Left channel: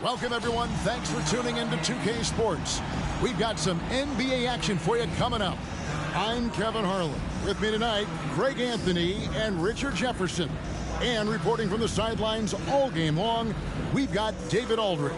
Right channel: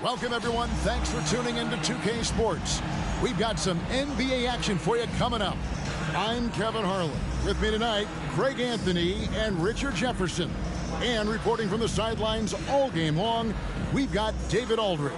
Welcome, everyone. Thanks for tuning in to 2K Sports. We've got some NBA action for you coming up. I'm Kevin Harlan. With me tonight, Greg Anthony and Richard Jefferson. And reporting from the sidelines all game long, we've got David Aldridge.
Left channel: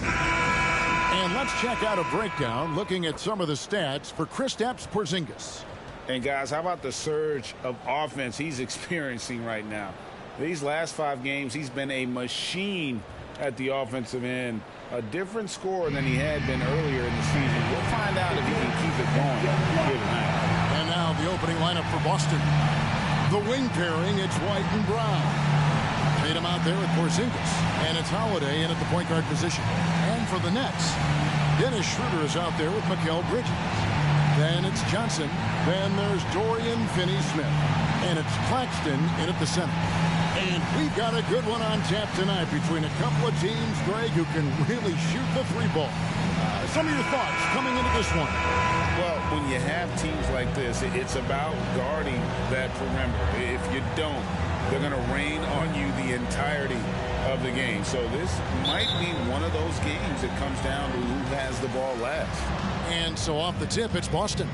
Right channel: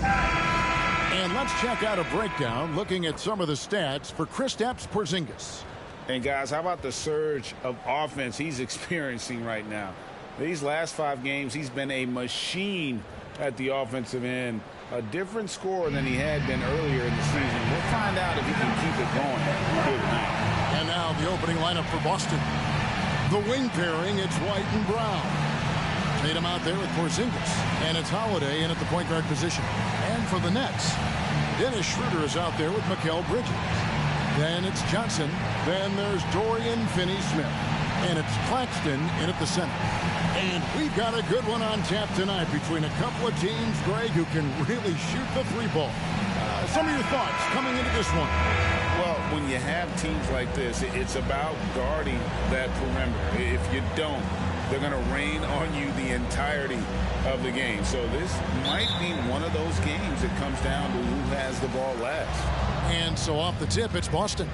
And let's check out a breakdown looking at some of the stats for Kristaps Porzingis. And guys, how about the surge of offense he's experiencing right now? These last 5 games, he's been a machine at the offensive end. A different scorer than he had been earlier in the season. We'll find out if he can keep it going here tonight. And now the opening lineup for Boston. The wing pairing, it's White and Brown. Tatum out there with Porzingis. And it's Holiday in at the point guard position. And for the Nets, Dennis Schroeder is out there with Mikal Bridges. Then it's Johnson. Then there's Dorian Finney-Smith. And it's Claxton in at the center. And we've got a good one on tap tonight between a couple of teams, Greg, who can really shoot the 3-ball. Some of your thoughts coming into this one. Well, when you have teams like this, it's about guarding that perimeter. If you don't, they're going to rain on you the entirety of the game. So this might be one of those games that comes down to who has the ball last. And so off the tip, it's Boston.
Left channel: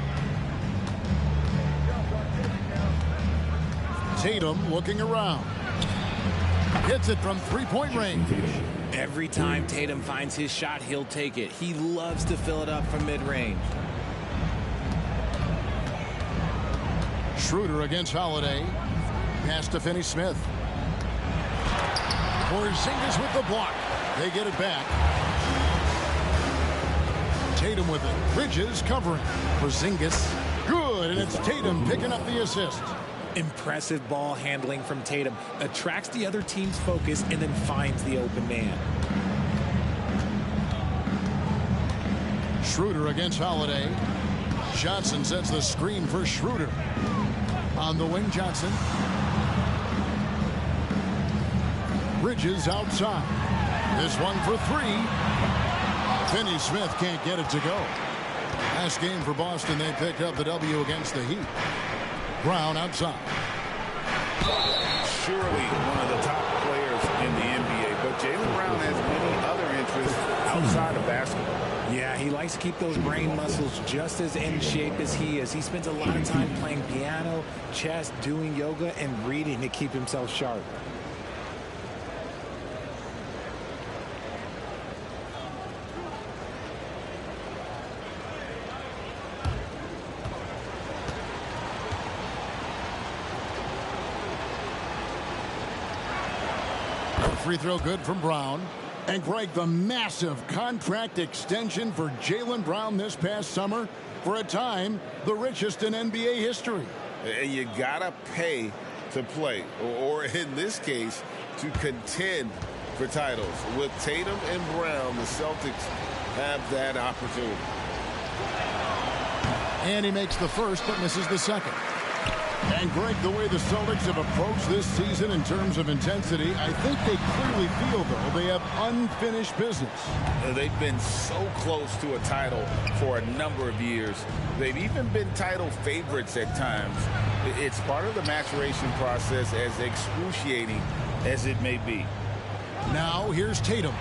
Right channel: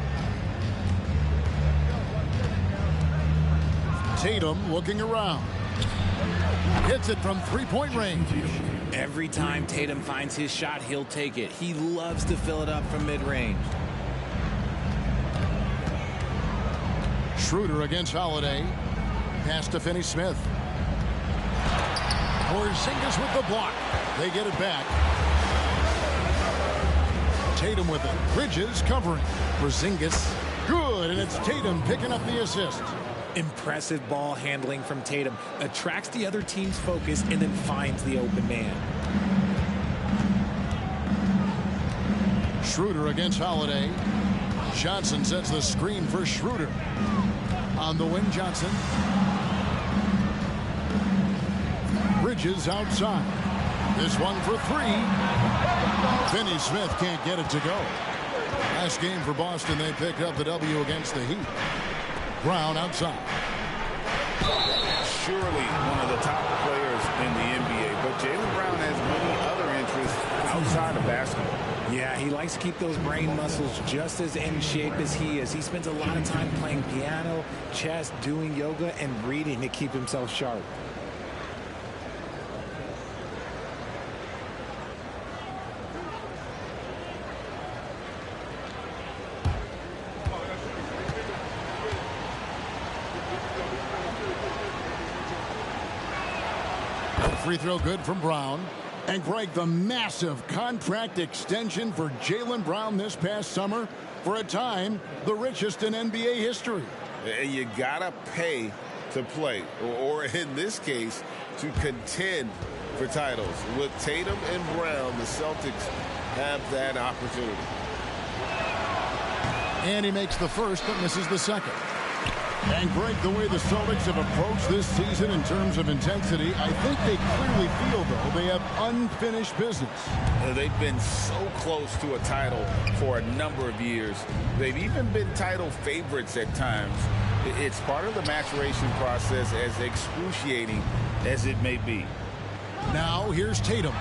Tatum looking around. Hits it from 3-point range. Every time Tatum finds his shot, he'll take it. He loves to fill it up from mid-range. Schroeder against Holiday. Pass to Finney-Smith. Porzingis with the block. They get it back. Tatum with it. Bridges covering. Porzingis. Good, and it's Tatum picking up the assist. Impressive ball handling from Tatum. Attracts the other team's focus and then finds the open man. Schroeder against Holiday. Johnson sets the screen for Schroeder. On the wing, Johnson. Bridges outside. This one for 3. Finney-Smith can't get it to go. Last game for Boston, they picked up the W against the Heat. Brown outside. Surely one of the top players in the NBA, but Jaylen Brown has many other interests outside of basketball. Yeah, he likes to keep those brain muscles just as in shape as he is. He spends a lot of time playing piano, chess, doing yoga, and reading to keep himself sharp. Free throw good from Brown. And Greg, the massive contract extension for Jaylen Brown this past summer, for a time the richest in NBA history. You gotta pay to play, or in this case, to contend for titles. With Tatum and Brown, the Celtics have that opportunity. And he makes the first but misses the second. And Greg, the way the Celtics have approached this season in terms of intensity, I think they clearly feel, though, they have unfinished business. They've been so close to a title for a number of years. They've even been title favorites at times. It's part of the maturation process, as excruciating as it may be. Now here's Tatum.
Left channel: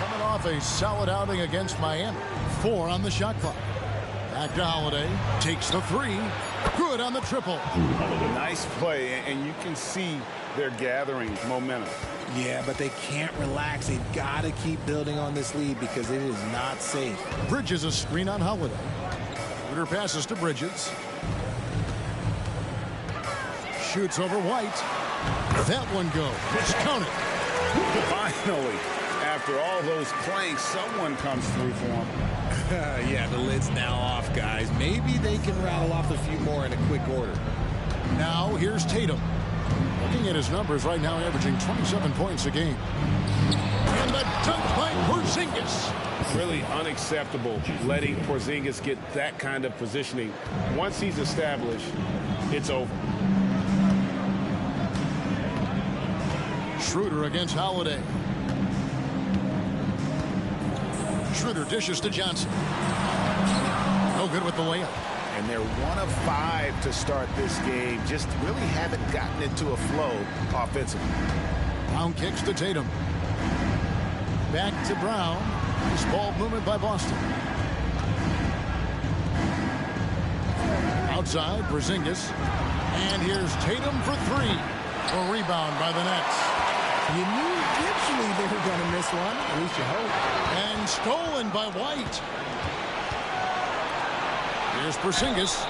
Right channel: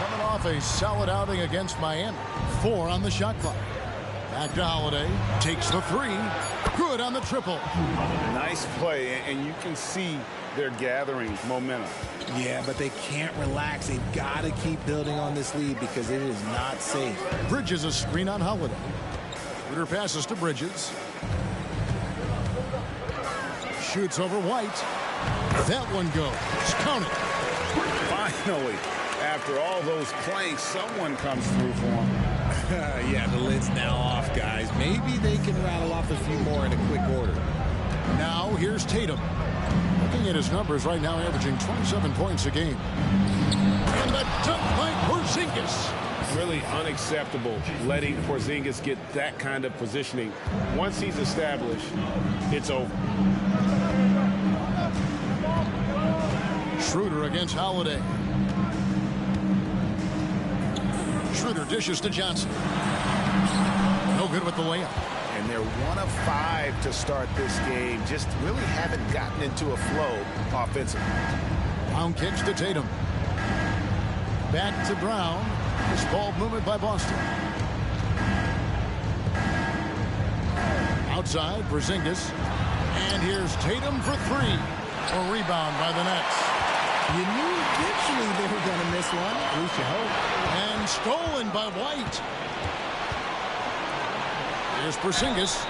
Coming off a solid outing against Miami. 4 on the shot clock. Back to Holiday. Takes the 3. Good on the triple. Nice play, and you can see they're gathering momentum. Yeah, but they can't relax. They've got to keep building on this lead because it is not safe. Bridges a screen on Holiday. Schroeder passes to Bridges. Shoots over White. That one goes. Count it. Finally, after all those planks, someone comes through for him. Yeah, the lid's now off, guys. Maybe they can rattle off a few more in a quick order. Now here's Tatum. Looking at his numbers right now, averaging 27 points a game. And the dunk by Porzingis. Really unacceptable letting Porzingis get that kind of positioning. Once he's established, it's over. Schroeder against Holiday. Schroeder dishes to Johnson. No good with the layup. And they're 1 of 5 to start this game. Just really haven't gotten into a flow offensively. Brown kicks to Tatum. Back to Brown. This ball movement by Boston. Outside, Porzingis. And here's Tatum for three. A rebound by the Nets. You knew eventually they were going to miss one. At least you hope. And stolen by White. Here's Porzingis.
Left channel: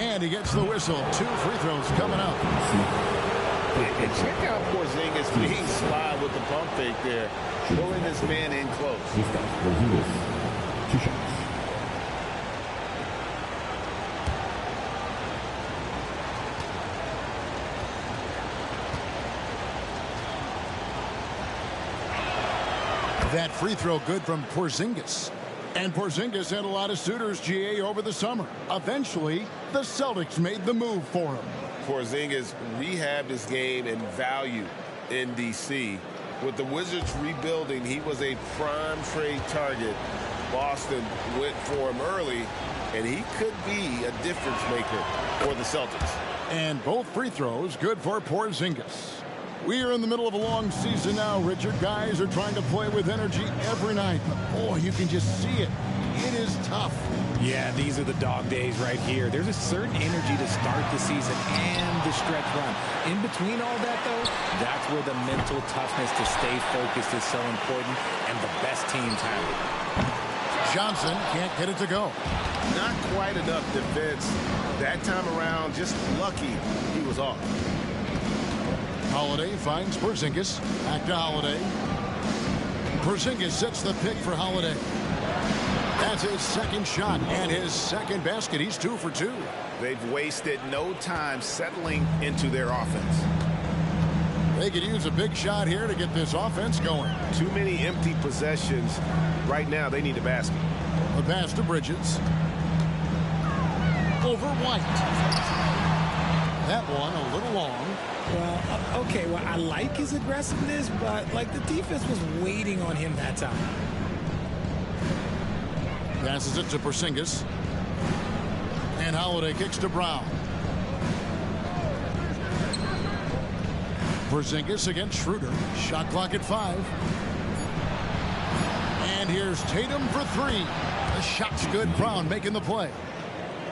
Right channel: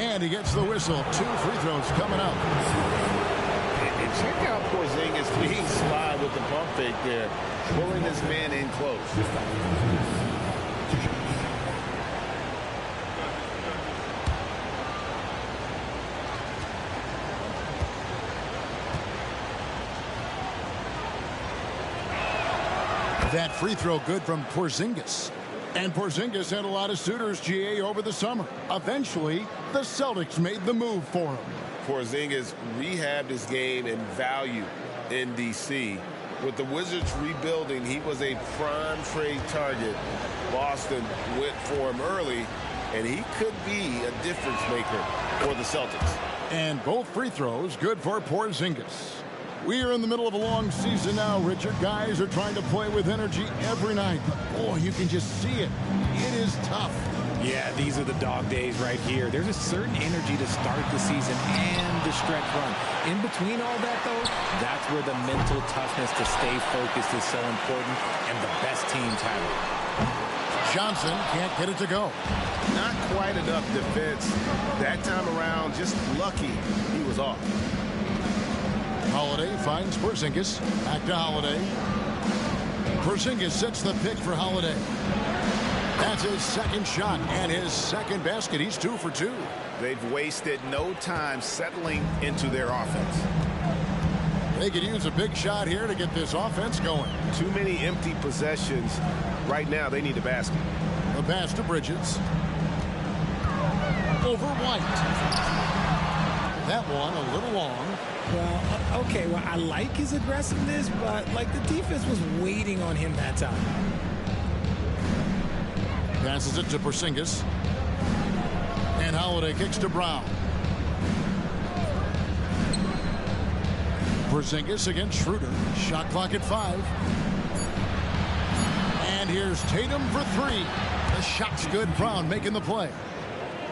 And he gets the whistle. 2 free throws coming up. And check out Porzingis being sly with the pump fake there. Pulling this man in close. That free throw good from Porzingis. And Porzingis had a lot of suitors, GA, over the summer. Eventually, the Celtics made the move for him. Porzingis rehabbed his game and value in D.C. With the Wizards rebuilding, he was a prime trade target. Boston went for him early, and he could be a difference maker for the Celtics. And both free throws good for Porzingis. We are in the middle of a long season now, Richard. Guys are trying to play with energy every night. But, boy, you can just see it. It is tough. Yeah, these are the dog days right here. There's a certain energy to start the season and the stretch run. In between all that, though, that's where the mental toughness to stay focused is so important, and the best teams have it. Johnson can't get it to go. Not quite enough defense. That time around, just lucky he was off. Holiday finds Porzingis. Back to Holiday. Porzingis sets the pick for Holiday. That's his second shot and his second basket. He's 2 for 2. They've wasted no time settling into their offense. They could use a big shot here to get this offense going. Too many empty possessions. Right now, they need a basket. The pass to Bridges. Over White. That one a little long. Well, okay, well, I like his aggressiveness, but, like, the defense was waiting on him that time. Passes it to Porzingis. And Holiday kicks to Brown. Porzingis against Schroeder. Shot clock at 5. And here's Tatum for 3. The shot's good. Brown making the play.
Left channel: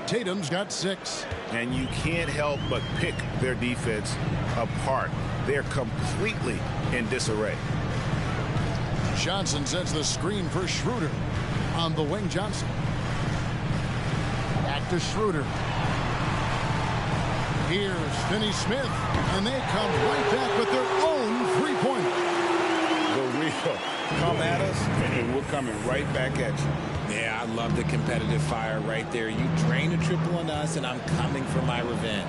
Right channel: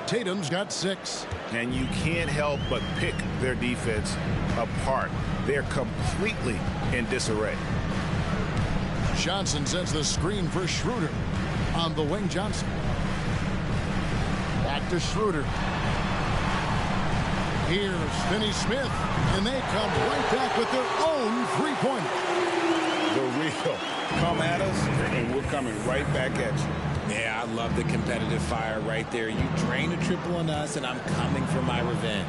Tatum's got 6. And you can't help but pick their defense apart. They're completely in disarray. Johnson sends the screen for Schroeder. On the wing, Johnson. Back to Schroeder. Here's Finney-Smith. And they come right back with their own three-pointer. The real. Come at us, and we're coming right back at you. Yeah, I love the competitive fire right there. You drain a triple on us, and I'm coming for my revenge.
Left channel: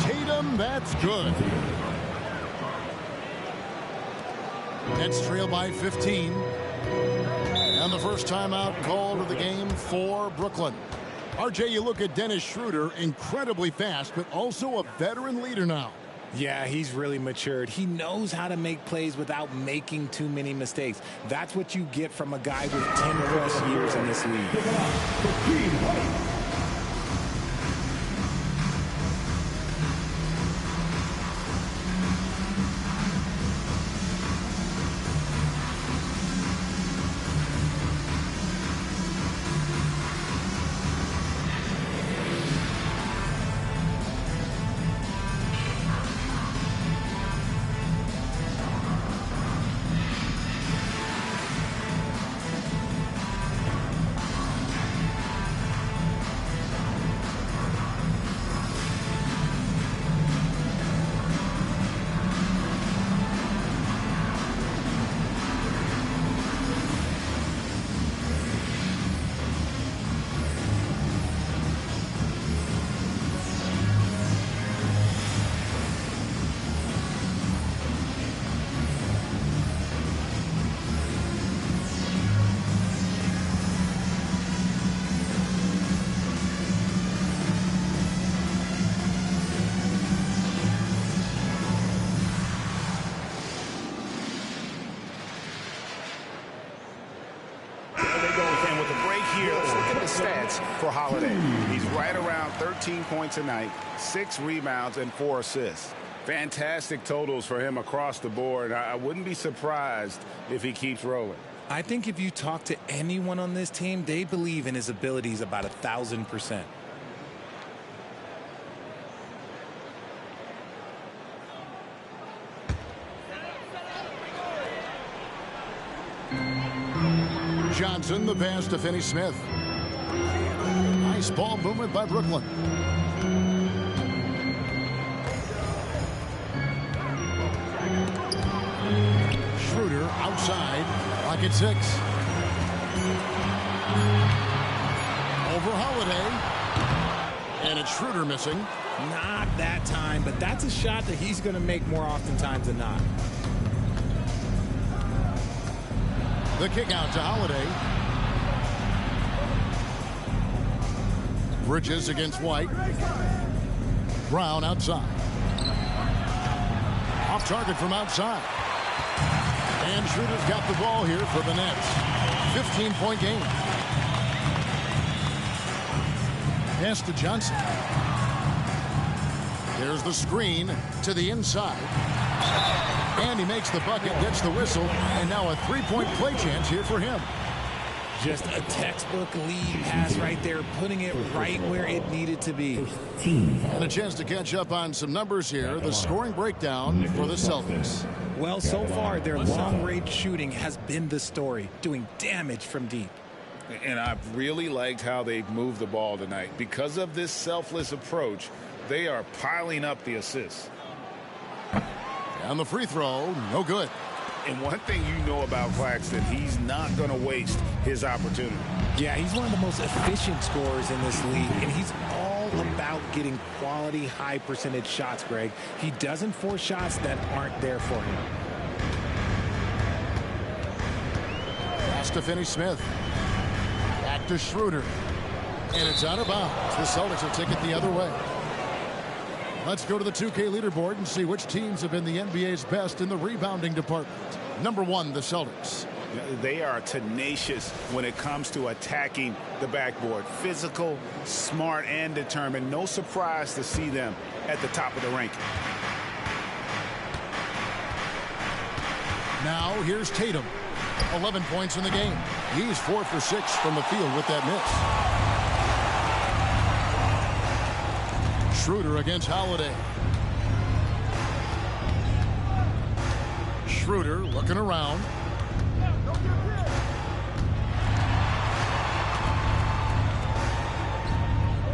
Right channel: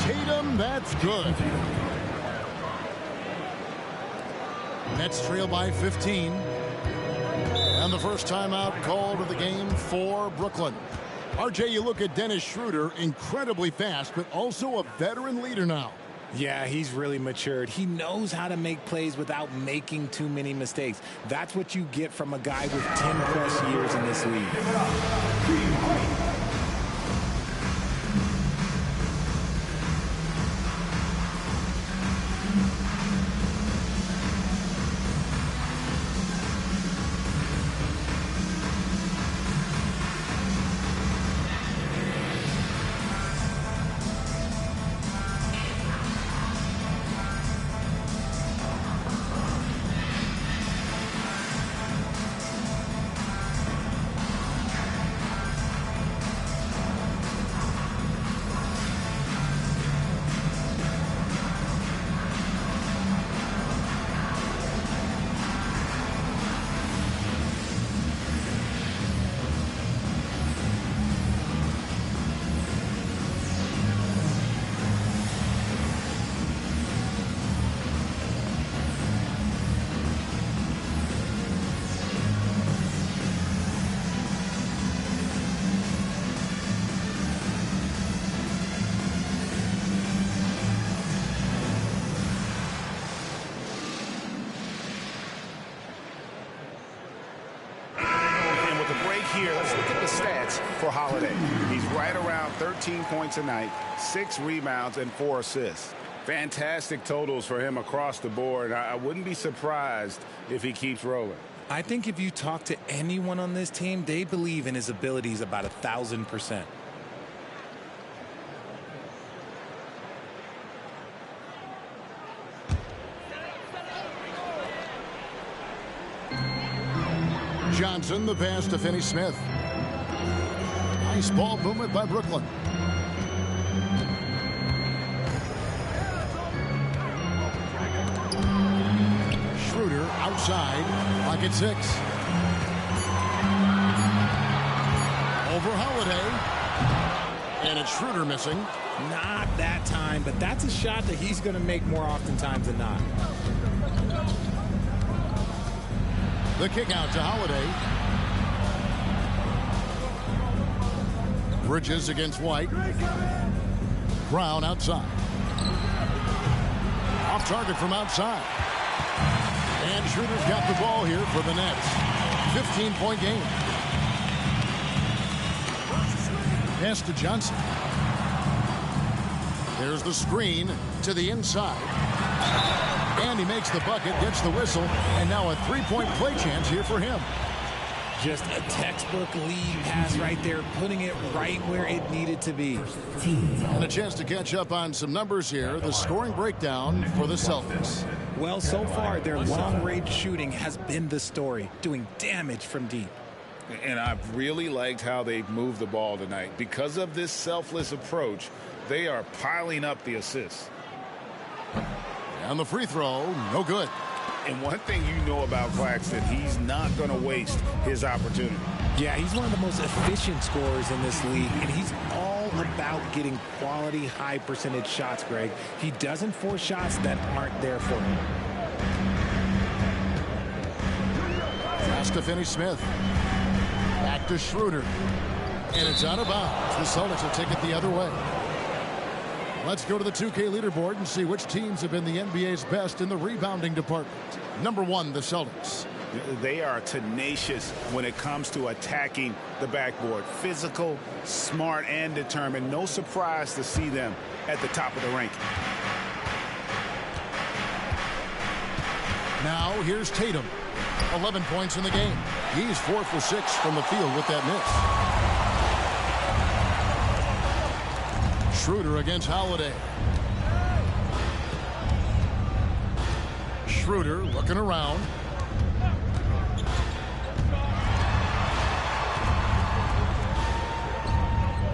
Tatum, that's good. Nets trail by 15. And the first timeout called of the game for Brooklyn. RJ, you look at Dennis Schroeder, incredibly fast, but also a veteran leader now. Yeah, he's really matured. He knows how to make plays without making too many mistakes. That's what you get from a guy with 10-plus years in this league. Here, let's look at the stats for Holiday. He's right around 13 points a night, 6 rebounds, and 4 assists. Fantastic totals for him across the board. I wouldn't be surprised if he keeps rolling. I think if you talk to anyone on this team, they believe in his abilities about 1,000%. Johnson, the pass to Finney-Smith. Nice ball movement by Brooklyn. Schroeder outside, lock at 6. Over Holiday. And it's Schroeder missing. Not that time, but that's a shot that he's going to make more oftentimes than not. The kick out to Holiday. Bridges against White. Brown outside. Off target from outside. And Schroeder's got the ball here for the Nets. 15-point game. Pass to Johnson. There's the screen to the inside. And he makes the bucket, gets the whistle, and now a three-point play chance here for him. Just a textbook lead pass right there, putting it right where it needed to be. And a chance to catch up on some numbers here. The scoring breakdown for the Celtics. Well, so far, their long-range shooting has been the story, doing damage from deep. And I've really liked how they've moved the ball tonight. Because of this selfless approach, they are piling up the assists. And the free throw, no good. And one thing you know about Claxton, he's not going to waste his opportunity. Yeah, he's one of the most efficient scorers in this league, and he's all about getting quality, high-percentage shots, Greg. He doesn't force shots that aren't there for him. Pass to Finney-Smith. Back to Schroeder. And it's out of bounds. The Celtics will take it the other way. Let's go to the 2K leaderboard and see which teams have been the NBA's best in the rebounding department. Number 1, the Celtics. They are tenacious when it comes to attacking the backboard. Physical, smart, and determined. No surprise to see them at the top of the ranking. Now here's Tatum. 11 points in the game. He's 4 for 6 from the field with that miss. Schroeder against Holiday. Schroeder looking around.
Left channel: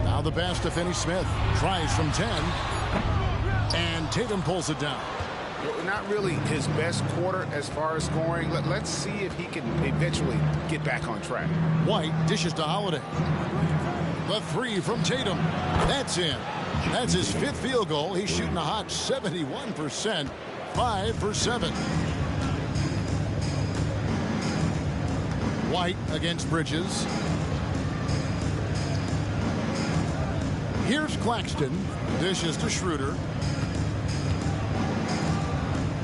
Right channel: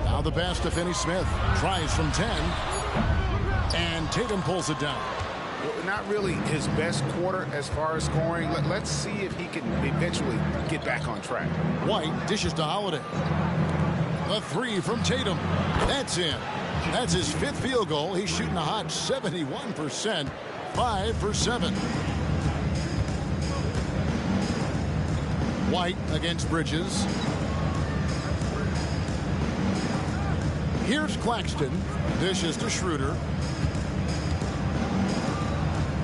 Now the pass to Finney-Smith. Tries from 10. And Tatum pulls it down. Not really his best quarter as far as scoring. Let's see if he can eventually get back on track. White dishes to Holiday. The 3 from Tatum. That's in. That's his 5th field goal. He's shooting a hot 71%. 5 for 7. White against Bridges. Here's Claxton. Dishes to Schroeder.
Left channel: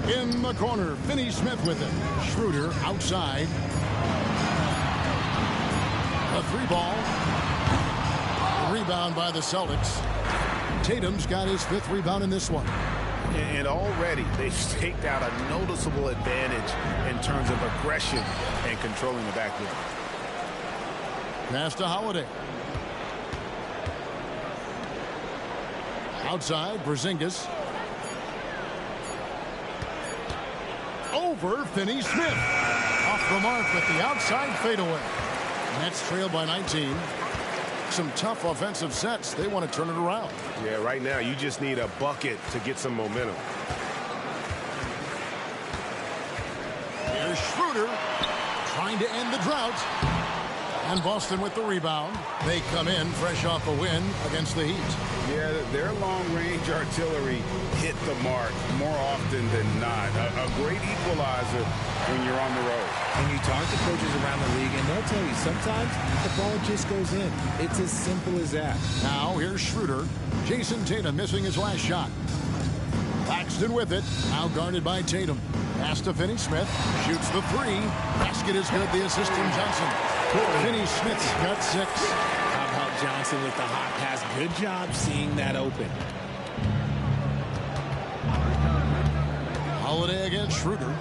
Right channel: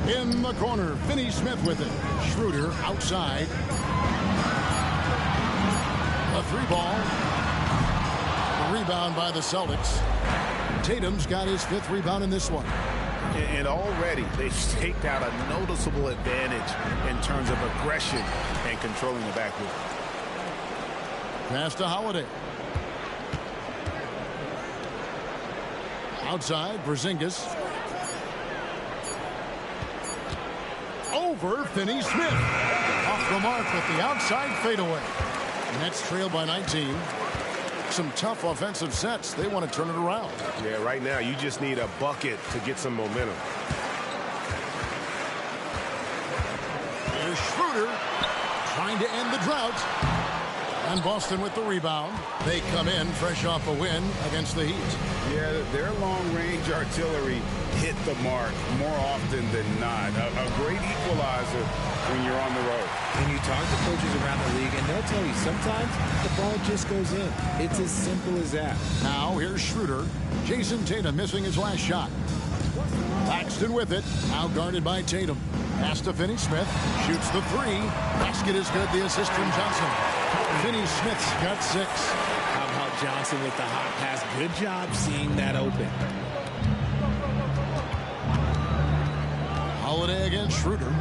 In the corner, Finney-Smith with it. Schroeder outside. A 3-ball. Rebound by the Celtics. Tatum's got his 5th rebound in this one. And already they've staked out a noticeable advantage in terms of aggression and controlling the backboard. Pass to Holiday. Outside, Porzingis. Over Finney-Smith. Off the mark with the outside fadeaway. Nets trail by 19. Some tough offensive sets. They want to turn it around. Yeah, right now you just need a bucket to get some momentum. Here's Schroeder trying to end the drought. And Boston with the rebound. They come in fresh off a win against the Heat. Yeah, their long-range artillery hit the mark more often than not. A great equalizer when you're on the road. And you talk to coaches around the league, and they'll tell you sometimes the ball just goes in. It's as simple as that. Now here's Schroeder. Jason Tatum missing his last shot. Claxton with it. Now guarded by Tatum. Pass to Finney-Smith. Shoots the 3. Basket is good. The assist from Johnson. Finney-Smith's got 6. How about Johnson with the hot pass? Good job seeing that open. Holiday against Schroeder.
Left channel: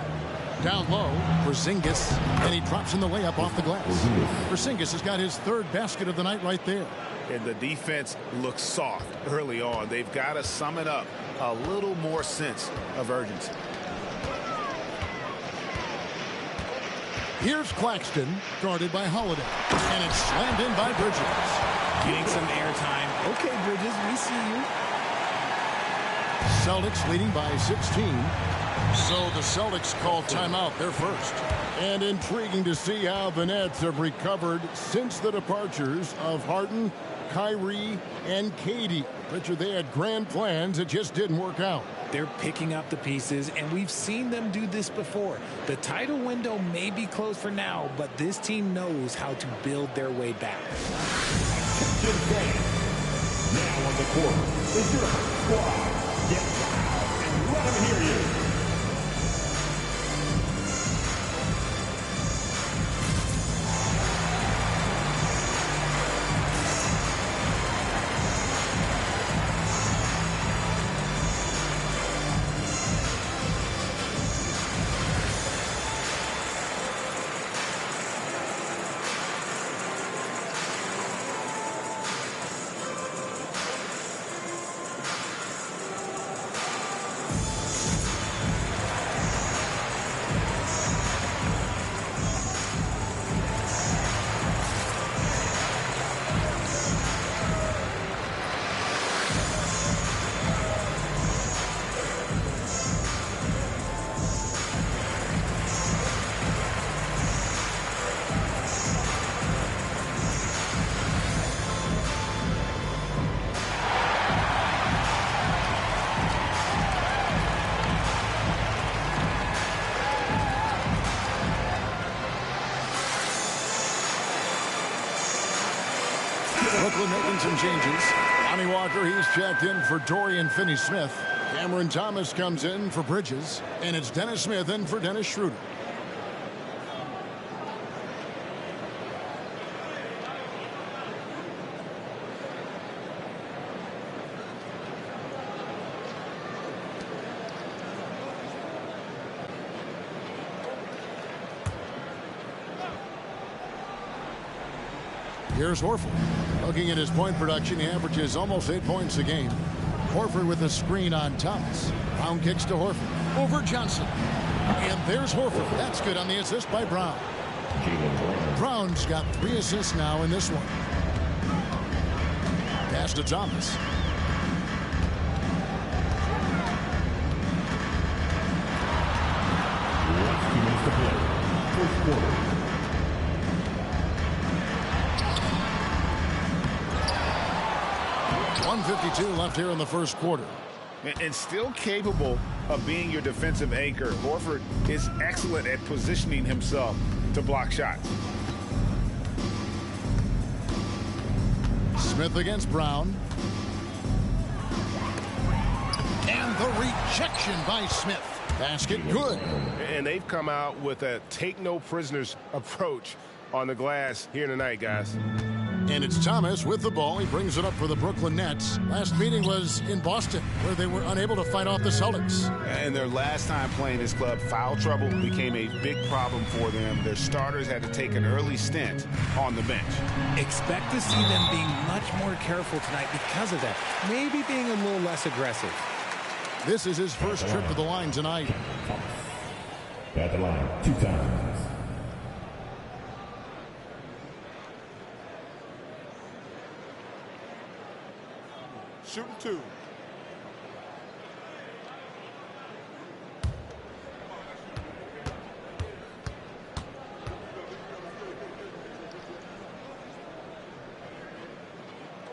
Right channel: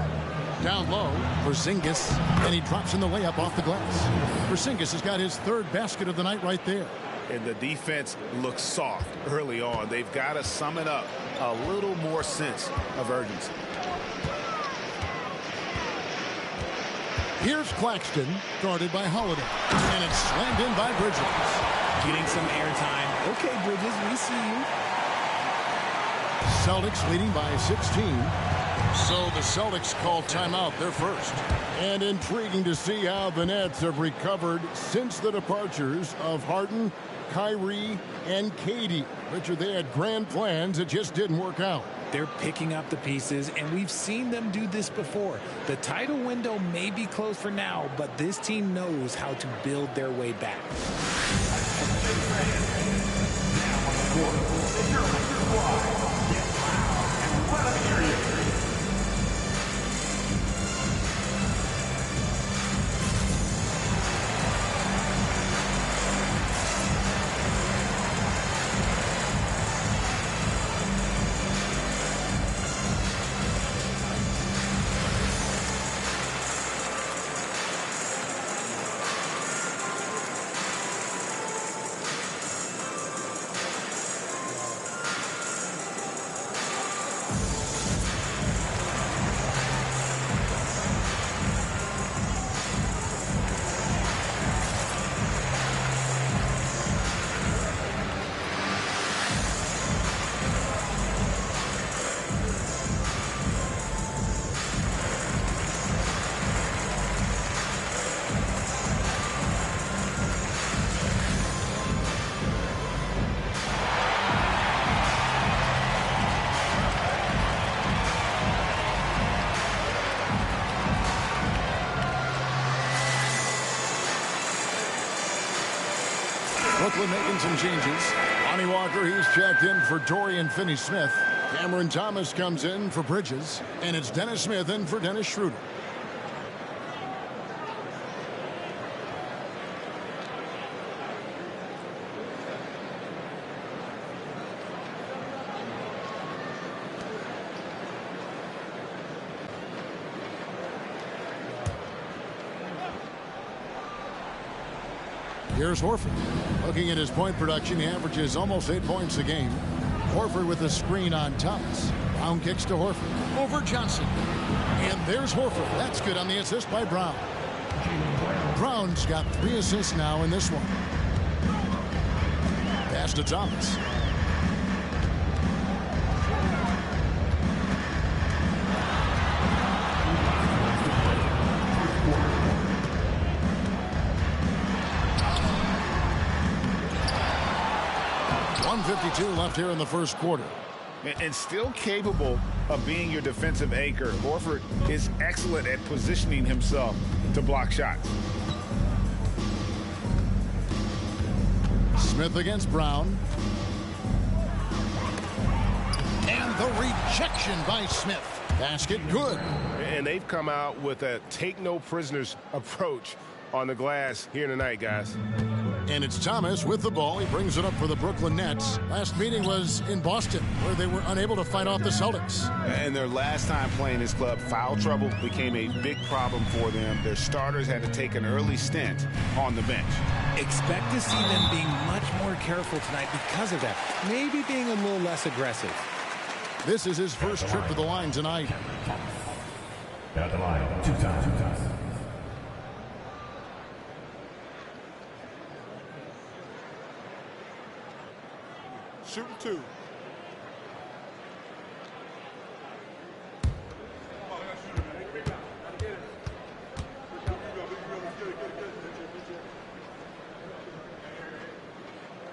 Down low, Porzingis, and he drops in the layup off the glass. Porzingis has got his third basket of the night right there. And the defense looks soft early on. They've got to sum it up a little more sense of urgency. Here's Claxton, guarded by Holiday. And it's slammed in by Bridges. Getting some airtime. Okay, Bridges, we see you. Celtics leading by 16. So the Celtics call timeout, their first. And intriguing to see how the Nets have recovered since the departures of Harden, Kyrie, and KD. Richard, they had grand plans. It just didn't work out. They're picking up the pieces, and we've seen them do this before. The title window may be closed for now, but this team knows how to build their way back. Now on the court, is your squad. Get loud and let them hear you. Brooklyn making some changes. Lonnie Walker, he's checked in for Dorian Finney-Smith. Cameron Thomas comes in for Bridges. And it's Dennis Smith in for Dennis Schroeder. Here's Horford. Looking at his point production, he averages almost 8 points a game. Horford with a screen on Thomas. Brown kicks to Horford. Over Johnson. And there's Horford. That's good on the assist by Brown. Brown's got 3 assists now in this one. Pass to Thomas. First quarter. 1:52 left here in the first quarter. And still capable of being your defensive anchor. Horford is excellent at positioning himself to block shots. Smith against Brown. And the rejection by Smith. Basket good. And they've come out with a take no prisoners approach on the glass here tonight, guys. And it's Thomas with the ball. He brings it up for the Brooklyn Nets. Last meeting was in Boston, where they were unable to fight off the Celtics. And their last time playing this club, foul trouble became a big problem for them. Their starters had to take an early stint on the bench. Expect to see them being much more careful tonight because of that. Maybe being a little less aggressive. This is his first trip to the line tonight. At the line, 2 times. Shooting 2.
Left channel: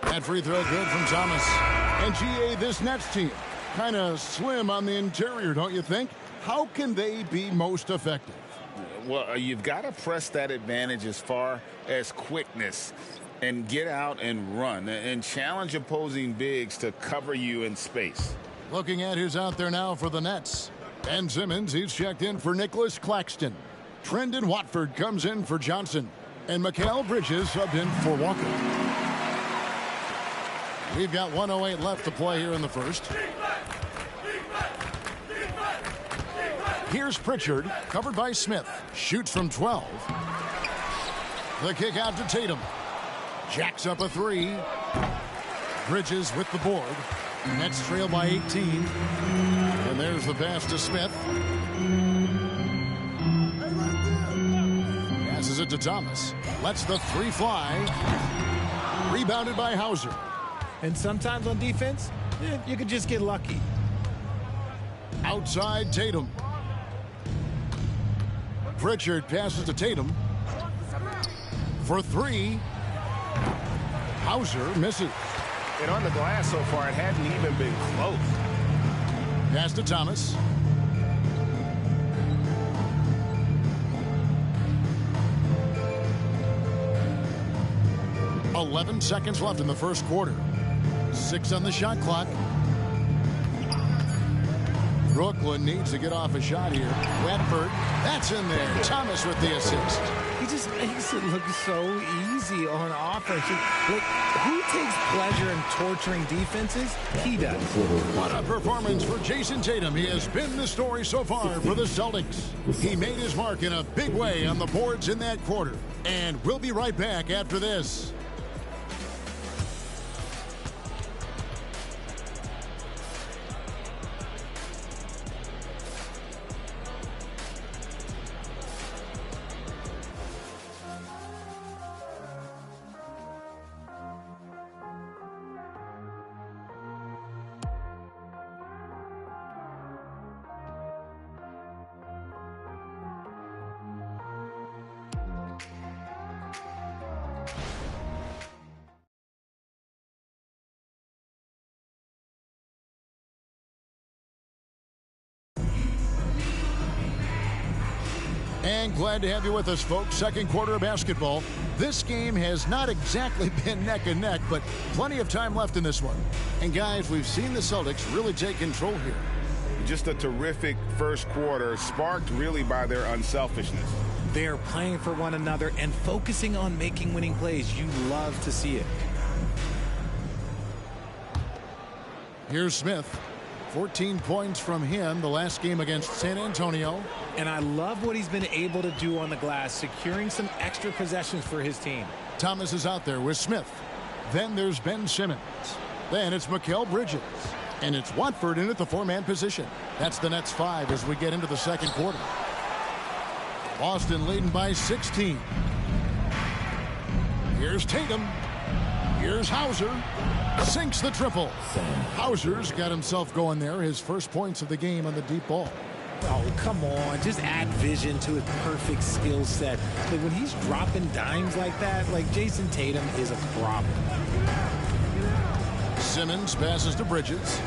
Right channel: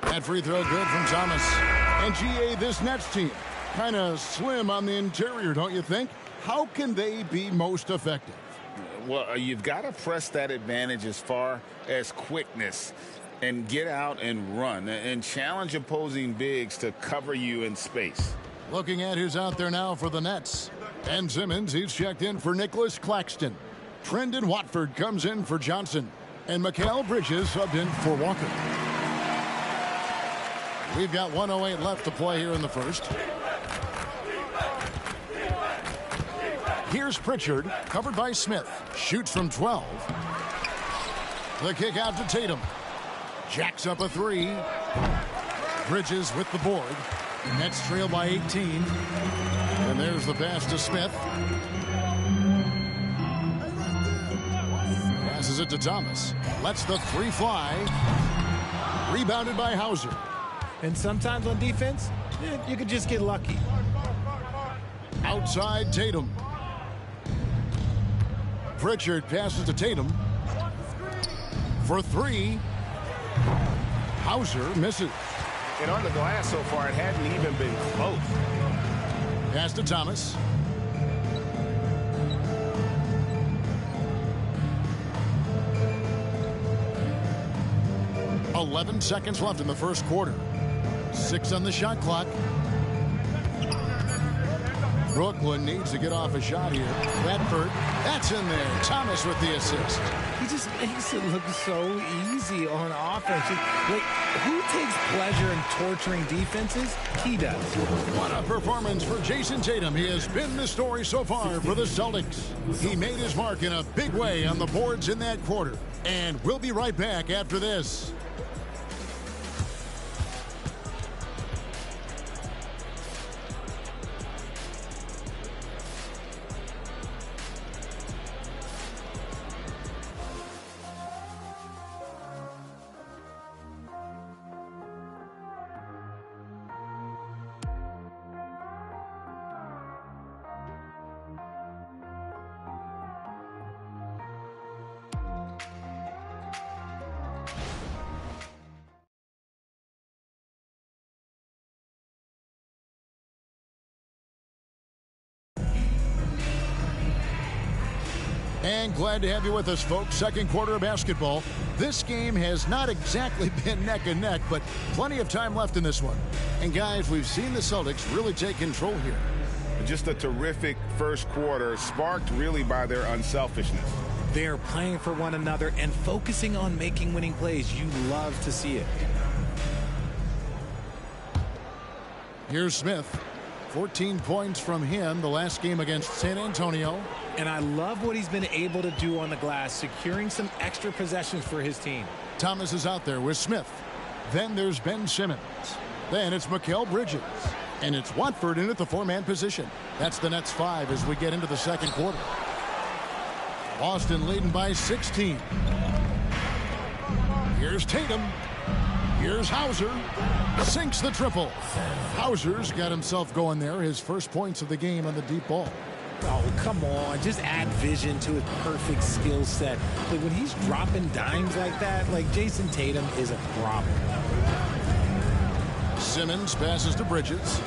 That free throw good from Thomas. And GA, this Nets team, kind of slim on the interior, don't you think? How can they be most effective? Well, you've got to press that advantage as far as quickness and get out and run and challenge opposing bigs to cover you in space. Looking at who's out there now for the Nets. Ben Simmons, he's checked in for Nicholas Claxton. Trendon Watford comes in for Johnson. And Mikal Bridges subbed in for Walker. We've got 1:08 left to play here in the first. Here's Pritchard, covered by Smith. Shoots from 12. The kick out to Tatum. Jacks up a three. Bridges with the board. Nets trail by 18. And there's the pass to Smith. Passes it to Thomas. Lets the three fly. Rebounded by Hauser. And sometimes on defense, you could just get lucky. Outside Tatum. Pritchard passes to Tatum. For three. Hauser misses. And on the glass so far, it hadn't even been close. Pass to Thomas. "11 seconds left in the first quarter. 6 on the shot clock. Brooklyn needs to get off a shot here. Redford, that's in there. Thomas with the assist. He just makes it look so easy on offense. Like, who takes pleasure in torturing defenses? He does. What a performance for Jason Tatum. He has been the story so far for the Celtics. He made his mark in a big way on the boards in that quarter. And we'll be right back after this. And glad to have you with us, folks. Second quarter of basketball. This game has not exactly been neck and neck, but plenty of time left in this one. And guys, we've seen the Celtics really take control here. Just a terrific first quarter, sparked really by their unselfishness. They're playing for one another and focusing on making winning plays. You love to see it. Here's Smith. 14 points from him the last game against San Antonio. And I love what he's been able to do on the glass, securing some extra possessions for his team. Thomas is out there with Smith. Then there's Ben Simmons. Then it's Mikal Bridges. And it's Watford in at the four-man position. That's the Nets 5 as we get into the second quarter. Boston leading by 16. Here's Tatum. Here's Hauser. Sinks the triple. Hauser's got himself going there. His first points of the game on the deep ball. Oh, come on. Just add vision to his perfect skill set. Like, when he's dropping dimes like that, like, Jason Tatum is a problem. Simmons passes to Bridges.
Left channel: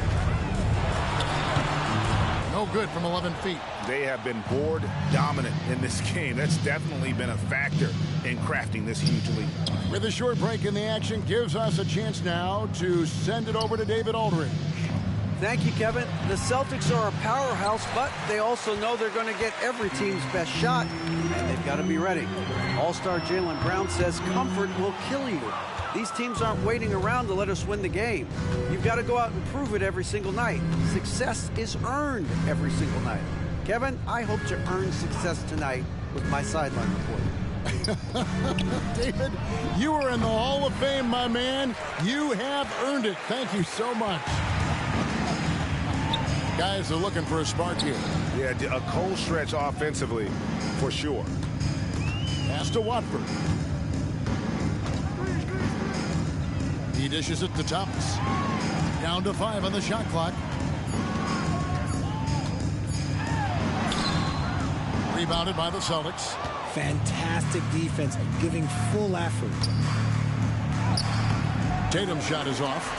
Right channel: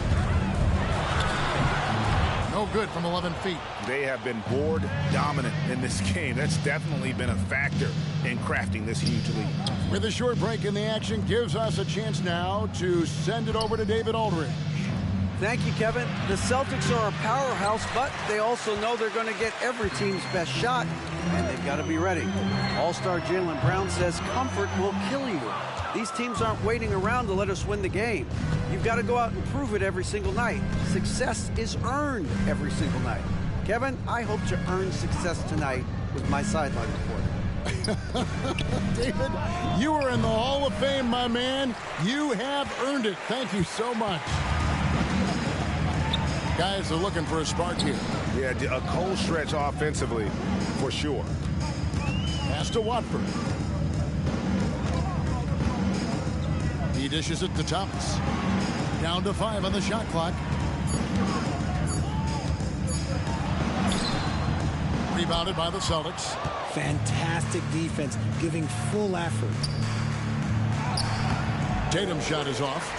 No good from 11 feet. They have been board dominant in this game. That's definitely been a factor in crafting this huge lead. With a short break in the action, gives us a chance now to send it over to David Aldridge. Thank you, Kevin. The Celtics are a powerhouse, but they also know they're going to get every team's best shot, and they've got to be ready. All-star Jaylen Brown says comfort will kill you. These teams aren't waiting around to let us win the game. You've got to go out and prove it every single night. Success is earned every single night. Kevin, I hope to earn success tonight with my sideline reporting. David, you are in the Hall of Fame, my man. You have earned it. Thank you so much. Guys are looking for a spark here. Yeah, a cold stretch offensively, for sure. Pass to Watford. He dishes it to Thomas. Down to 5 on the shot clock. Rebounded by the Celtics. Fantastic defense, giving full effort. Tatum's shot is off.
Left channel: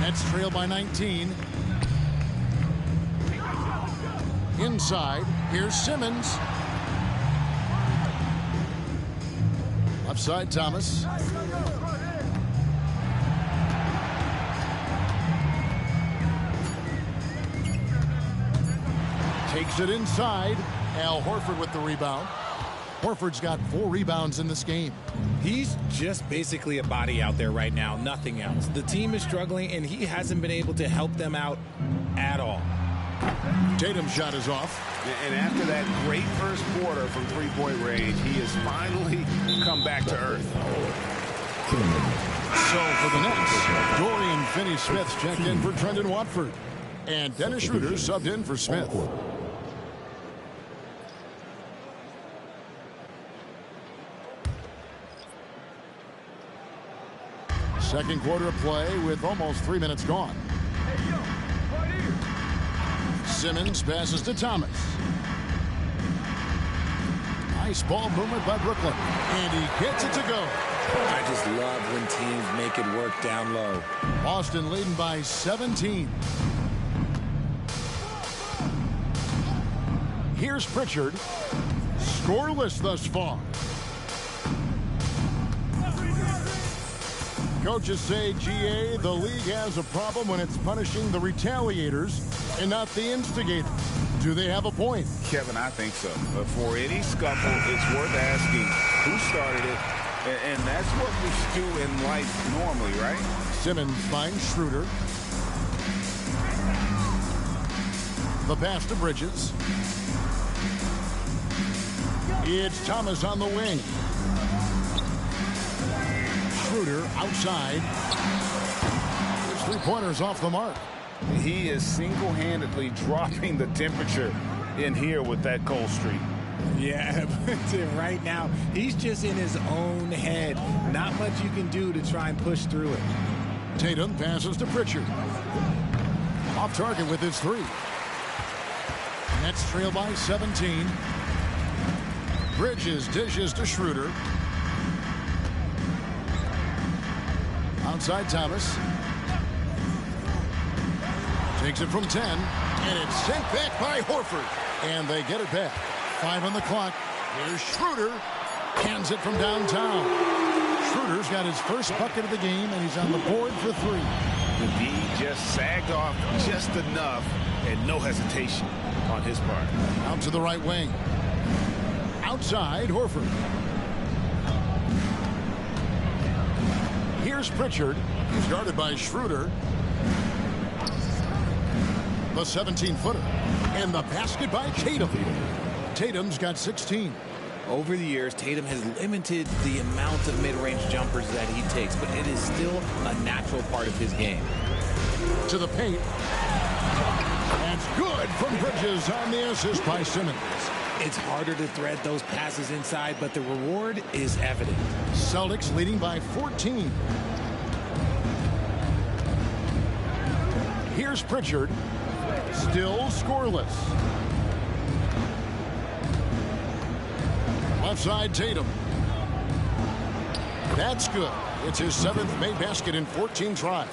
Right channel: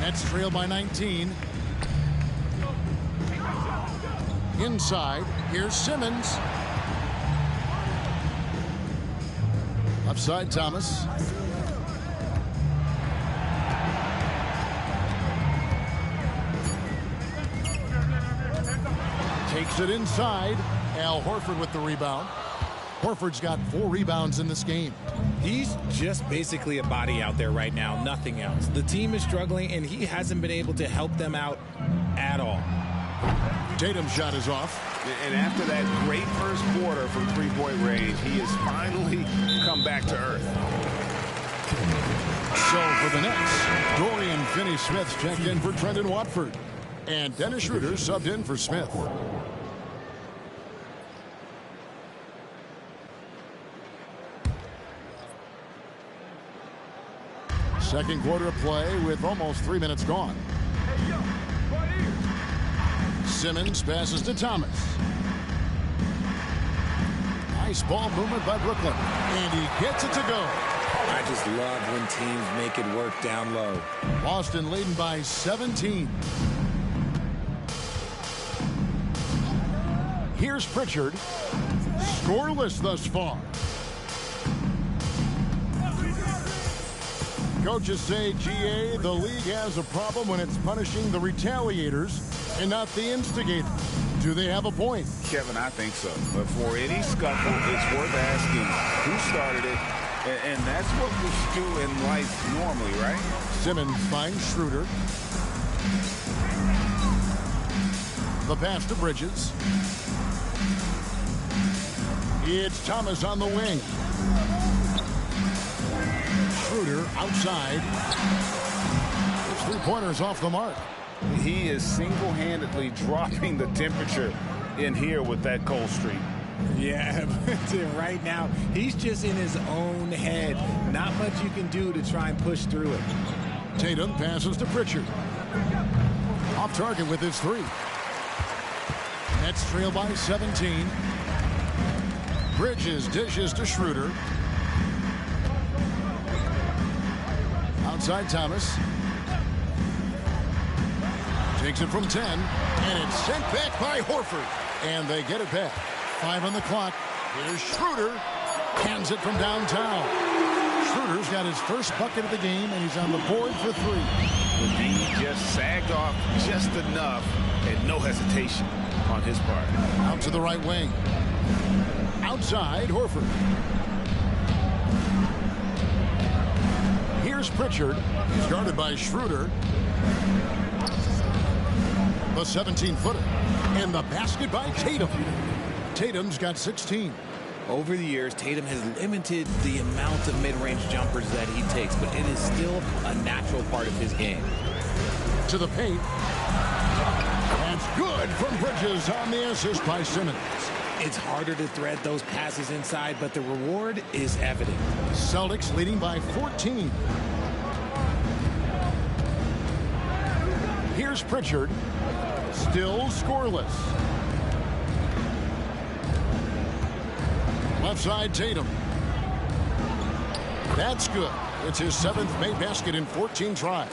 Nets trail by 19. Inside, here's Simmons. Left side, Thomas. Takes it inside. Al Horford with the rebound. Horford's got 4 rebounds in this game. He's just basically a body out there right now, nothing else. The team is struggling, and he hasn't been able to help them out at all. Tatum's shot is off. And after that great first quarter from three-point range, he has finally come back to earth. So for the Nets, Dorian Finney-Smith checked in for Trendon Watford. And Dennis Schroeder subbed in for Smith. Second quarter of play with almost 3 minutes gone. Simmons passes to Thomas. Nice ball movement by Brooklyn. And he gets it to go. I just love when teams make it work down low. Boston leading by 17. Here's Pritchard. Scoreless thus far. Coaches say, GA, the league has a problem when it's punishing the retaliators and not the instigators. Do they have a point? Kevin, I think so. But for any scuffle, it's worth asking who started it. And that's what we do in life normally, right? Simmons finds Schroeder. The pass to Bridges. It's Thomas on the wing. Schroeder outside. His three-pointers off the mark. He is single-handedly dropping the temperature in here with that cold streak. Yeah, but right now, he's just in his own head. Not much you can do to try and push through it. Tatum passes to Pritchard. Off target with his three. Nets trail by 17. Bridges dishes to Schroeder. Outside Thomas. Takes it from 10. And it's sent back by Horford. And they get it back. 5 on the clock. Here's Schroeder. Hands it from downtown. Schroeder's got his first bucket of the game, and he's on the board for 3. The D just sagged off just enough, and no hesitation on his part. Out to the right wing. Outside, Horford. Here's Pritchard. He's guarded by Schroeder. The 17-footer. And the basket by Tatum. Tatum's got 16. Over the years, Tatum has limited the amount of mid-range jumpers that he takes, but it is still a natural part of his game. To the paint. That's good from Bridges on the assist by Simmons. It's harder to thread those passes inside, but the reward is evident. Celtics leading by 14. Here's Pritchard. Still scoreless. Left side, Tatum. That's good. It's his 7th made basket in 14 tries.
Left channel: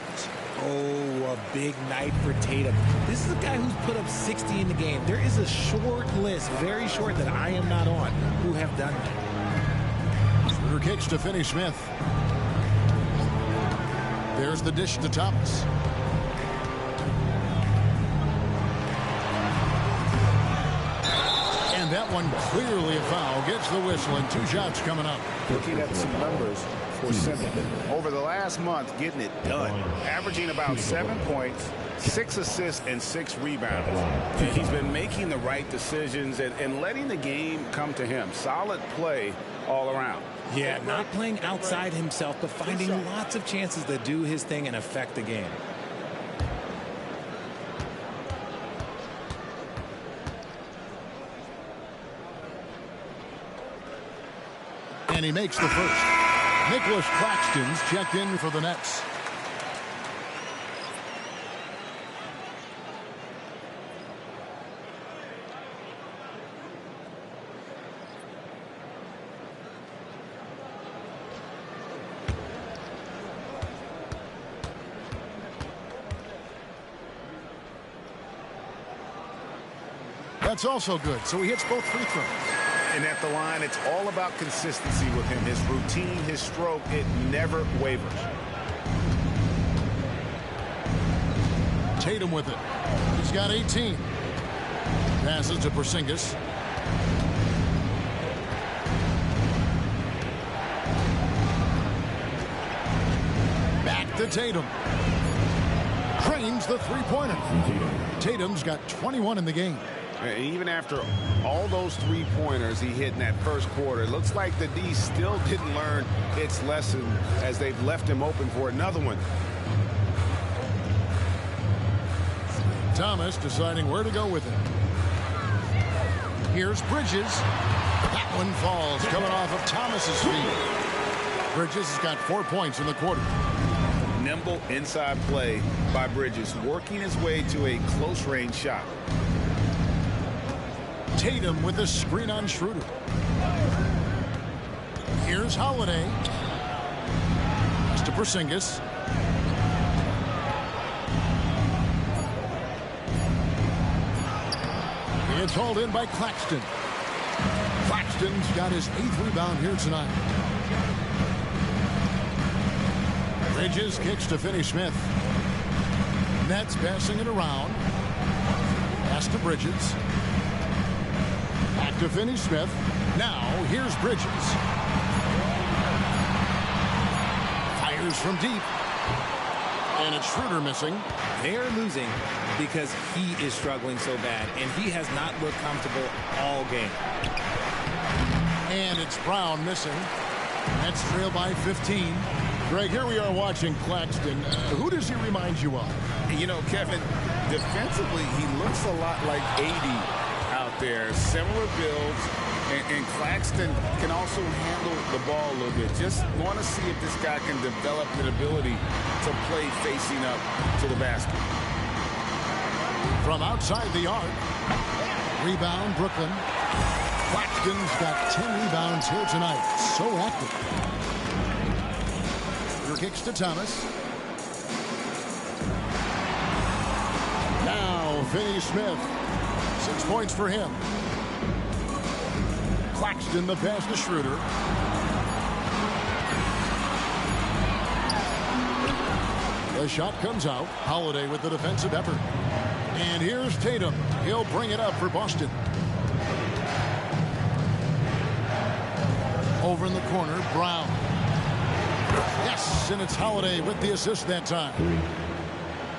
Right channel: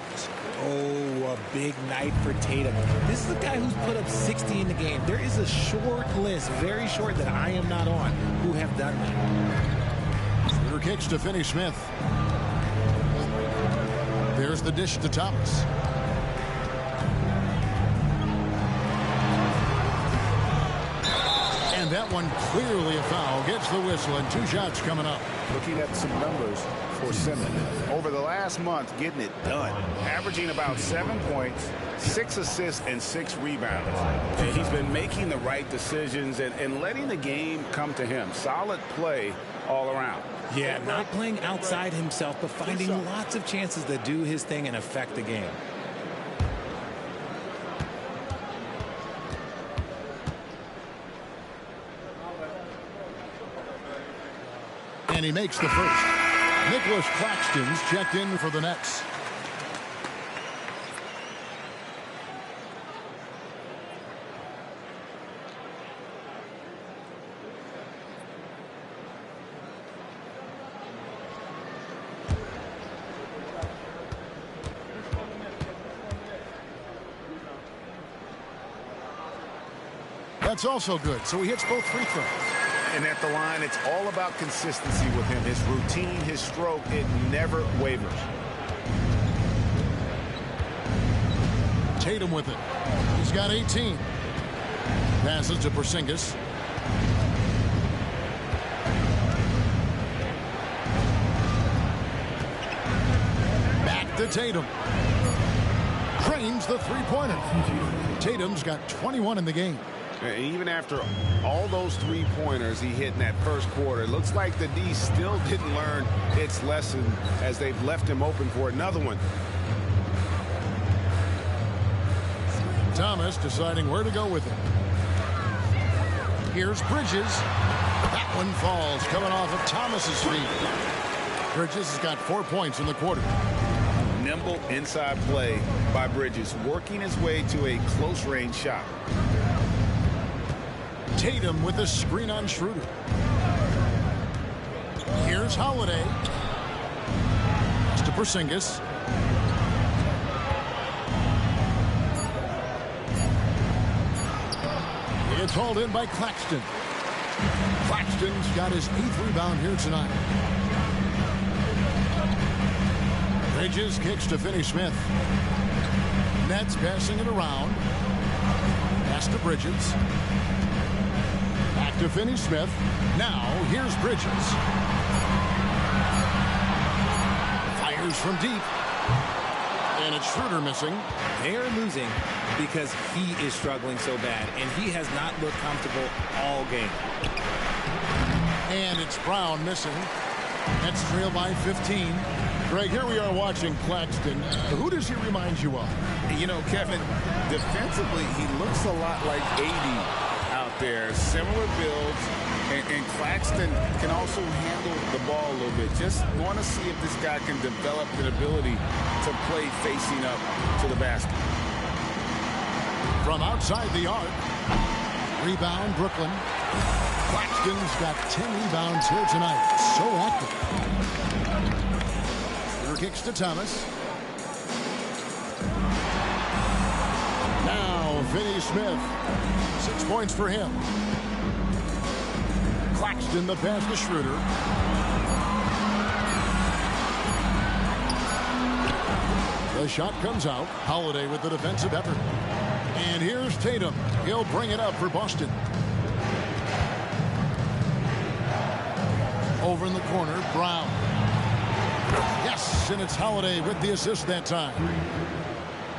Oh, a big night for Tatum. This is a guy who's put up 60 in the game. There is a short list, very short, that I am not on, who have done that. Schroeder kicks to Finney-Smith. There's the dish to Thomas. And that one clearly a foul. Gets the whistle, and 2 shots coming up. Looking at some numbers for Simmons. Over the last month, getting it done. Averaging about 7 points, 6 assists, and 6 rebounds. And he's been making the right decisions and letting the game come to him. Solid play all around. Yeah, not playing outside himself, but finding lots of chances to do his thing and affect the game. And he makes the first. Nicholas Claxton's checked in for the Nets. That's also good. So he hits both free throws. And at the line, it's all about consistency with him. His routine, his stroke, it never wavers. Tatum with it. He's got 18. Passes to Porzingis. Back to Tatum. Drains the three-pointer. Tatum's got 21 in the game. And even after all those three-pointers he hit in that first quarter, it looks like the D still didn't learn its lesson as they've left him open for another one. Thomas deciding where to go with it. Here's Bridges. That one falls, coming off of Thomas's feet. Bridges has got 4 points in the quarter. Nimble inside play by Bridges, working his way to a close-range shot. Tatum with a screen on Schroeder. Here's Holiday. Pass to Porzingis. It's hauled in by Claxton. Claxton's got his 8th rebound here tonight. Bridges kicks to Finney-Smith. Nets passing it around. Pass to Bridges. Back to Finney-Smith. Now here's Bridges. Fires from deep. And it's Schroeder missing. They are losing because he is struggling so bad, and he has not looked comfortable all game. And it's Brown missing. Nets trail by 15. Greg, here we are watching Claxton. Who does he remind you of? You know, Kevin, defensively, he looks a lot like 80 out there. Similar builds, and Claxton can also handle the ball a little bit. Just want to see if this guy can develop an ability to play facing up to the basket. From outside the arc. Rebound, Brooklyn. Claxton's got 10 rebounds here tonight. So active. Schroeder kicks to Thomas. Now Finney-Smith. 6 points for him. Claxton the pass to Schroeder. The shot comes out. Holiday with the defensive effort. And here's Tatum. He'll bring it up for Boston. Over in the corner, Brown. Yes, and it's Holiday with the assist that time.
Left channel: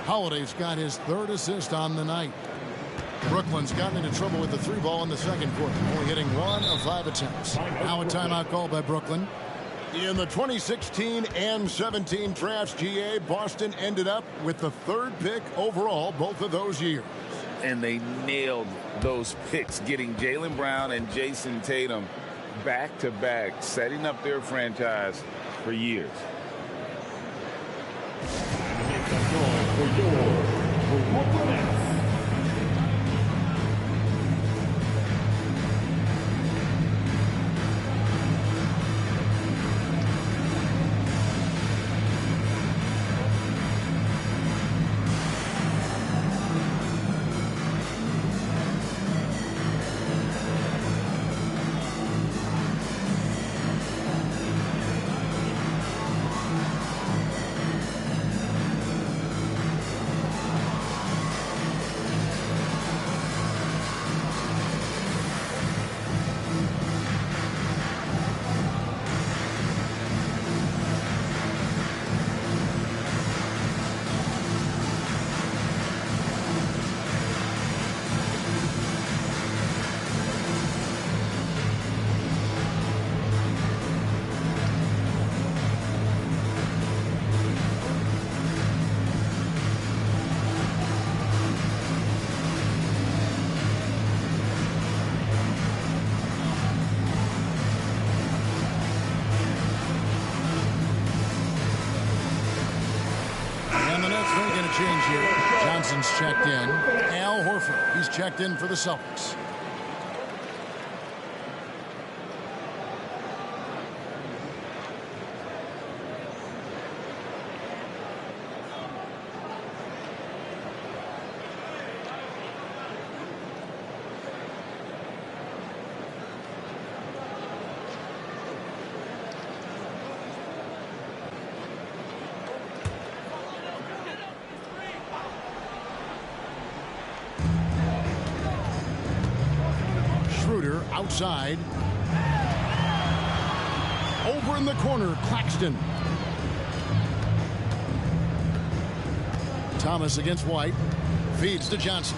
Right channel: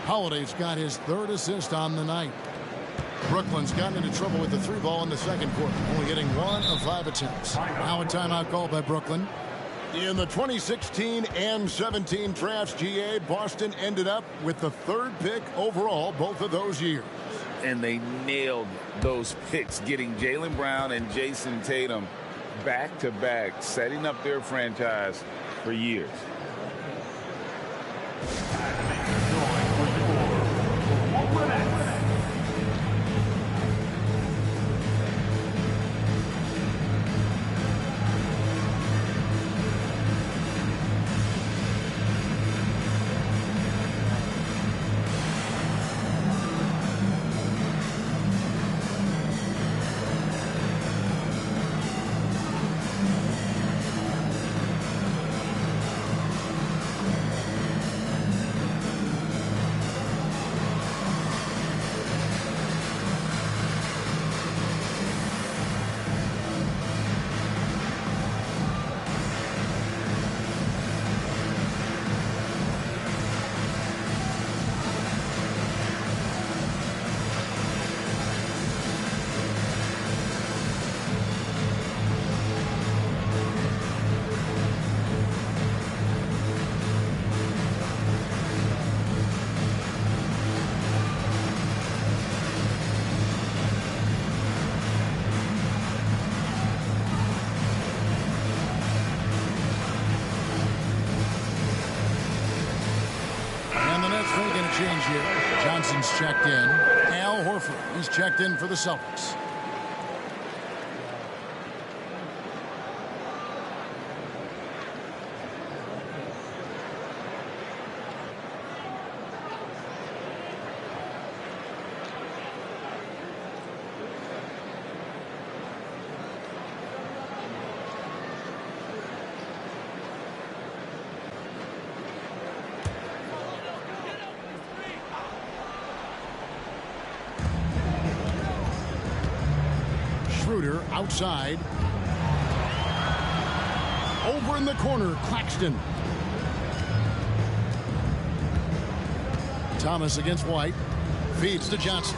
Holiday's got his 3rd assist on the night. Brooklyn's gotten into trouble with the 3 ball in the second quarter, only hitting 1 of 5 attempts. Now a timeout call by Brooklyn. In the 2016 and 17 drafts, GA, Boston ended up with the 3rd pick overall both of those years. And they nailed those picks, getting Jaylen Brown and Jason Tatum back-to-back, setting up their franchise for years. And the Nets making a change here. Johnson's checked in. Al Horford, he's checked in for the Celtics. Schroeder outside. Over in the corner, Claxton. Thomas against White. Feeds to Johnson.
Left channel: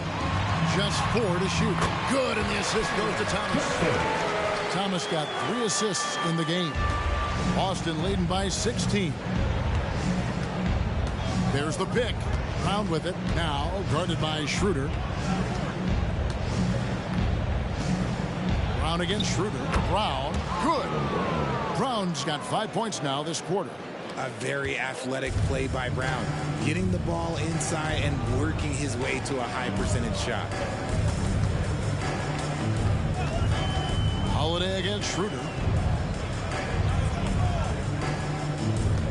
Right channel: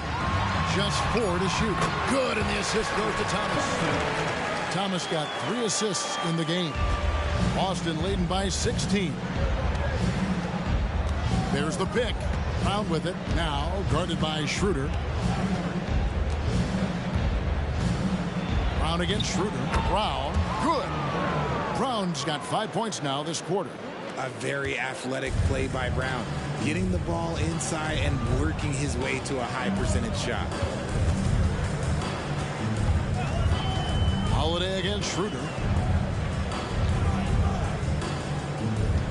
Just 4 to shoot. Good, and the assist goes to Thomas. Thomas got 3 assists in the game. Boston leading by 16. There's the pick. Brown with it. Now guarded by Schroeder. Brown against Schroeder. Brown. Good. Brown's got 5 points now this quarter. A very athletic play by Brown, getting the ball inside and working his way to a high percentage shot. Holiday against Schroeder.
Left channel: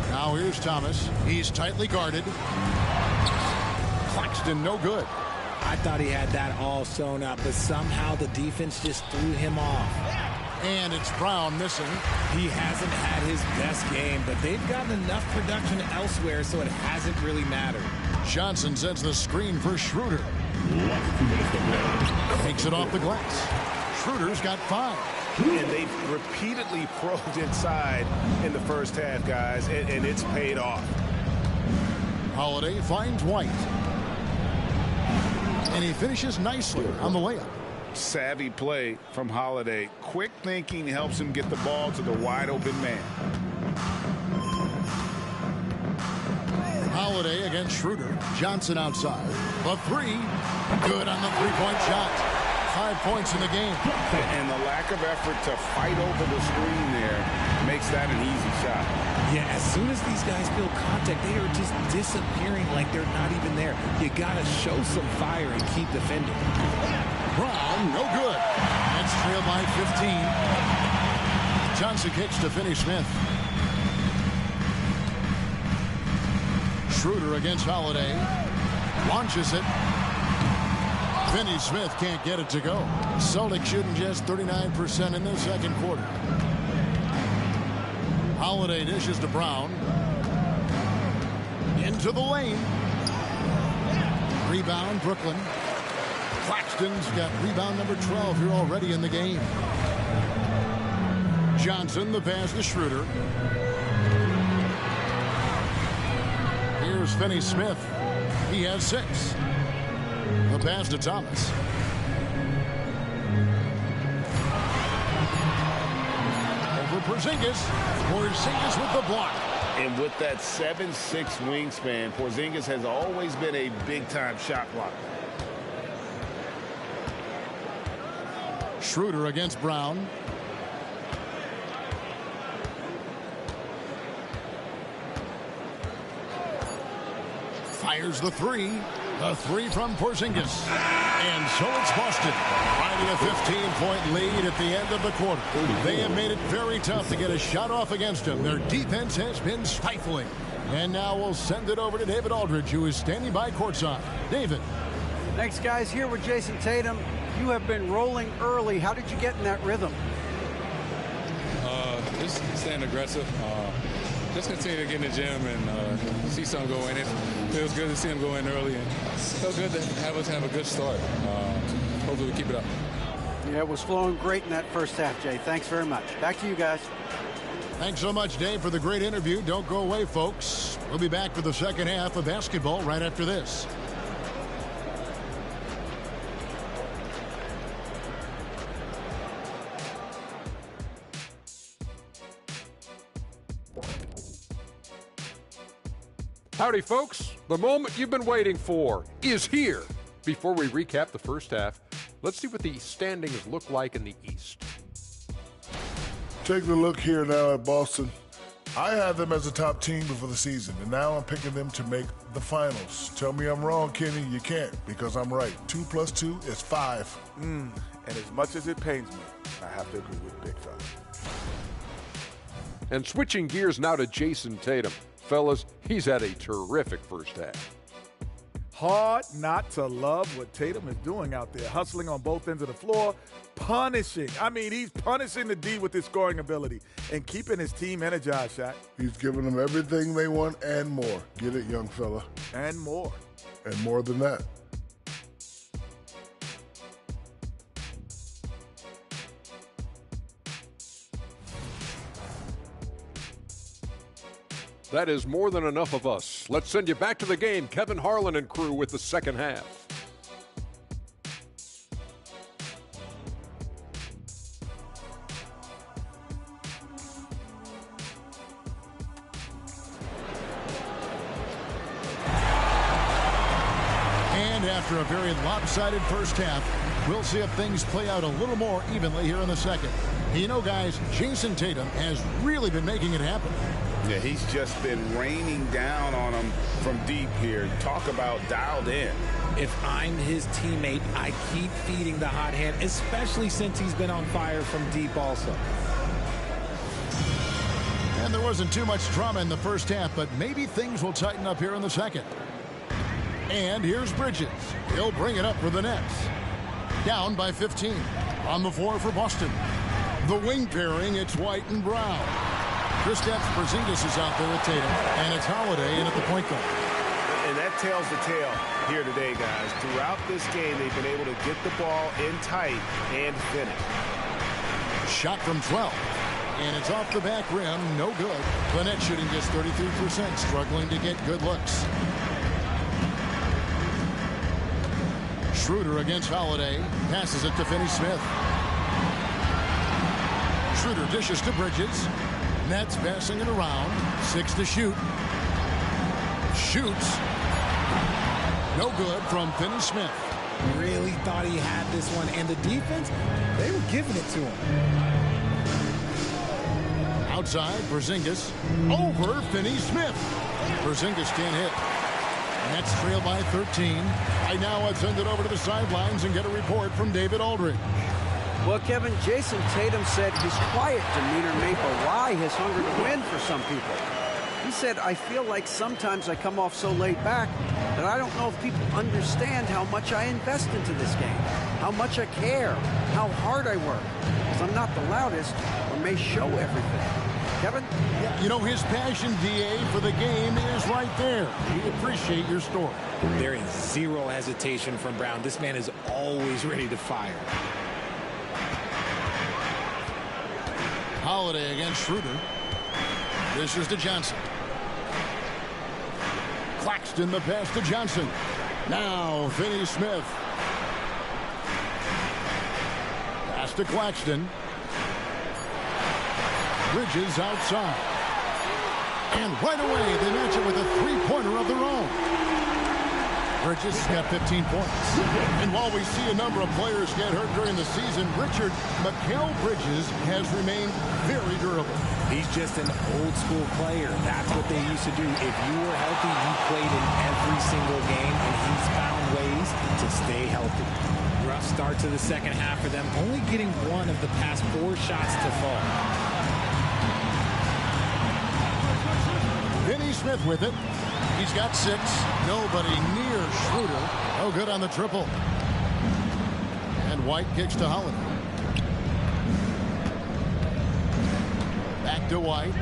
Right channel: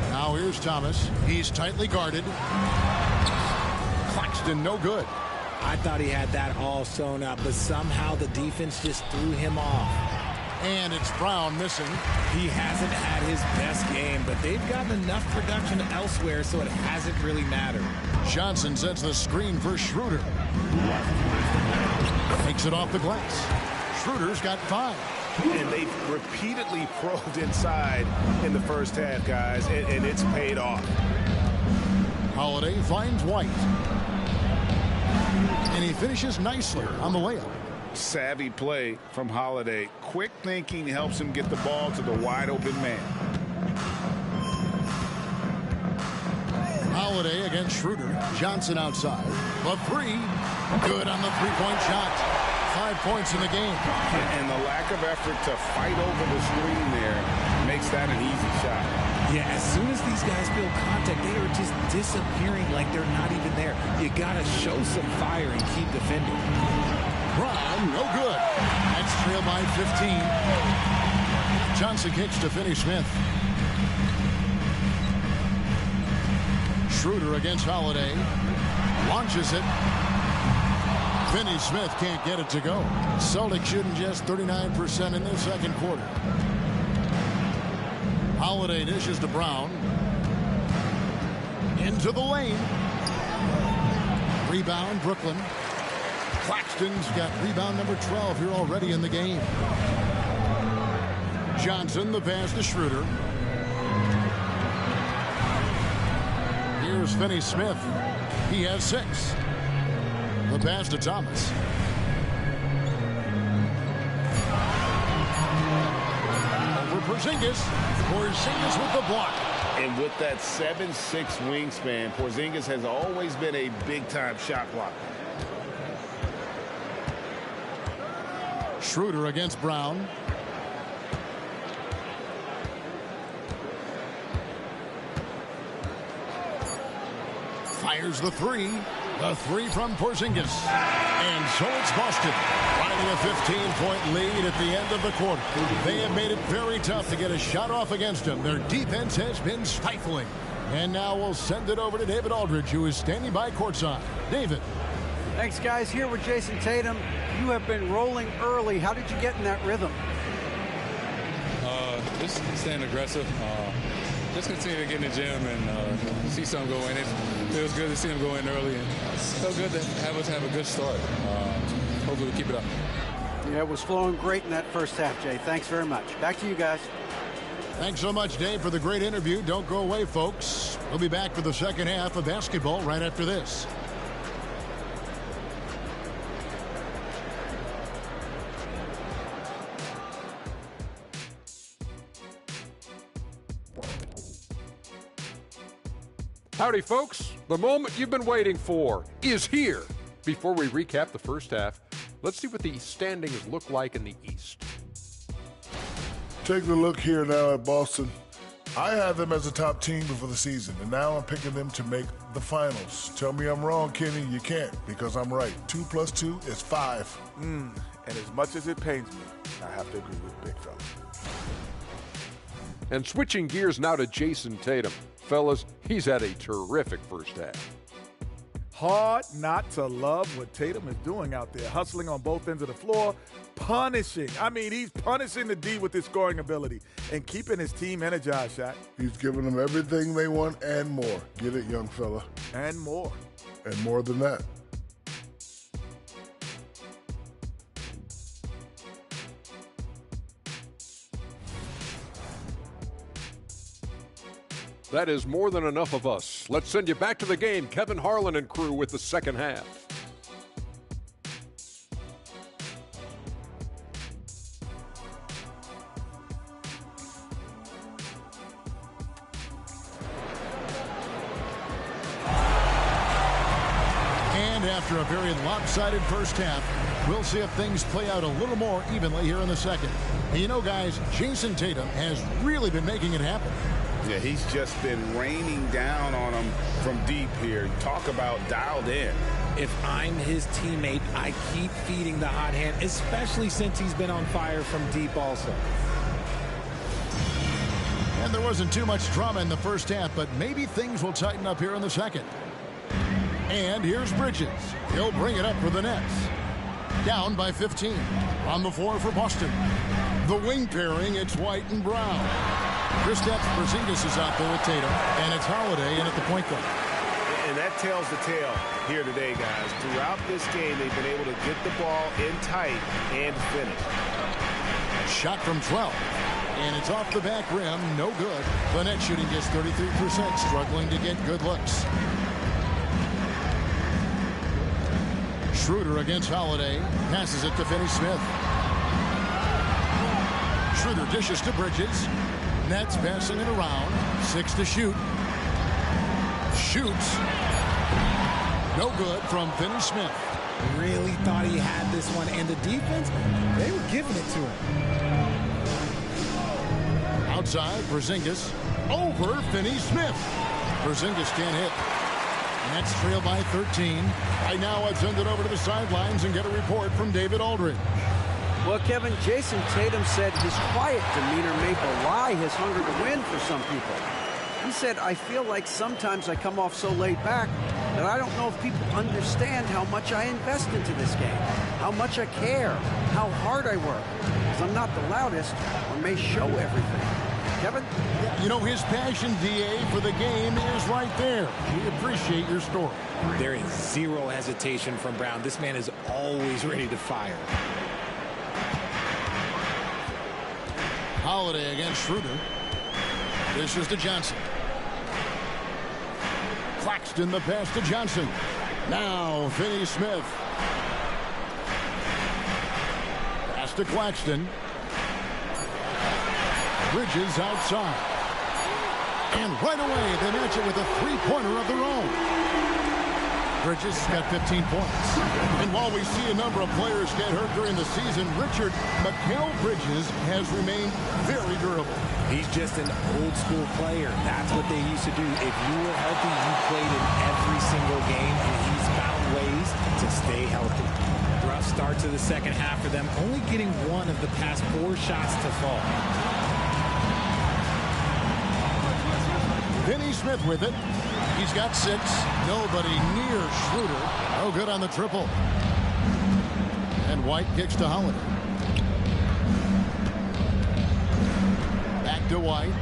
Now here's Thomas. He's tightly guarded. Claxton no good. I thought he had that all sewn up, but somehow the defense just threw him off. And it's Brown missing. He hasn't had his best game, but they've gotten enough production elsewhere, so it hasn't really mattered. Johnson sets the screen for Schroeder. Takes it off the glass. Schroeder's got 5. And they've repeatedly probed inside in the first half, guys, and it's paid off. Holiday finds White. And he finishes nicely on the layup. Savvy play from Holiday. Quick thinking helps him get the ball to the wide open man. Holiday against Schroeder. Johnson outside. The 3. Good on the 3-point shot. 5 points in the game. And the lack of effort to fight over the screen there makes that an easy shot. Yeah, as soon as these guys feel contact, they are just disappearing like they're not even there. You got to show some fire and keep defending. Brown, no good. Nets trail by 15. Johnson kicks to Finney-Smith. Schroeder against Holiday. Launches it. Finney-Smith can't get it to go. Celtics shooting just 39% in the second quarter. Holiday dishes to Brown. Into the lane. Rebound, Brooklyn. Claxton's got rebound number 12 here already in the game. Johnson, the pass to Schroeder. Here's Finney-Smith. He has 6. The pass to Thomas. Over Porzingis. Porzingis with the block. And with that 7'6" wingspan, Porzingis has always been a big-time shot blocker. Schroeder against Brown. Fires the 3. The 3 from Porzingis. And so it's Boston riding a 15-point lead at the end of the quarter. They have made it very tough to get a shot off against them. Their defense has been stifling. And now we'll send it over to David Aldridge, who is standing by courtside. David. Thanks, guys. Here with Jason Tatum. You have been rolling early. How did you get in that rhythm? Just staying aggressive. Just continue to get in the gym and see something go in. It feels good to see him go in early, and so good to have us have a good start. Hopefully we keep it up. Yeah, it was flowing great in that first half, Jay. Thanks very much. Back to you guys. Thanks so much, Dave, for the great interview. Don't go away, folks. We'll be back for the second half of basketball right after this. Howdy, folks. The moment you've been waiting for is here. Before we recap the first half, let's see what the standings look like in the East. Taking a look here now at Boston. I had them as a top team before the season, and now I'm picking them to make the finals. Tell me I'm wrong, Kenny. You can't, because I'm right. 2 + 2 is 5. And as much as it pains me, I have to agree with Big Fella. And switching gears now to Jason Tatum. Fellas, he's had a terrific first half. Hard not to love what Tatum is doing out there, hustling on both ends of the floor, punishing. I mean, he's punishing the D with his scoring ability and keeping his team energized, Shaq. He's giving them everything they want and more. Get it, young fella. And more. And more than that. That is more than enough of us. Let's send you back to the game. Kevin Harlan and crew with the second half. And after a very lopsided first half, we'll see if things play out a little more evenly here in the second. And you know, guys, Jason Tatum has really been making it happen. Yeah, he's just been raining down on him from deep here. Talk about dialed in. If I'm his teammate, I keep feeding the hot hand, especially since he's been on fire from deep also. And there wasn't too much drama in the first half, but maybe things will tighten up here in the second. And here's Bridges. He'll bring it up for the Nets. Down by 15. On the floor for Boston. The wing pairing, it's White and Brown. Kristaps Porzingis is out there with Tatum, and it's Holiday in at the point guard. And that tells the tale here today, guys. Throughout this game, they've been able to get the ball in tight and finish. Shot from 12. And it's off the back rim, no good. The net shooting just 33%, struggling to get good looks. Schroeder against Holiday. Passes it to Finney-Smith. Schroeder dishes to Bridges. Nets passing it around. 6 to shoot. Shoots. No good from Finney-Smith. Really thought he had this one. And the defense, they were giving it to him. Outside, Porzingis. Over Finney-Smith. Porzingis can't hit. Nets trail by 13. Right now, let's send it over to the sidelines and get a report from David Aldridge. Well, Kevin, Jason Tatum said his quiet demeanor may belie his hunger to win for some people. He said, I feel like sometimes I come off so laid back that I don't know if people understand how much I invest into this game, how much I care, how hard I work, because I'm not the loudest or may show everything. Kevin? Yeah, you know, his passion, DA, for the game is right there. We appreciate your story. There is zero hesitation from Brown. This man is always ready to fire. Holiday against Schroeder. This is to Johnson. Claxton the pass to Johnson. Now Finney-Smith. Pass to Claxton. Bridges outside. And right away they match it with a three-pointer of their own. Bridges got 15 points. And while we see a number of players get hurt during the season, Richard, Mikal Bridges has remained very durable. He's just an old school player. That's what they used to do. If you were healthy, you played in every single game, and he's found ways to stay healthy. Rough start to the second half for them, only getting one of the past 4 shots to fall. Finney-Smith with it. He's got 6. Nobody near Schroeder. No good on the triple. And White kicks to Holiday. Back to White.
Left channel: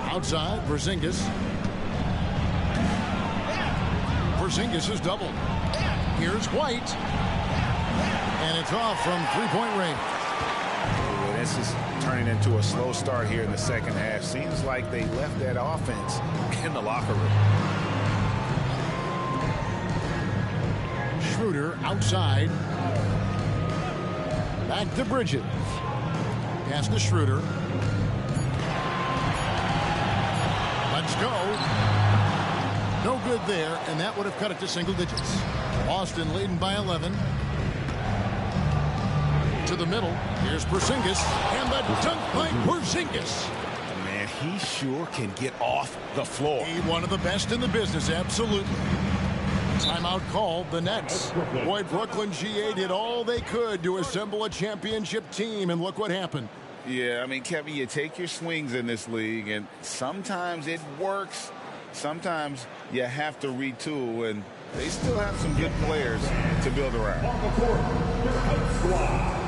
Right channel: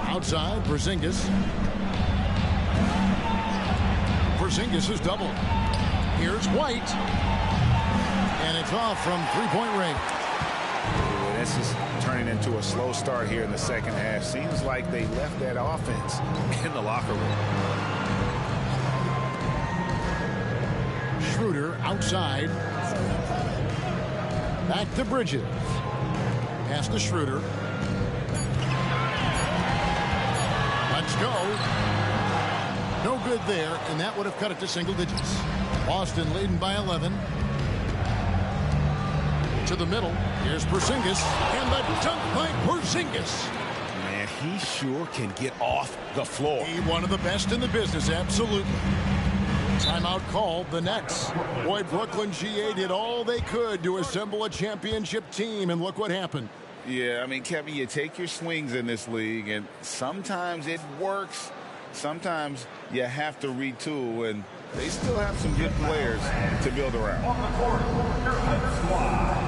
Outside, Porzingis. Porzingis is doubled. Here's White. And it's off from three-point range. Ooh, this is turning into a slow start here in the second half. Seems like they left that offense in the locker room. Schroeder outside. Back to Bridges. Pass to Schroeder. Let's go. No good there, and that would have cut it to single digits. Boston leading by 11. To the middle. Here's Porzingis. And the dunk by Porzingis. Man, he sure can get off the floor. One of the best in the business, absolutely. Timeout called, the Nets. Boy, Brooklyn GA did all they could to assemble a championship team, and look what happened. Yeah, I mean, Kevin, you take your swings in this league, and sometimes it works. Sometimes you have to retool, and they still have some good players to build around. On the court, your Hope Squad.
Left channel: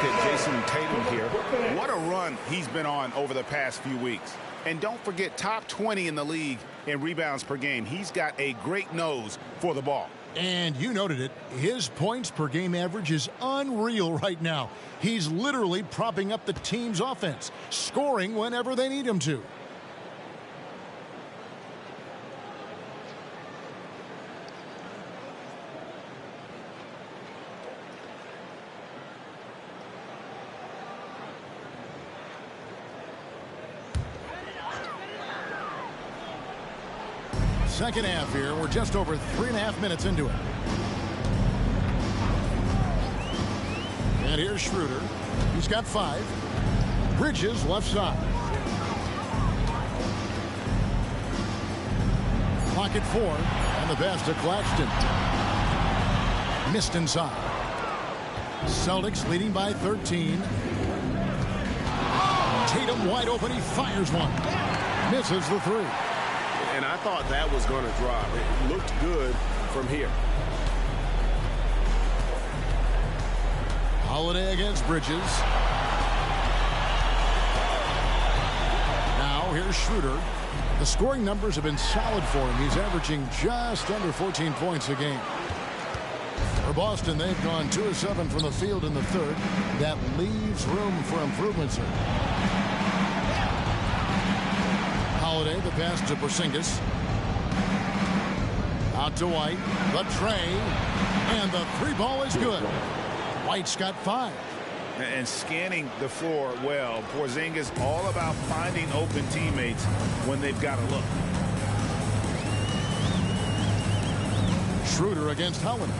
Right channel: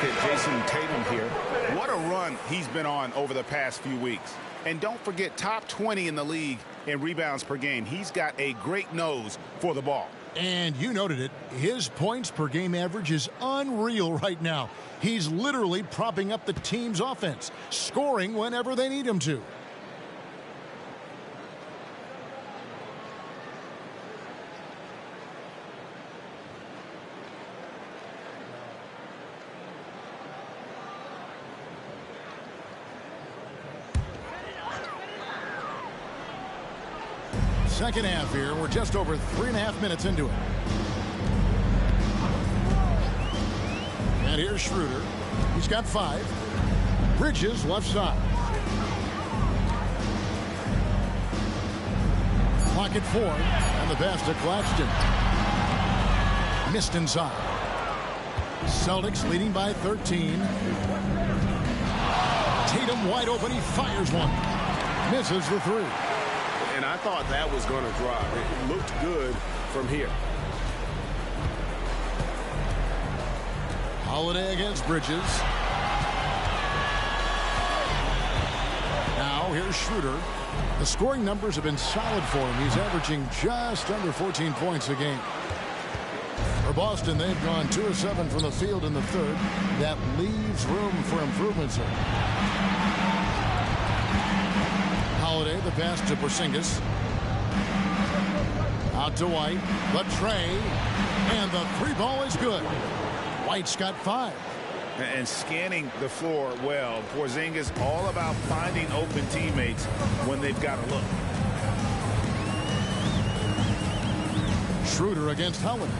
look at Jason Tatum here. What a run he's been on over the past few weeks. And don't forget, top 20 in the league in rebounds per game. He's got a great nose for the ball. And you noted it, his points per game average is unreal right now. He's literally propping up the team's offense, scoring whenever they need him to. Second half here. We're just over 3.5 minutes into it. And here's Schroeder. He's got 5. Bridges left side. Clock at 4. And the pass to Claxton. Missed inside. Celtics leading by 13. Tatum wide open. He fires one. Misses the 3. And I thought that was going to drop. It looked good from here. Holiday against Bridges. Now here's Schroeder. The scoring numbers have been solid for him. He's averaging just under 14 points a game. For Boston, they've gone 2 of 7 from the field in the third. That leaves room for improvement, sir. Holiday, the pass to Porzingis. Out to White. The tray. And the 3 ball is good. White's got 5. And scanning the floor well. Porzingis all about finding open teammates when they've got to look. Schroeder against Holiday.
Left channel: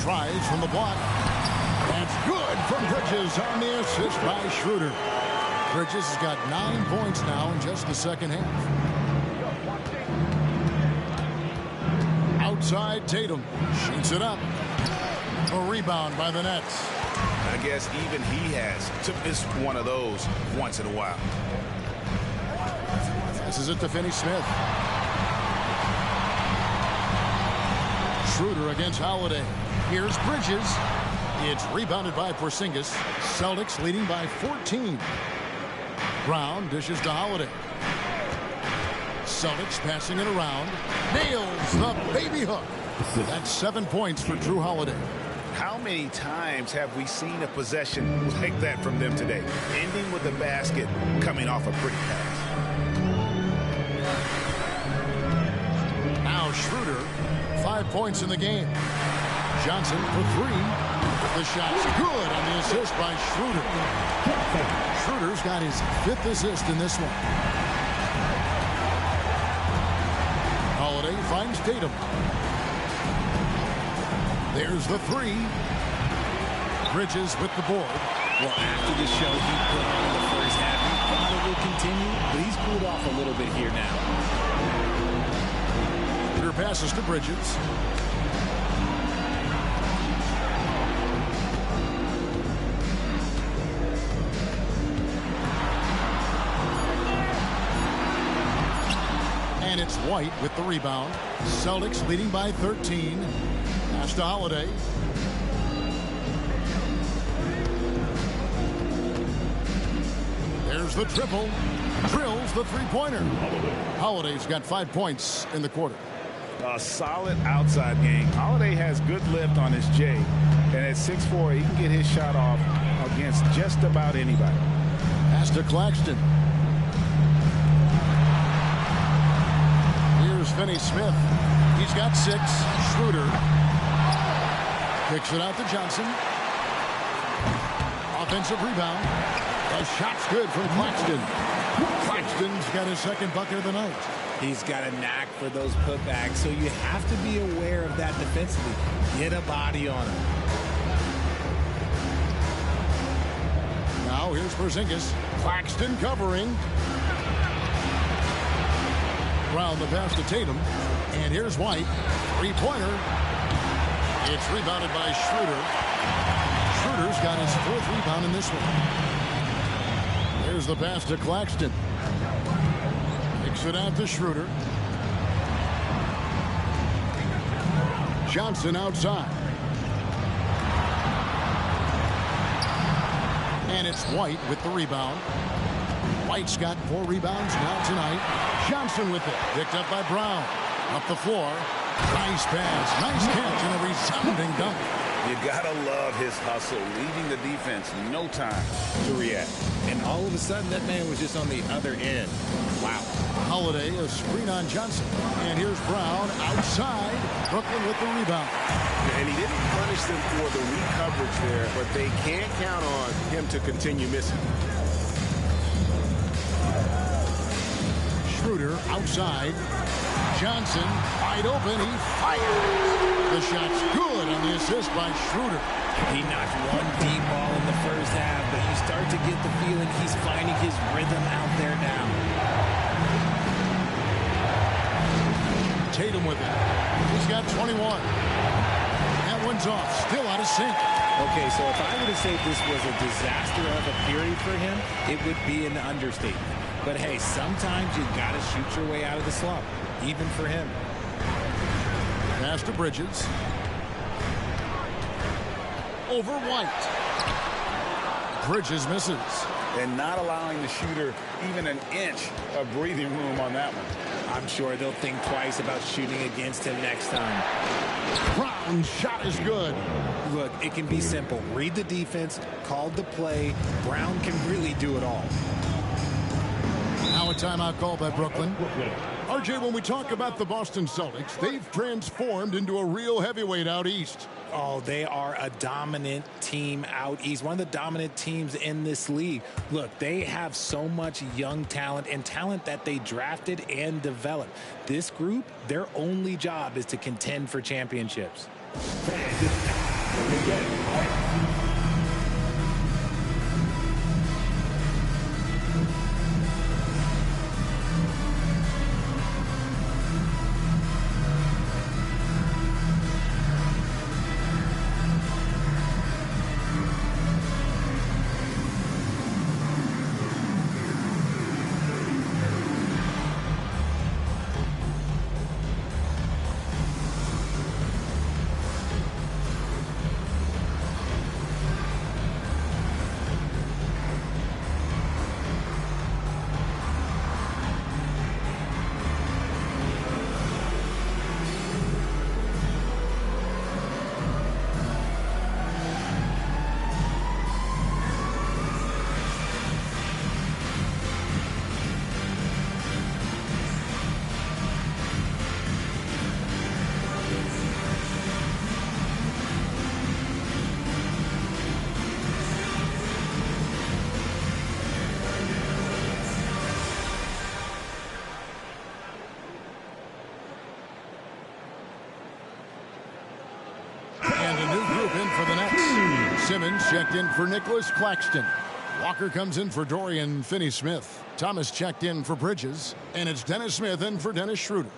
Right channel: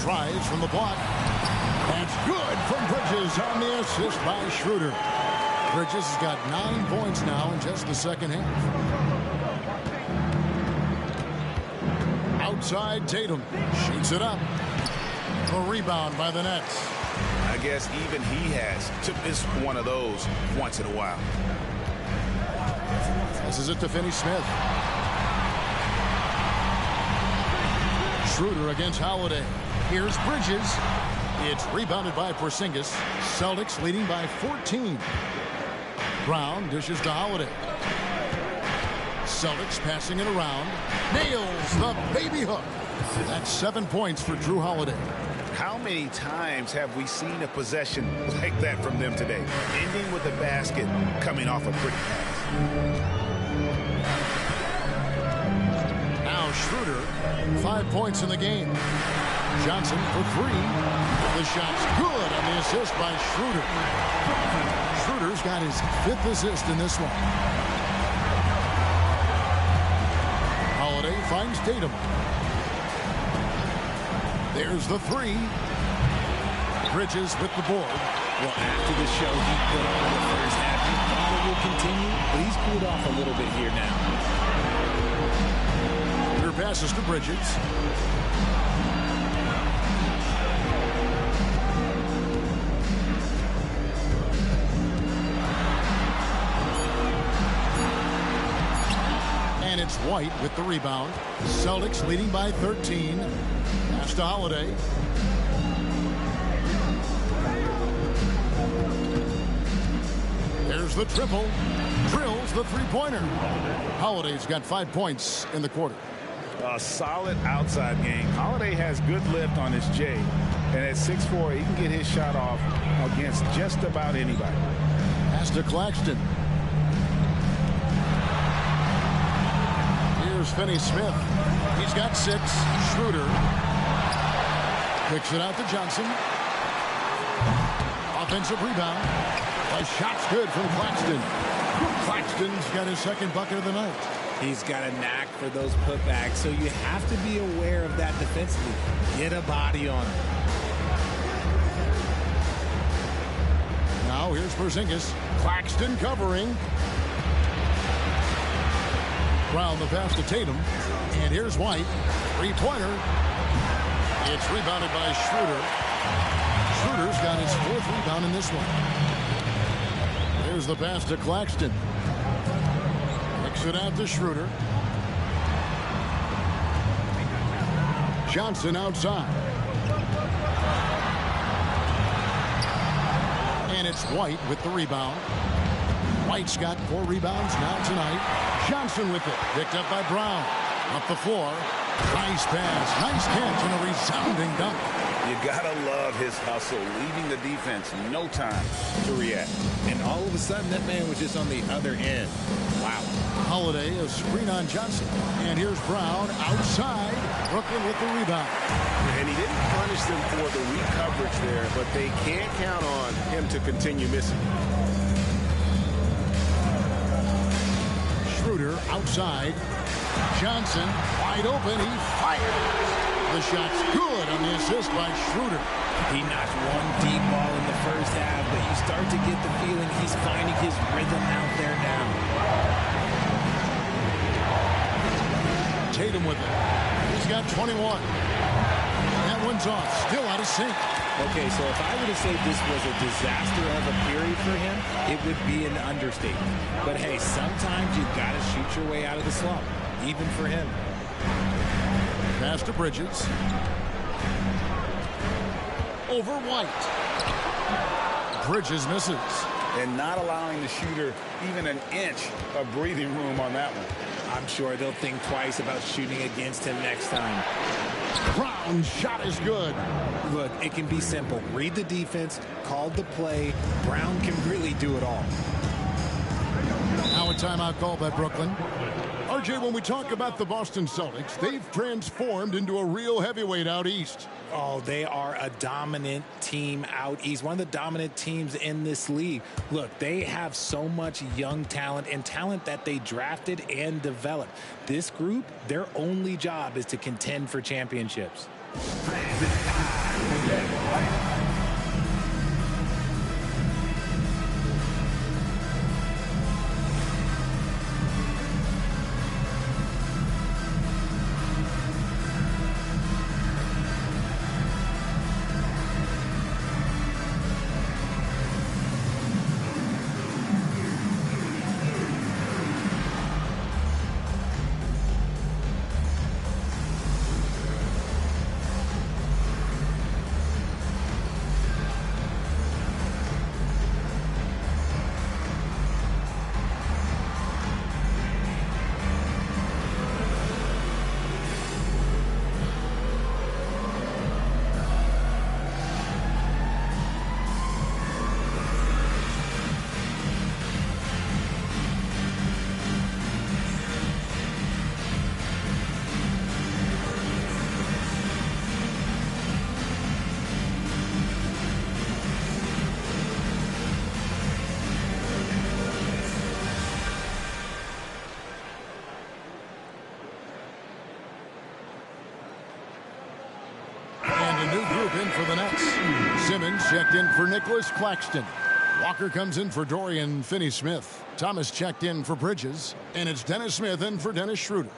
Tries from the block. That's good from Bridges on the assist by Schroeder. Bridges has got 9 points now in just the second half. Outside Tatum. Shoots it up. A rebound by the Nets. I guess even he has to miss one of those once in a while. Passes it to Finney-Smith. Schroeder against Holiday. Here's Bridges. It's rebounded by Porzingis. Celtics leading by 14. Brown dishes to Holiday. Celtics passing it around. Nails the baby hook. That's 7 points for Jrue Holiday. How many times have we seen a possession like that from them today? Ending with a basket, coming off a pretty pass. Now Schroeder, 5 points in the game. Johnson for 3. The shot's good on the assist by Schroeder. Schroeder's got his 5th assist in this one. Holiday finds Tatum. There's the 3. Bridges with the board. Well, after the show he put on in the first half, you thought it would continue, but he's cooled off a little bit here now. Schroeder passes to Bridges. And it's White with the rebound. Celtics leading by 13. Pass to Holiday. There's the triple. Drills the 3-pointer. Holiday's got 5 points in the quarter. A solid outside game. Holiday has good lift on his J. And at 6'4", he can get his shot off against just about anybody. Pass to Claxton. Here's Finney-Smith. He's got 6. Schroeder kicks it out to Johnson. Offensive rebound. The shot's good from Claxton. Claxton's got his 2nd bucket of the night. He's got a knack for those putbacks, so you have to be aware of that defensively. Get a body on him. Now here's Porzingis. Claxton covering. Brown the pass to Tatum. And here's White. 3-pointer. It's rebounded by Schroeder. Schroeder's got his 4th rebound in this one. There's the pass to Claxton. Kicks it out to Schroeder. Johnson outside. And it's White with the rebound. White's got 4 rebounds now tonight. Johnson with it. Picked up by Brown. Up the floor. Nice pass. Nice catch and a resounding dunk. You gotta love his hustle, leaving the defense no time to react. And all of a sudden, that man was just on the other end. Wow. Holiday, a screen on Johnson. And here's Brown outside. Brooklyn with the rebound. And he didn't punish them for the weak coverage there, but they can't count on him to continue missing. Schroeder outside. Johnson wide open. He fires. The shot's good on the assist by Schroeder. He knocked one deep ball in the first half, but you start to get the feeling he's finding his rhythm out there now. Tatum with it. He's got 21. That one's off. Still out of sync. Okay, so if I were to say this was a disaster of a period for him, it would be an understatement. But hey, sometimes you got to shoot your way out of the slump, even for him. Pass to Bridges. Over White. Bridges misses. And not allowing the shooter even an inch of breathing room on that one. I'm sure they'll think twice about shooting against him next time. Brown's shot is good. Look, it can be simple. Read the defense, call the play. Brown can really do it all. Now a timeout call by Brooklyn. RJ, when we talk about the Boston Celtics, they've transformed into a real heavyweight out east. Oh, they are a dominant team out east. One of the dominant teams in this league. Look, they have so much young talent and talent that they drafted and developed. This group, their only job is to contend for championships. And a new group in for the Nets. Simmons checked in for Nicholas Claxton. Walker comes in for Dorian Finney-Smith. Thomas checked in for Bridges. And it's Dennis Smith in for Dennis Schroeder.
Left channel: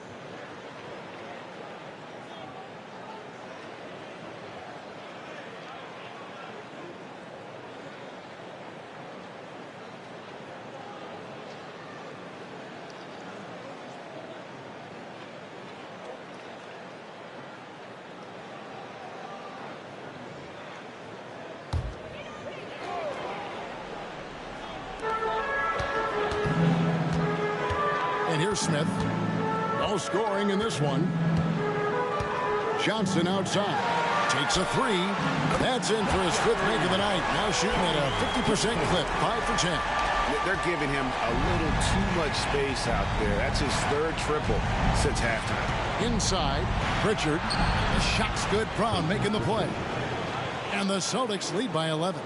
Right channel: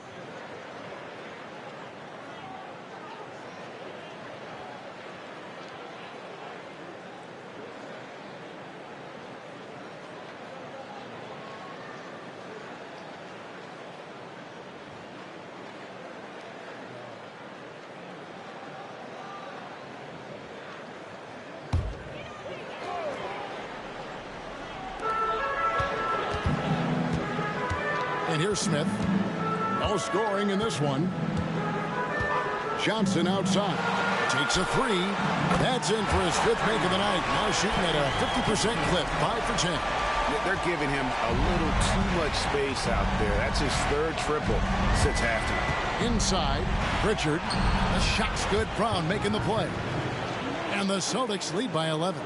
And here's Smith. No scoring in this one. Johnson outside. Takes a three. That's in for his 5th make of the night. Now shooting at a 50% clip. 5 for 10. They're giving him a little too much space out there. That's his 3rd triple since halftime. Inside. Pritchard. The shot's good. Brown making the play. And the Celtics lead by 11.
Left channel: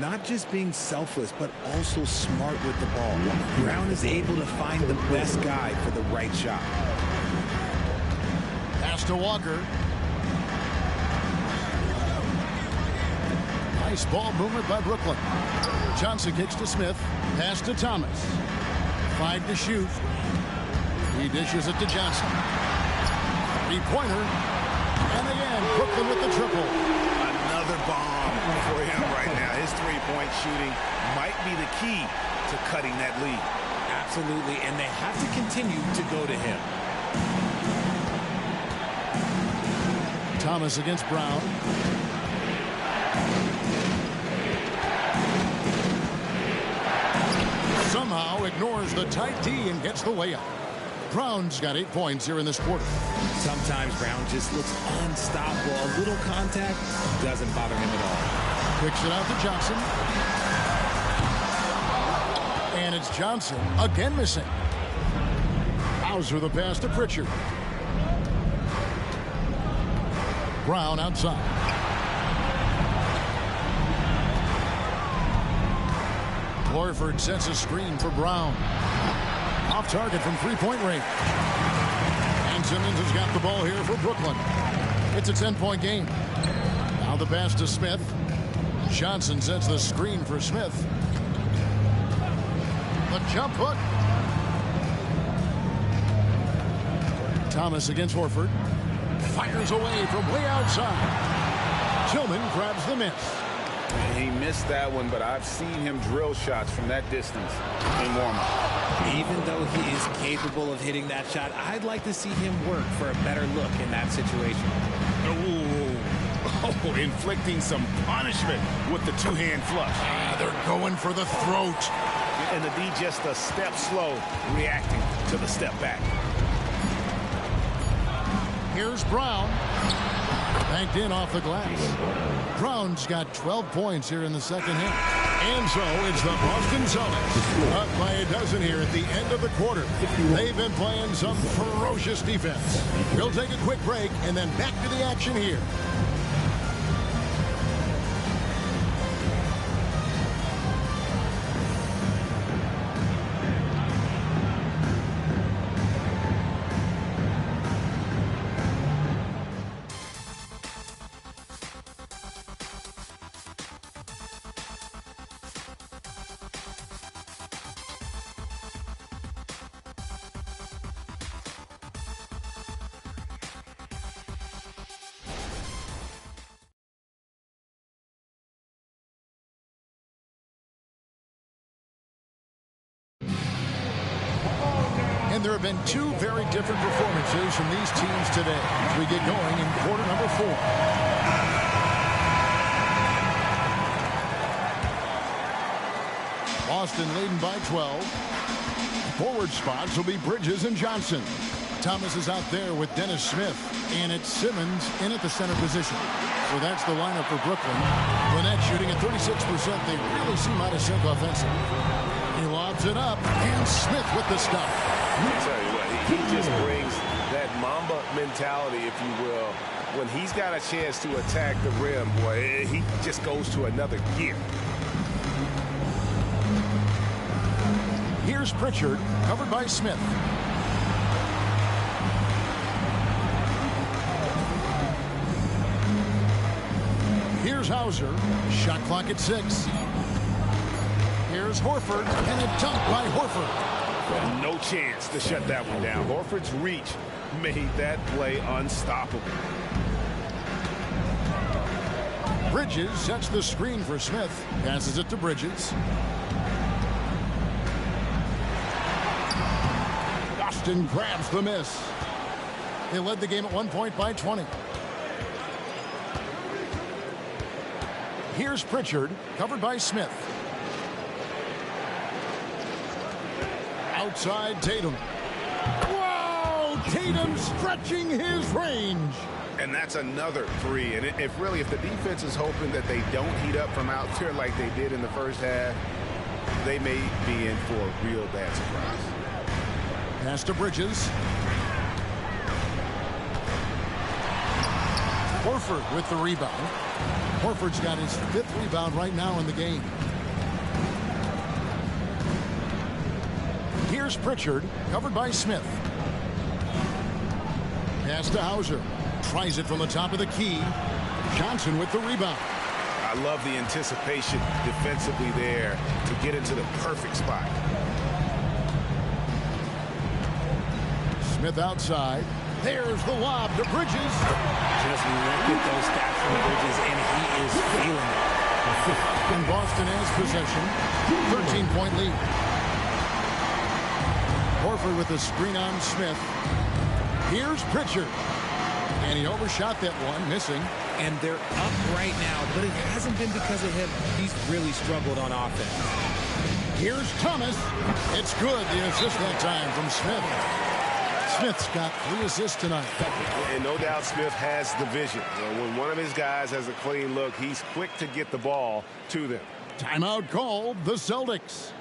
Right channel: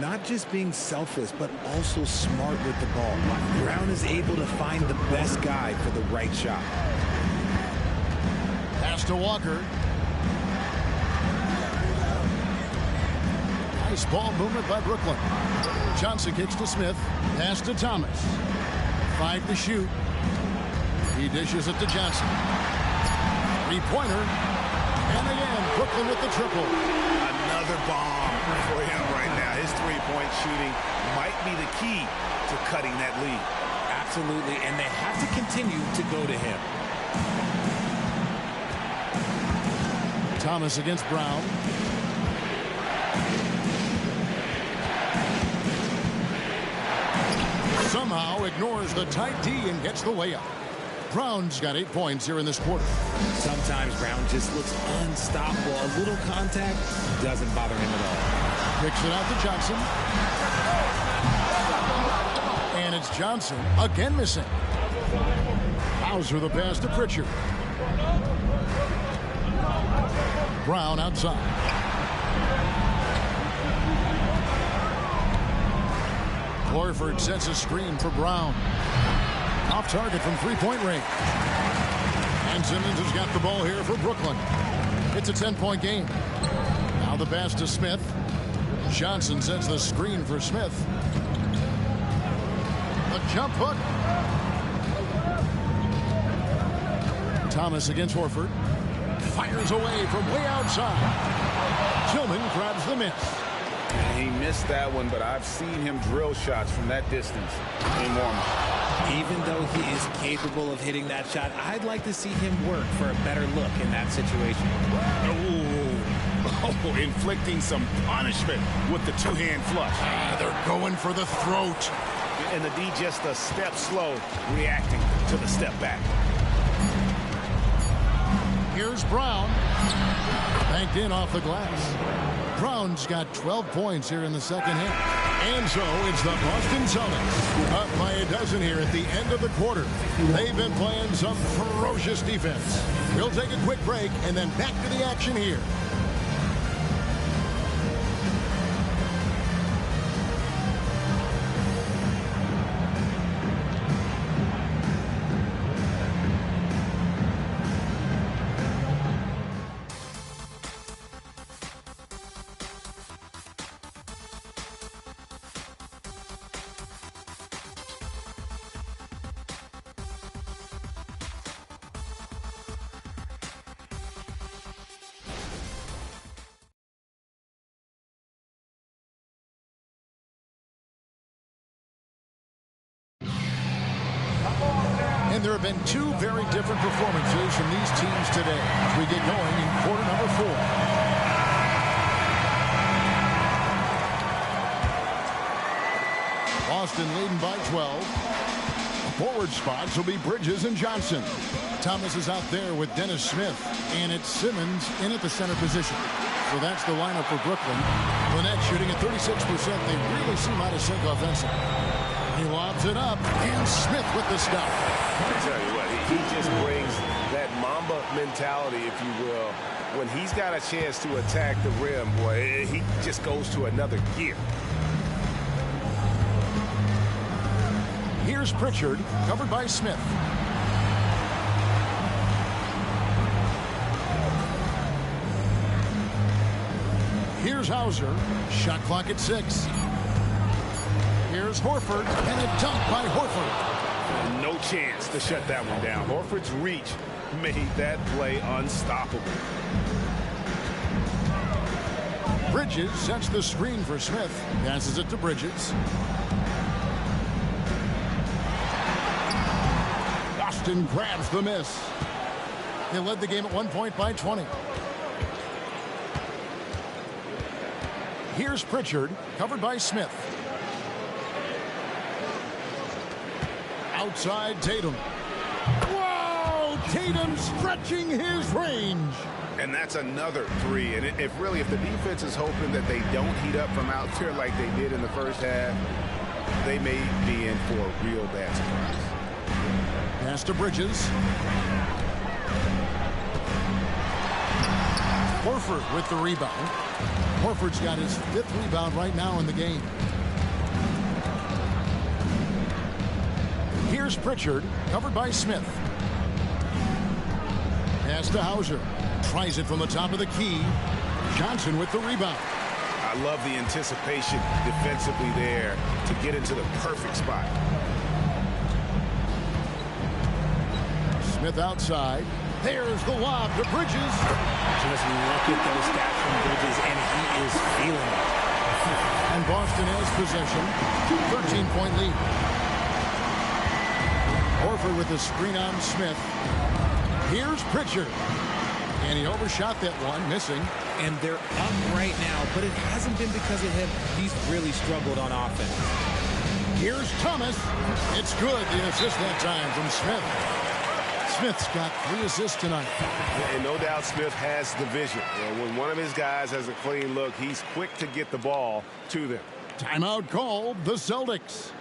Not just being selfless, but also smart with the ball. Brown is able to find the best guy for the right shot. Pass to Walker. Nice ball movement by Brooklyn. Johnson kicks to Smith. Pass to Thomas. 5 to shoot. He dishes it to Johnson. 3-pointer. And again, Brooklyn with the triple. Another bomb for him right now. His 3-point shooting might be the key to cutting that lead. Absolutely, and they have to continue to go to him. Thomas against Brown. somehow ignores the tight D and gets the layup. Brown's got 8 points here in this quarter. Sometimes Brown just looks unstoppable. A little contact doesn't bother him at all. Kicks it out to Johnson. And it's Johnson again missing. Hauser the pass to Pritchard. Brown outside. Horford sets a screen for Brown. Off target from three-point range. And Simmons has got the ball here for Brooklyn. It's a 10-point game. Now the pass to Smith. Johnson sets the screen for Smith. The jump hook. Thomas against Horford. Fires away from way outside. Tillman grabs the miss. And he missed that one, but I've seen him drill shots from that distance in warm-up. Even though he is capable of hitting that shot, I'd like to see him work for a better look in that situation. Oh, inflicting some punishment with the two-hand flush. They're going for the throat. And the D just a step slow, reacting to the step back. Here's Brown. Banked in off the glass. Brown's got 12 points here in the second half. And so it's the Boston Celtics up by a dozen here at the end of the quarter. They've been playing some ferocious defense. We'll take a quick break and then back to the action here. And there have been two very different performances from these teams today as we get going in quarter number 4. Boston leading by 12. Forward spots will be Bridges and Johnson. Thomas is out there with Dennis Smith. And it's Simmons in at the center position. So that's the lineup for Brooklyn. Lynette shooting at 36%. They really seem out of sync offensively. He lobs it up. And Smith with the stop. I tell you what, he just brings that Mamba mentality, if you will. When he's got a chance to attack the rim, boy, he just goes to another gear. Here's Pritchard, covered by Smith. Here's Hauser, shot clock at 6. Here's Horford, and a dunk by Horford. No chance to shut that one down. Horford's reach made that play unstoppable. Bridges sets the screen for Smith. Passes it to Bridges. Boston grabs the miss. They led the game at 1 point by 20. Here's Pritchard, covered by Smith. Outside Tatum. Whoa! Tatum stretching his range. And that's another three. And if the defense is hoping that they don't heat up from out there like they did in the first half, they may be in for a real bad surprise. Pass to Bridges. Horford with the rebound. Horford's got his 5th rebound right now in the game. Here's Pritchard, covered by Smith. Pass to Hauser. Tries it from the top of the key. Johnson with the rebound. I love the anticipation defensively there to get into the perfect spot. Smith outside. There's the lob to Bridges. Just look at those stats from Bridges, and he is feeling it. And Boston has possession. 13-point lead. Horford with the screen on Smith. Here's Pritchard. And he overshot that one, missing. And they're up right now, but it hasn't been because of him. He's really struggled on offense. Here's Thomas. It's good. The assist that time from Smith. Smith's got 3 assists tonight. And no doubt Smith has the vision. When one of his guys has a clean look, he's quick to get the ball to them. Timeout called, the Celtics.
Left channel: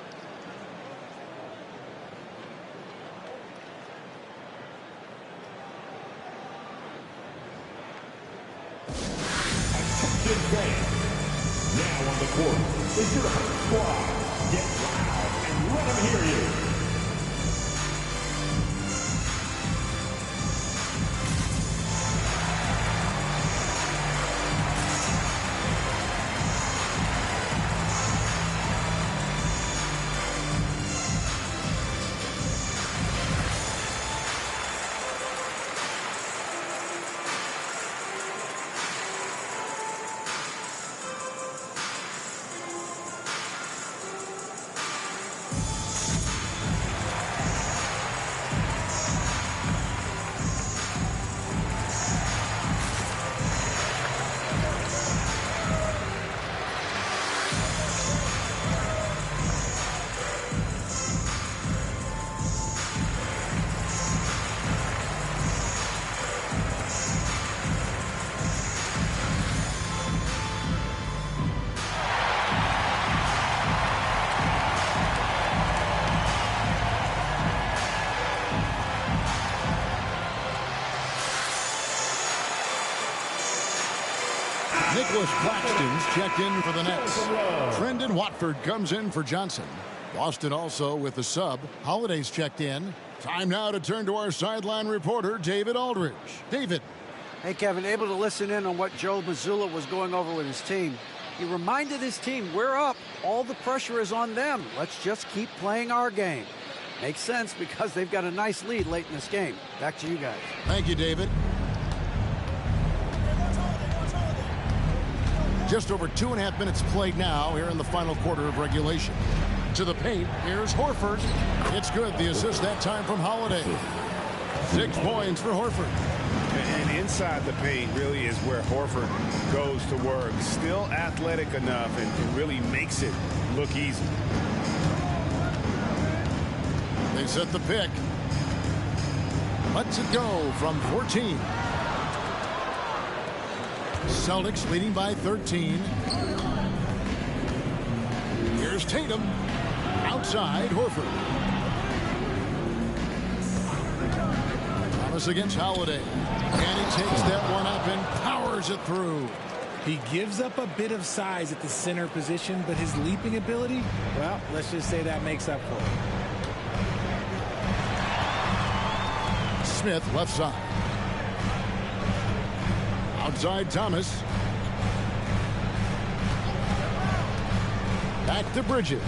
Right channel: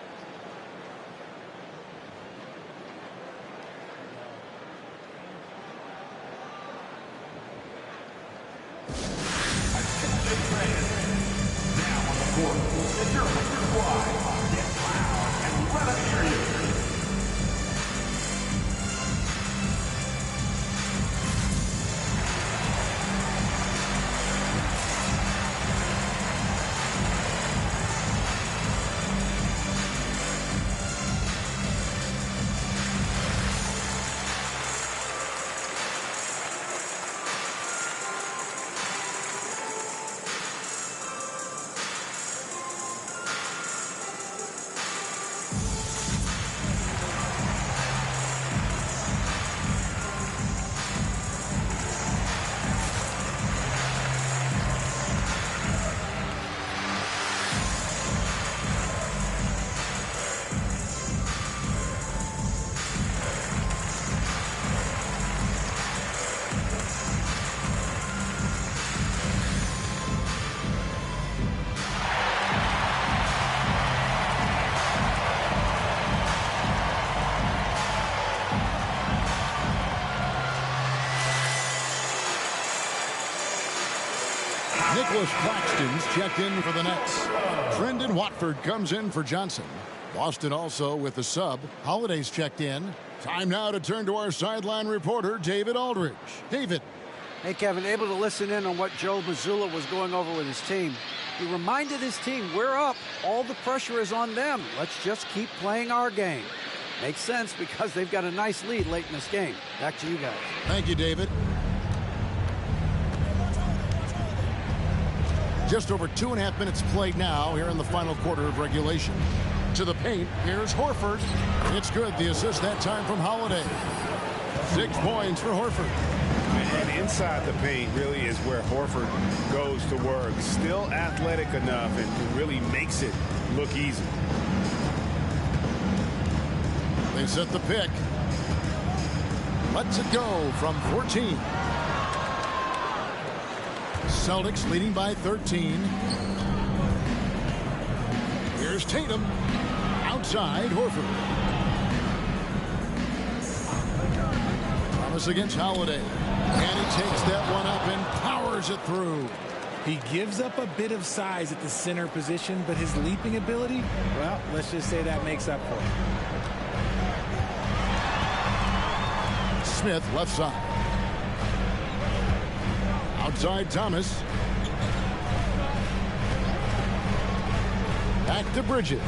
Attention fans. Now on the court is your squad. Get loud and let them hear you. Nicholas Claxton's checked in for the Nets. Trendon Watford comes in for Johnson. Boston also with the sub. Holiday's checked in. Time now to turn to our sideline reporter, David Aldridge. David. Hey, Kevin, able to listen in on what Joe Mazzulla was going over with his team. He reminded his team, we're up. All the pressure is on them. Let's just keep playing our game. Makes sense because they've got a nice lead late in this game. Back to you guys. Thank you, David. Just over 2.5 minutes played now here in the final quarter of regulation. To the paint, here's Horford. It's good. The assist that time from Holiday. 6 points for Horford. And inside the paint really is where Horford goes to work. Still athletic enough and really makes it look easy. They set the pick. Lets it go from 14. Celtics leading by 13. Here's Tatum. Outside, Horford. Thomas against Holiday. And he takes that one up and powers it through. He gives up a bit of size at the center position, but his leaping ability, well, let's just say that makes up for it. Smith left side. Outside Thomas. Back to Bridges.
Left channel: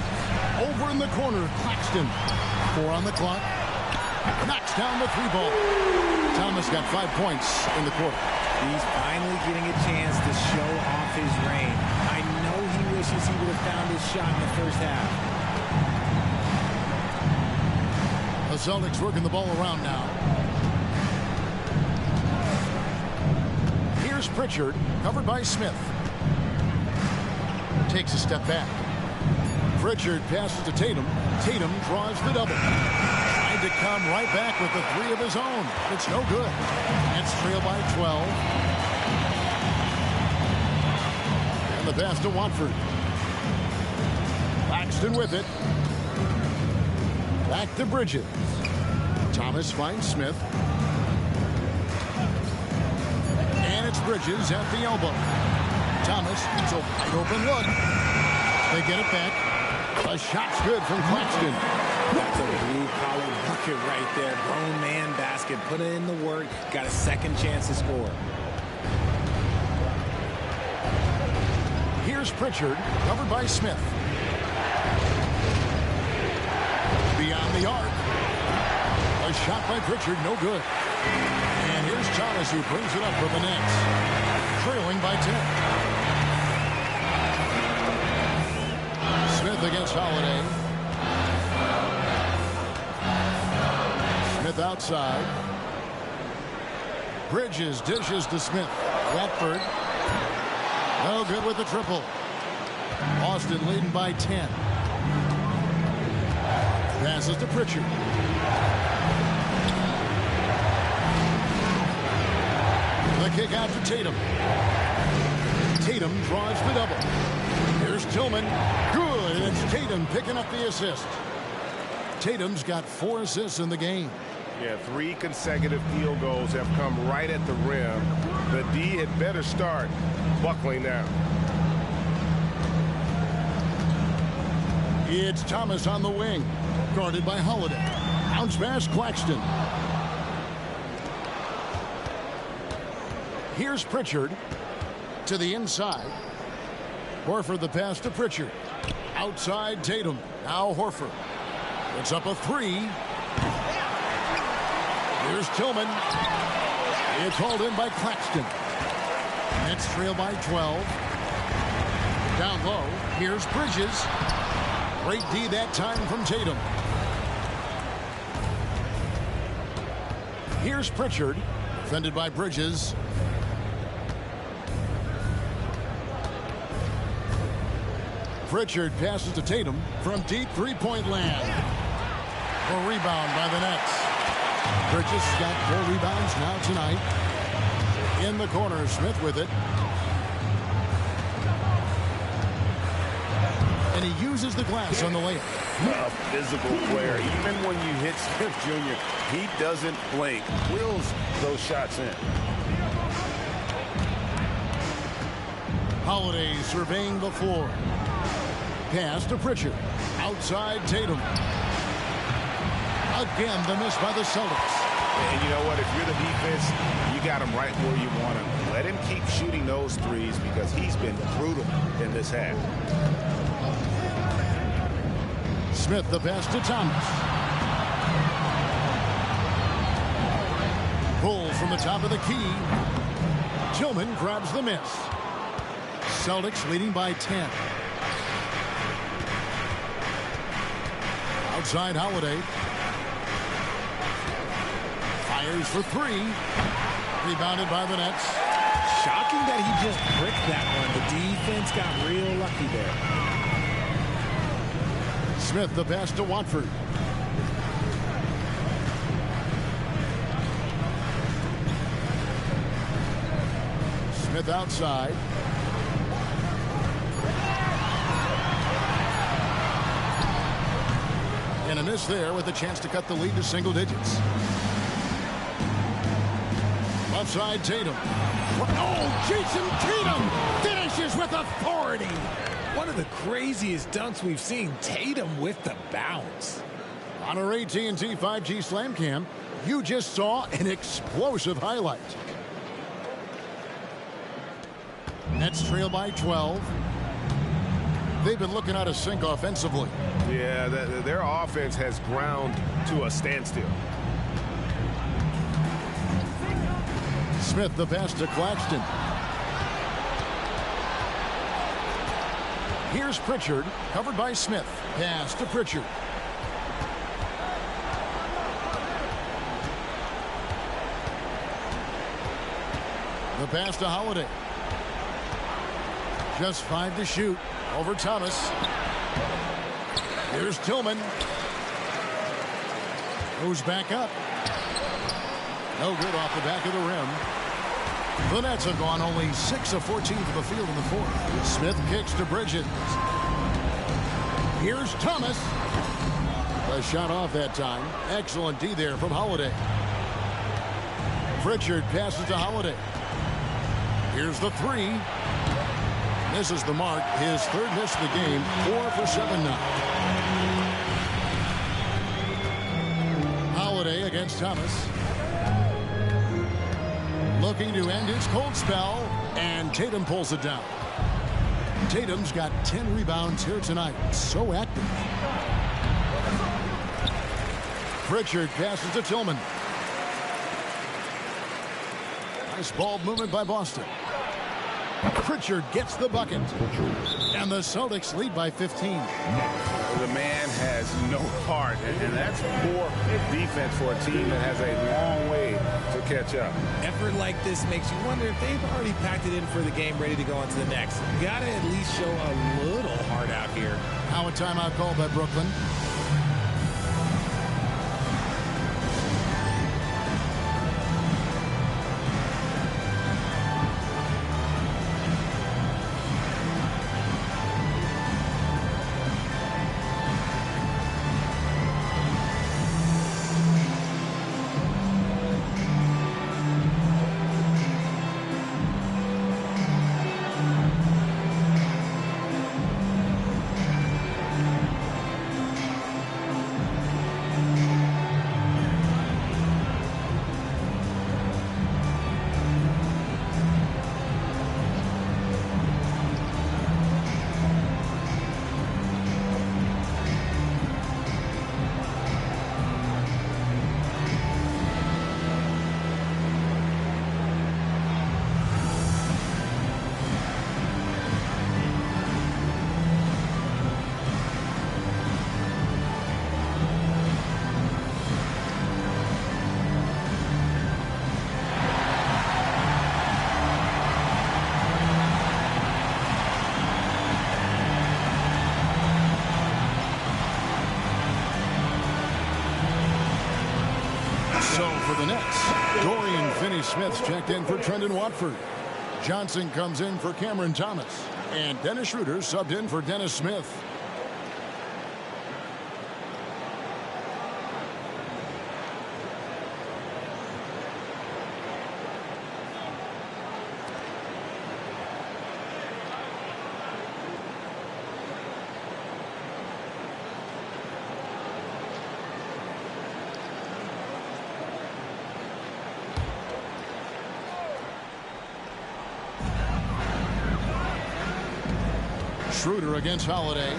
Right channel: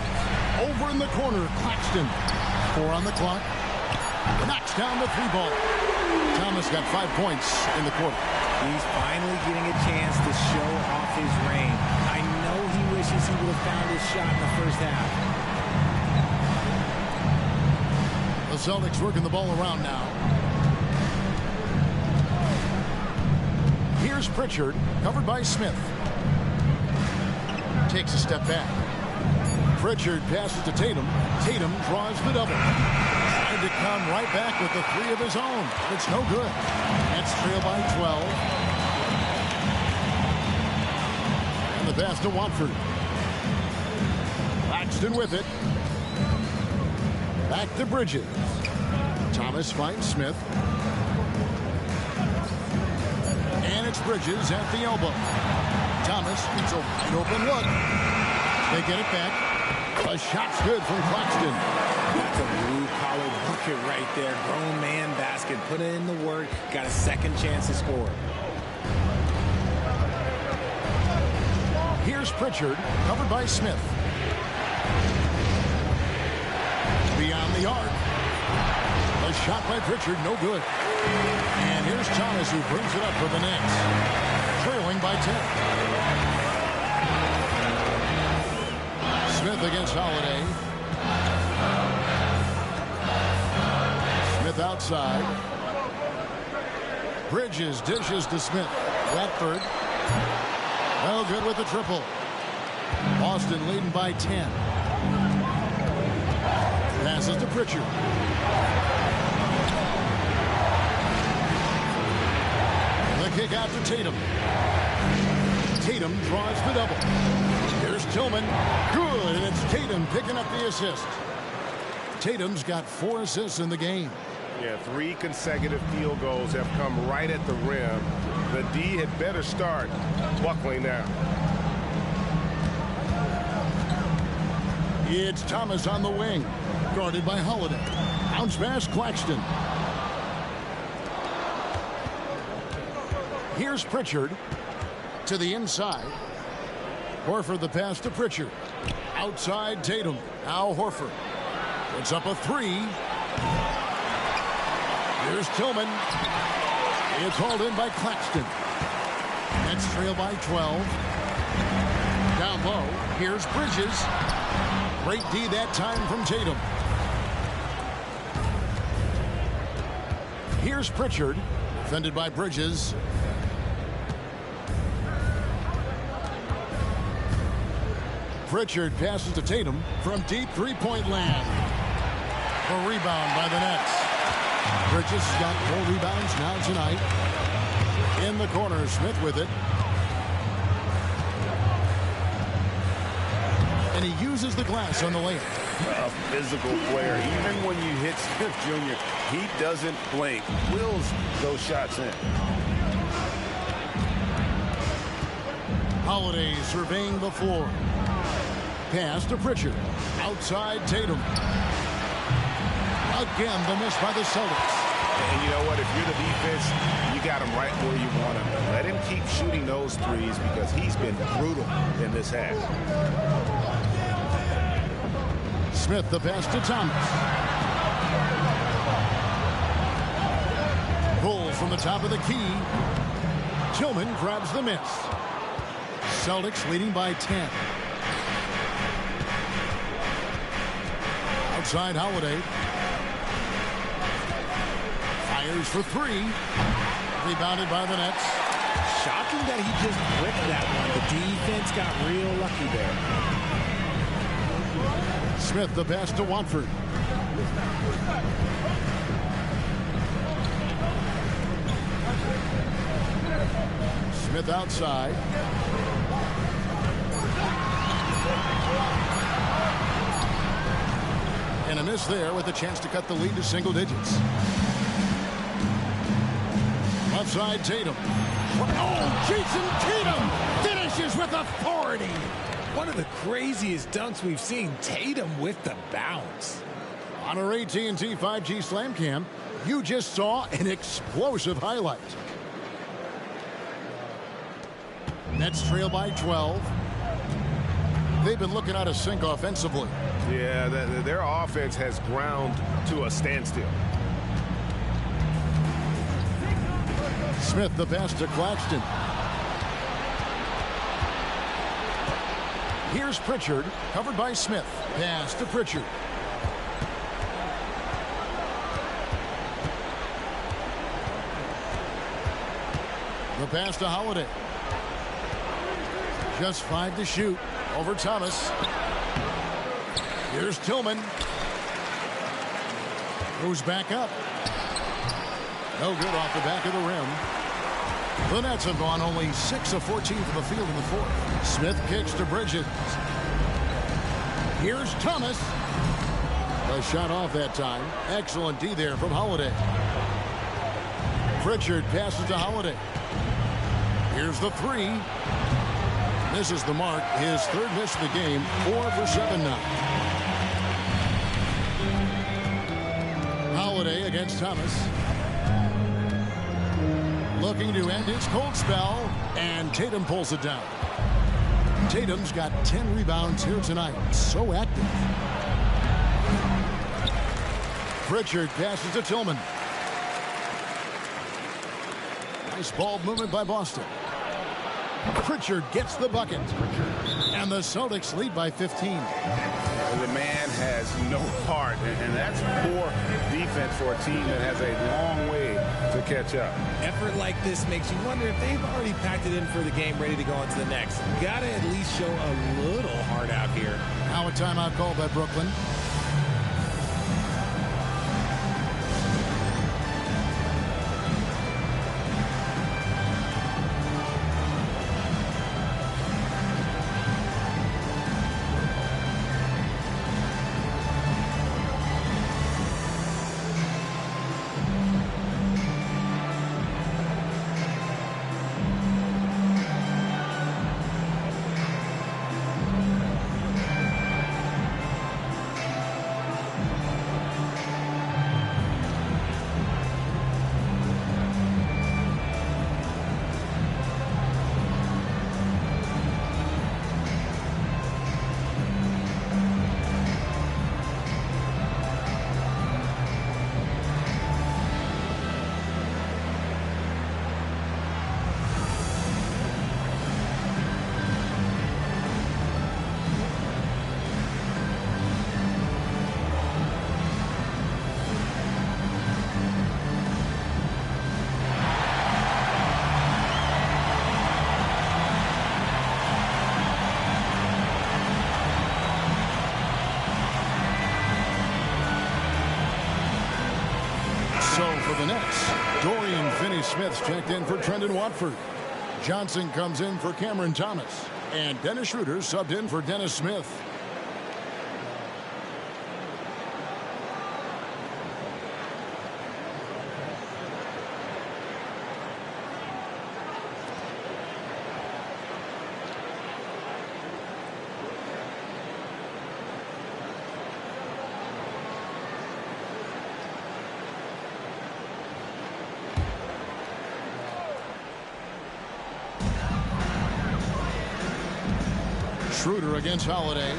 Over in the corner, Claxton. 4 on the clock. Knocks down the 3 ball. Thomas got 5 points in the quarter. He's finally getting a chance to show off his range. I know he wishes he would have found his shot in the first half. The Celtics working the ball around now. Here's Pritchard, covered by Smith. Takes a step back. Pritchard passes to Tatum. Tatum draws the double. Tried to come right back with the 3 of his own, but it's no good. Nets trail by 12. And the pass to Watford. Claxton with it. Back to Bridges. Thomas finds Smith. And it's Bridges at the elbow. Thomas gets a wide open look. They get it back. A shot's good from Claxton. That's a blue-collar bucket right there. Grown man basket. Put in the work. Got a second chance to score. Here's Pritchard, covered by Smith. Beyond the arc. A shot by Pritchard, no good. And here's Thomas, who brings it up for the Nets. Trailing by 10. Smith against Holiday. Smith outside. Bridges dishes to Smith. Watford. No good with the triple. Boston leading by 10. Passes to Pritchard. The kick out to Tatum. Tatum draws the double. Here's Tillman. Good, and it's Tatum picking up the assist. Tatum's got 4 assists in the game. Yeah, 3 consecutive field goals have come right at the rim. The D had better start buckling down. It's Thomas on the wing, guarded by Holiday. Bounce pass, Claxton. Here's Pritchard to the inside. Horford the pass to Pritchard. Outside Tatum. Now Horford. Puts up a 3. Here's Tillman. It's hauled in by Claxton. Nets trail by 12. Down low. Here's Bridges. Great D that time from Tatum. Here's Pritchard. Defended by Bridges. Pritchard passes to Tatum from deep three-point land. A rebound by the Nets. Bridges has got 4 rebounds now tonight. In the corner, Smith with it. And he uses the glass on the layup. A physical player. Even when you hit Smith Jr., he doesn't blink. Wills those shots in. Holiday surveying the floor. Pass to Pritchard. Outside Tatum. Again, the miss by the Celtics. And you know what? If you're the defense, you got him right where you want him. Let him keep shooting those threes because he's been brutal in this half. Smith the pass to Thomas. Pulls from the top of the key. Tillman grabs the miss. Celtics leading by 10. Outside Holiday. Fires for 3. Rebounded by the Nets. Shocking that he just bricked that one. The defense got real lucky there. Smith the pass to Watford. Smith outside. And a miss there with a chance to cut the lead to single digits. Left side Tatum. Oh, Jason Tatum finishes with authority. One of the craziest dunks we've seen. Tatum with the bounce. On our AT&T 5G Slam Cam, you just saw an explosive highlight. Nets trail by 12. They've been looking out of sync offensively. Yeah, their offense has ground to a standstill. Smith the pass to Claxton. Here's Pritchard, covered by Smith. Pass to Pritchard. The pass to Holiday. Just 5 to shoot. Over Thomas. Here's Tillman. Goes back up. No good off the back of the rim. The Nets have gone only 6 of 14 from the field in the 4th. Smith kicks to Bridges. Here's Thomas. A shot off that time. Excellent D there from Holiday. Pritchard passes to Holiday. Here's the 3. Misses the mark. His 3rd miss of the game. 4 for 7 now. Holiday against Thomas. Looking to end his cold spell, and Tatum pulls it down. Tatum's got 10 rebounds here tonight. So active. Pritchard passes to Tillman. Nice ball movement by Boston. Pritchard gets the bucket. And the Celtics lead by 15. The man has no heart, and that's poor defense for a team that has a long way to catch up. Effort like this makes you wonder if they've already packed it in for the game, ready to go into the next. Gotta at least show a little heart out here. Now a timeout called by Brooklyn. So for the Nets, Dorian Finney-Smith's checked in for Trendon Watford. Johnson comes in for Cameron Thomas. And Dennis Schroeder subbed in for Dennis Smith. Schroeder against Holiday.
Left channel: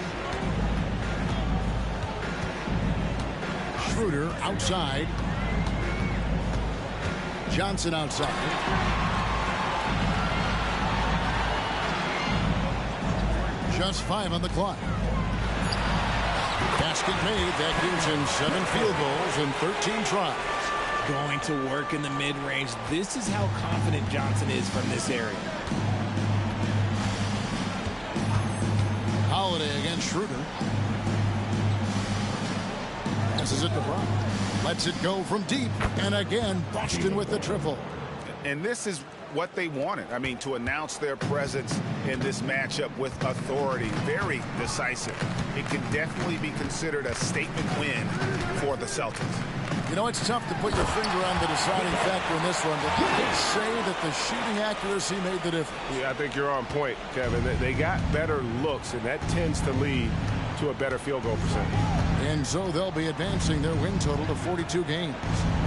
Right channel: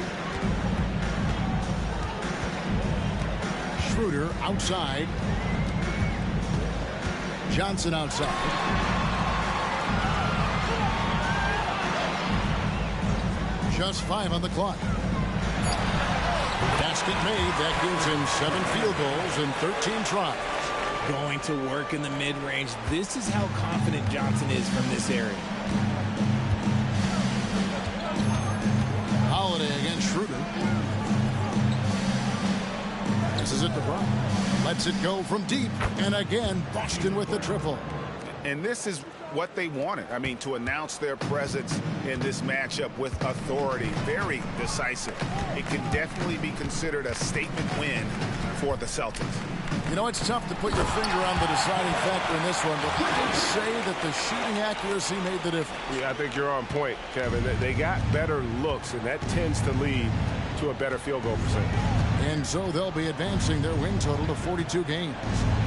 Schroeder outside. Johnson outside. Just 5 on the clock. Basket made. That gives him 7 field goals in 13 tries. Going to work in the mid-range. This is how confident Johnson is from this area. Holiday against Schroeder. Passes it to Brown. Lets it go from deep. And again, Boston with the triple. And this is what they wanted. I mean, to announce their presence in this matchup with authority. Very decisive. It can definitely be considered a statement win for the Celtics. You know, it's tough to put your finger on the deciding factor in this one, but I'd say that the shooting accuracy made the difference. Yeah, I think you're on point, Kevin. They got better looks, and that tends to lead to a better field goal percentage. And so they'll be advancing their win total to 42 games.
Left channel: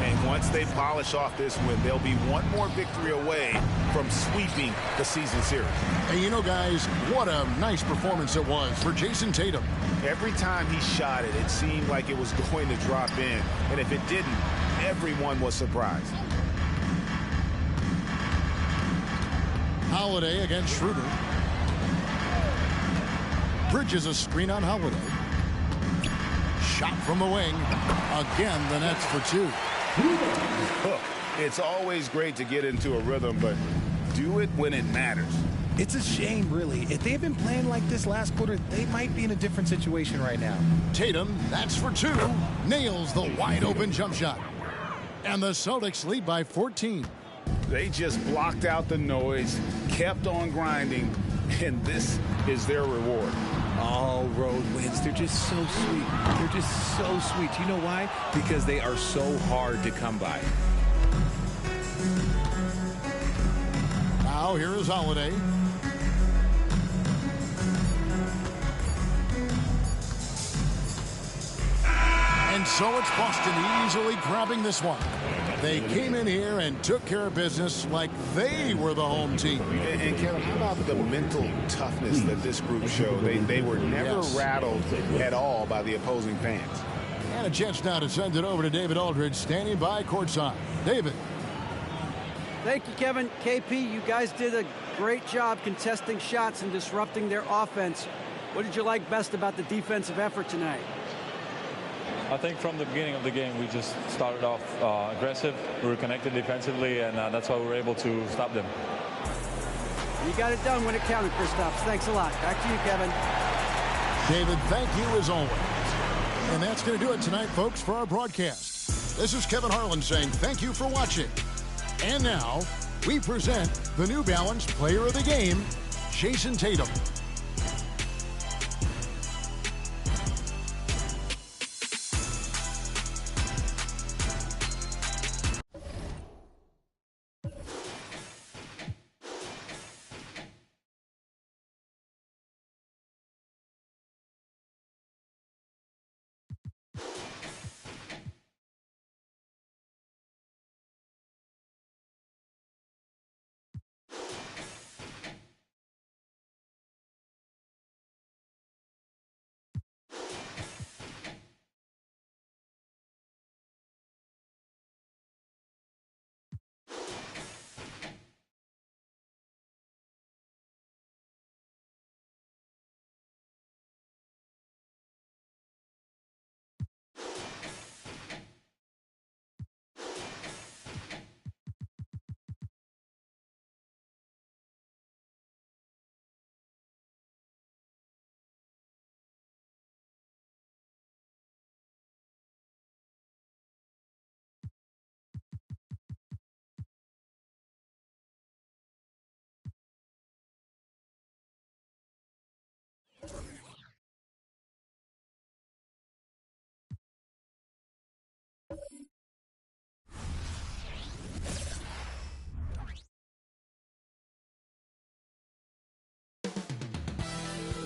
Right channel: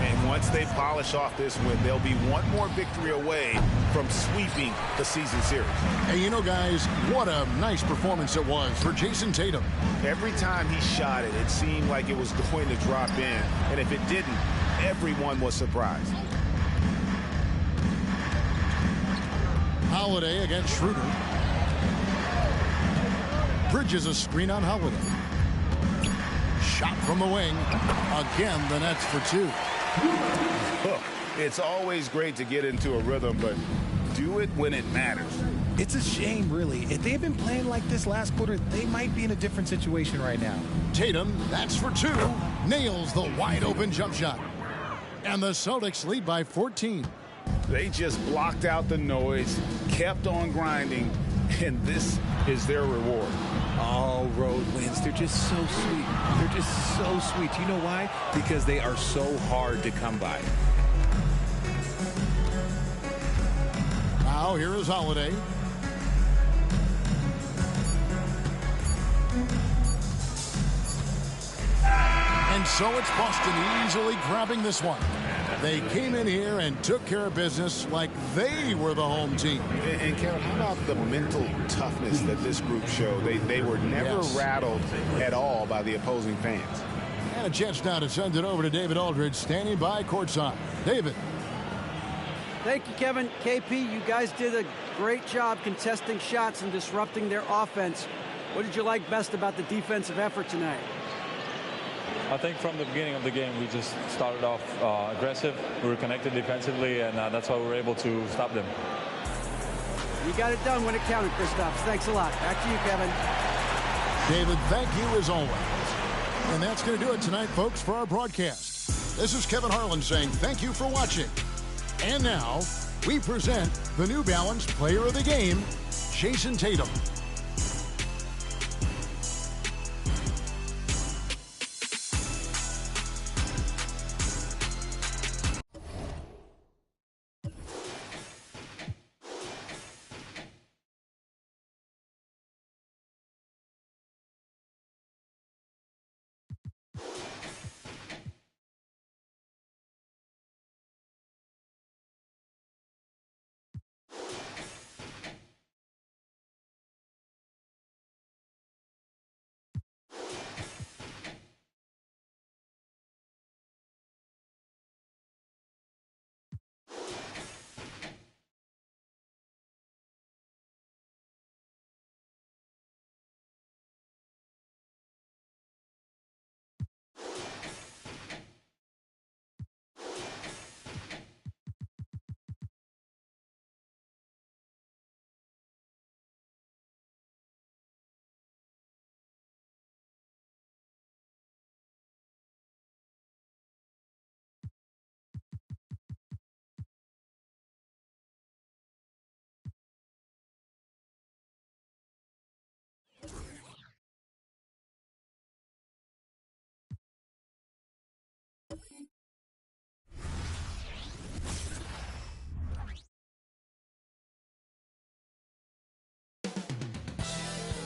And once they polish off this win, they'll be one more victory away from sweeping the season series. And you know, guys, what a nice performance it was for Jason Tatum. Every time he shot it, it seemed like it was going to drop in. And if it didn't, everyone was surprised. Holiday against Schroeder. Bridges a screen on Holiday. Shot from the wing. Again, the Nets for 2. It's always great to get into a rhythm, but do it when it matters. It's a shame, really. If they had been playing like this last quarter, they might be in a different situation right now. Tatum, that's for 2. Nails the wide-open jump shot. And the Celtics lead by 14. They just blocked out the noise, kept on grinding, and this is their reward. All road wins. They're just so sweet. They're just so sweet. You know why? Because they are so hard to come by. Now here is Holiday. And so it's Boston easily grabbing this one. They came in here and took care of business like they were the home team. And Kevin, how about the mental toughness that this group showed? They were never rattled at all by the opposing fans. And a chance now to send it over to David Aldridge, standing by courtside. David. Thank you, Kevin. KP, you guys did a great job contesting shots and disrupting their offense. What did you like best about the defensive effort tonight? I think from the beginning of the game, we just started off aggressive. We were connected defensively, and that's why we were able to stop them. You got it done when it counted, Kristaps. Thanks a lot. Back to you, Kevin. David, thank you as always. And that's going to do it tonight, folks, for our broadcast. This is Kevin Harlan saying thank you for watching. And now, we present the New Balance Player of the Game, Jason Tatum.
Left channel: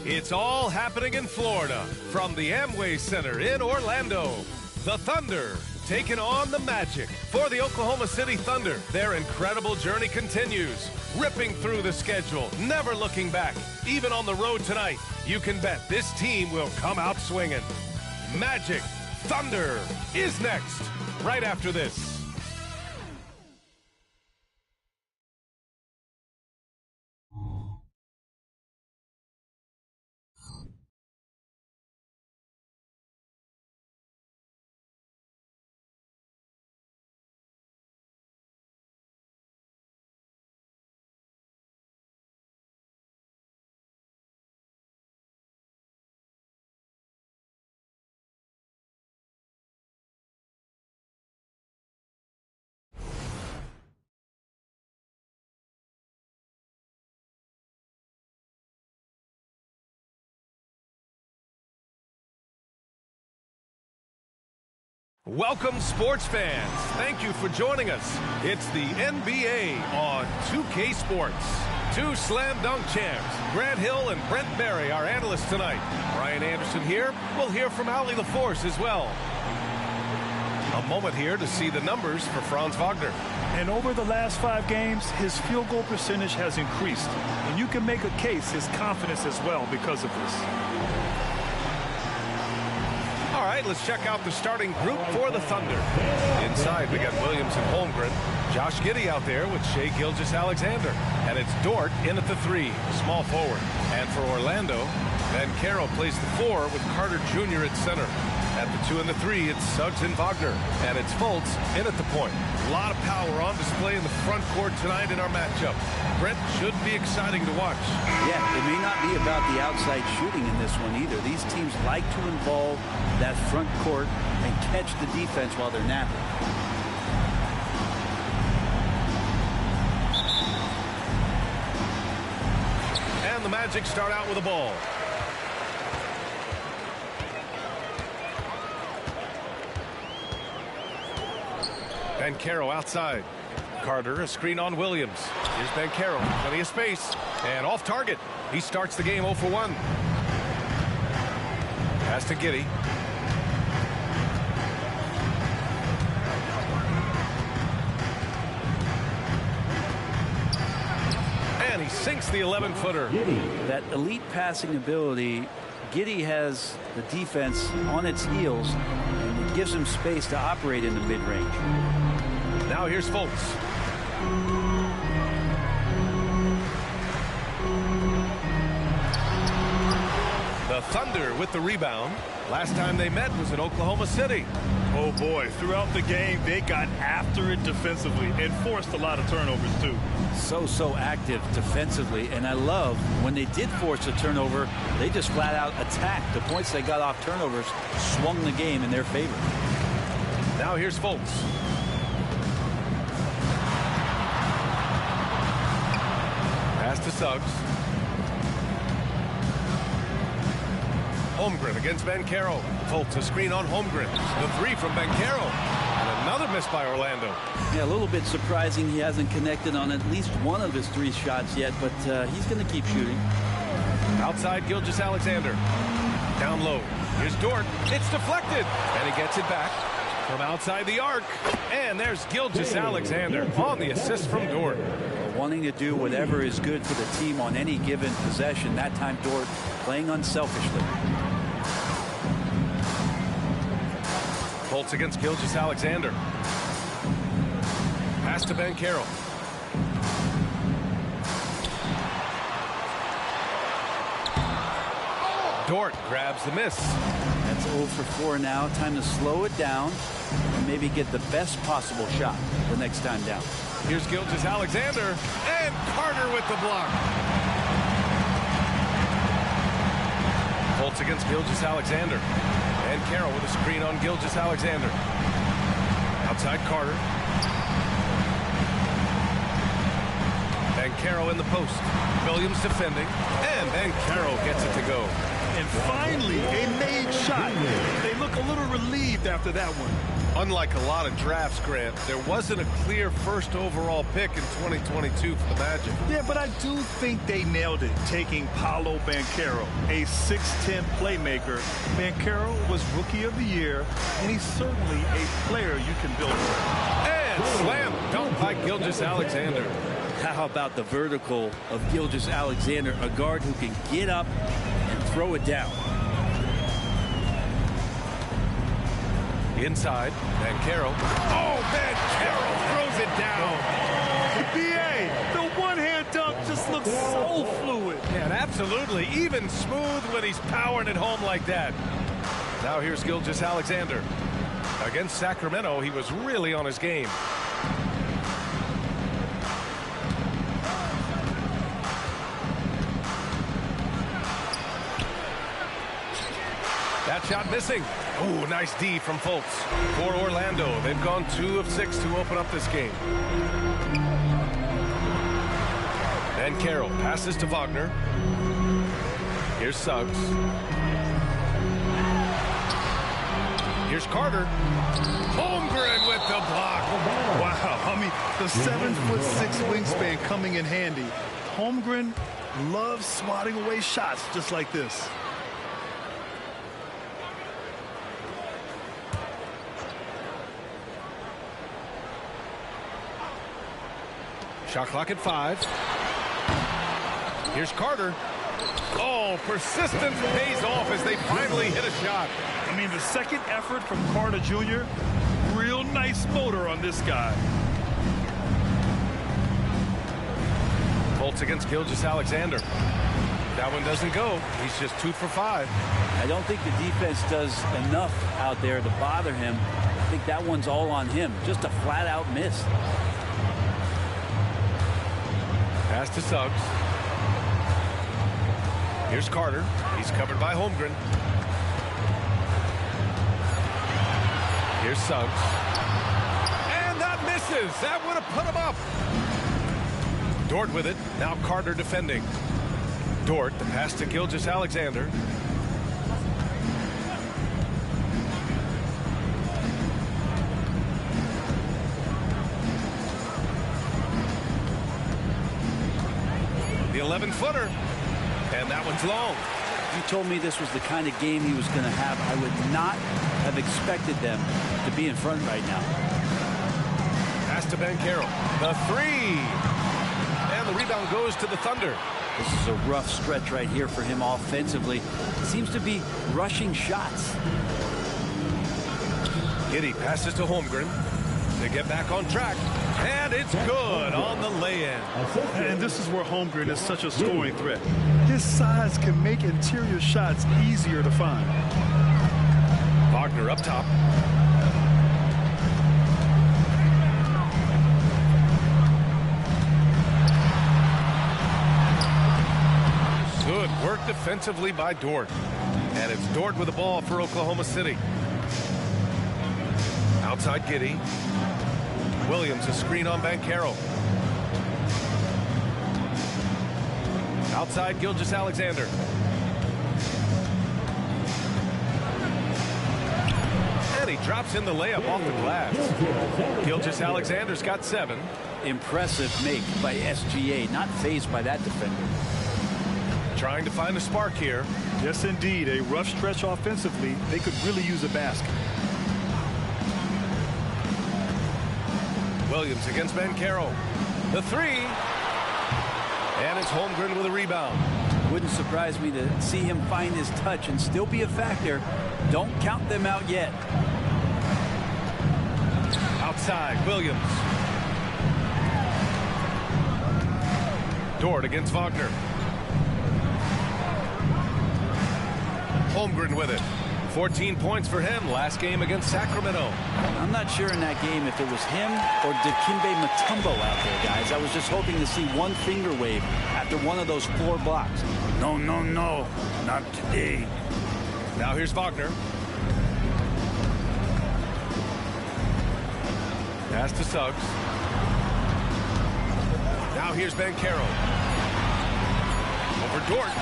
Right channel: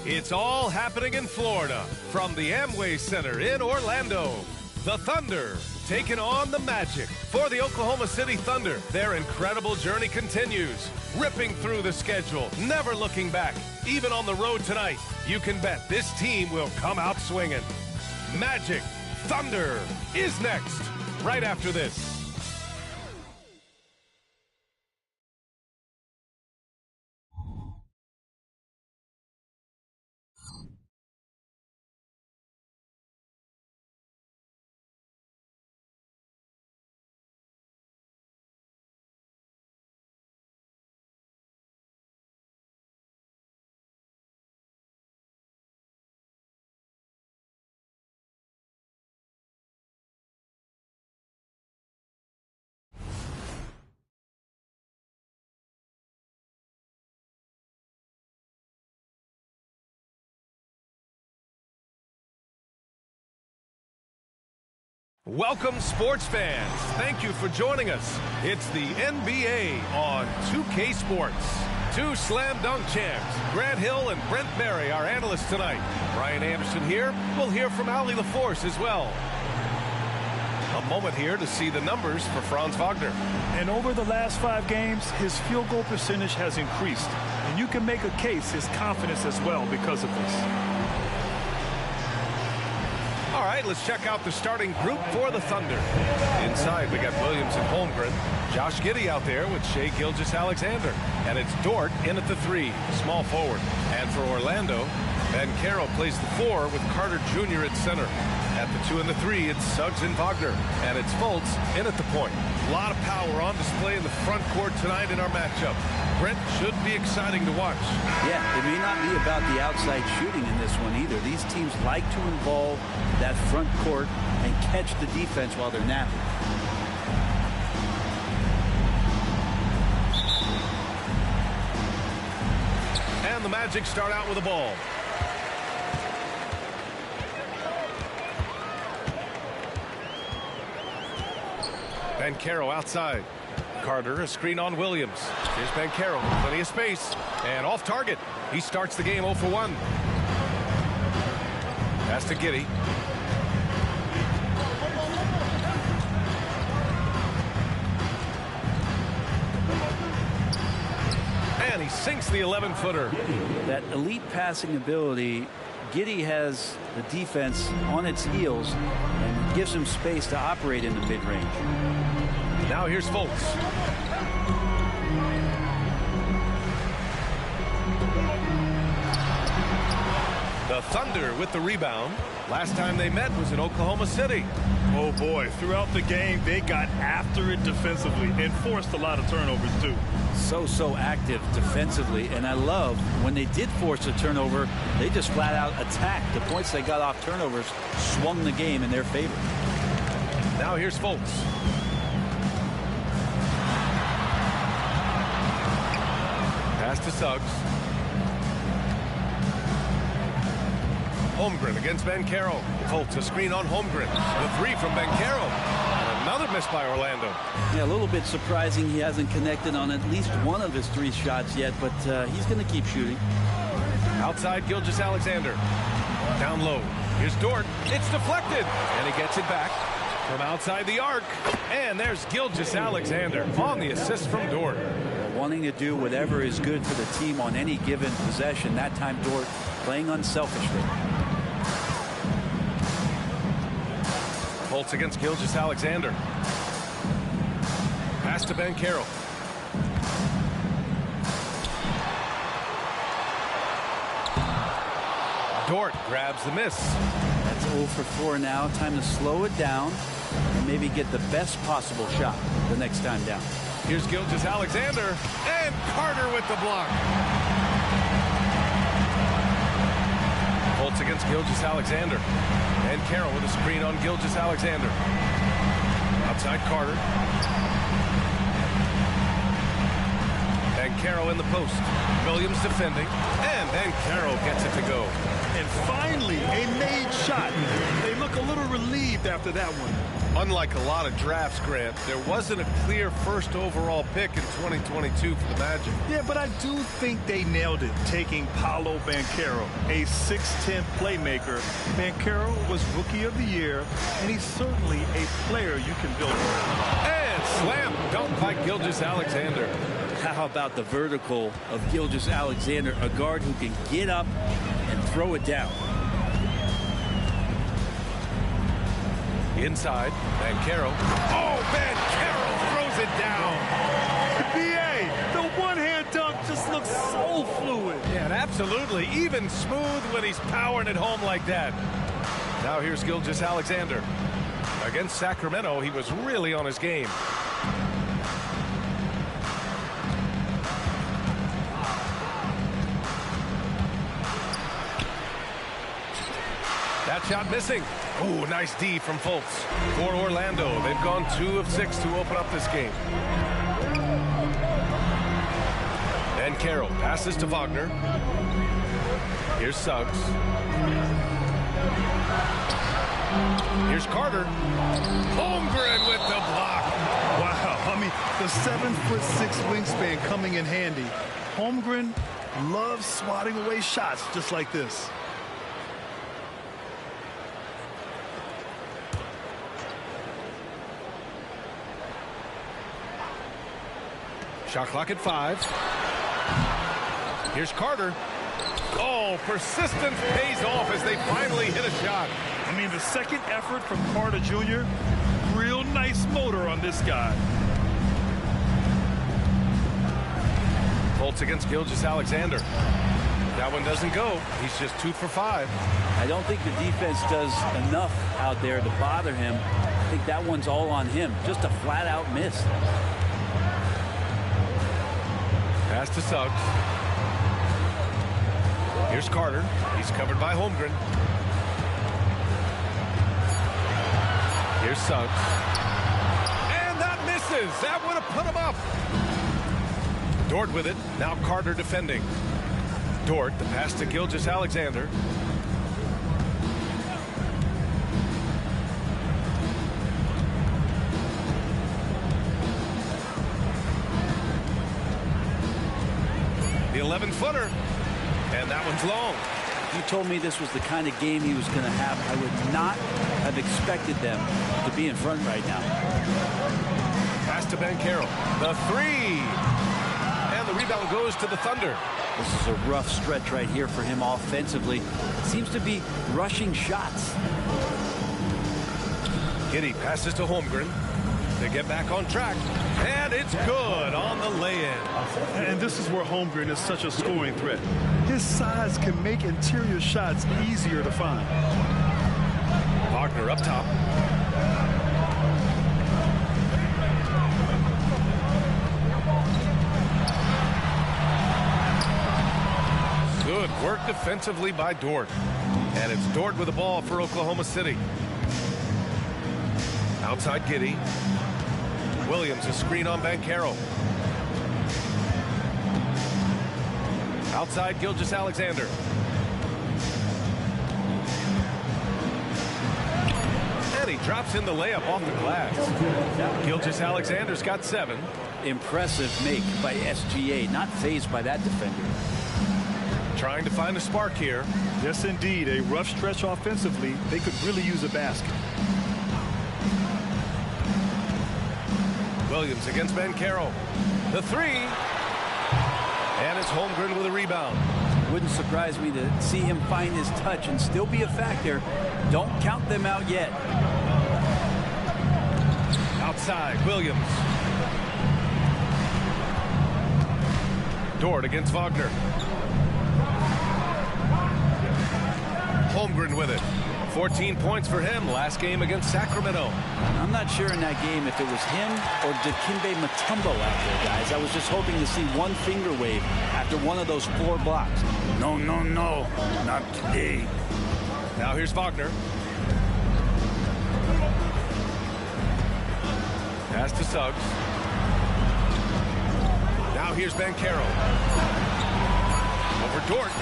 It's all happening in Florida from the Amway Center in Orlando. The Thunder taking on the Magic. For the Oklahoma City Thunder, their incredible journey continues, ripping through the schedule, never looking back. Even on the road tonight, you can bet this team will come out swinging. Magic Thunder is next, right after this. Welcome, sports fans. Thank you for joining us. It's the NBA on 2K Sports. Two slam dunk champs, Grant Hill and Brent Barry, our analysts tonight. Brian Anderson here. We'll hear from Allie LaForce as well. A moment here to see the numbers for Franz Wagner. And over the last 5 games, his field goal percentage has increased. And you can make a case his confidence as well because of this. All right, let's check out the starting group for the Thunder. Inside, we got Williams and Holmgren. Josh Giddey out there with Shai Gilgeous-Alexander. And it's Dort in at the 3, the small forward. And for Orlando, Banchero plays the 4 with Carter Jr. at center. At the 2 and the 3, it's Suggs and Wagner. And it's Fultz in at the point. A lot of power on display in the front court tonight in our matchup. Brent, should be exciting to watch. Yeah, it may not be about the outside shooting in this one either. These teams like to involve that front court and catch the defense while they're napping. And the Magic start out with the ball. Banchero outside. Carter, a screen on Williams. Here's Banchero, plenty of space. And off target. He starts the game 0 for 1. Pass to Giddey. And he sinks the 11-footer. That elite passing ability, Giddey has the defense on its heels, and it gives him space to operate in the mid-range. Now here's Fultz. The Thunder with the rebound. Last time they met was in Oklahoma City. Oh boy, throughout the game they got after it defensively and forced a lot of turnovers too. So active defensively, and I love when they did force a turnover, they just flat out attacked. The points they got off turnovers swung the game in their favor. Now here's Fultz. Pass to Suggs. Holmgren against Banchero. Fultz, a screen on Holmgren. The 3 from Banchero. And another miss by Orlando. Yeah, a little bit surprising he hasn't connected on at least one of his 3 shots yet, but he's going to keep shooting. Outside, Gilgeous-Alexander. Down low. Here's Dort. It's deflected. And he gets it back from outside the arc. And there's Gilgeous-Alexander on the assist from Dort. Wanting to do whatever is good for the team on any given possession. That time Dort playing unselfishly. Fultz against Gilgeous-Alexander. Pass to Banchero. Dort grabs the miss. That's 0 for 4 now. Time to slow it down and maybe get the best possible shot the next time down. Here's Gilgeous-Alexander, and Carter with the block. Fultz against Gilgeous-Alexander. And Carroll with a screen on Gilgeous-Alexander. Outside Carter. And Carroll in the post. Williams defending, and then Carroll gets it to go. And finally, a made shot. They look a little relieved after that one. Unlike a lot of drafts, Grant, there wasn't a clear first overall pick in 2022 for the Magic. Yeah, but I do think they nailed it, taking Paolo Banchero, a 6'10 playmaker. Banchero was Rookie of the Year, and he's certainly a player you can build around. And slam dunk by Gilgeous-Alexander. How about the vertical of Gilgeous-Alexander, a guard who can get up and throw it down. Inside, Banchero. Oh, Banchero throws it down. B.A., the one-hand dunk just looks so fluid. Yeah, and absolutely even smooth when he's powering it home like that. Now here's Gilgeous-Alexander. Against Sacramento, he was really on his game. That shot missing. Oh, nice D from Fultz. For Orlando, they've gone 2 of 6 to open up this game. Banchero passes to Wagner. Here's Suggs. Here's Carter. Holmgren with the block. Wow, I mean, the 7'6" wingspan coming in handy. Holmgren loves swatting away shots just like this. Shot clock at 5. Here's Carter. Oh, persistence pays off as they finally hit a shot. I mean, the second effort from Carter Jr., real nice motor on this guy. Fultz against Gilgeous-Alexander. That one doesn't go. He's just 2 for 5. I don't think the defense does enough out there to bother him. I think that one's all on him. Just a flat-out miss. Pass to Suggs. Here's Carter. He's covered by Holmgren. Here's Suggs. And that misses. That would have put him up. Dort with it. Now Carter defending. Dort, the pass to Gilgeous-Alexander. The 11-footer. And that one's long. If you told me this was the kind of game he was going to have, I would not have expected them to be in front right now. Pass to Banchero. The 3. And the rebound goes to the Thunder. This is a rough stretch right here for him offensively. Seems to be rushing shots. Giddey passes to Holmgren. They get back on track. And it's good on the lay-in. And this is where Holmgren is such a scoring threat. His size can make interior shots easier to find. Wagner up top. Good work defensively by Dort. And it's Dort with the ball for Oklahoma City. Outside Giddey. Williams, a screen on Banchero. Outside Gilgeous-Alexander. And he drops in the layup off the glass. Gilgeous-Alexander's got 7. Impressive make by SGA. Not fazed by that defender. Trying to find a spark here. Yes, indeed. A rough stretch offensively. They could really use a basket. Williams against Banchero. The 3. And it's Holmgren with a rebound. Wouldn't surprise me to see him find his touch and still be a factor. Don't count them out yet. Outside, Williams. Dort against Wagner. Holmgren with it. 14 points for him last game against Sacramento. I'm not sure in that game if it was him or Dikembe Mutombo out there, guys. I was just hoping to see one finger wave after one of those 4 blocks. No, no, no. Not today. Now here's Wagner. Pass to Suggs. Now here's Banchero. Over Dort.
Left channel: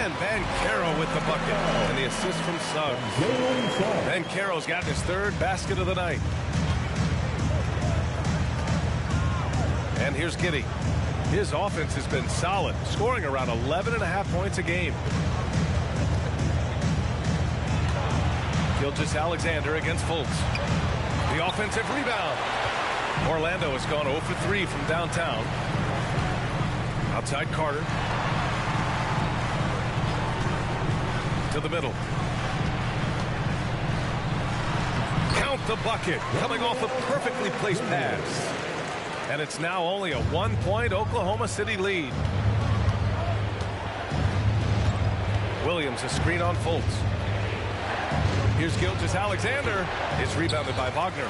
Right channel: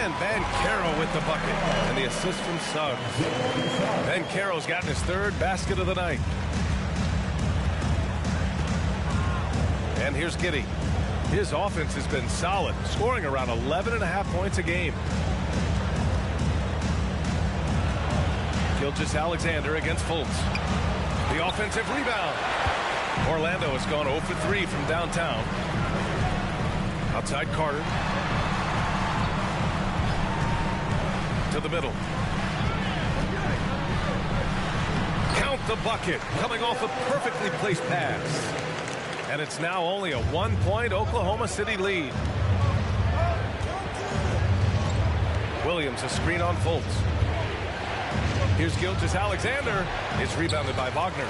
And Banchero with the bucket. And the assist from Suggs. Banchero's gotten his third basket of the night. And here's Giddey. His offense has been solid, scoring around 11.5 points a game. Gilgeous-Alexander against Fultz. The offensive rebound. Orlando has gone 0 for 3 from downtown. Outside Carter. To the middle. Count the bucket. Coming off a perfectly placed pass. And it's now only a 1-point Oklahoma City lead. Williams, a screen on Fultz. Here's Gilgeous-Alexander. It's rebounded by Wagner.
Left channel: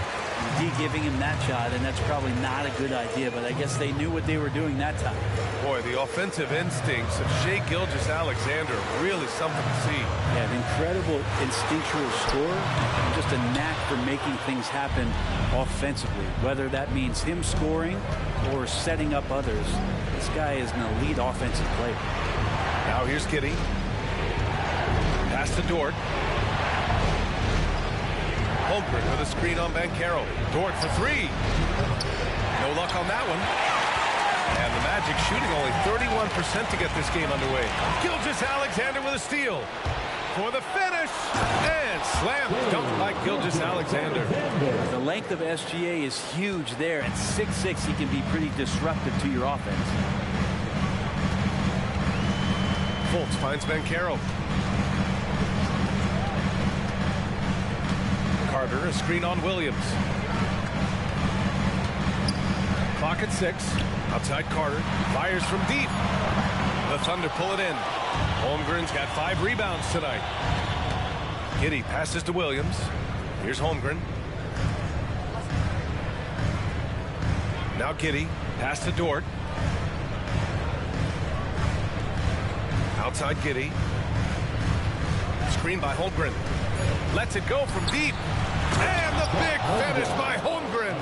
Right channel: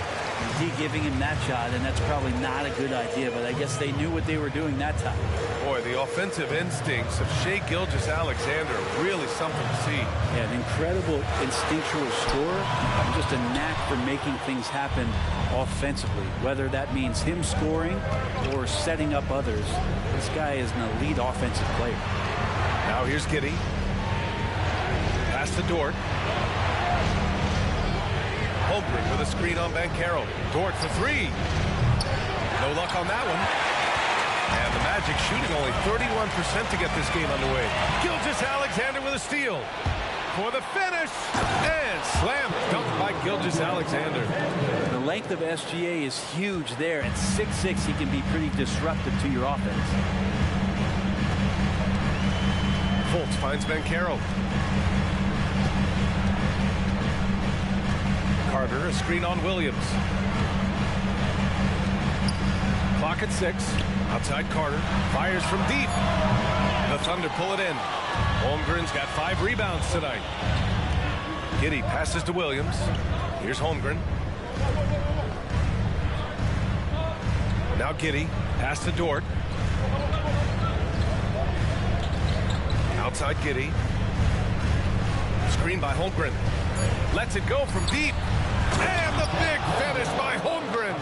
D giving him that shot, and that's probably not a good idea, but I guess they knew what they were doing that time. Boy, the offensive instincts of Shai Gilgeous-Alexander are really something to see. Yeah, an incredible instinctual scorer and just a knack for making things happen offensively, whether that means him scoring or setting up others. This guy is an elite offensive player. Now here's Giddey. Pass to Dort. Holmgren with a screen on Banchero. Dort for three. No luck on that one. And the Magic shooting only 31% to get this game underway. Gilgeous-Alexander with a steal. For the finish. And slam dunk by Gilgeous-Alexander. The length of SGA is huge there. At 6'6", he can be pretty disruptive to your offense. Fultz finds Banchero. Carter, a screen on Williams. Clock at 6. Outside Carter. Fires from deep. The Thunder pull it in. Holmgren's got 5 rebounds tonight. Giddey passes to Williams. Here's Holmgren. Now Giddey. Pass to Dort. Outside Giddey. Screen by Holmgren. Lets it go from deep. And the big finish by Holmgren.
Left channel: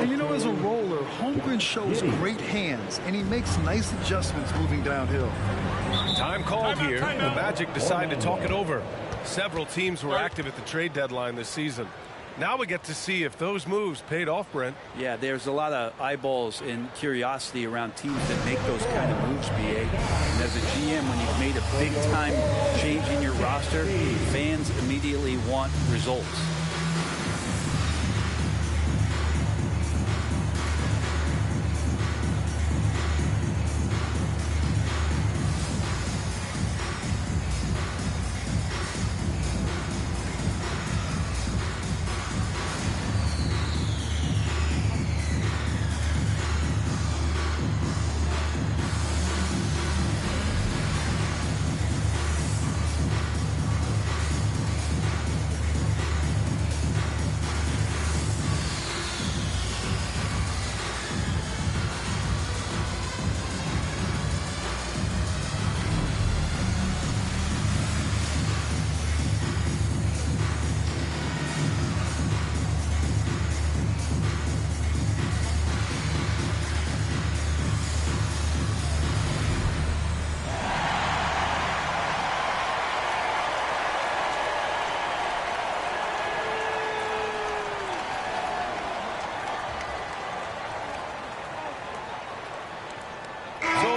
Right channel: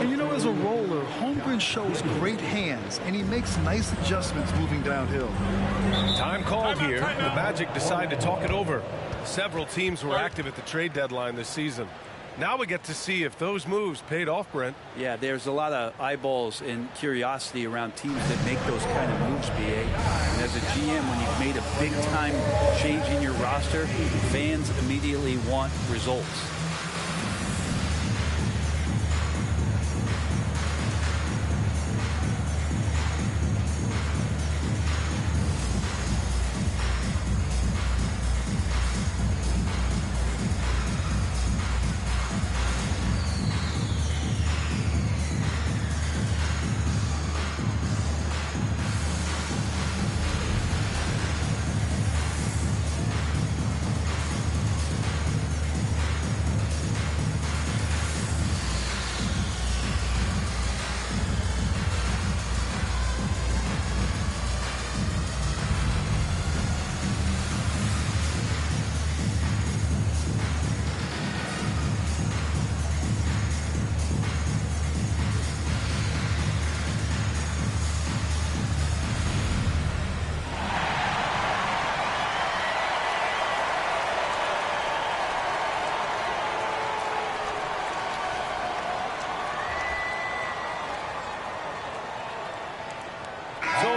And you know, as a roller, Holmgren shows great hands, and he makes nice adjustments moving downhill. Time called here. The Magic decide to talk it over. Several teams were active at the trade deadline this season. Now we get to see if those moves paid off, Brent. Yeah, there's a lot of eyeballs and curiosity around teams that make those kind of moves, BA. And as a GM, when you've made a big-time change in your roster, fans immediately want results.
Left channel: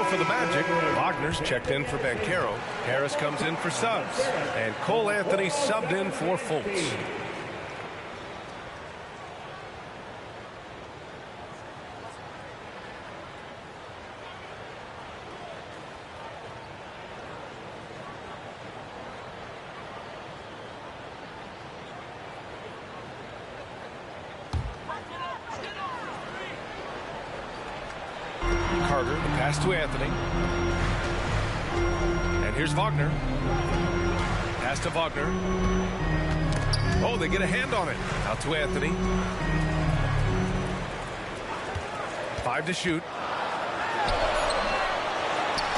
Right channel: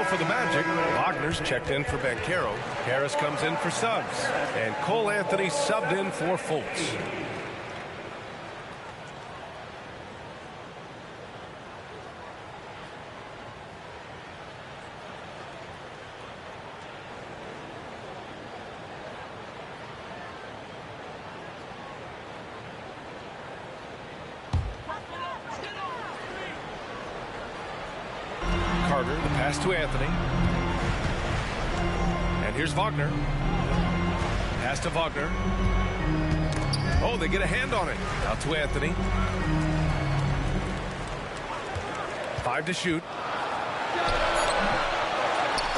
For the Magic, Wagner's checked in for Banchero. Harris comes in for Suggs. And Cole Anthony subbed in for Fultz. Carter, the pass to Anthony. And here's Wagner. Pass to Wagner. Oh, they get a hand on it. Out to Anthony. 5 to shoot.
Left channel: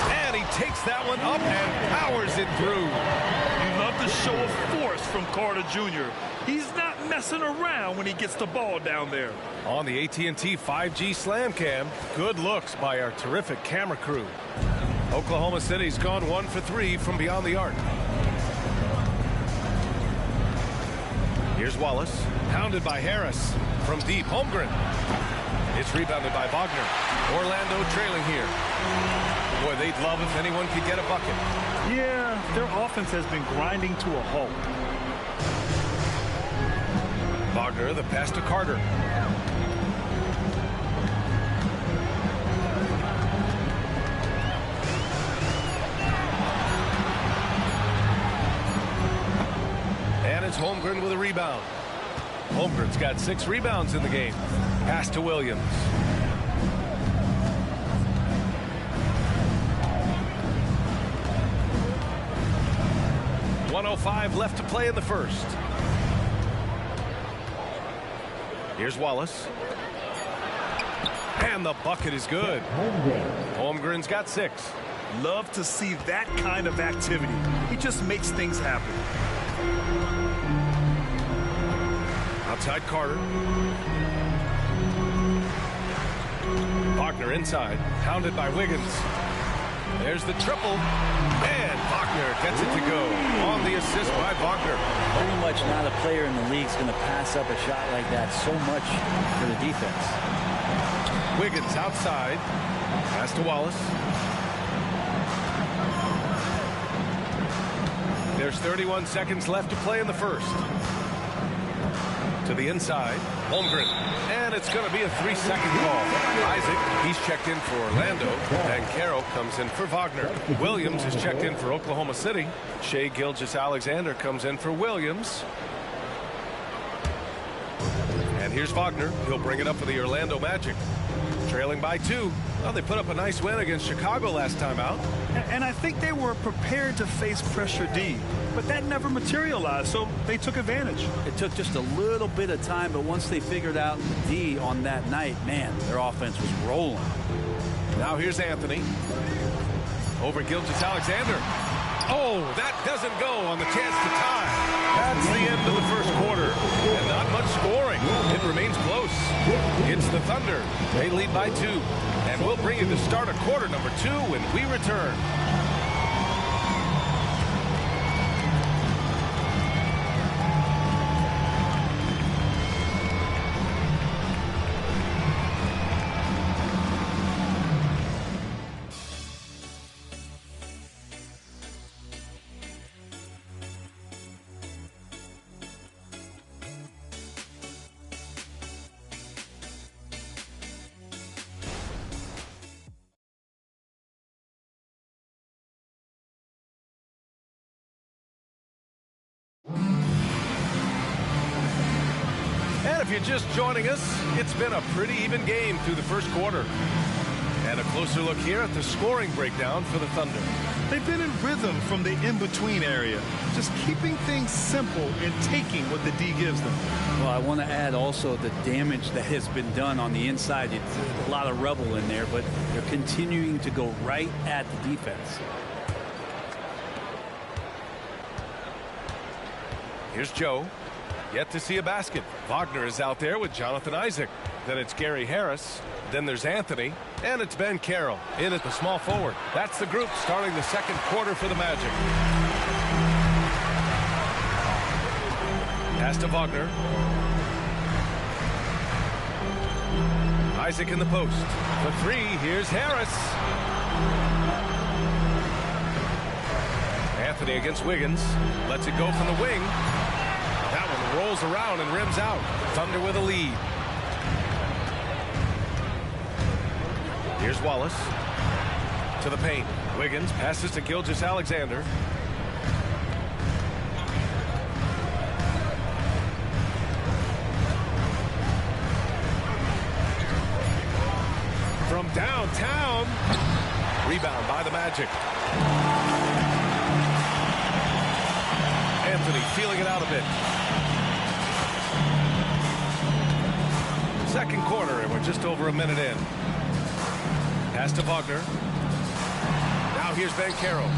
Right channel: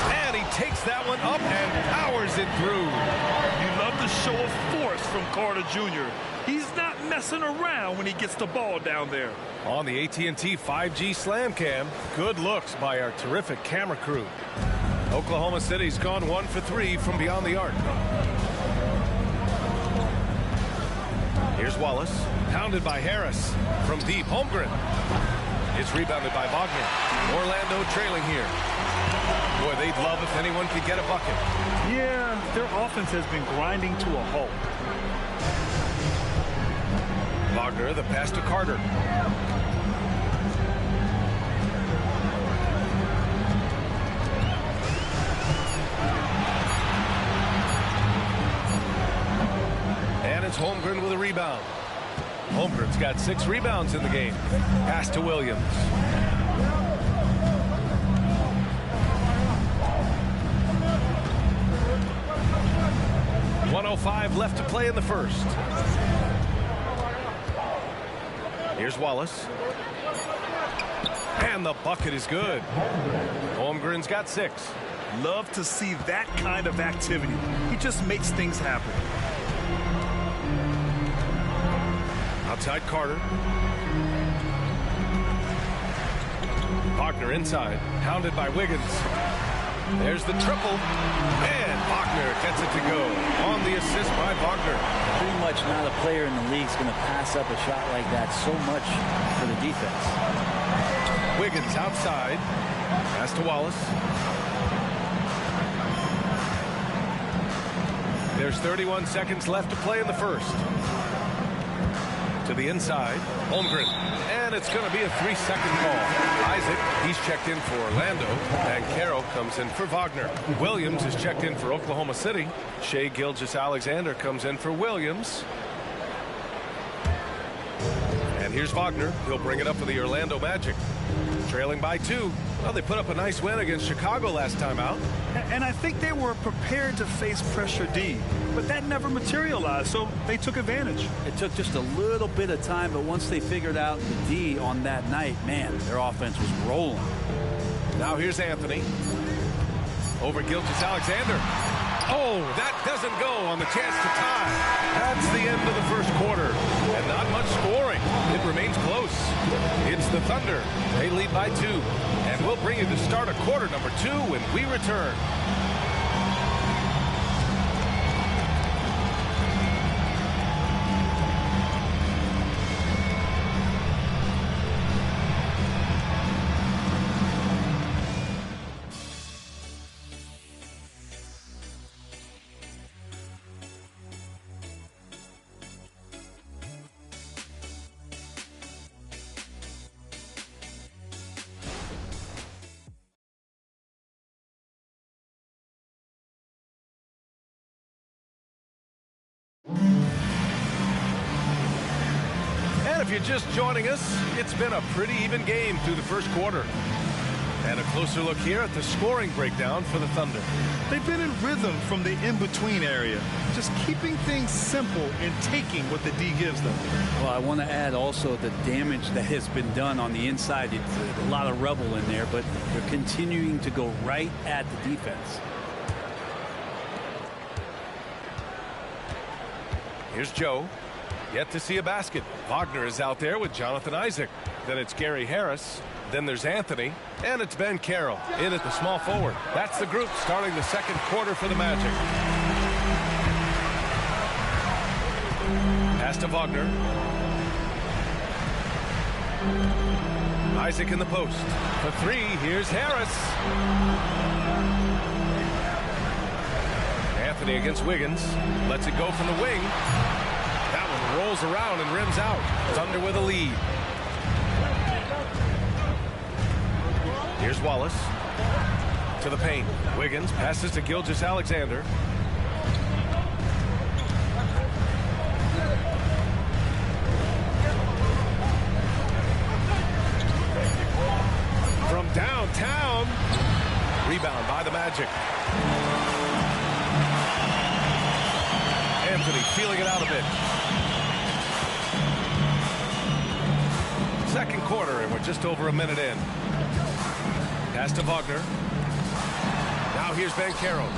And he takes that one up and powers it through. You love the show of force from Carter Jr. He's not messing around when he gets the ball down there. On the AT&T 5G Slam Cam, good looks by our terrific camera crew. Oklahoma City's gone 1 for 3 from beyond the arc. Here's Wallace, pounded by Harris. From deep, Holmgren. It's rebounded by Wagner. Orlando trailing here. Boy, they'd love if anyone could get a bucket. Yeah, their offense has been grinding to a halt. Wagner, the pass to Carter. And it's Holmgren with a rebound. Holmgren's got 6 rebounds in the game. Pass to Williams. .105 left to play in the first. Here's Wallace. And the bucket is good. Holmgren's got 6. Love to see that kind of activity. He just makes things happen. Outside Carter. Wagner inside, hounded by Wiggins. There's the triple, and Wagner gets it to go on the assist by Wagner. Pretty much not a player in the league is going to pass up a shot like that so much for the defense. Wiggins outside, pass to Wallace. There's 31 seconds left to play in the first. To the inside, Holmgren, and it's going to be a 3-second call. Isaac, he's checked in for Orlando, and Carroll comes in for Wagner. Williams is checked in for Oklahoma City. Shai Gilgeous-Alexander comes in for Williams. And here's Wagner. He'll bring it up for the Orlando Magic. Trailing by 2. Well, they put up a nice win against Chicago last time out. And I think they were prepared to face pressure D, but that never materialized, so they took advantage. It took just a little bit of time, but once they figured out the D on that night, man, their offense was rolling. Now here's Anthony. Over Gilgeous-Alexander. Oh, that doesn't go on the chance to tie. That's the end of the first quarter, and not much scoring. It remains close. It's the Thunder. They lead by 2. And we'll bring you the start of quarter number 2 when we return. And if you're just joining us, it's been a pretty even game through the first quarter. And a closer look here at the scoring breakdown for the Thunder. They've been in rhythm from the in-between area, just keeping things simple and taking what the D gives them. Well, I want to add also the damage that has been done on the inside. It's a lot of rubble in there, but they're continuing to go right at the defense. Here's Joe. Yet to see a basket. Wagner is out there with Jonathan Isaac. Then it's Gary Harris. Then there's Anthony. And it's Ben Carroll in at the small forward. That's the group starting the second quarter for the Magic. Pass to Wagner. Isaac in the post. For 3, here's Harris. Anthony against Wiggins. Lets it go from the wing. That one rolls around and rims out. Thunder with a lead. Here's Wallace. To the paint. Wiggins passes to Gilgeous-Alexander. From downtown. Rebound by the Magic. Anthony feeling it out a bit. Second quarter, and we're just over a minute in. Pass to Wagner. Now here's Ben Carroll.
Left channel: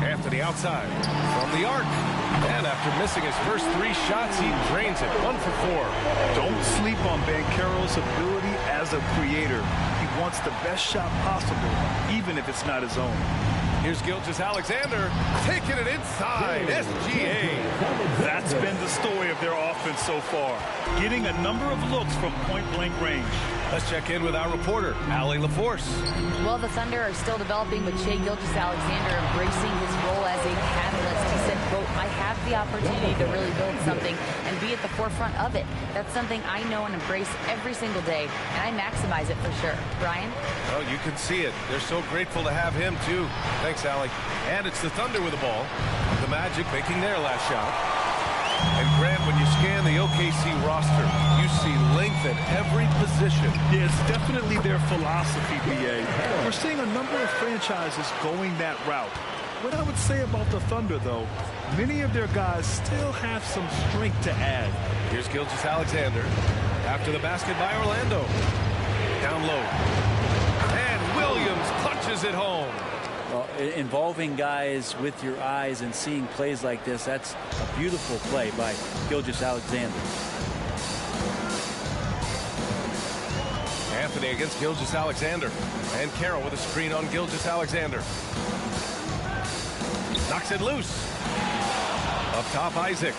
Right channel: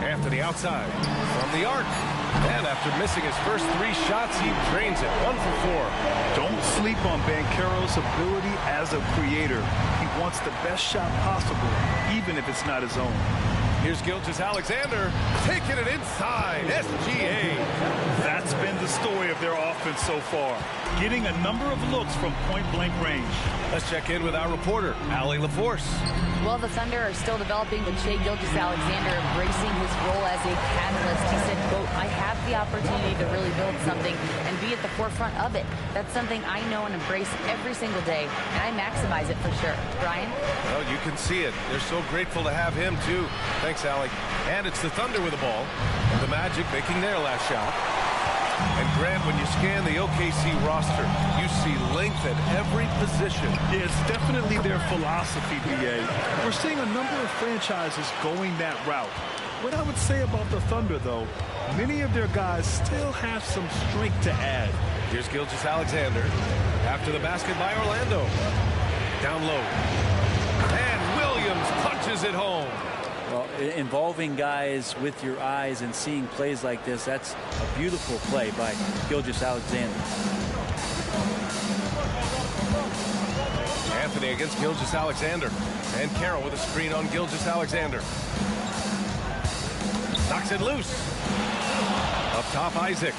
Anthony outside from the arc. And after missing his first 3 shots, he drains it. 1 for 4. Don't sleep on Banchero's ability as a creator. He wants the best shot possible, even if it's not his own. Here's Gilgeous-Alexander taking it inside. SGA. That's been the story of their offense so far, getting a number of looks from point-blank range. Let's check in with our reporter, Allie LaForce. Well, the Thunder are still developing, but Shai Gilgeous-Alexander embracing his role as a catalyst. He said, quote, I have the opportunity to really build something and be at the forefront of it. That's something I know and embrace every single day, and I maximize it for sure. Brian? Well, you can see it. They're so grateful to have him, too. Thanks, Allie. And it's the Thunder with the ball. The Magic making their last shot. And Grant, when you scan the OKC roster, you see length at every position. Yeah, it's definitely their philosophy, BA. We're seeing a number of franchises going that route. What I would say about the Thunder, though, many of their guys still have some strength to add. Here's Gilgeous-Alexander after the basket by Orlando. Down low. And Williams punches it home. Well, involving guys with your eyes and seeing plays like this, that's a beautiful play by Gilgeous-Alexander. Anthony against Gilgeous-Alexander. And Carroll with a screen on Gilgeous-Alexander. Knocks it loose. Up top, Isaac.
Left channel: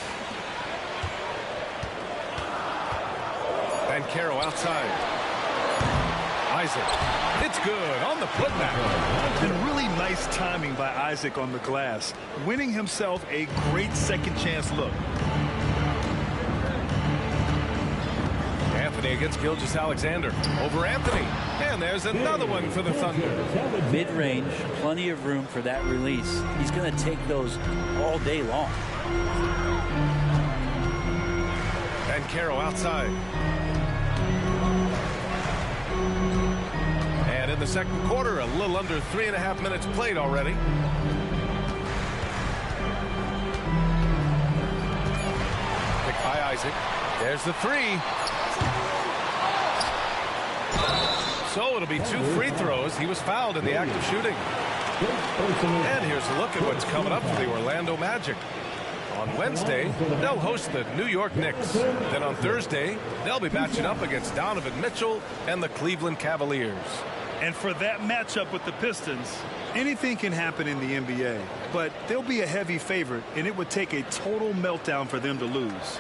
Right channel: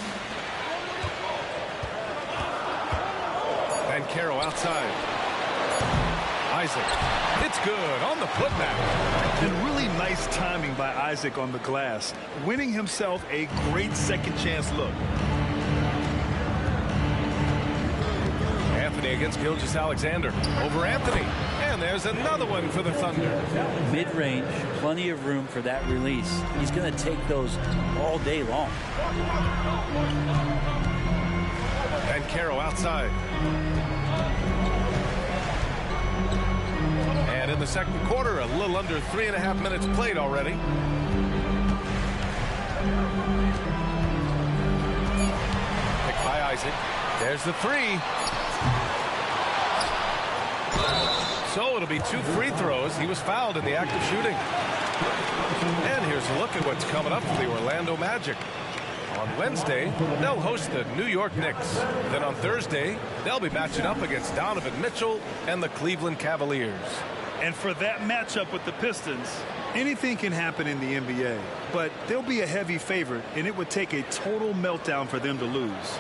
And Carroll outside. Isaac. It's good on the putback. And really nice timing by Isaac on the glass, winning himself a great second chance look. Anthony against Gilgeous-Alexander. Over Anthony. And there's another one for the Thunder. Mid-range, plenty of room for that release. He's going to take those all day long. And Carroll outside. And in the second quarter, a little under 3.5 minutes played already. Picked by Isaac. There's the 3. So it'll be 2 free throws. He was fouled in the act of shooting. And here's a look at what's coming up for the Orlando Magic. On Wednesday, they'll host the New York Knicks. Then on Thursday, they'll be matching up against Donovan Mitchell and the Cleveland Cavaliers. And for that matchup with the Pistons, anything can happen in the NBA. But they'll be a heavy favorite, and it would take a total meltdown for them to lose.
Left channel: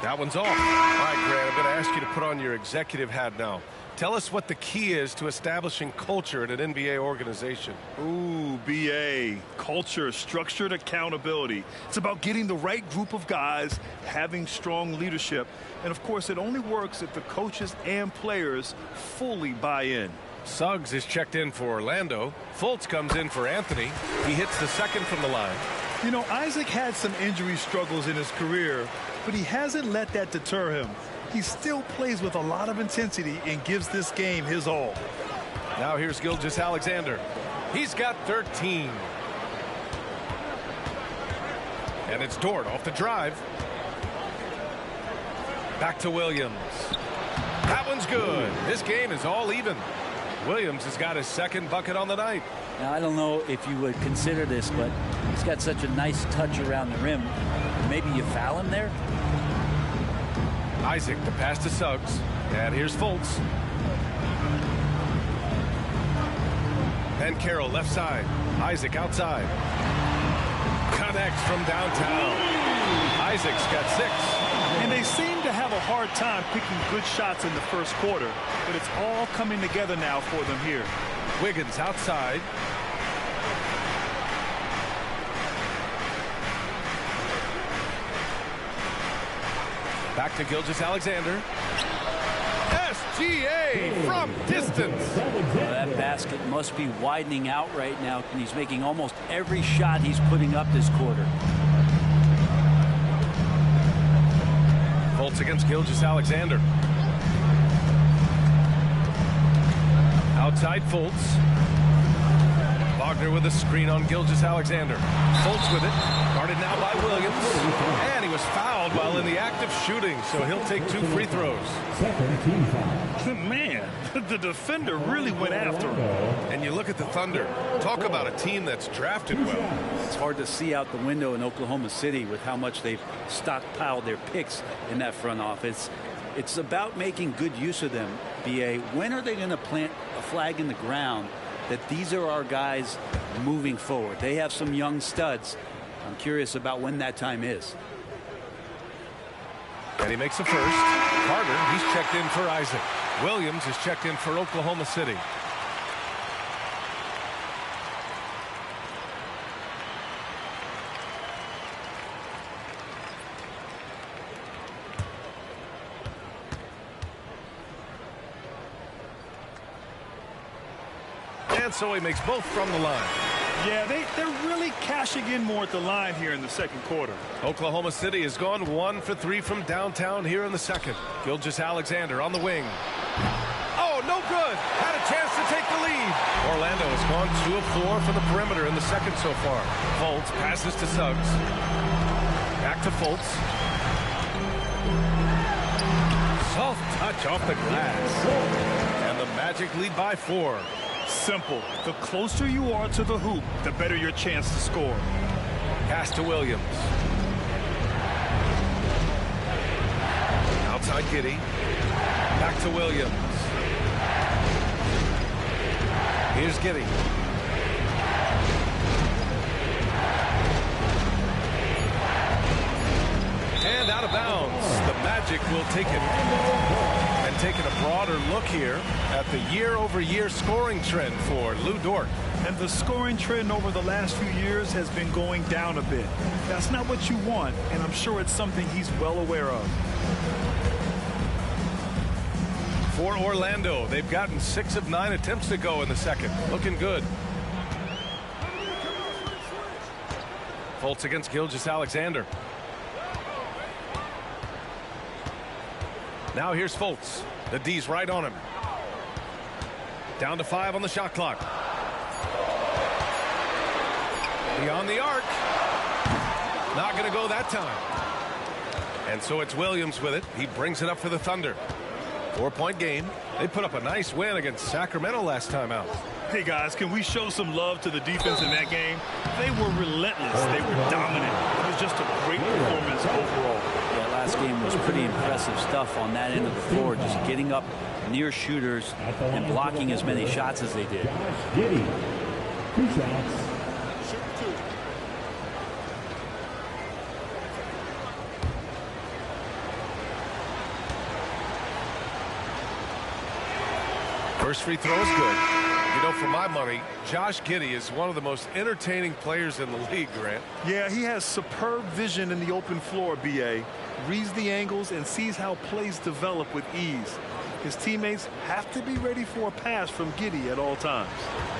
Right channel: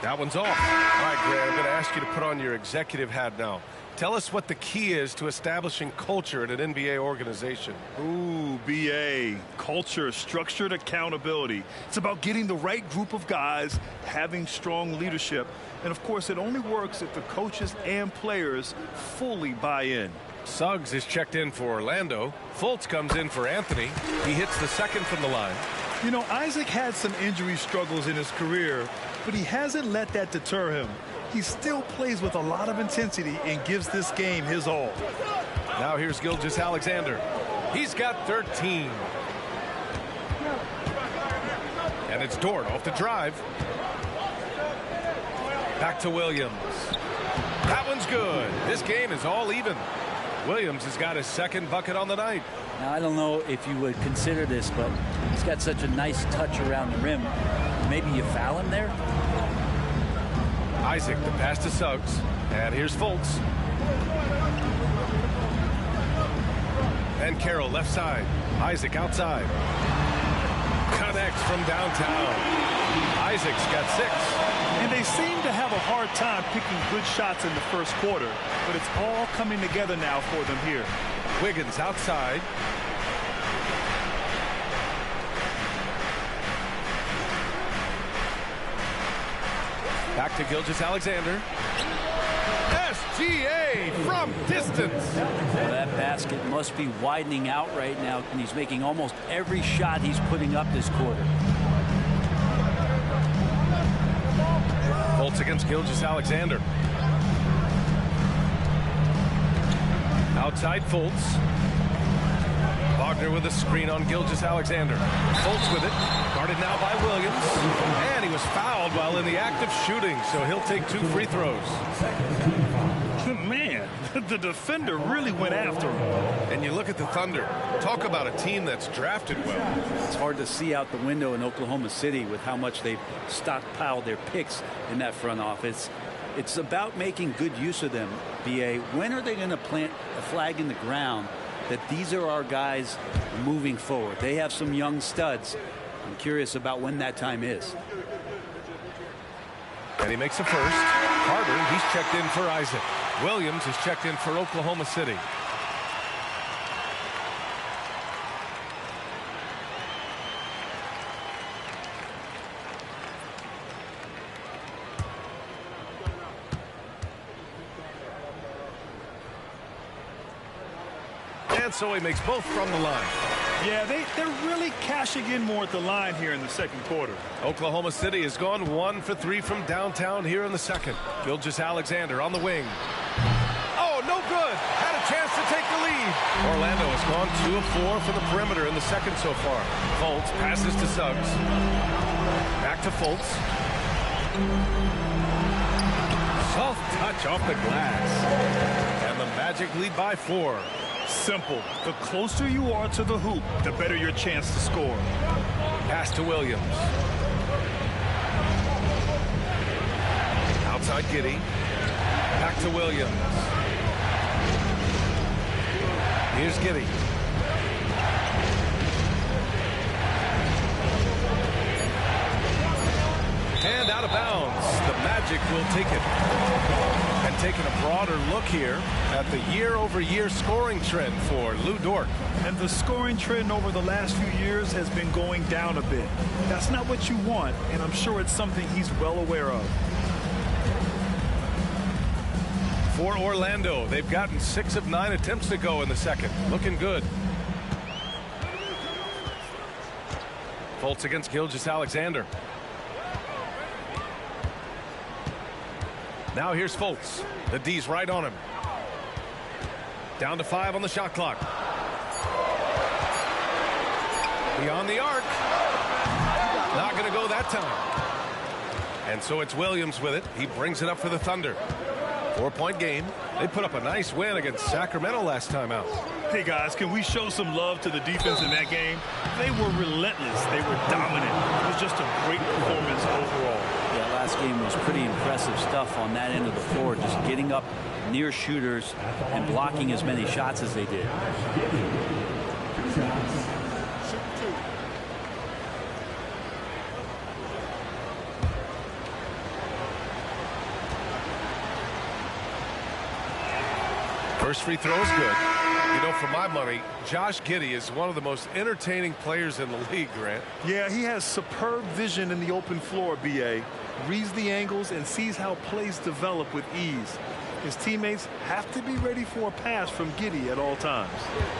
That one's off. All right, Grant, I'm going to ask you to put on your executive hat now. Tell us what the key is to establishing culture at an NBA organization. Ooh, BA. Culture, structured accountability. It's about getting the right group of guys, having strong leadership. And, of course, it only works if the coaches and players fully buy in. Suggs is checked in for Orlando. Fultz comes in for Anthony. He hits the second from the line. You know, Isaac had some injury struggles in his career, but he hasn't let that deter him. He still plays with a lot of intensity and gives this game his all. Now here's Gilgeous-Alexander. He's got 13. And it's Dort off the drive. Back to Williams. That one's good. This game is all even. Williams has got his second bucket on the night. Now, I don't know if you would consider this, but he's got such a nice touch around the rim. Maybe you foul him there? Isaac, the pass to Suggs. And here's Fultz. And Carroll left side. Isaac outside. Connects from downtown. Isaac's got 6. And they seem to have a hard time picking good shots in the first quarter, but it's all coming together now for them here. Wiggins outside. Back to Gilgeous-Alexander. SGA from distance. Well, that basket must be widening out right now, and he's making almost every shot he's putting up this quarter. Fultz against Gilgeous-Alexander. Outside Fultz. Wagner with a screen on Gilgeous-Alexander. Fultz with it. Guarded now by Williams. And he was fouled while in the act of shooting, so he'll take 2 free throws. Man, the defender really went after him. And you look at the Thunder. Talk about a team that's drafted well. It's hard to see out the window in Oklahoma City with how much they've stockpiled their picks in that front office. It's about making good use of them, B.A. When are they going to plant a flag in the ground that these are our guys moving forward? They have some young studs. I'm curious about when that time is. And he makes a first. Carter, he's checked in for Isaac. Williams is checked in for Oklahoma City. And so he makes both from the line. Yeah, they're really cashing in more at the line here in the second quarter. Oklahoma City has gone 1 for 3 from downtown here in the second. Gilgeous-Alexander on the wing. Oh, no good. Had a chance to take the lead. Orlando has gone 2 of 4 from the perimeter in the second so far. Fultz passes to Suggs. Back to Fultz. Soft touch off the glass. And the Magic lead by 4. Simple. The closer you are to the hoop, the better your chance to score. Pass to Williams. Outside Giddey. Back to Williams. Here's Giddey. And out of bounds. The Magic will take it. And taking a broader look here at the year-over-year scoring trend for Lu Dort. And the scoring trend over the last few years has been going down a bit. That's not what you want, and I'm sure it's something he's well aware of. For Orlando, they've gotten 6 of 9 attempts to go in the second. Looking good. Fultz against Gilgeous-Alexander. Now here's Fultz. The D's right on him. Down to 5 on the shot clock. Beyond the arc. Not going to go that time. And so it's Williams with it. He brings it up for the Thunder. 4-point game. They put up a nice win against Sacramento last time out. Hey, guys, can we show some love to the defense in that game? They were relentless. They were dominant. It was just a great performance overall. Yeah, last game was pretty impressive stuff on that end of the floor, just getting up near shooters and blocking as many shots as they did. 2 shots. Shoot 2. First free throw is good. You know, for my money, Josh Giddey is one of the most entertaining players in the league, Grant. Yeah, he has superb vision in the open floor, B.A. Reads the angles and sees how plays develop with ease. His teammates have to be ready for a pass from Giddey at all times.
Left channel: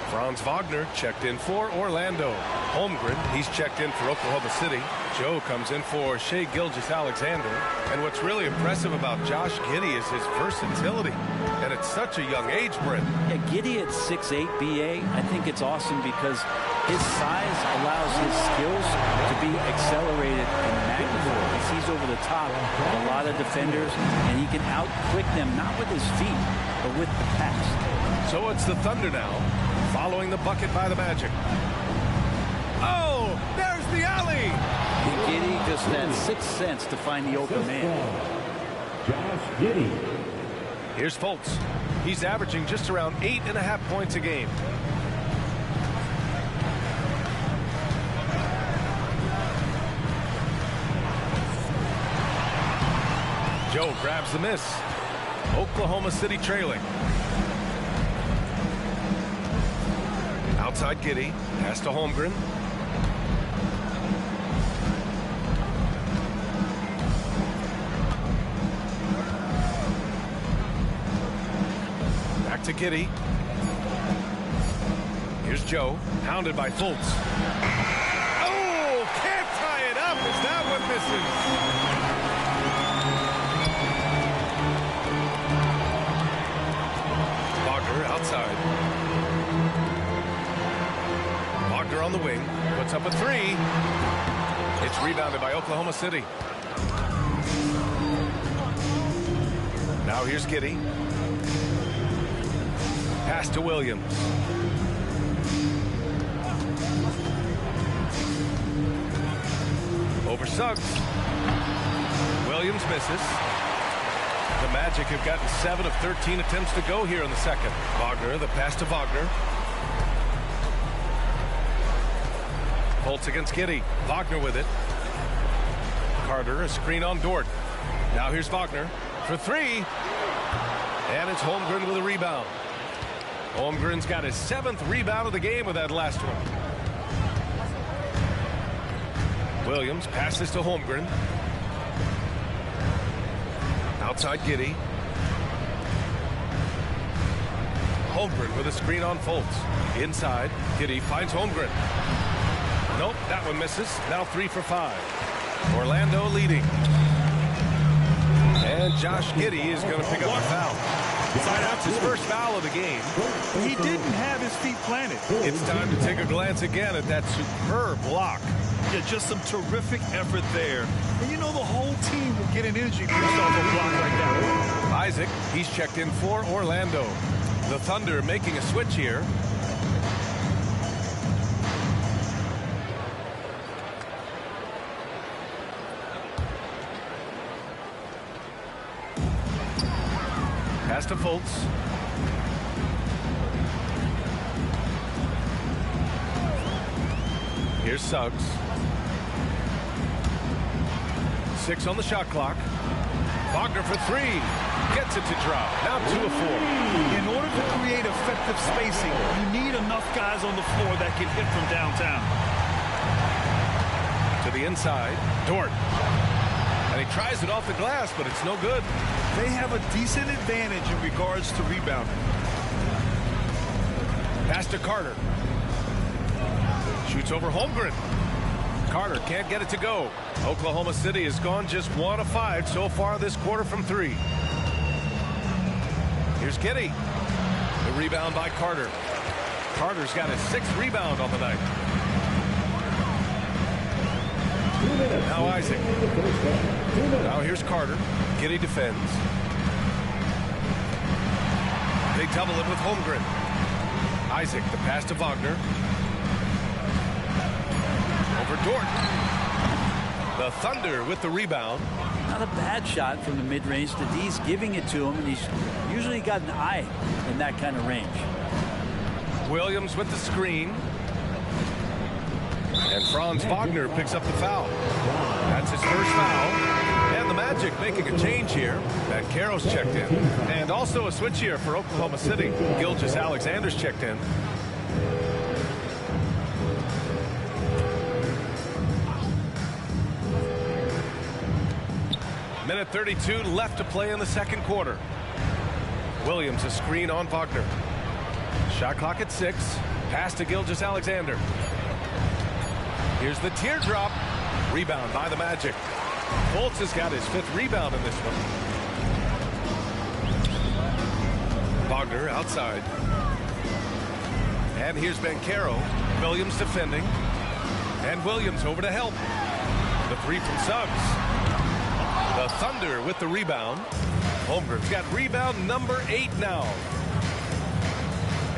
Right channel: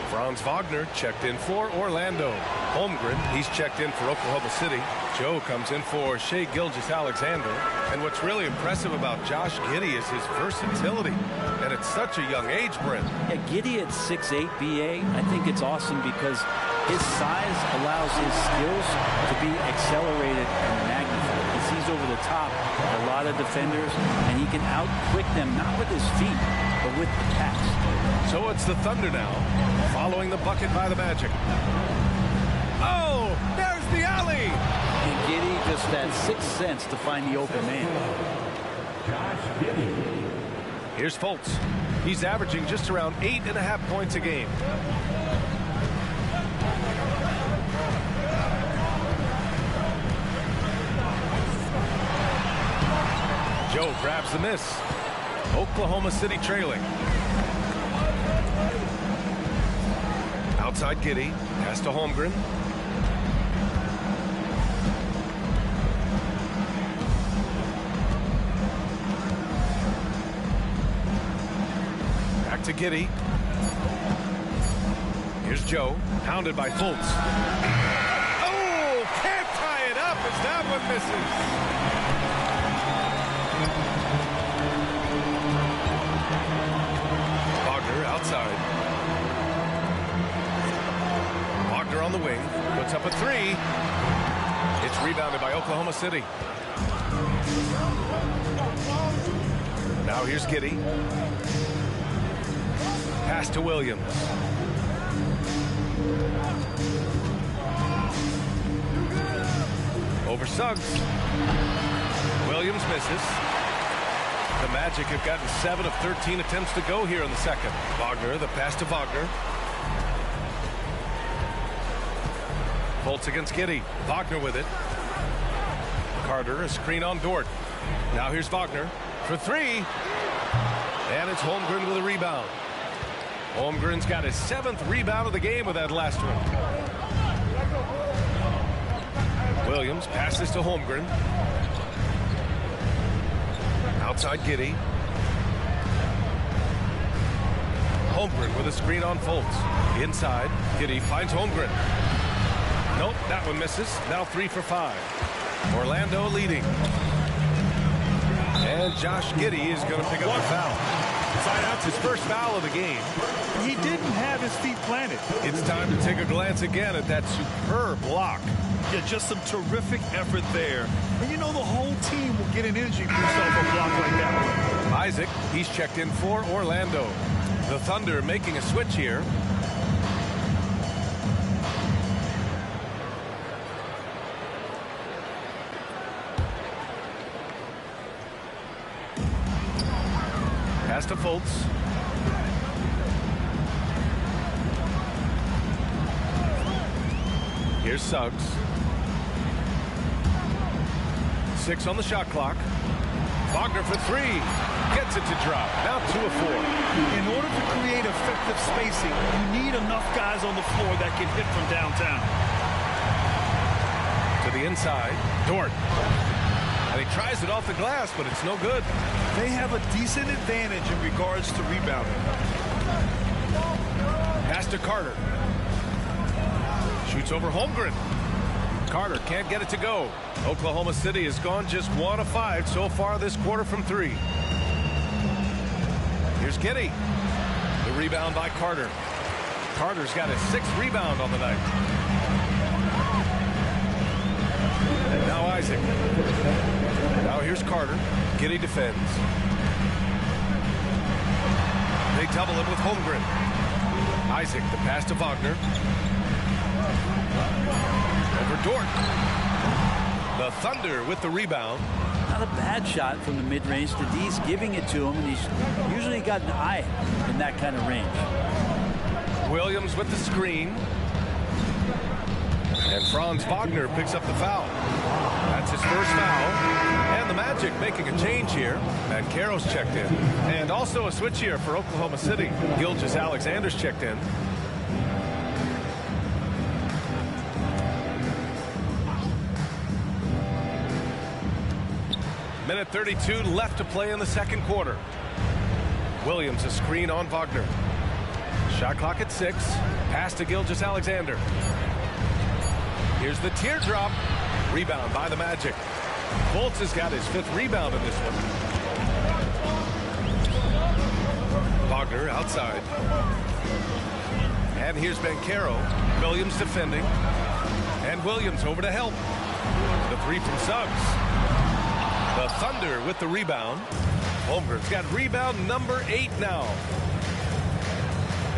Franz Wagner checked in for Orlando. Holmgren, he's checked in for Oklahoma City. Joe comes in for Shai Gilgeous-Alexander. And what's really impressive about Josh Giddey is his versatility. And at such a young age, Brent. Yeah, Giddey at 6'8", B.A., I think it's awesome because his size allows his skills to be accelerated and magnified. He sees over the top of a lot of defenders, and he can out-quick them, not with his feet, but with the pass. So it's the Thunder now, following the bucket by the Magic. Oh, there's the alley! And Giddey just had 6 sense to find the open man. Josh Giddey. Here's Fultz. He's averaging just around 8.5 points a game. Joe grabs the miss. Oklahoma City trailing. Outside Giddey. Pass to Holmgren. Back to Giddey. Here's Joe. Pounded by Fultz. Oh, can't tie it up as that one misses. Wagner outside. Wagner on the wing. Puts up a three. It's rebounded by Oklahoma City. Now here's Giddey. Pass to Williams. Over Suggs. Williams misses. The Magic have gotten 7 of 13 attempts to go here in the second. Wagner, the pass to Wagner. Fultz against Giddey. Wagner with it. Carter, a screen on Dort. Now here's Wagner for three. And it's Holmgren with a rebound. Holmgren's got his 7th rebound of the game with that last one. Williams passes to Holmgren. Outside Giddey. Holmgren with a screen on Fultz. Inside, Giddey finds Holmgren. Nope, that one misses. Now 3 for 5. Orlando leading. And Josh Giddey is going to pick up a foul. That's his first foul of the game. He didn't have his feet planted. It's time to take a glance again at that superb block. Yeah, just some terrific effort there. And you know the whole team will get an energy boost off a block like that one. Isaac, he's checked in for Orlando. The Thunder making a switch here. Pass to Fultz. Here's Suggs. 6 on the shot clock. Wagner for three. Gets it to drop. Now 2 of 4. In order to create effective spacing, you need enough guys on the floor that can hit from downtown. To the inside. Dort. And he tries it off the glass, but it's no good. They have a decent advantage in regards to rebounding. Pass to Carter. Shoots over Holmgren. Carter can't get it to go. Oklahoma City has gone just 1 of 5 so far this quarter from 3. Here's Giddey. The rebound by Carter. Carter's got his 6th rebound on the night. Now Isaac. Now here's Carter. Giddey defends. They double him with Holmgren. Isaac, the pass to Wagner. Over Dort. The Thunder with the rebound. Not a bad shot from the mid-range. The D's giving it to him, and he's usually got an eye in that kind of range. Williams with the screen. And Franz Wagner picks up the foul. That's his first foul. And the Magic making a change here. Banchero's checked in. And also a switch here for Oklahoma City. Gilgeous-Alexander's checked in. Minute 32 left to play in the second quarter. Williams a screen on Wagner. Shot clock at 6. Pass to Gilgeous-Alexander. Here's the teardrop. Rebound by the Magic. Fultz has got his 5th rebound in this one. Wagner outside. And here's Banchero. Williams defending. And Williams over to help. The 3 from Suggs. The Thunder with the rebound. Holmgren's got rebound number 8 now.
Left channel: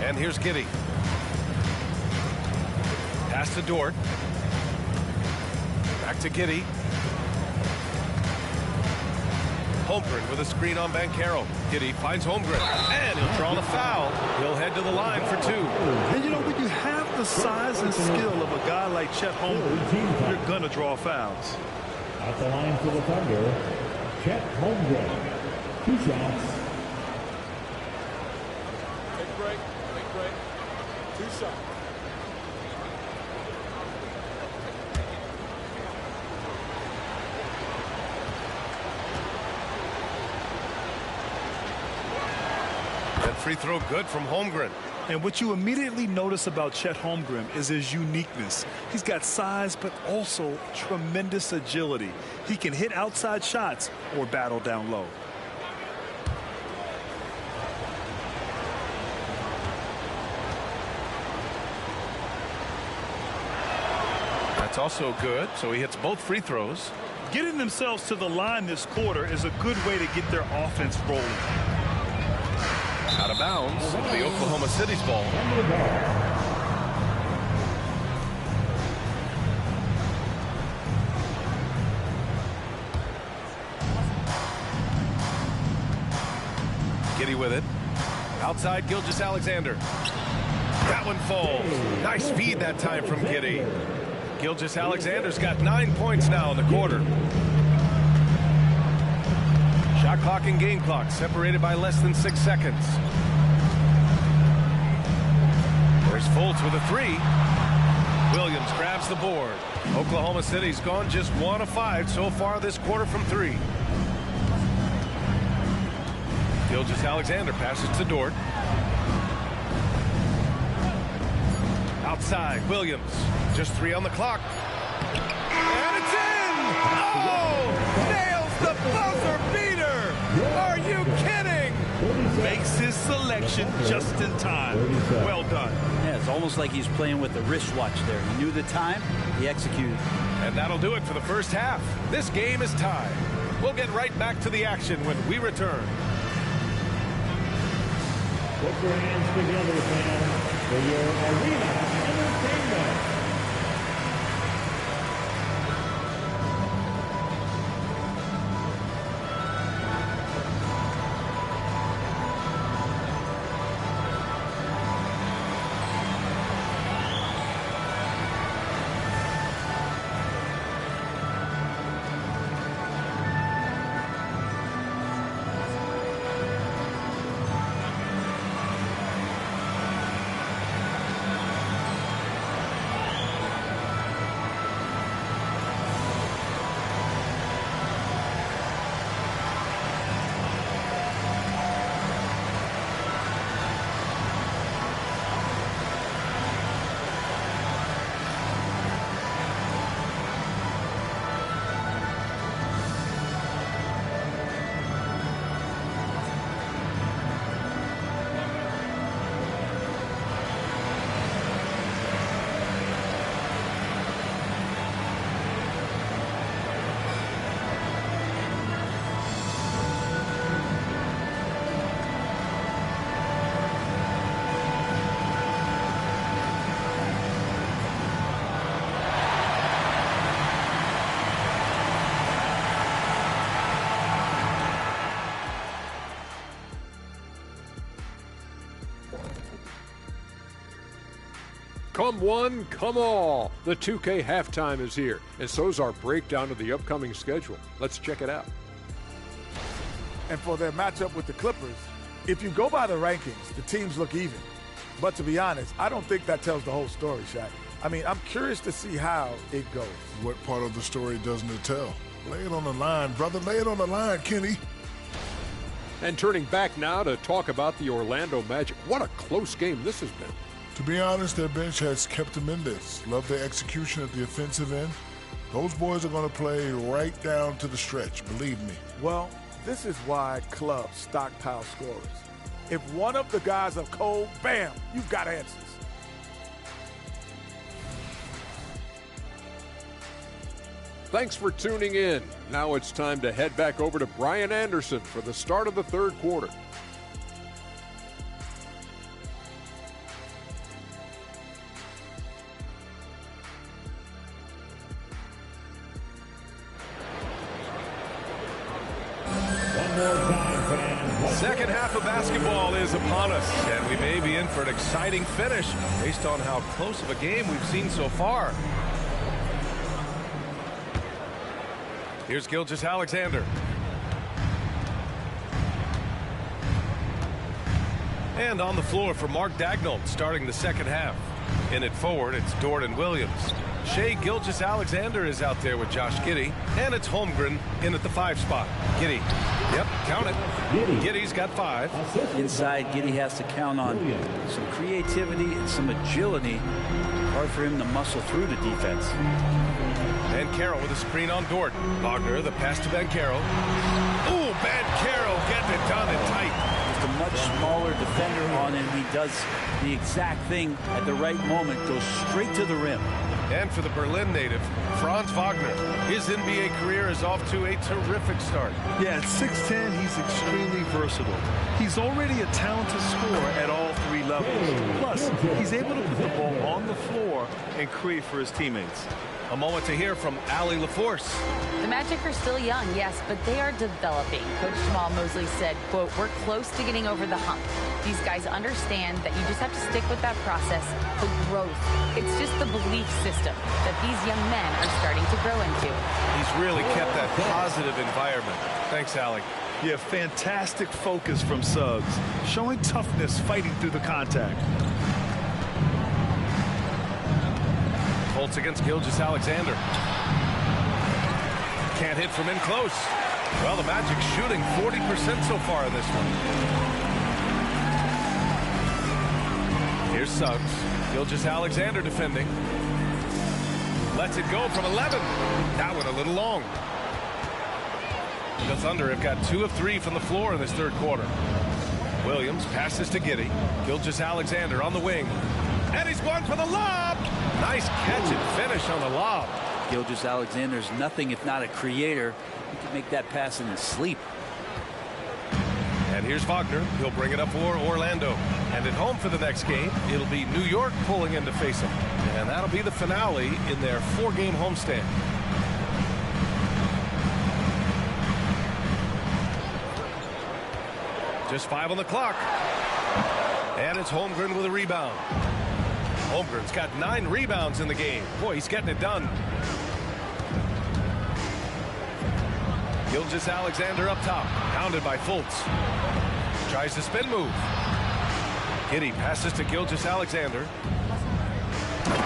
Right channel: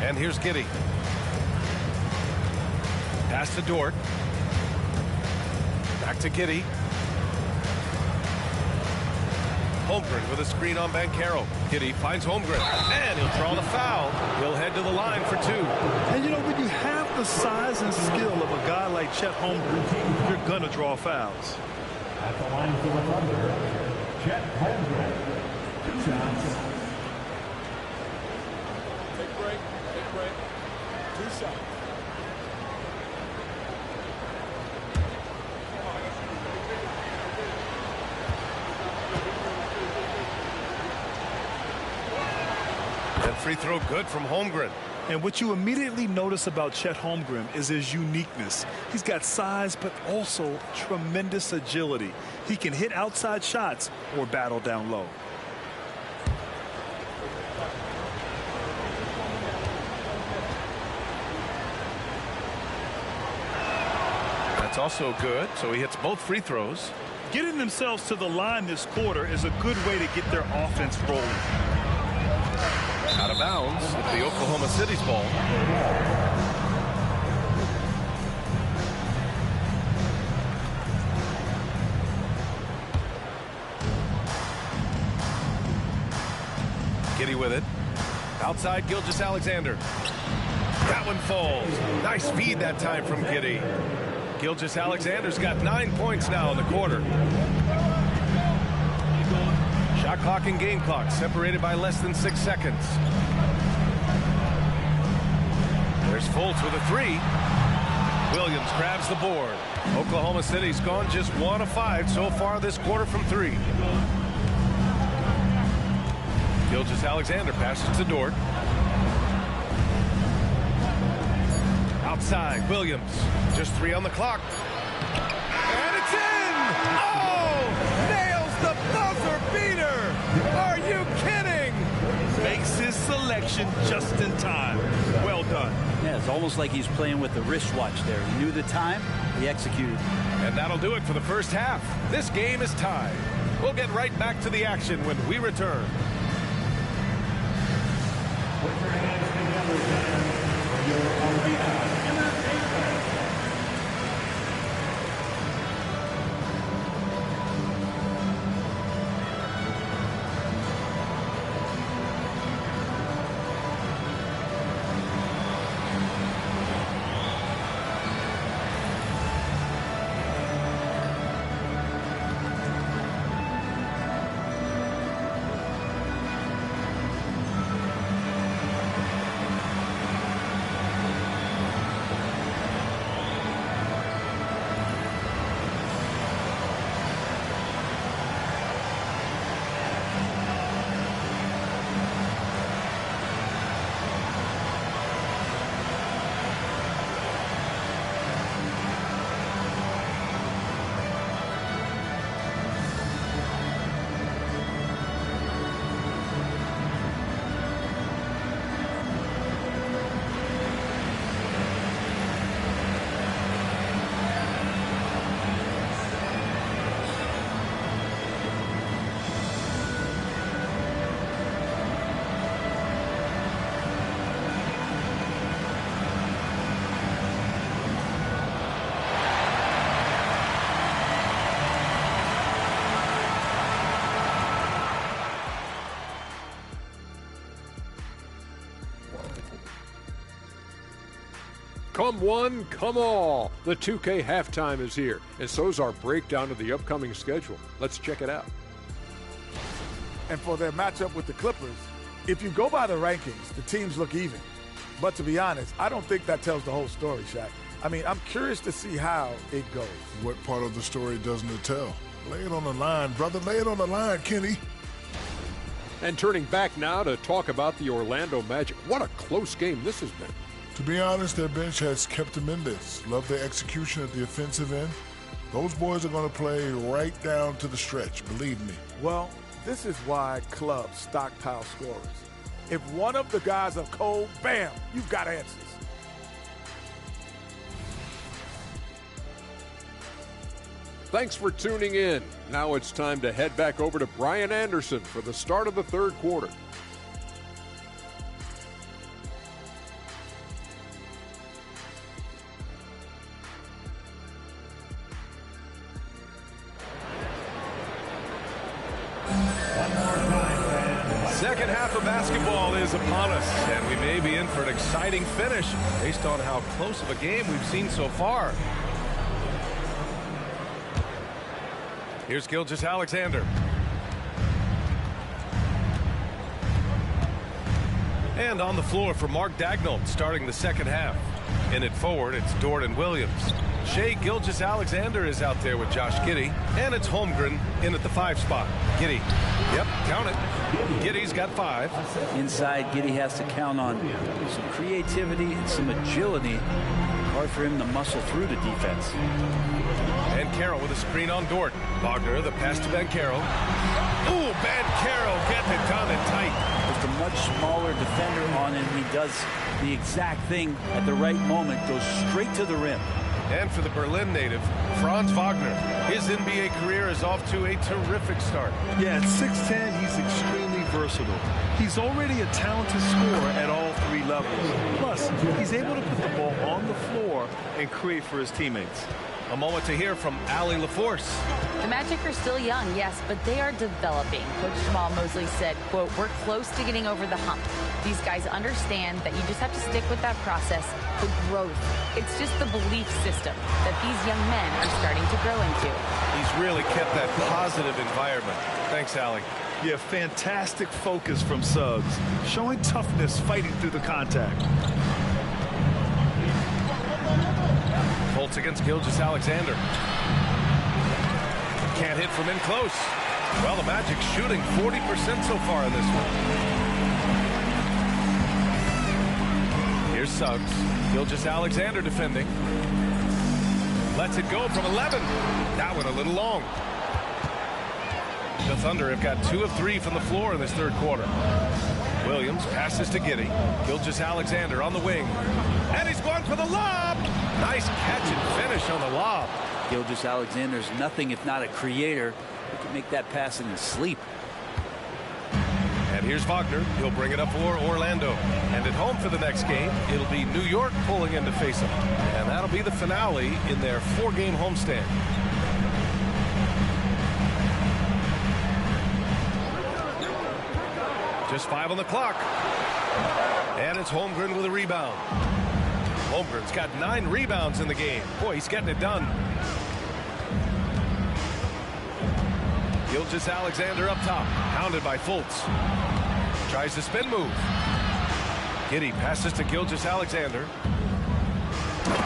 And here's Giddey. Pass to Dort. Back to Giddey. Holmgren with a screen on Banchero. Giddey finds Holmgren. And he'll draw the foul. He'll head to the line for 2. And you know, when you have the size and skill of a guy like Chet Holmgren, you're going to draw fouls. At the line for the Thunder, Chet Holmgren. 2 shots. Take a break. Take a break. 2 shots. And free throw good from Holmgren. And what you immediately notice about Chet Holmgren is his uniqueness. He's got size, but also tremendous agility. He can hit outside shots or battle down low. That's also good. So he hits both free throws. Getting themselves to the line this quarter is a good way to get their offense rolling. Out of bounds. It'll be Oklahoma City's ball. Giddey with it. Outside Gilgeous-Alexander. That one falls. Nice feed that time from Giddey. Gilgeous-Alexander's got 9 points now in the quarter. Shot clock and game clock separated by less than 6 seconds. There's Fultz with a three. Williams grabs the board. Oklahoma City's gone just 1 of 5 so far this quarter from 3. Gilgeous-Alexander passes to Dort. Outside, Williams. Just 3 on the clock. And it's in! Oh! Nails the buzzer beater! Are you kidding? Makes his selection just in time. Well done. Yeah, it's almost like he's playing with the wristwatch there. He knew the time, he executed. And that'll do it for the first half. This game is tied. We'll get right back to the action when we return. Put your hands together, fans, for your arena entertainment. Come one, come all. The 2K halftime is here, and so's our breakdown of the upcoming schedule. Let's check it out. And for their matchup with the Clippers, if you go by the rankings, the teams look even. But to be honest, I don't think that tells the whole story, Shaq. I mean, I'm curious to see how it goes. What part of the story doesn't it tell? Lay it on the line, brother. Lay it on the line, Kenny. And turning back now to talk about the Orlando Magic. What a close game this has been. To be honest, their bench has kept them in this. Love their execution at the offensive end. Those boys are going to play right down to the stretch, believe me. Well, this is why clubs stockpile scorers. If one of the guys are cold, bam, you've got answers. Thanks for tuning in. Now it's time to head back over to Brian Anderson for the start of the third quarter. Second half of basketball is upon us, and we may be in for an exciting finish based on how close of a game we've seen so far. Here's Gilgeous-Alexander. And on the floor for Mark Daigneault starting the second half. In it forward, it's Dort and Williams. Shai Gilgeous-Alexander is out there with Josh Giddey, and it's Holmgren in at the 5 spot. Giddey, yep, count it. Giddey's got 5. Inside, Giddey has to count on some creativity and some agility. Hard for him to muscle through the defense. And Banchero with a screen on Dort. Wagner, the pass to Banchero. Ooh, Banchero getting it done and tight. Just a much smaller defender on him. He does the exact thing at the right moment, goes straight to the rim. And for the Berlin native, Franz Wagner. His NBA career is off to a terrific start. Yeah, at 6'10", he's extremely versatile. He's already a talented scorer at all three levels. Plus, he's able to put the ball on the floor and create for his teammates. A moment to hear from Allie LaForce. The Magic are still young, yes, but they are developing. Coach Jamal Mosley said, quote, "We're close to getting over the hump. These guys understand that you just have to stick with that process, the growth. It's just the belief system that these young men are starting to grow into." He's really kept that positive environment. Thanks, Allie. Yeah, fantastic focus from Suggs, showing toughness fighting through the contact. Fultz against Gilgeous-Alexander. Can't hit from in close. Well, the Magic shooting 40% so far in this one. Here's Suggs. Gilgeous-Alexander defending. Lets it go from 11. That one a little long. The Thunder have got 2 of 3 from the floor in this third quarter. Williams passes to Giddey. Gilgeous-Alexander on the wing. And he's going for the lob. Nice catch and finish on the lob. Gilgeous-Alexander's nothing if not a creator. He can make that pass in his sleep. And here's Wagner. He'll bring it up for Orlando. And at home for the next game, it'll be New York pulling in to face him. And that'll be the finale in their 4-game homestand. Just 5 on the clock. And it's Holmgren with a rebound. Holmgren's got 9 rebounds in the game. Boy, he's getting it done. Gilgeous-Alexander up top, pounded by Fultz. Tries the spin move. Giddey passes to Gilgeous-Alexander.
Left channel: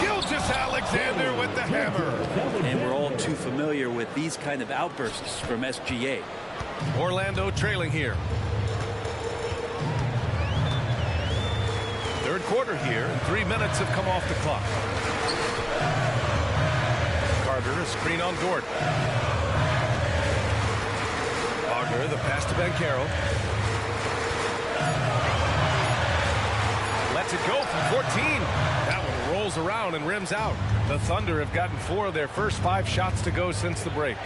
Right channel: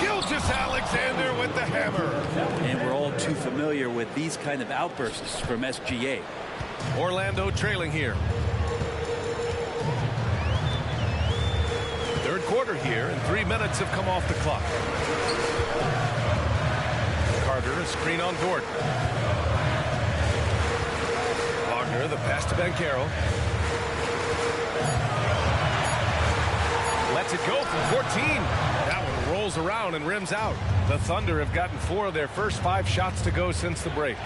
Gilgeous-Alexander with the hammer. And we're all too familiar with these kind of outbursts from SGA. Orlando trailing here. Third quarter here, and 3 minutes have come off the clock. Carter, a screen on Dort. Wagner, the pass to Banchero. Lets it go from 14. That one rolls around and rims out. The Thunder have gotten 4 of their first 5 shots to go since the break.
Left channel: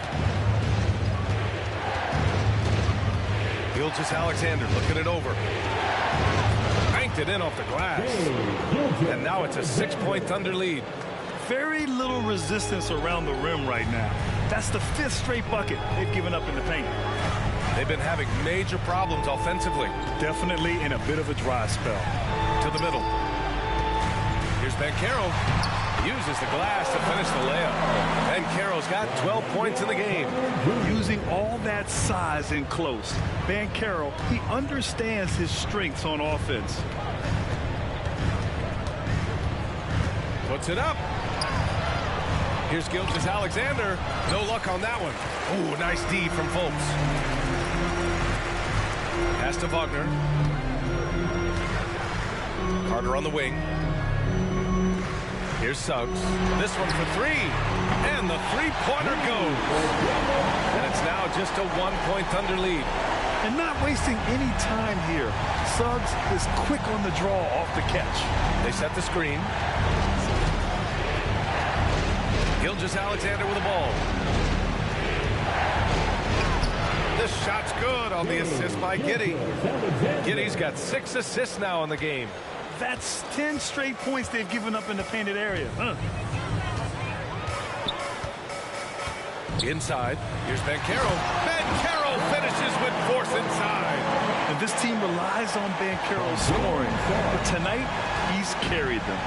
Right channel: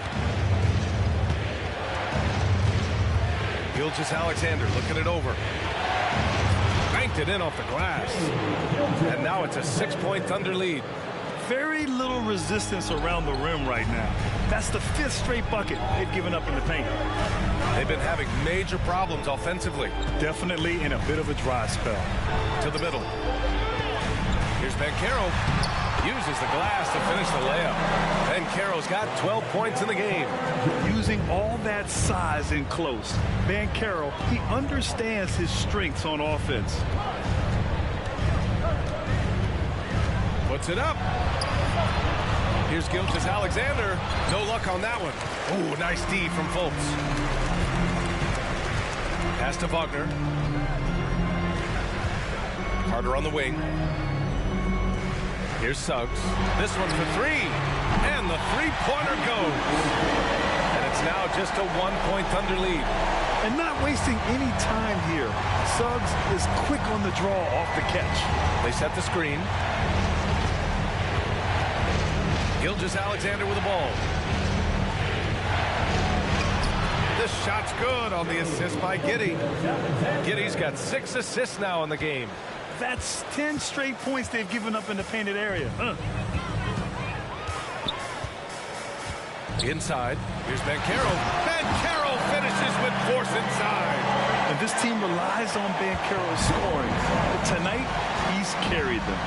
Gilgeous-Alexander looking it over. Banked it in off the glass. And now it's a 6-point Thunder lead. Very little resistance around the rim right now. That's the 5th straight bucket they've given up in the paint. They've been having major problems offensively. Definitely in a bit of a dry spell. To the middle. Here's Banchero. Uses the glass to finish the layup. Banchero's got 12 points in the game. Using all that size in close, Banchero, he understands his strengths on offense. Puts it up. Here's Gilgeous-Alexander. No luck on that one. Oh, nice D from Fultz. Pass to Wagner. Carter on the wing. Here's Suggs. This one for 3. And the 3-pointer goes. And it's now just a 1-point Thunder lead. And not wasting any time here. Suggs is quick on the draw off the catch. They set the screen. Gilgeous-Alexander with the ball. This shot's good on the assist by Giddey. Giddey's got 6 assists now in the game. That's 10 straight points they've given up in the painted area. Inside, here's Banchero. Banchero finishes with force inside. And this team relies on Banchero's scoring. But tonight, he's carried them.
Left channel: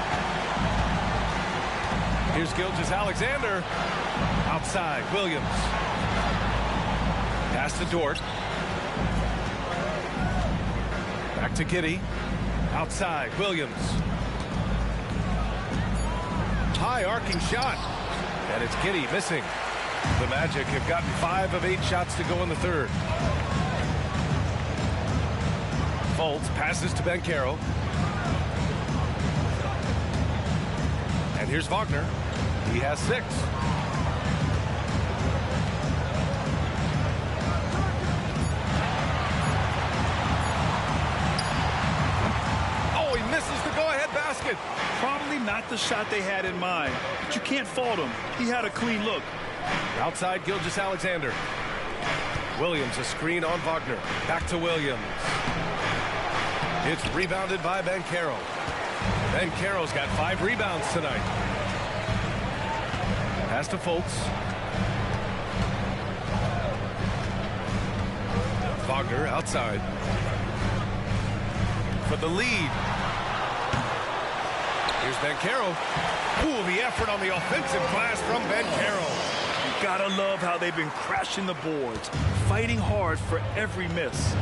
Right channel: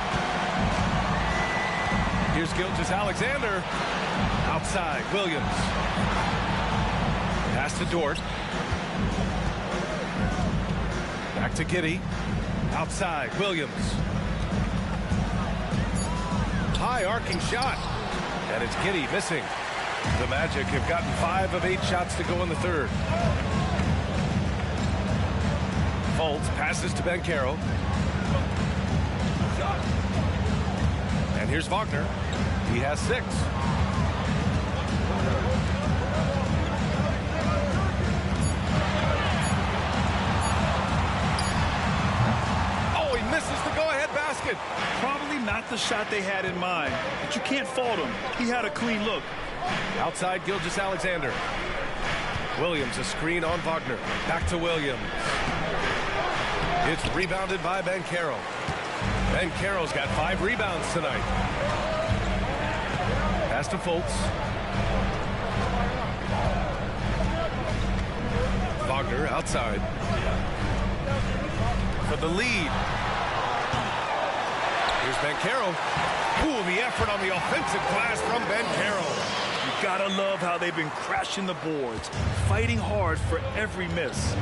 Here's Gilgeous-Alexander. Outside, Williams. Pass to Dort. Back to Giddey. Outside, Williams. High arcing shot. And it's Giddey missing. The Magic have gotten 5 of 8 shots to go in the third. Fultz passes to Banchero. And here's Wagner. He has 6. Oh, he misses the go-ahead basket. basket. Probably not the shot they had in mind, but you can't fault him. He had a clean look. Outside Gilgeous-Alexander. Williams, a screen on Wagner. Back to Williams. It's rebounded by Banchero. Banchero's got 5 rebounds tonight. Pass to Fultz. Wagner outside. For the lead. Here's Banchero. Ooh, the effort on the offensive glass from Banchero. You gotta love how they've been crashing the boards, fighting hard for every miss.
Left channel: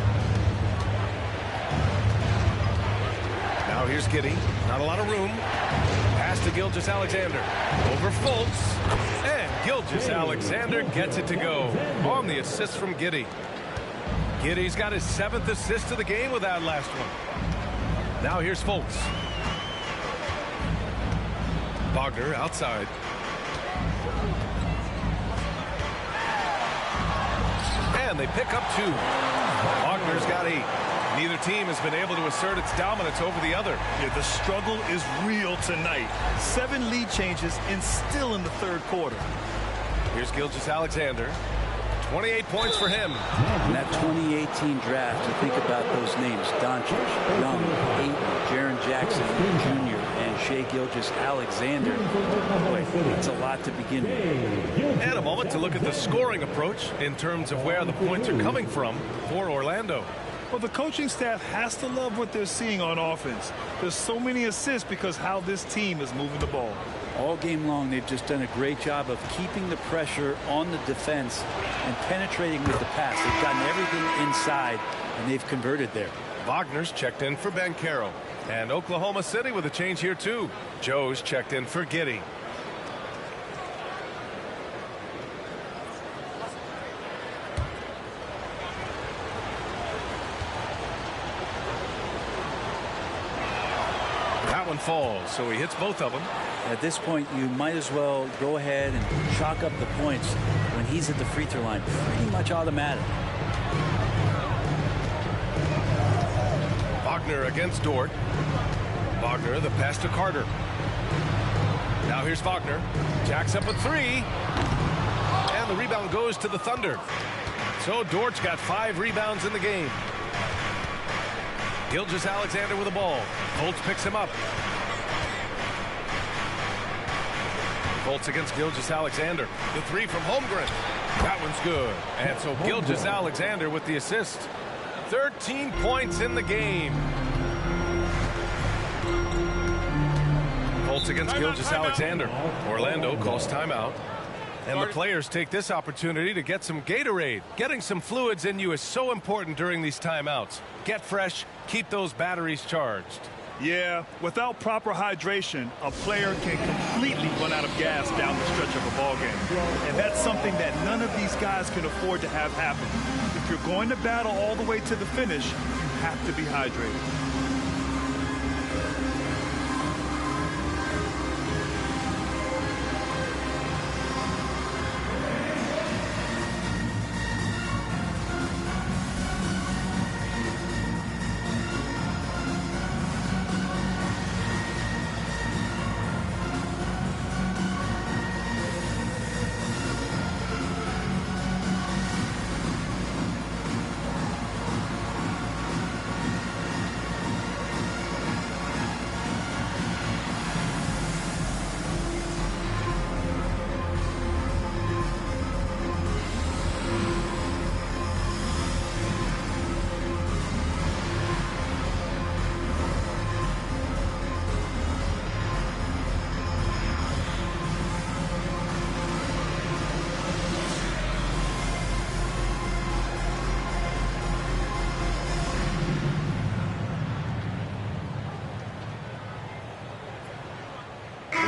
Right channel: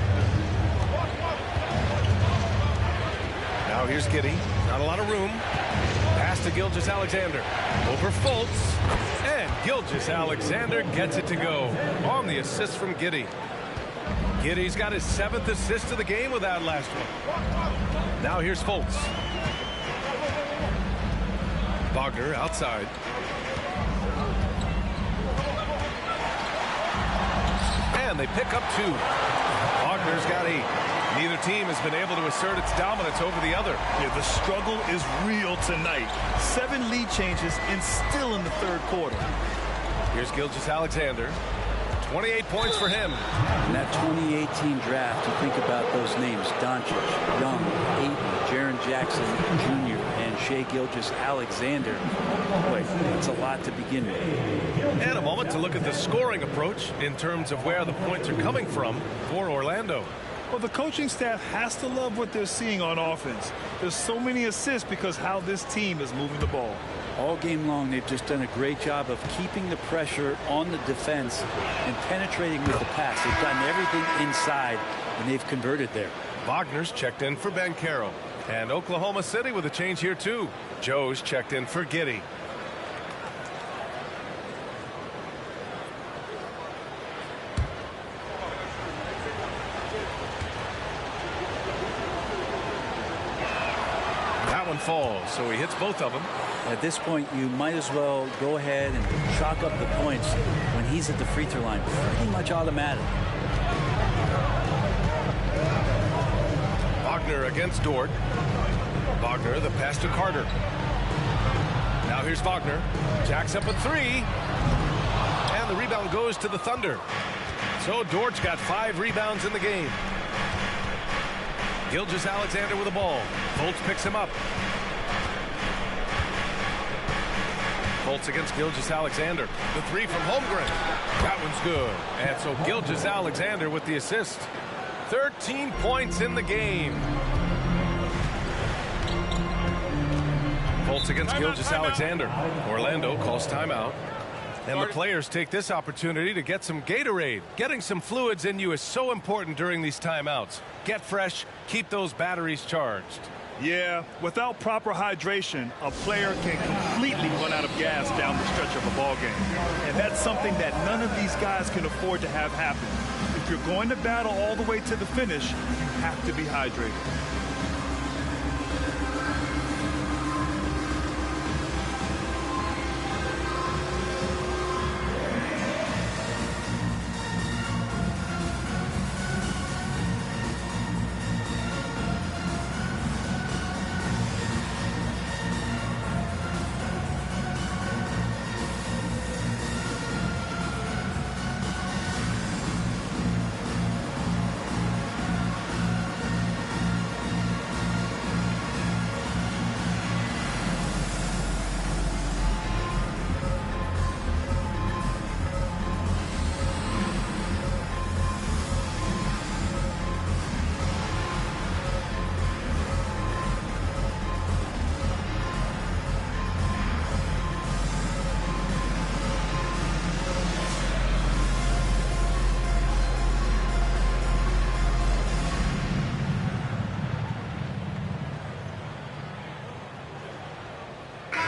Now here's Giddey. Not a lot of room. Pass to Gilgeous-Alexander. Over Fultz. And Gilgeous-Alexander gets it to go on the assist from Giddey. Giddey's got his 7th assist of the game with that last one. Now here's Fultz. Wagner outside. And they pick up 2. Wagner's got 8. Neither team has been able to assert its dominance over the other. Yeah, the struggle is real tonight. 7 lead changes and still in the 3rd quarter. Here's Gilgeous-Alexander. 28 points for him. In that 2018 draft, you think about those names: Doncic, Young, Ayton, Jaren Jackson Jr., and Shai Gilgeous-Alexander. Boy, that's a lot to begin with. And a moment to look at the scoring approach in terms of where the points are coming from for Orlando. Well, the coaching staff has to love what they're seeing on offense. There's so many assists because how this team is moving the ball. All game long, they've just done a great job of keeping the pressure on the defense and penetrating with the pass. They've gotten everything inside, and they've converted there. Wagner's checked in for Banchero. And Oklahoma City with a change here, too. Joe's checked in for Giddey. That one falls, so he hits both of them. At this point, you might as well go ahead and chalk up the points when he's at the free throw line. Pretty much automatic. Wagner against Dort. Wagner, the pass to Carter. Now here's Wagner. Jacks up a 3. And the rebound goes to the Thunder. So Dort's got 5 rebounds in the game. Gilgeous-Alexander with the ball. Fultz picks him up. Fultz against Gilgeous-Alexander. The 3 from Holmgren. That one's good. And so Gilgeous-Alexander with the assist. 13 points in the game. Fultz against Gilgeous-Alexander. Orlando calls timeout. And the players take this opportunity to get some Gatorade. Getting some fluids in you is so important during these timeouts. Get fresh, keep those batteries charged. Yeah, without proper hydration, a player can completely run out of gas down the stretch of a ball game. And that's something that none of these guys can afford to have happen. If you're going to battle all the way to the finish, you have to be hydrated.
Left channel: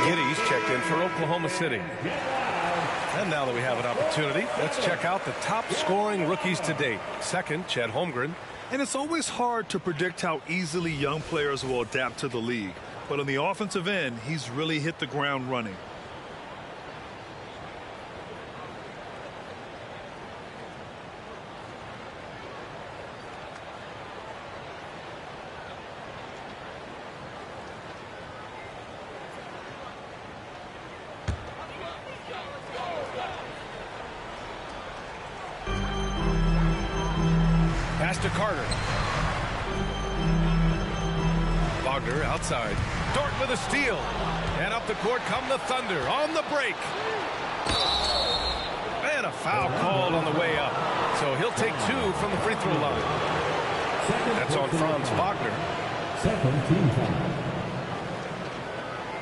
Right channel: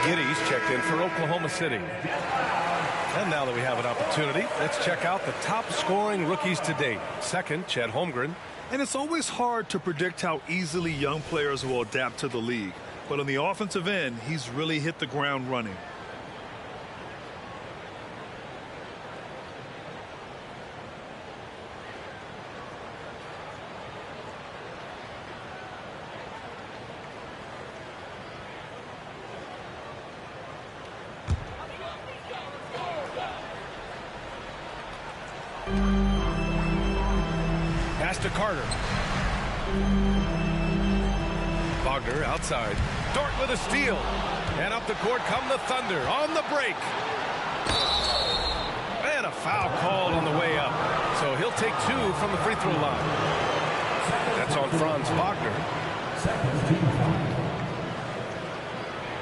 Giddey's checked in for Oklahoma City. And now that we have an opportunity, let's check out the top scoring rookies to date. Second, Chet Holmgren. And it's always hard to predict how easily young players will adapt to the league. But on the offensive end, he's really hit the ground running. Pass to Carter. Wagner outside. Dort with a steal. And up the court come the Thunder on the break. And a foul called on the way up. So he'll take 2 from the free throw line. That's on Franz Wagner.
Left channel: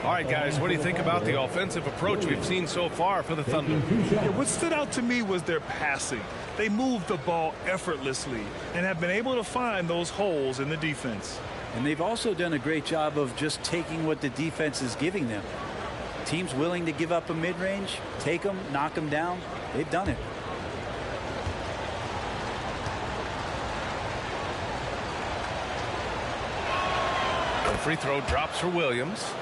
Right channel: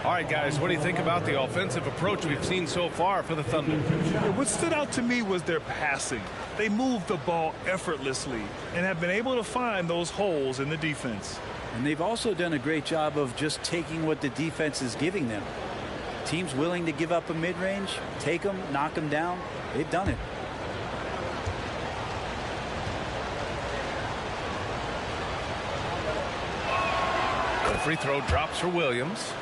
All right, guys, what do you think about the offensive approach we've seen so far for the Thunder? Yeah, what stood out to me was their passing. They moved the ball effortlessly and have been able to find those holes in the defense. And they've also done a great job of just taking what the defense is giving them. Teams willing to give up a mid-range, take them, knock them down. They've done it. The free throw drops for Williams.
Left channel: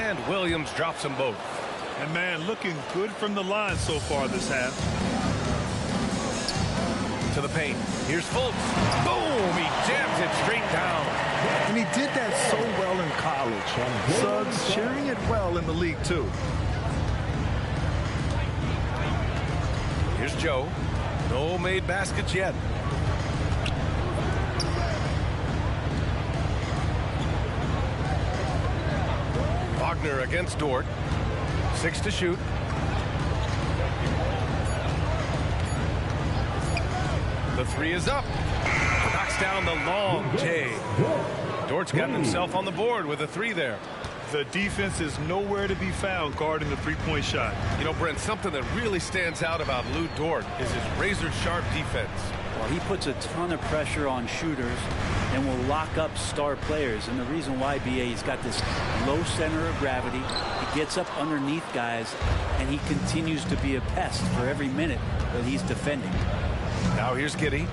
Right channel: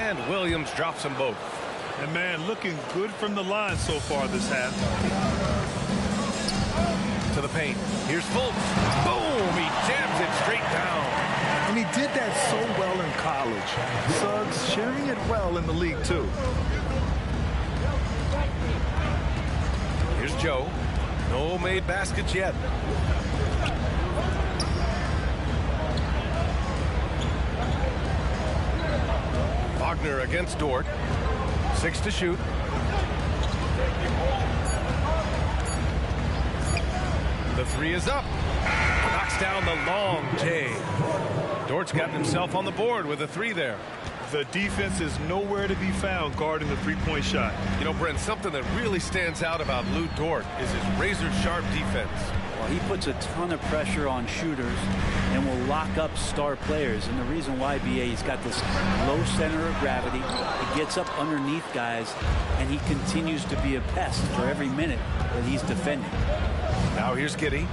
And Williams drops them both. And man, looking good from the line so far this half. To the paint. Here's Fultz. Boom! He jams it straight down. And he did that so well in college. Suggs sharing it well in the league too. Here's Joe. No made baskets yet. Wagner against Dort. 6 to shoot. The 3 is up. Knocks down the long J. Dort's gotten himself on the board with a 3 there. The defense is nowhere to be found guarding the three-point shot. You know, Brent, something that really stands out about Lou Dort is his razor-sharp defense. Well, he puts a ton of pressure on shooters and will lock up star players. And the reason why, BA, he's got this low center of gravity. He gets up underneath guys, and he continues to be a pest for every minute that he's defending. Now here's Giddey.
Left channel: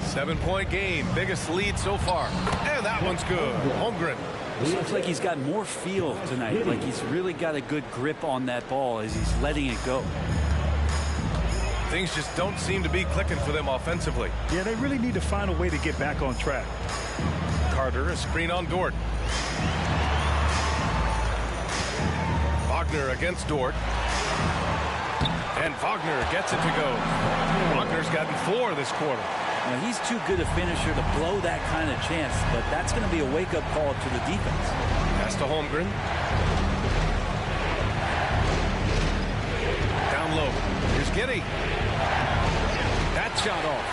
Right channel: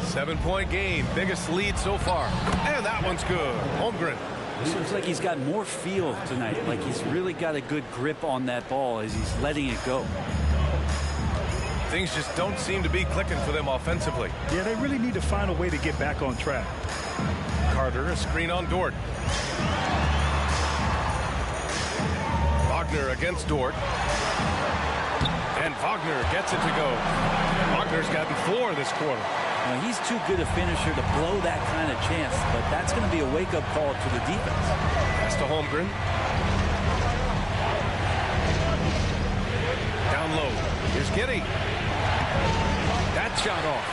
7-point game. Biggest lead so far. And that one's good. Holmgren. This looks like he's got more feel tonight. Like he's really got a good grip on that ball as he's letting it go. Things just don't seem to be clicking for them offensively. Yeah, they really need to find a way to get back on track. Carter, a screen on Dort. Wagner against Dort. And Wagner gets it to go. Wagner's gotten 4 this quarter. Well, he's too good a finisher to blow that kind of chance, but that's going to be a wake-up call to the defense. Pass to Holmgren. Down low. Here's Giddey. That shot off.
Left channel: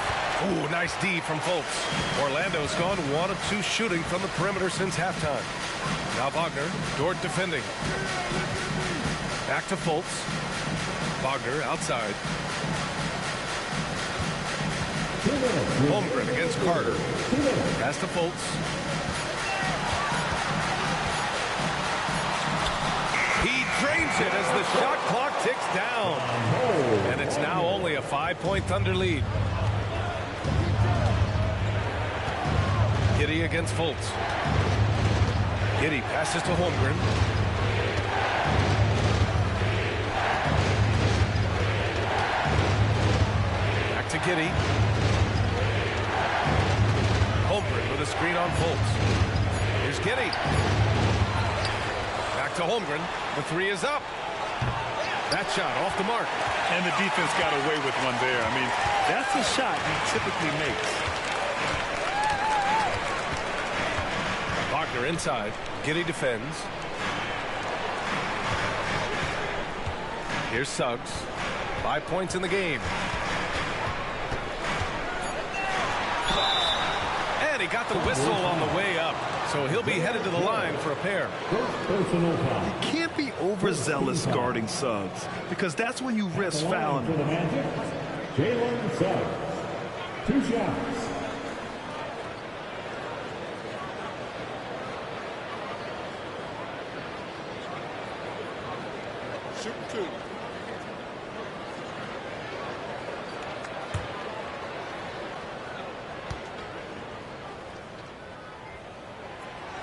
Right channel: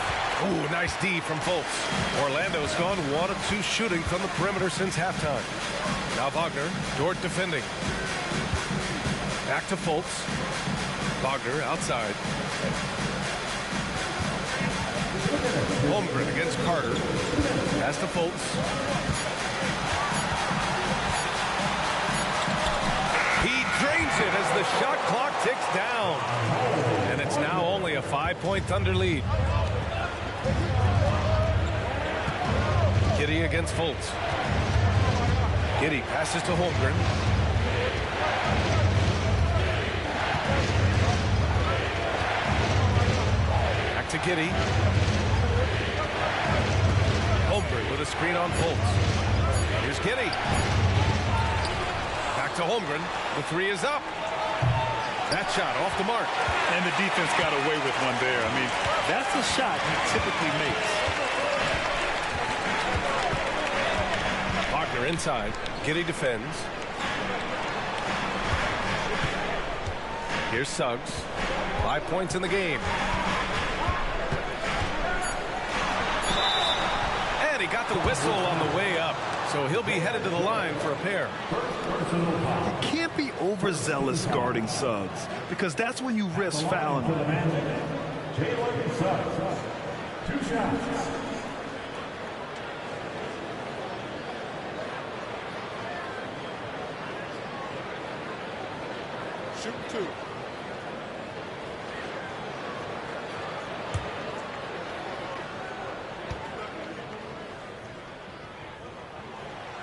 Ooh, nice D from Fultz. Orlando's gone 1 of 2 shooting from the perimeter since halftime. Now Wagner. Dort defending. Back to Fultz. Wagner outside. Holmgren against Carter. Pass to Fultz. He drains it as the shot clock ticks down. And it's now only a 5-point Thunder lead. Giddey against Fultz. Giddey passes to Holmgren. Back to Giddey. Holmgren with a screen on Fultz. Here's Giddey. Back to Holmgren. The 3 is up. That shot off the mark. And the defense got away with one there. I mean, that's a shot he typically makes. Wagner inside. Giddey defends. Here's Suggs. 5 points in the game. And he got the whistle on the way up. So he'll be headed to the line for a pair. You can't be overzealous guarding Suggs because that's when you risk fouling him. Jalen Suggs. 2 shots. Shoot 2.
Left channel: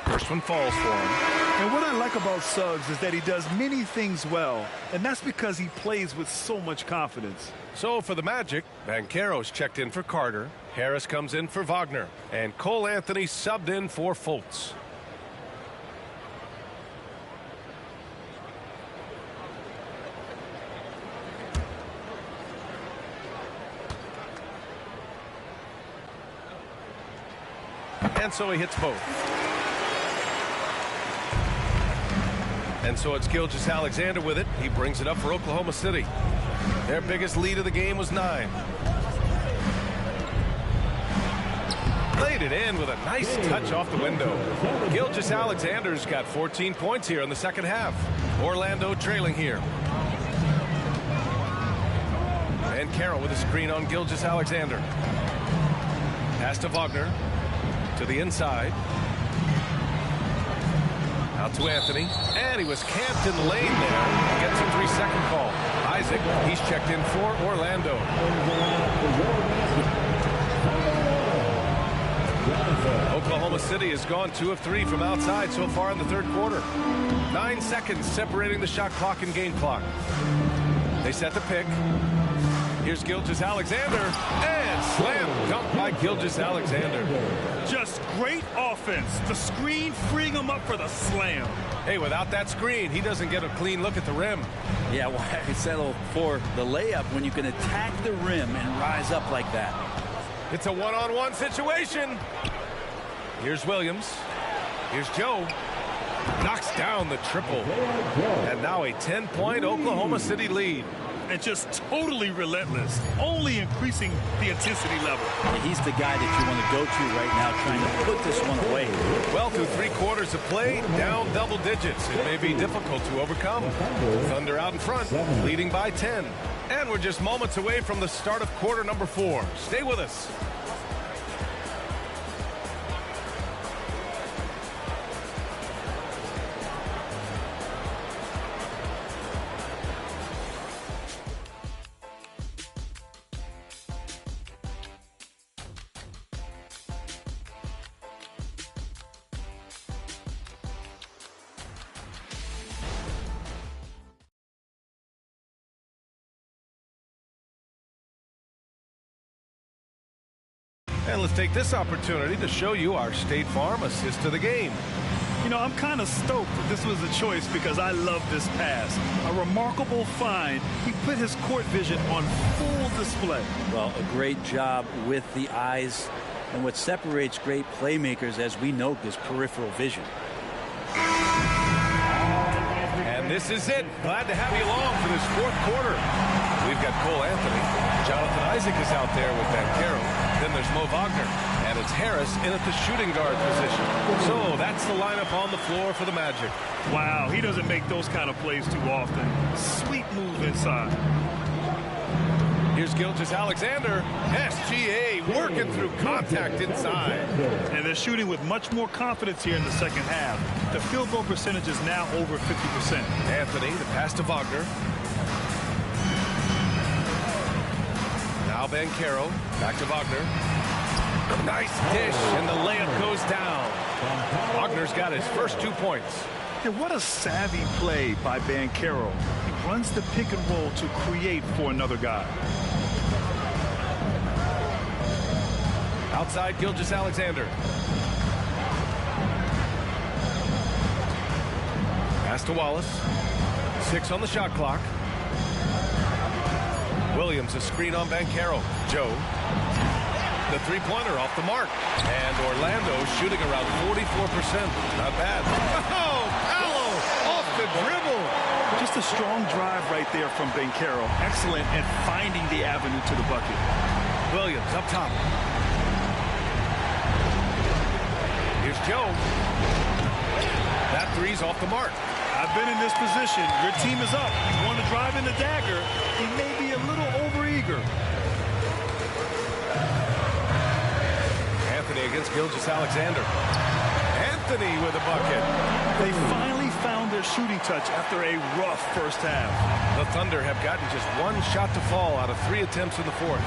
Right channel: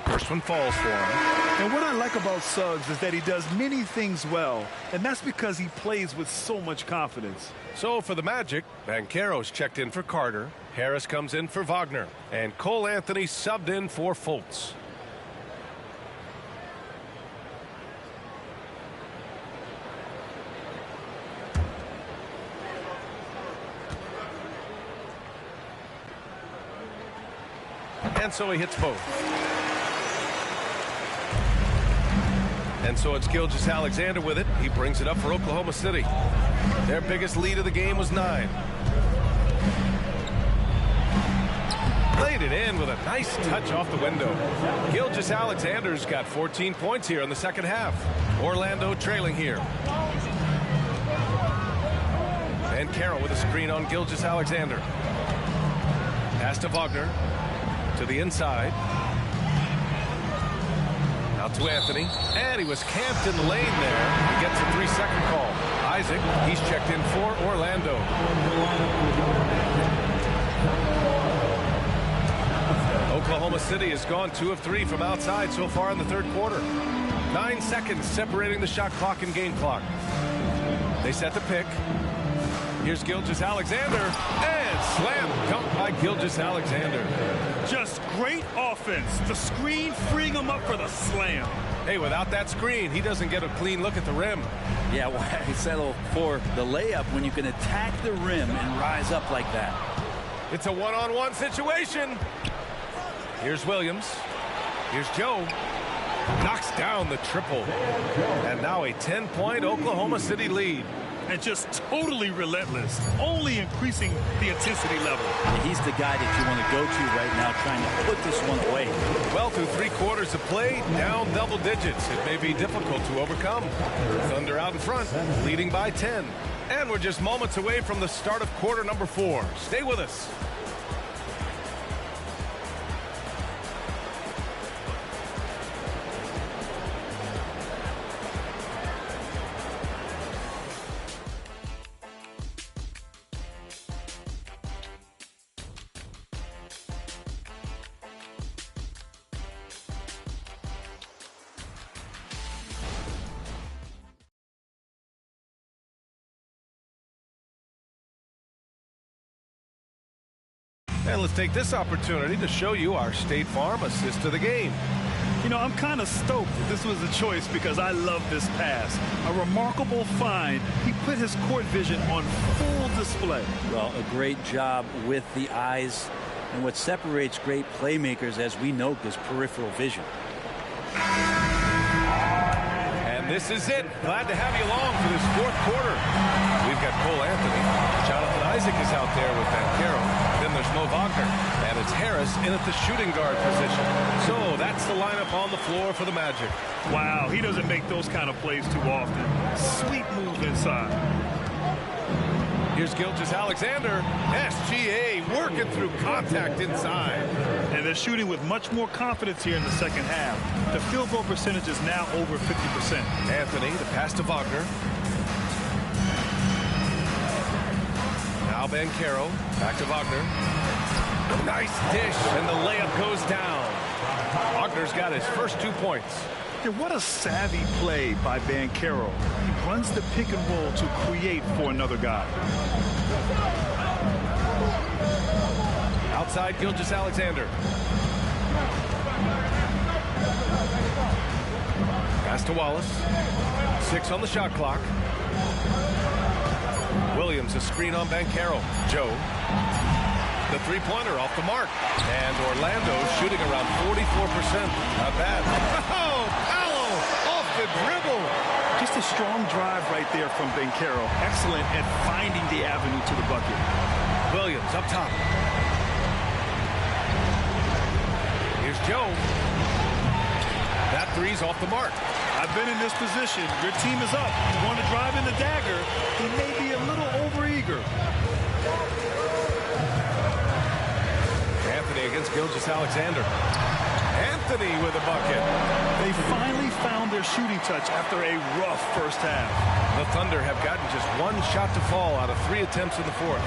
First one falls for him. And what I like about Suggs is that he does many things well, and that's because he plays with so much confidence. So for the Magic, Banchero's checked in for Carter. Harris comes in for Wagner. And Cole Anthony subbed in for Fultz. And so he hits both. And so it's Gilgeous-Alexander with it. He brings it up for Oklahoma City. Their biggest lead of the game was 9. Played it in with a nice touch off the window. Gilgeous-Alexander's got 14 points here in the second half. Orlando trailing here. And Carroll with a screen on Gilgeous-Alexander. Pass to Wagner. To the inside. Out to Anthony. And he was camped in the lane there. He gets a 3-second call. Isaac, he's checked in for Orlando. Oklahoma City has gone 2 of 3 from outside so far in the third quarter. 9 seconds separating the shot clock and game clock. They set the pick. Here's Gilgeous-Alexander, and slam dunk by Gilgeous-Alexander. Just great offense. The screen freeing him up for the slam. Hey, without that screen, he doesn't get a clean look at the rim. Yeah, why settle for the layup when you can attack the rim and rise up like that? It's a one-on-one situation. Here's Williams. Here's Joe. Knocks down the triple. And now a 10-point Oklahoma City lead. And just totally relentless, only increasing the intensity level. Yeah, he's the guy that you want to go to right now, trying to put this one away. Well, through 3 quarters of play, down double digits. It may be difficult to overcome. Thunder out in front, leading by 10. And we're just moments away from the start of quarter number 4. Stay with us. And let's take this opportunity to show you our State Farm assist to the game. You know, I'm kind of stoked that this was a choice because I love this pass. A remarkable find. He put his court vision on full display. Well, a great job with the eyes. And what separates great playmakers, as we know, is peripheral vision. And this is it. Glad to have you along for this fourth quarter. We've got Cole Anthony. Jonathan Isaac is out there with Banchero. Then there's Mo Wagner. And it's Harris in at the shooting guard position. So that's the lineup on the floor for the Magic. Wow, he doesn't make those kind of plays too often. Sweet move inside. Here's Gilgeous-Alexander. SGA working through contact inside. And they're shooting with much more confidence here in the second half. The field goal percentage is now over 50%. Anthony, the pass to Wagner. Now Banchero, back to Wagner. Nice dish, and the layup goes down. Wagner's got his first 2 points. And what a savvy play by Banchero. He runs the pick and roll to create for another guy. Outside Gilgeous-Alexander. Pass to Wallace. 6 on the shot clock. Williams, a screen on Banchero. Joe. The three-pointer off the mark. And Orlando shooting around 44%. Not bad. Oh, Paolo off the dribble. Just a strong drive right there from Banchero. Excellent at finding the avenue to the bucket. Williams up top. Here's Joe. That three's off the mark. I've been in this position. Your team is up. You want to drive in the dagger. He may be a little overeager. Anthony against Gilgeous-Alexander. Anthony with a bucket. They finally found their shooting touch after a rough first half. The Thunder have gotten just 1 shot to fall out of 3 attempts in the fourth.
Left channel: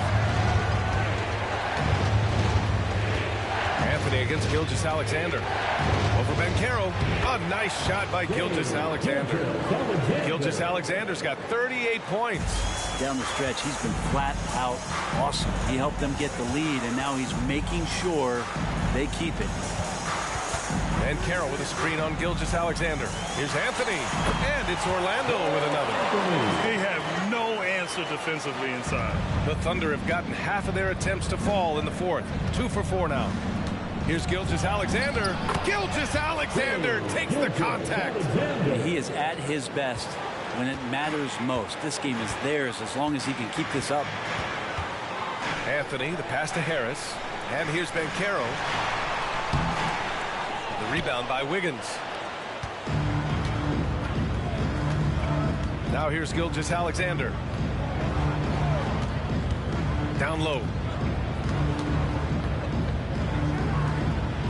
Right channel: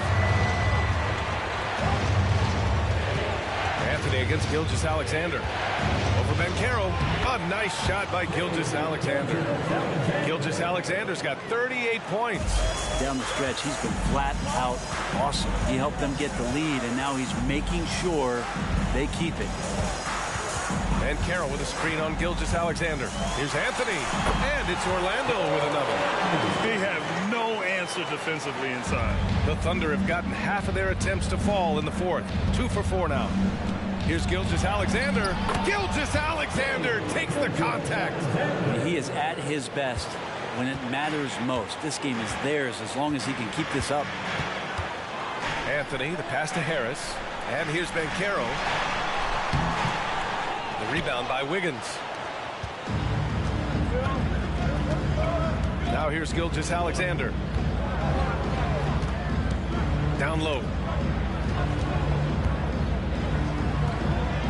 Anthony against Gilgeous-Alexander. Over Banchero. A nice shot by Gilgeous-Alexander. Gilgeous-Alexander's got 38 points. Down the stretch, he's been flat out awesome. He helped them get the lead, and now he's making sure they keep it. Banchero with a screen on Gilgeous-Alexander. Here's Anthony, and it's Orlando with another. They have no answer defensively inside. The Thunder have gotten half of their attempts to fall in the fourth. 2 for 4 now. Here's Gilgeous-Alexander. Gilgeous-Alexander takes the contact. He is at his best when it matters most. This game is theirs as long as he can keep this up. Anthony, the pass to Harris. And here's Banchero. The rebound by Wiggins. Now here's Gilgeous-Alexander. Down low.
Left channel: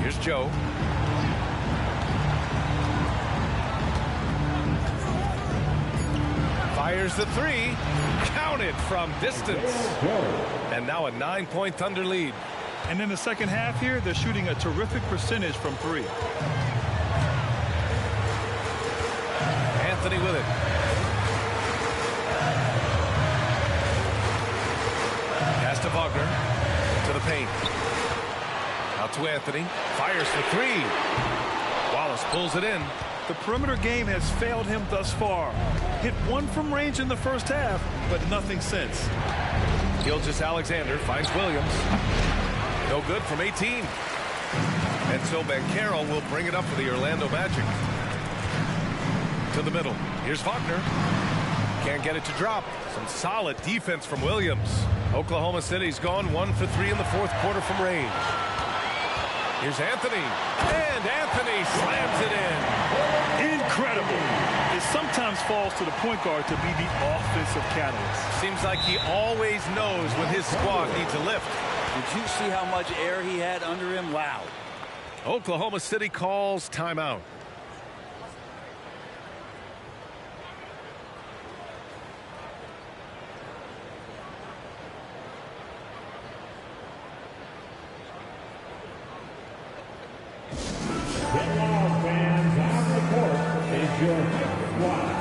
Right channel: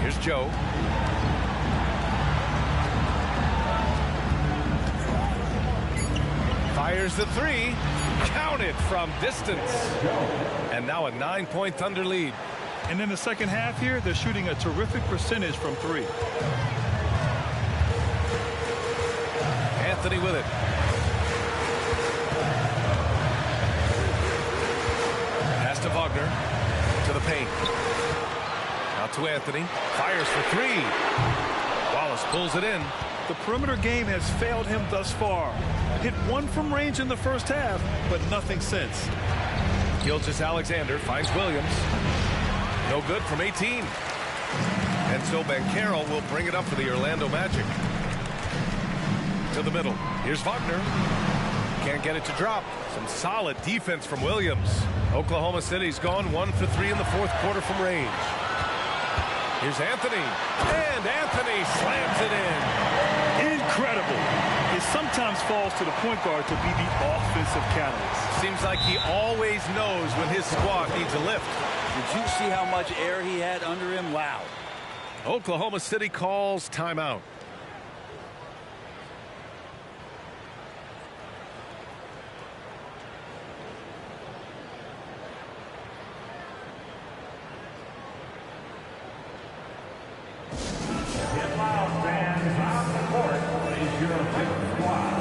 Here's Joe. Fires the three. Counted from distance. And now a 9-point Thunder lead. And in the second half here, they're shooting a terrific percentage from 3. Anthony with it. Pass to Wagner. To the paint. Out to Anthony. Fires for 3. Wallace pulls it in. The perimeter game has failed him thus far. Hit 1 from range in the first half, but nothing since. Gilgeous-Alexander finds Williams. No good from 18. And so Banchero will bring it up for the Orlando Magic. To the middle. Here's Wagner. Can't get it to drop. Some solid defense from Williams. Oklahoma City's gone 1 for 3 in the fourth quarter from range. Here's Anthony. And Anthony slams it in. Incredible. It sometimes falls to the point guard to be the offensive catalyst. Seems like he always knows when his squad needs a lift. Did you see how much air he had under him? Wow. Oklahoma City calls timeout. Get loud, fans. On the court is your hit squad.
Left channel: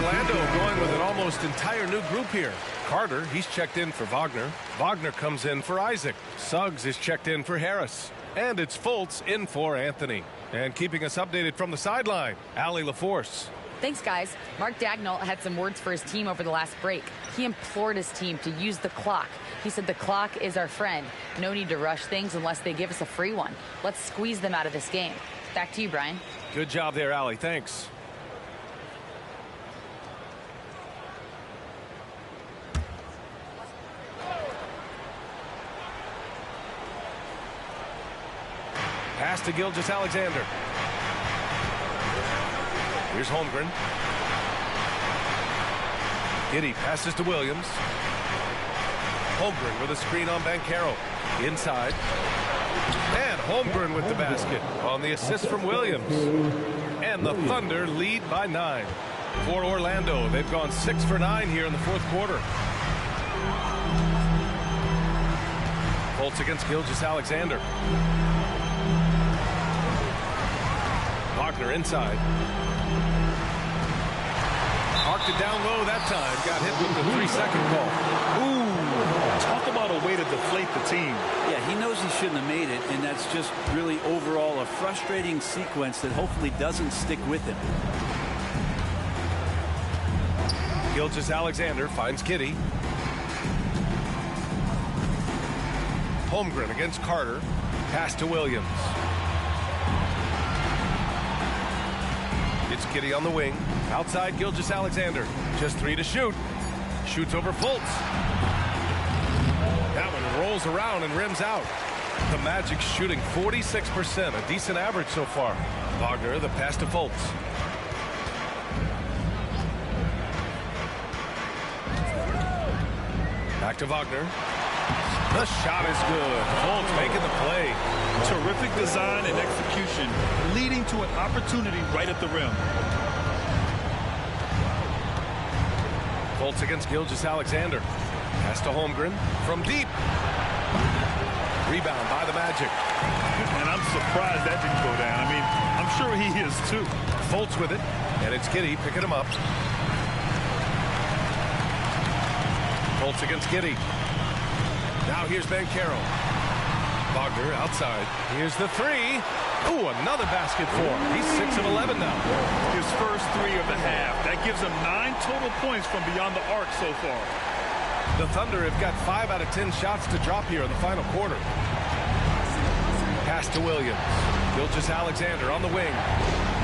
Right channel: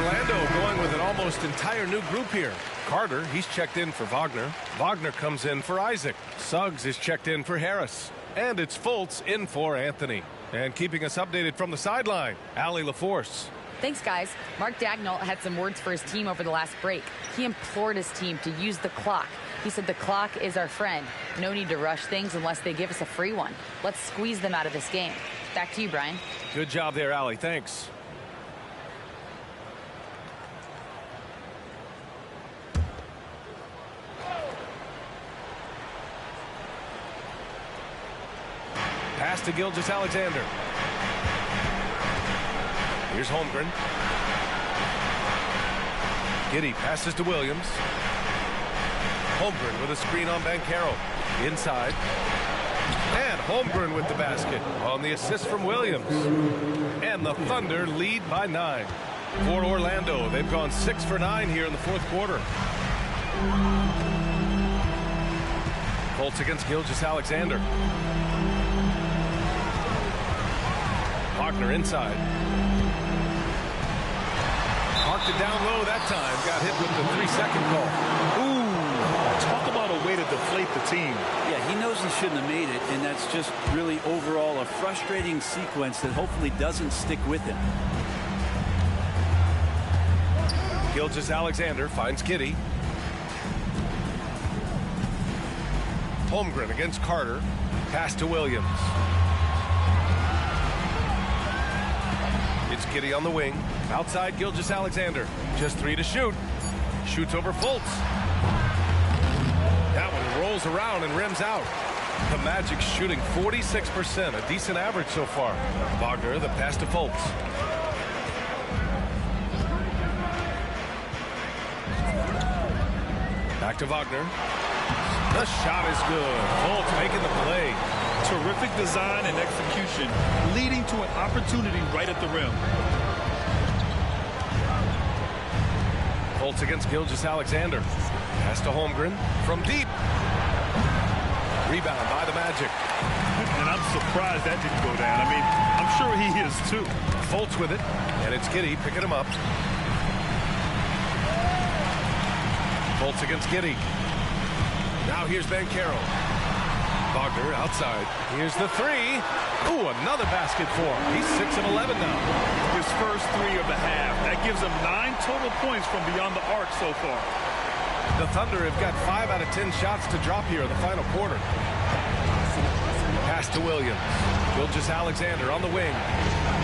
Orlando going with an almost entire new group here. Carter, he's checked in for Wagner. Wagner comes in for Isaac. Suggs is checked in for Harris. And it's Fultz in for Anthony. And keeping us updated from the sideline, Allie LaForce. Thanks, guys. Mark Dagnall had some words for his team over the last break. He implored his team to use the clock. He said the clock is our friend. No need to rush things unless they give us a free one. Let's squeeze them out of this game. Back to you, Brian. Good job there, Allie. Thanks. Pass to Gilgeous-Alexander. Here's Holmgren. Giddey passes to Williams. Holmgren with a screen on Banchero. Inside. And Holmgren with the basket on the assist from Williams. And the Thunder lead by 9. For Orlando, they've gone 6 for 9 here in the fourth quarter. Fultz against Gilgeous-Alexander. Wagner inside. Marked it down low that time. Got hit with the 3-second call. Ooh, talk about a way to deflate the team. Yeah, he knows he shouldn't have made it, and that's just really overall a frustrating sequence that hopefully doesn't stick with him. Gilgeous-Alexander finds Giddey. Holmgren against Carter. Pass to Williams. It's Giddey on the wing. Outside Gilgeous-Alexander. Just 3 to shoot. Shoots over Fultz. That one rolls around and rims out. The Magic shooting 46%, a decent average so far. Wagner, the pass to Fultz. Back to Wagner. The shot is good. Fultz making the play. Terrific design and execution, leading to an opportunity right at the rim. Fultz against Gilgeous-Alexander. Pass to Holmgren from deep. Rebound by the Magic. And I'm surprised that didn't go down. I mean, I'm sure he is too. Fultz with it, and it's Giddey picking him up. Fultz against Giddey. Now here's Banchero. Wagner outside. Here's the 3. Ooh, another basket for him. He's 6 of 11 now. His first 3 of the half. That gives him 9 total points from beyond the arc so far. The Thunder have got 5 out of 10 shots to drop here in the final quarter. Pass to Williams. Gilgeous-Alexander on the wing.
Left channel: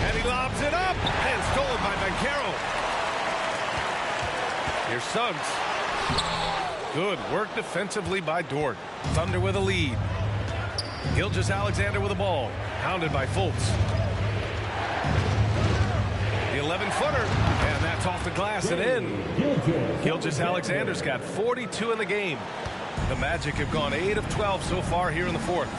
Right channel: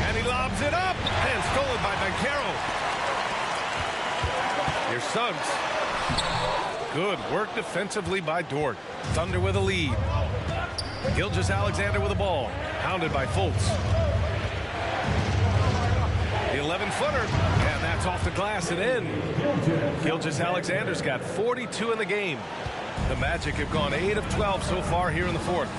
And he lobs it up. And stolen by Banchero. Here's Suggs. Good work defensively by Dort. Thunder with a lead. Gilgeous-Alexander with the ball. Hounded by Fultz. The 11-footer. And that's off the glass and in. Gilgeous-Alexander's got 42 in the game. The Magic have gone 8 of 12 so far here in the fourth.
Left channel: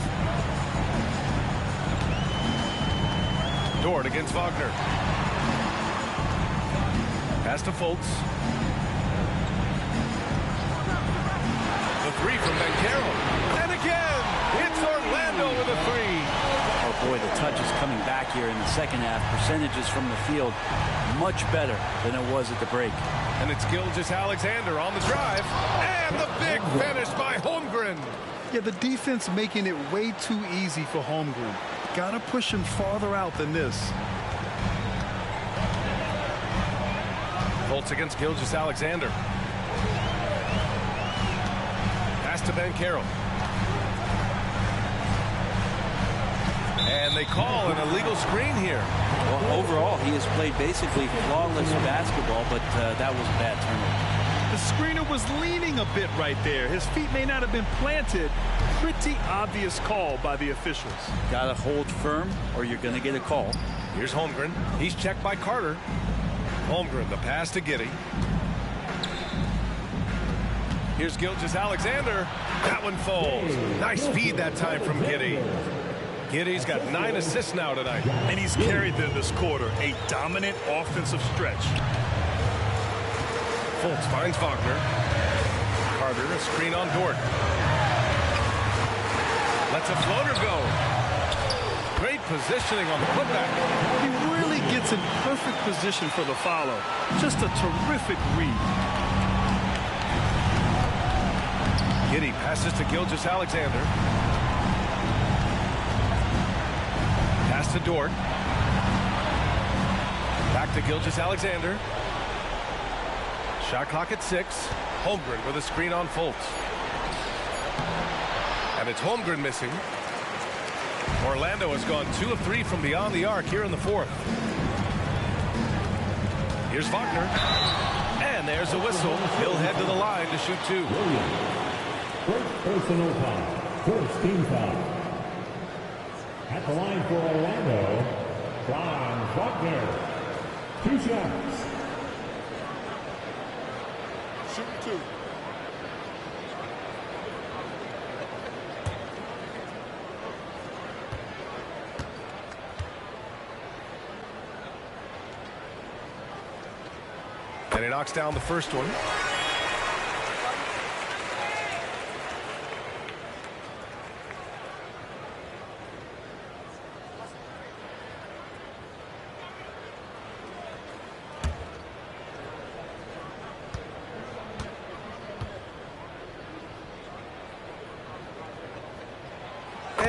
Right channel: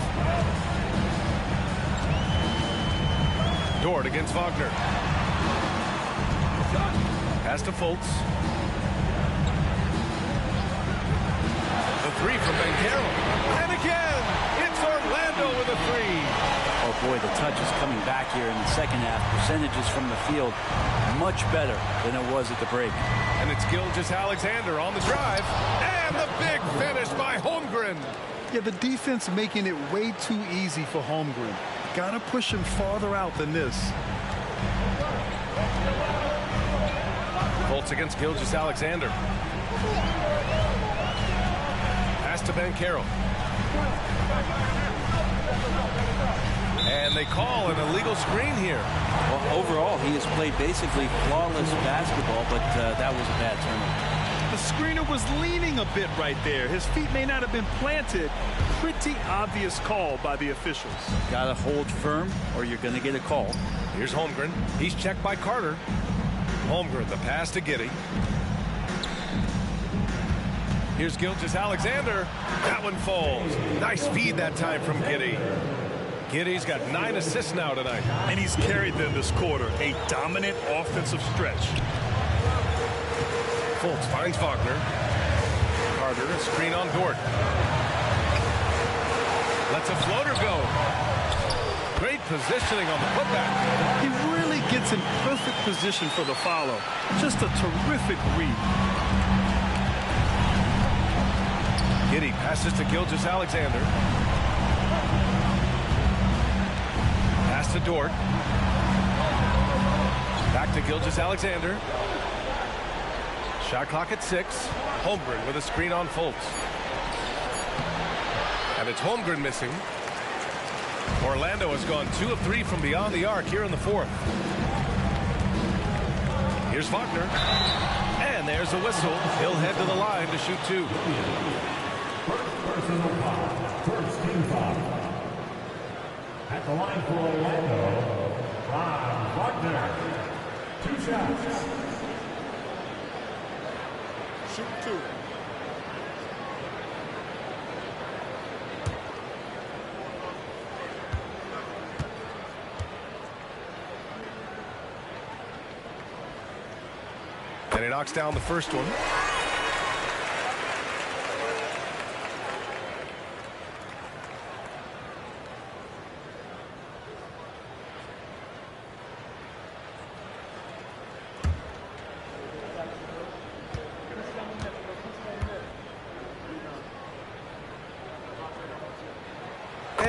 Dort against Wagner. Pass to Fultz. The 3 from Banchero. And again, it's Orlando with a 3. Oh boy, the touch is coming back here in the second half. Percentages from the field much better than it was at the break. And it's Gilgeous-Alexander on the drive. And the big finish by Holmgren. Yeah, the defense making it way too easy for Holmgren. Gotta push him farther out than this. Fultz against Gilgeous-Alexander. Pass to Banchero. And they call an illegal screen here. Well, overall, he has played basically flawless basketball, but that was a bad turnover. The screener was leaning a bit right there. His feet may not have been planted. Pretty obvious call by the officials. Gotta hold firm or you're gonna get a call. Here's Holmgren. He's checked by Carter. Holmgren, the pass to Giddey. Here's Gilgeous-Alexander. That one falls. Nice feed that time from Giddey. Giddey's got 9 assists now tonight. And he's carried them this quarter. A dominant offensive stretch. Fultz finds Wagner. Carter, a screen on Dort. Lets a floater go. Great positioning on the putback. He really gets in perfect position for the follow. Just a terrific read. Giddey passes to Gilgeous-Alexander. Pass to Dort. Back to Gilgeous-Alexander. Shot clock at 6. Holmgren with a screen on Fultz. And it's Holmgren missing. Orlando has gone 2 of 3 from beyond the arc here in the fourth. Here's Wagner. And there's a whistle. He'll head to the line to shoot 2. First personal foul. First team foul. At the line for Orlando, Franz Wagner. 2 shots. Shoot 2. And he knocks down the first one.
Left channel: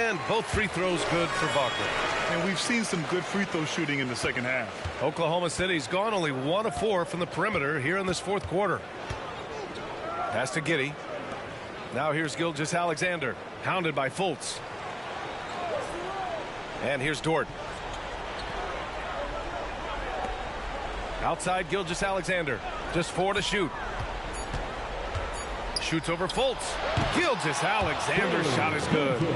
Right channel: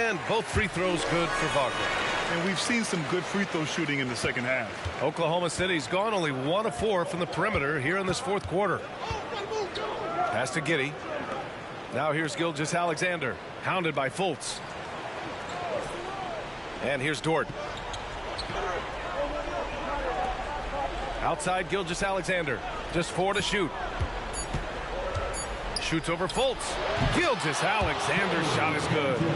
And both free throws good for Wagner. And we've seen some good free throw shooting in the second half. Oklahoma City's gone only 1 of 4 from the perimeter here in this fourth quarter. Pass to Giddey. Now here's Gilgeous-Alexander, hounded by Fultz. And here's Dort. Outside Gilgeous-Alexander, just 4 to shoot. Shoots over Fultz. Gilgeous-Alexander's shot is good.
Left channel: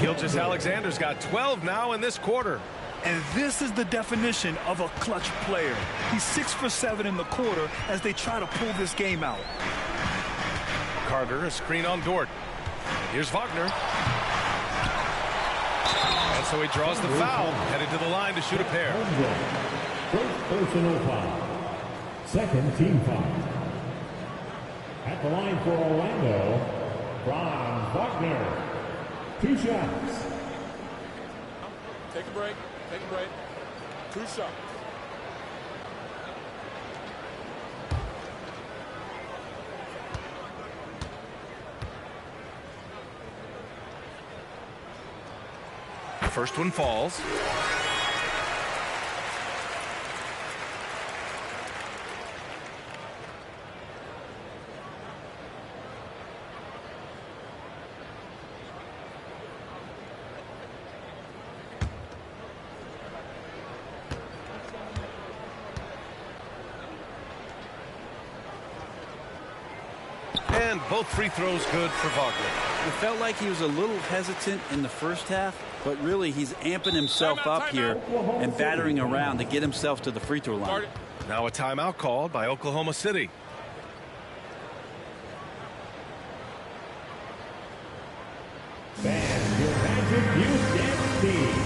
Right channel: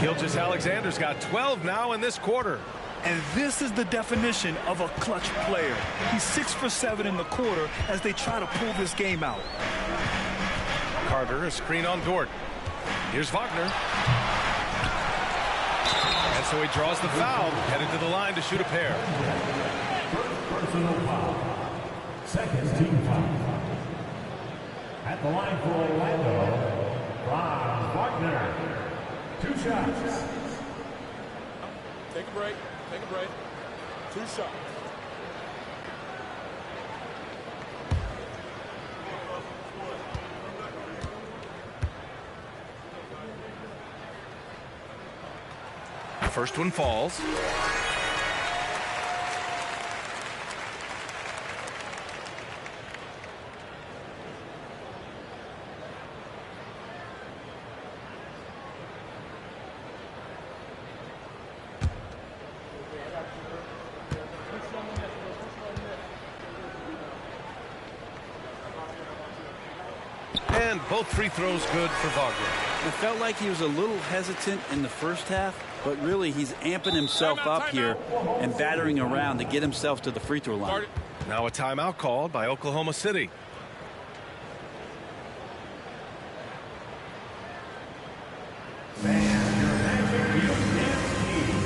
Gilgeous-Alexander's got 12 now in this quarter. And this is the definition of a clutch player. He's 6 for 7 in the quarter as they try to pull this game out. Carter, a screen on Dort. Here's Wagner. And so he draws the foul, headed to the line to shoot a pair. First personal foul. Second team foul. At the line for Orlando, Franz Wagner. 2 shots. Take a break. Take a break. 2 shots. The first one falls. And both free throws good for Wagner. It felt like he was a little hesitant in the first half, but really he's amping himself up here and battering around to get himself to the free throw line. Now a timeout called by Oklahoma City. Fans, your Magic Youth Dance Team.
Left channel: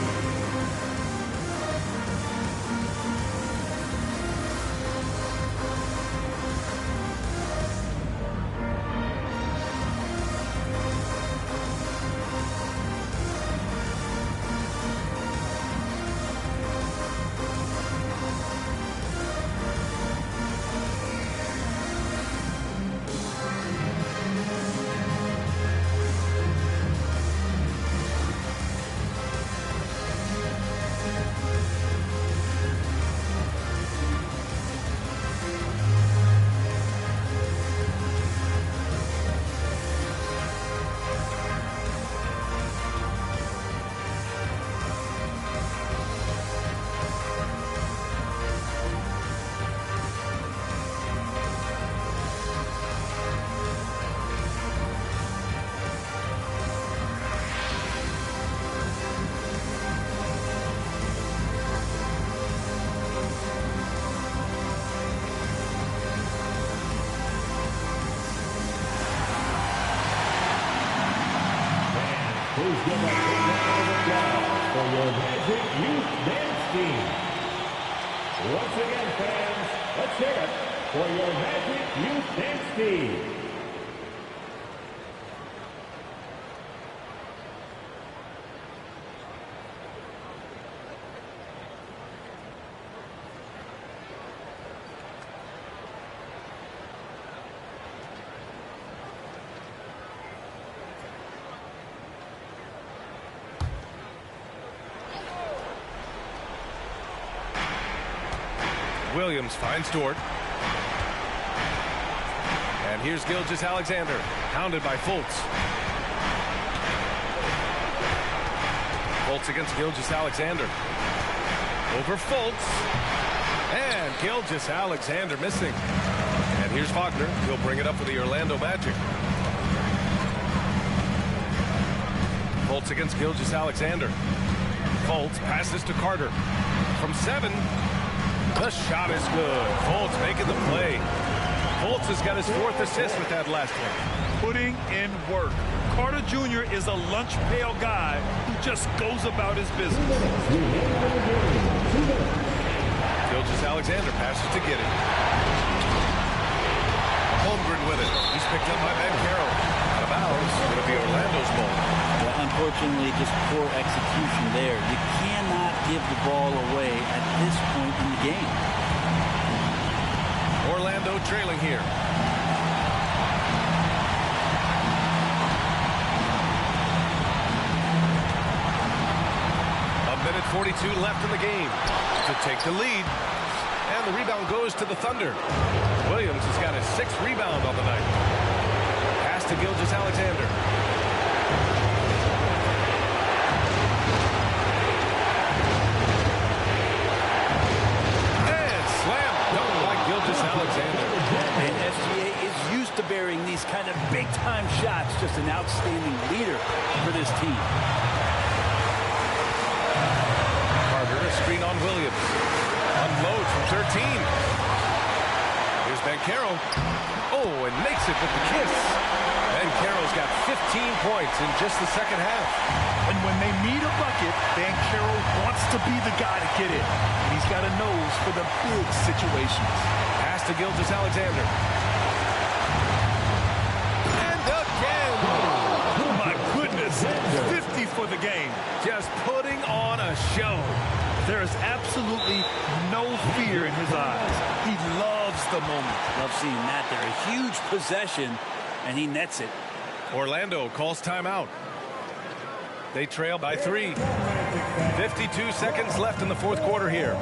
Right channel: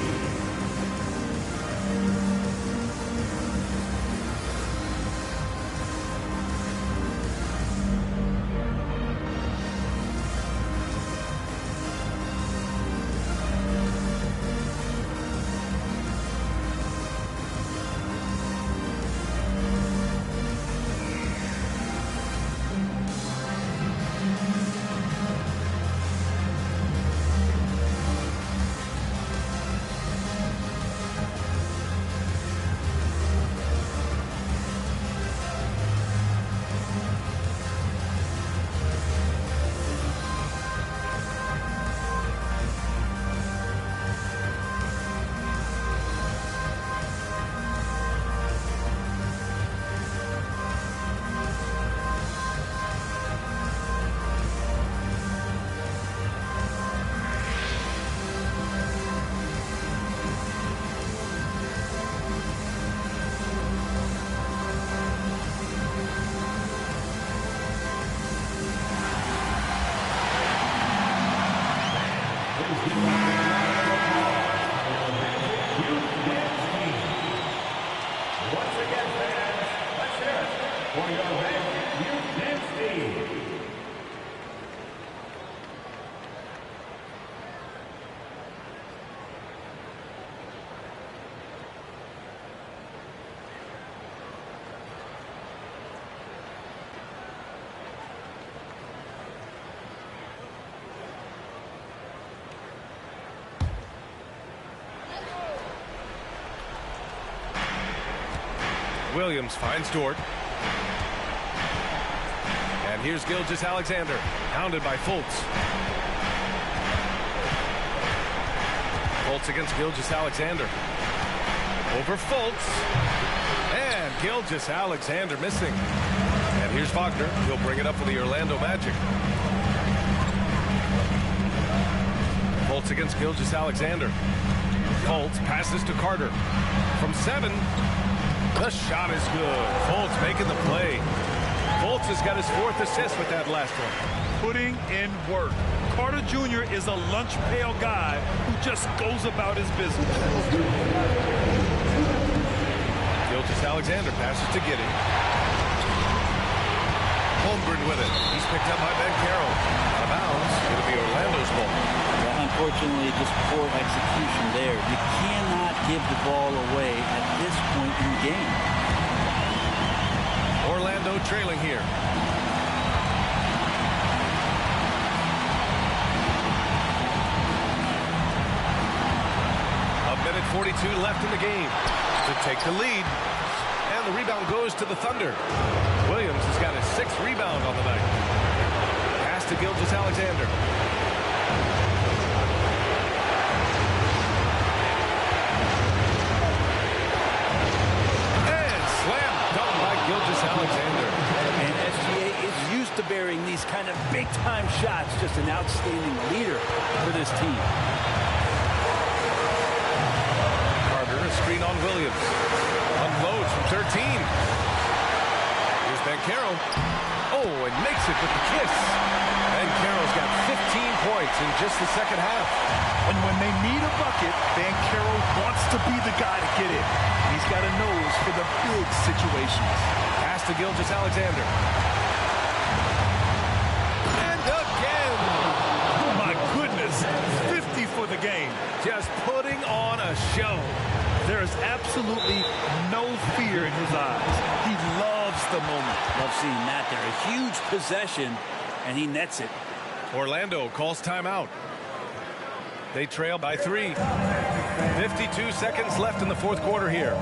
Please give a big round of applause for your Magic Youth Dance Team. Once again, fans, let's hear it for your Magic Youth Dance Team. Williams finds Dort. And here's Gilgeous-Alexander, hounded by Fultz. Fultz against Gilgeous-Alexander. Over Fultz. And Gilgeous-Alexander missing. And here's Wagner. He'll bring it up for the Orlando Magic. Fultz against Gilgeous-Alexander. Fultz passes to Carter. From 7. The shot is good. Fultz making the play. Fultz has got his 4th assist with that last one. Putting in work. Carter Jr. is a lunch pail guy who just goes about his business. Gilgeous-Alexander passes to Giddey. Holmgren with it. He's picked up by Banchero. Out of bounds. It'll be Orlando's ball. Yeah, unfortunately, just poor execution there. You cannot give the ball away at this point in the game. Orlando trailing here. minute 42 left in the game to take the lead. And the rebound goes to the Thunder. Williams has got his 6th rebound on the night. Pass to Gilgeous-Alexander. And slam dunk by Gilgeous-Alexander. And SGA is used to bearing these kind of big-time shots. Just an outstanding leader for this team. Carter, a screen on Williams. Unloads from 13. Here's Banchero. Oh, and makes it with the kiss. Banchero's got 15 points in just the second half. And when they need a bucket, Banchero wants to be the guy to get it. And he's got a nose for the big situations. Pass to Gilgeous-Alexander. And again. Oh, my goodness. 50 for the game. Just putting on a show. There is absolutely no fear in his eyes. He loves the moment. Love seeing that there. A huge possession, and he nets it. Orlando calls timeout. They trail by 3. 52 seconds left in the fourth quarter here.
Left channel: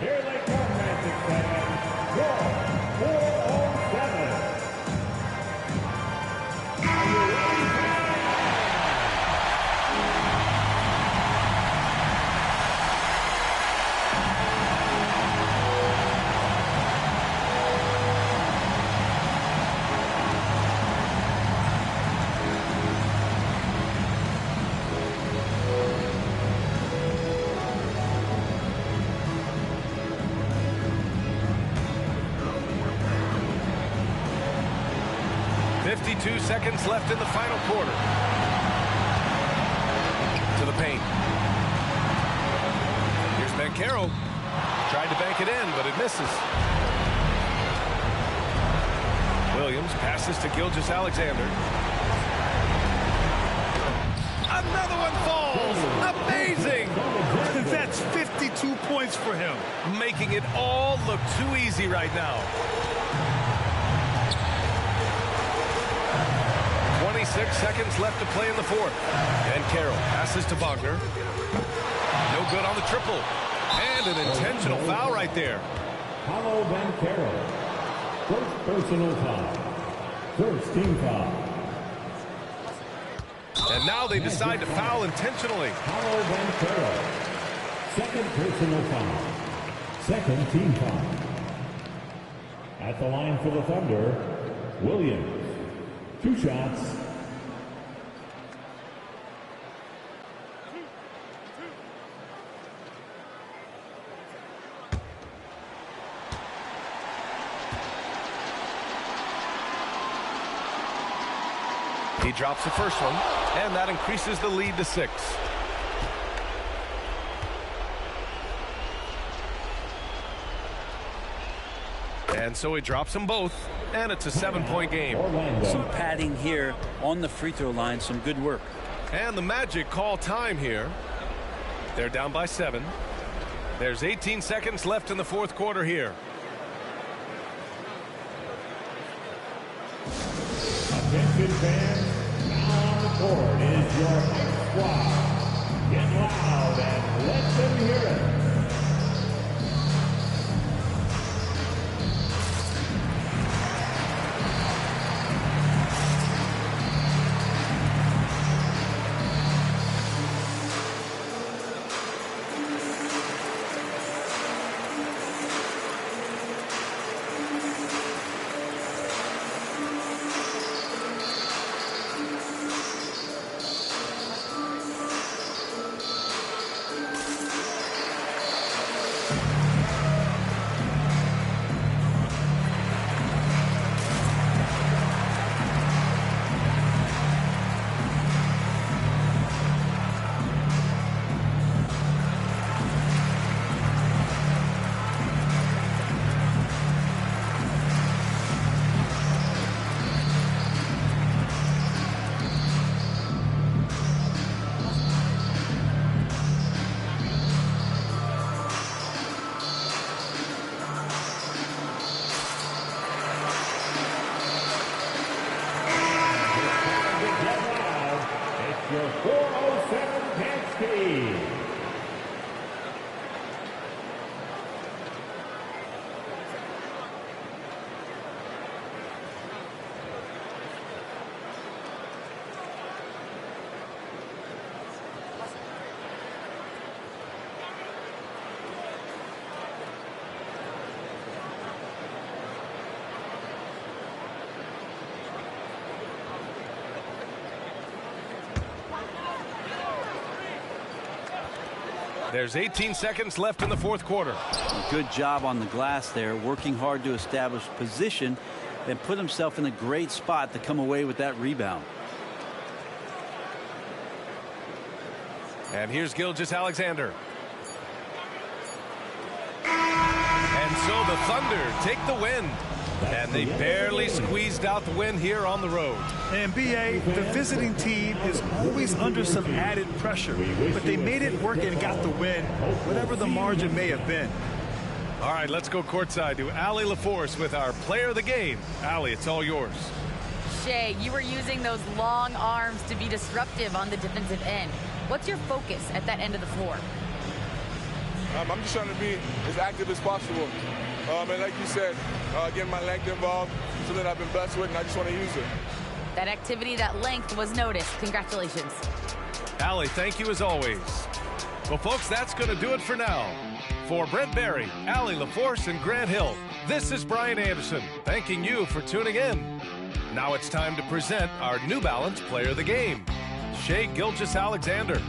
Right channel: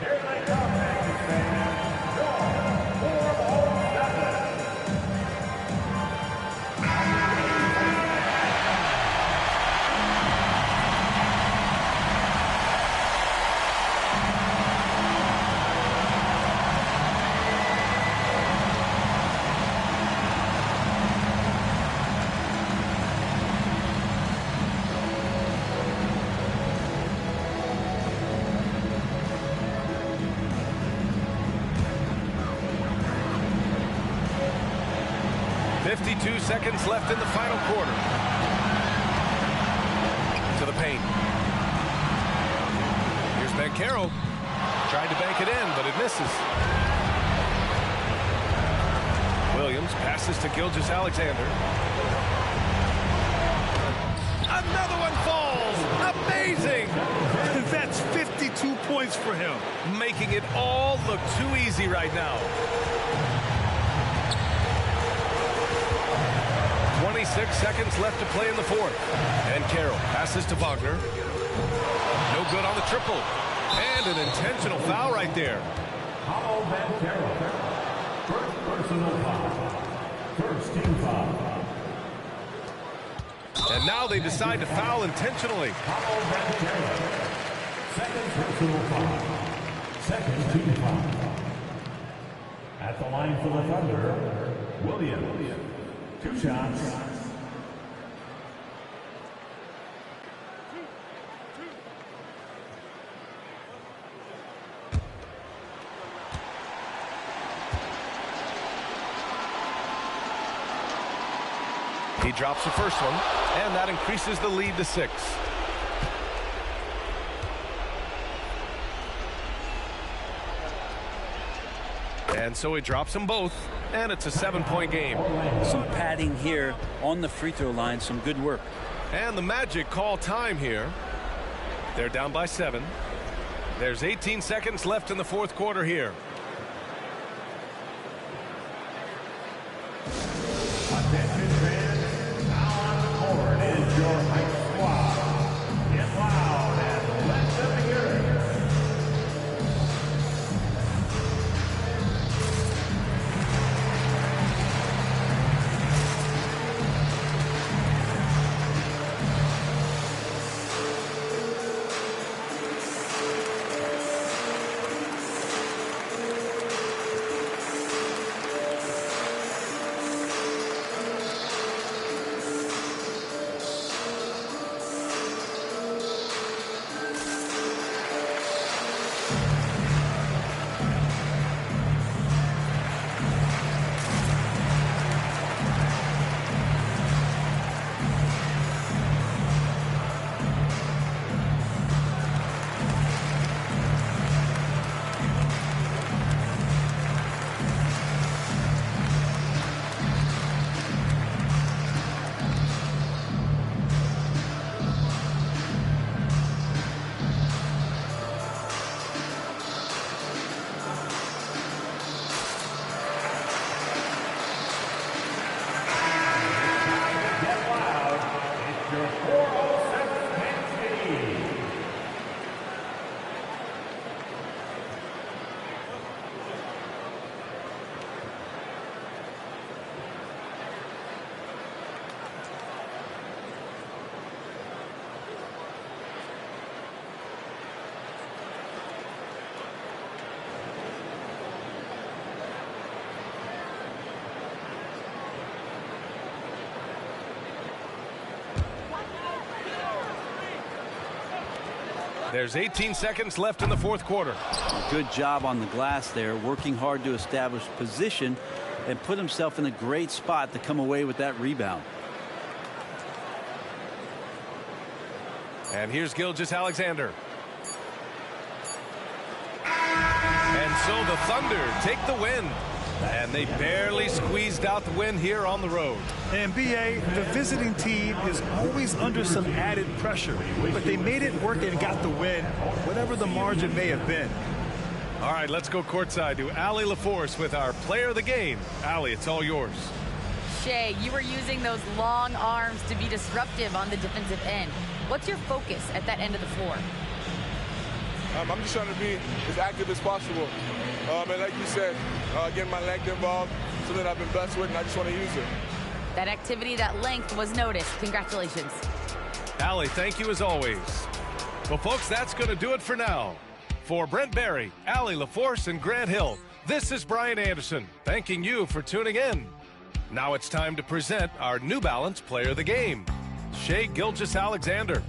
Here they come, Magic fans. Score 407. Are you ready? 52 seconds left in the final quarter. To the paint. Here's Banchero. Tried to bank it in, but it misses. Williams passes to Gilgeous-Alexander. Another one falls. Amazing. That's 52 points for him. Making it all look too easy right now. 26 seconds left to play in the fourth. And Carroll passes to Wagner. No good on the triple. And an intentional foul right there. Paolo Banchero. First personal foul. First team foul. And now they decide to foul intentionally. Paolo Banchero. Second personal foul. Second team foul. At the line for the Thunder, Williams. 2 shots. He drops the first one, and that increases the lead to 6. And so he drops them both, and it's a 7-point game. Some padding here on the free throw line. Some good work. And the Magic call time here. They're down by 7. There's 18 seconds left in the fourth quarter here. Attention fans, now on the court is your hype squad. Get loud and let them hear it. Your 407 Penske. There's 18 seconds left in the fourth quarter. Good job on the glass there, working hard to establish position and put himself in a great spot to come away with that rebound. And here's Gilgeous-Alexander. And so the Thunder take the win. And they barely squeezed out the win here on the road. And BA, the visiting team is always under some added pressure, but they made it work and got the win, whatever the margin may have been. All right, let's go courtside to Allie LaForce with our player of the game. Allie, it's all yours. Shea, you were using those long arms to be disruptive on the defensive end. What's your focus at that end of the floor? I'm just trying to be as active as possible. And like you said, getting my length involved, something I've been blessed with, and I just want to use it. That activity, that length was noticed. Congratulations. Allie, thank you as always. Well, folks, that's going to do it for now. For Brent Barry, Allie LaForce, and Grant Hill, this is Brian Anderson, thanking you for tuning in. Now it's time to present our New Balance Player of the Game, Shai Gilgeous-Alexander.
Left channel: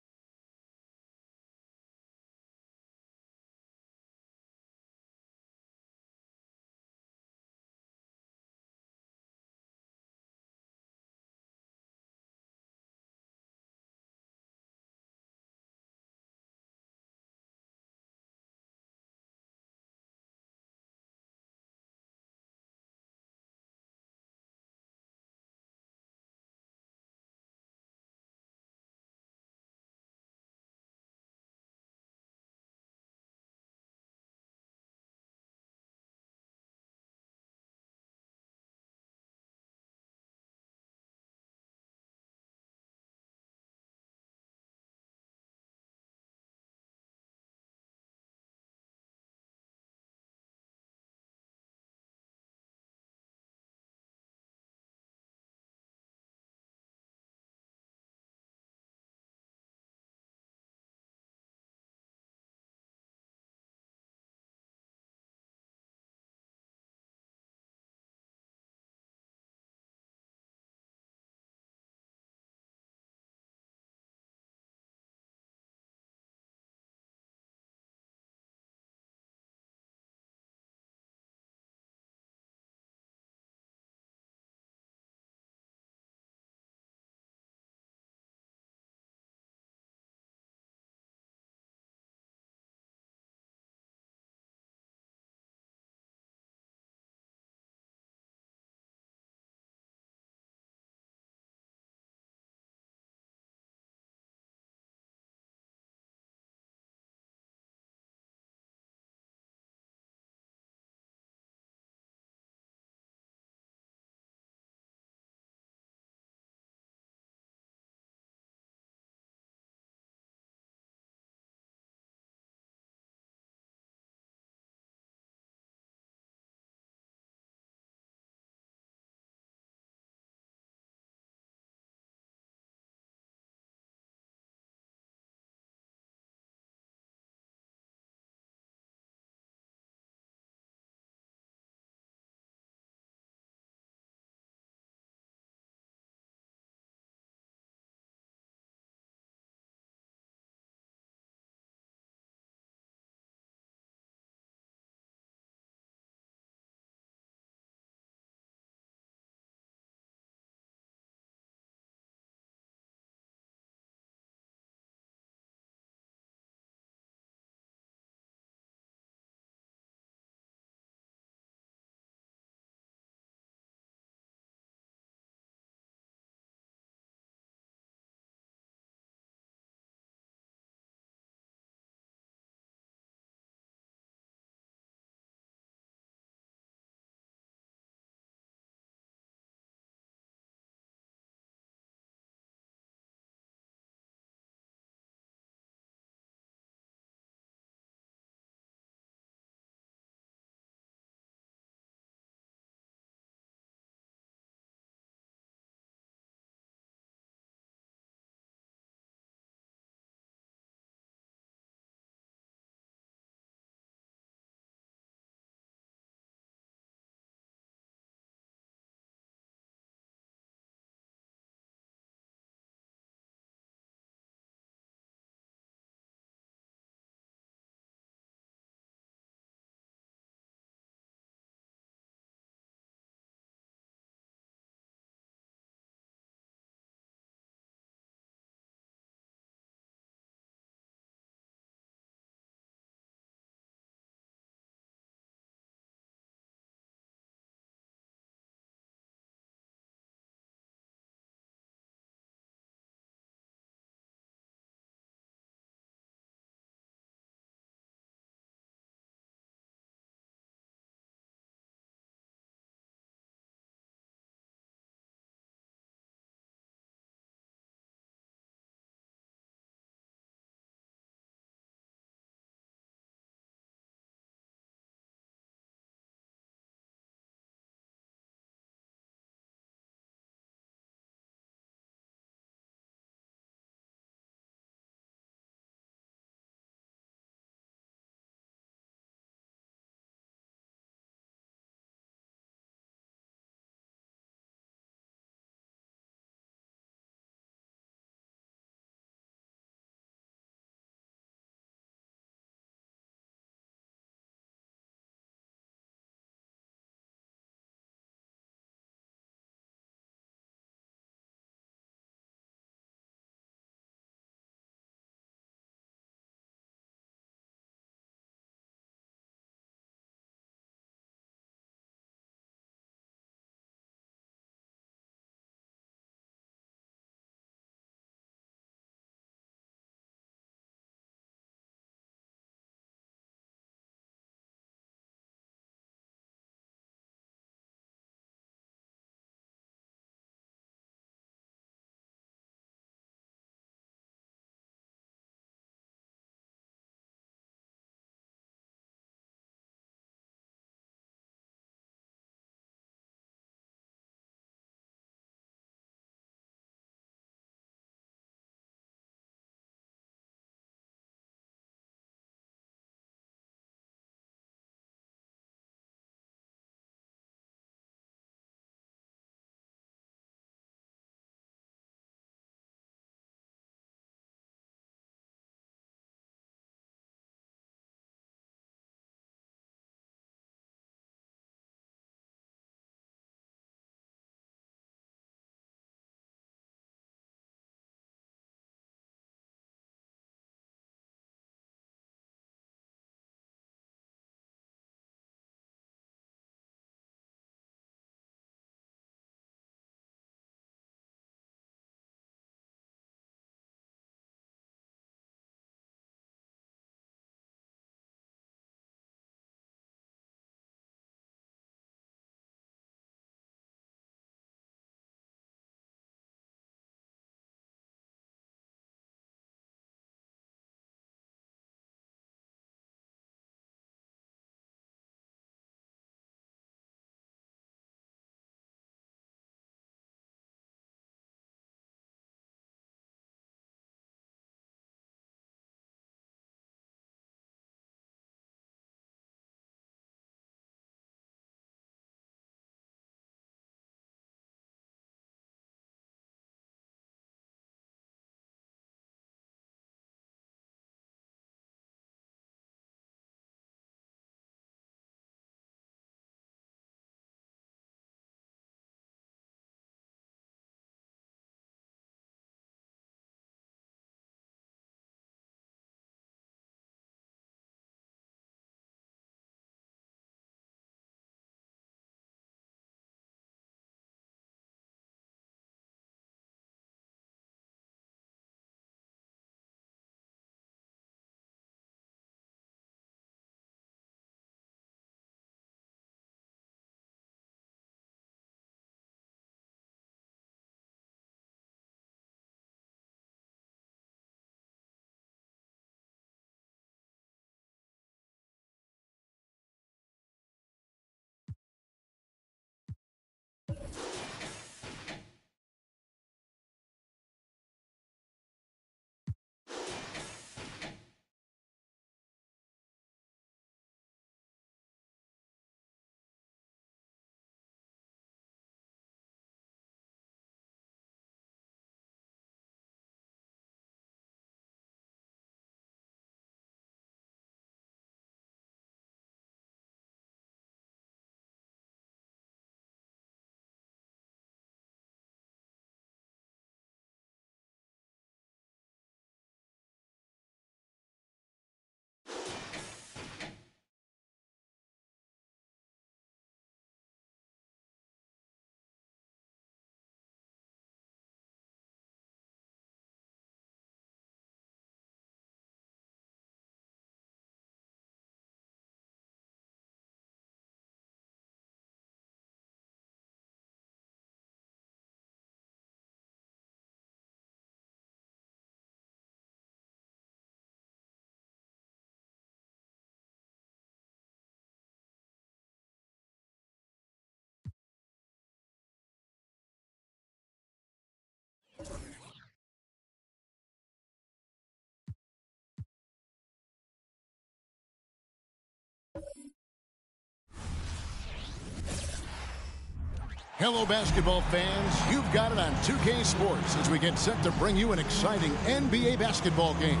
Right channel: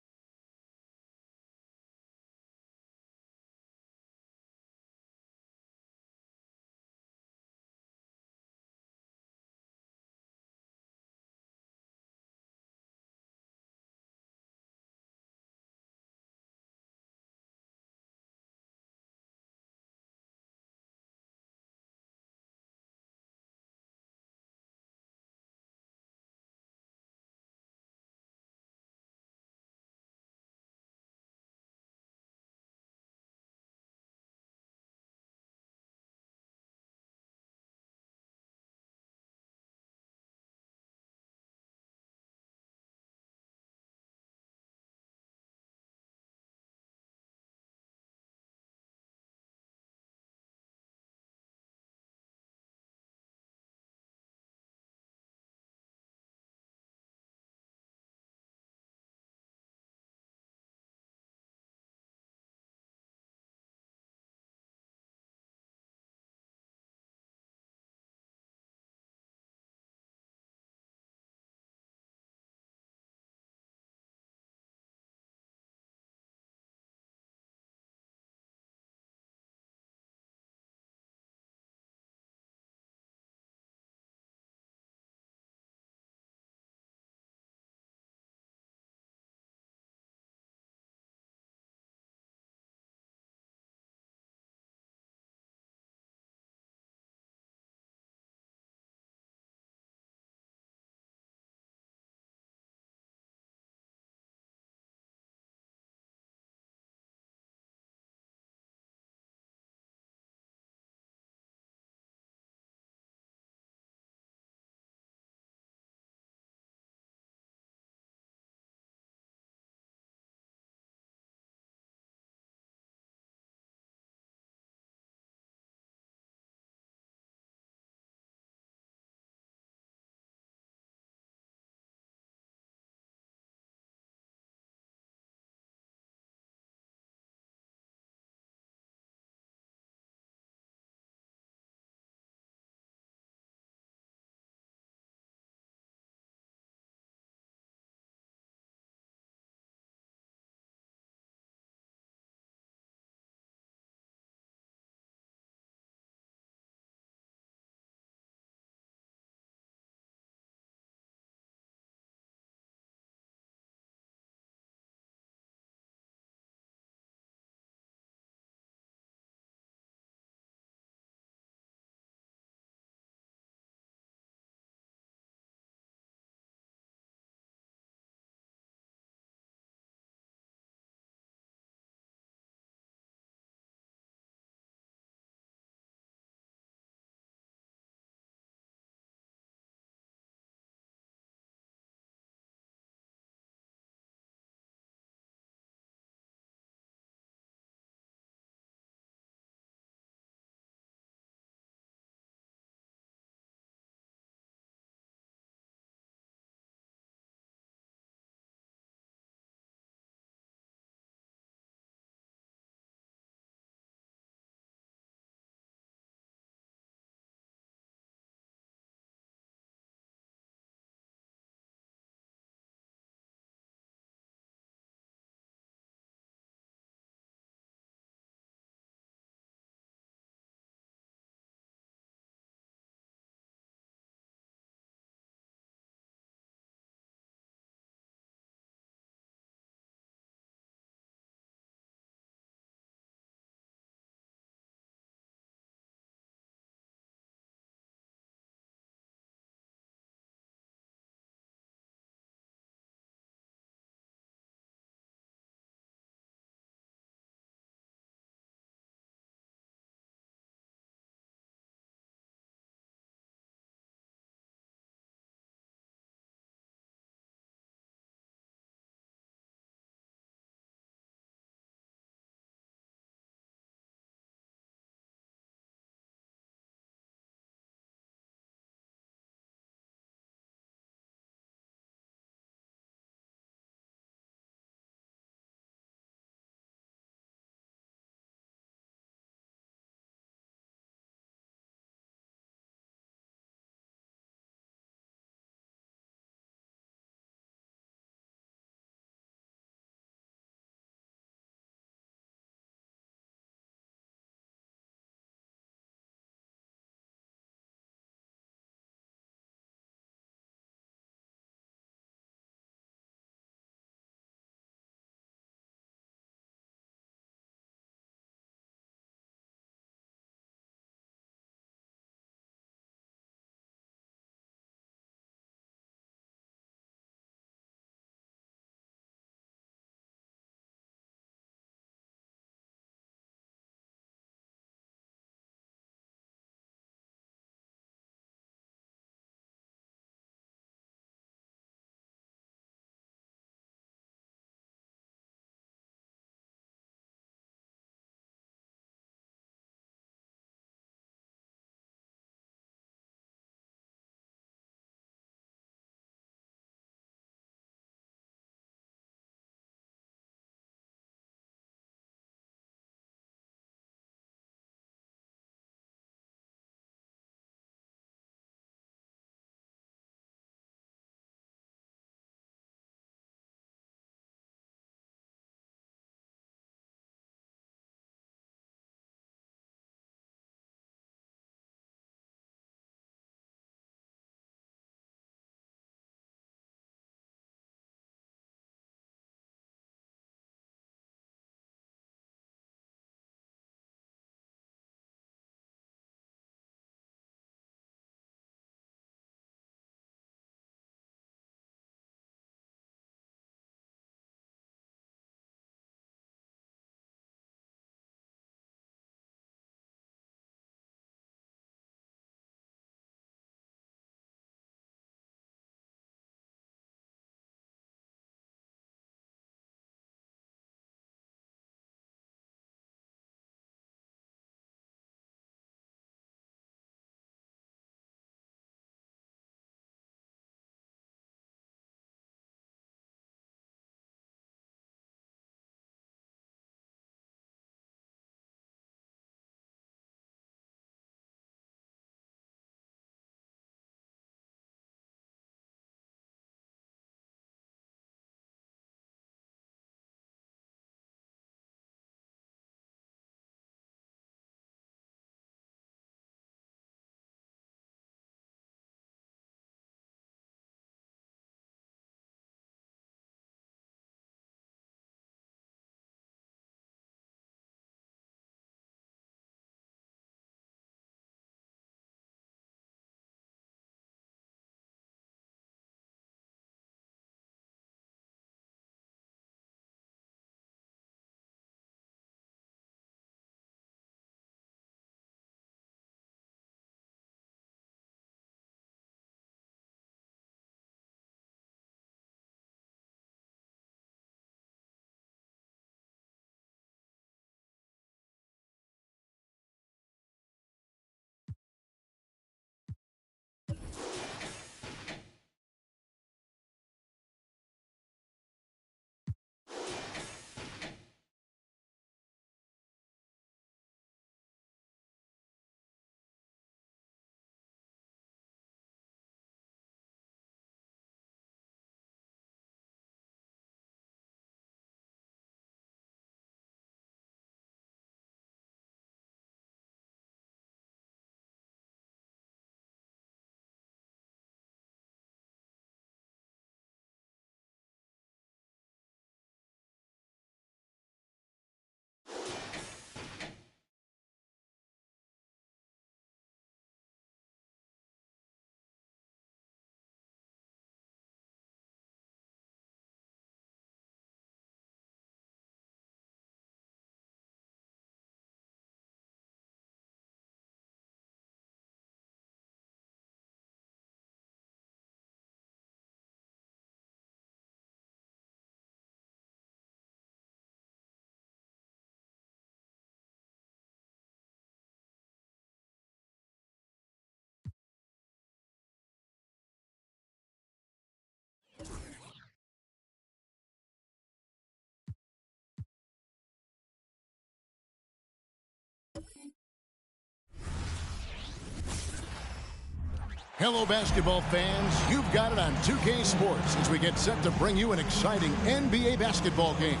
Hello, basketball fans. You've got it on 2K Sports as we get set to bring you an exciting NBA basketball game.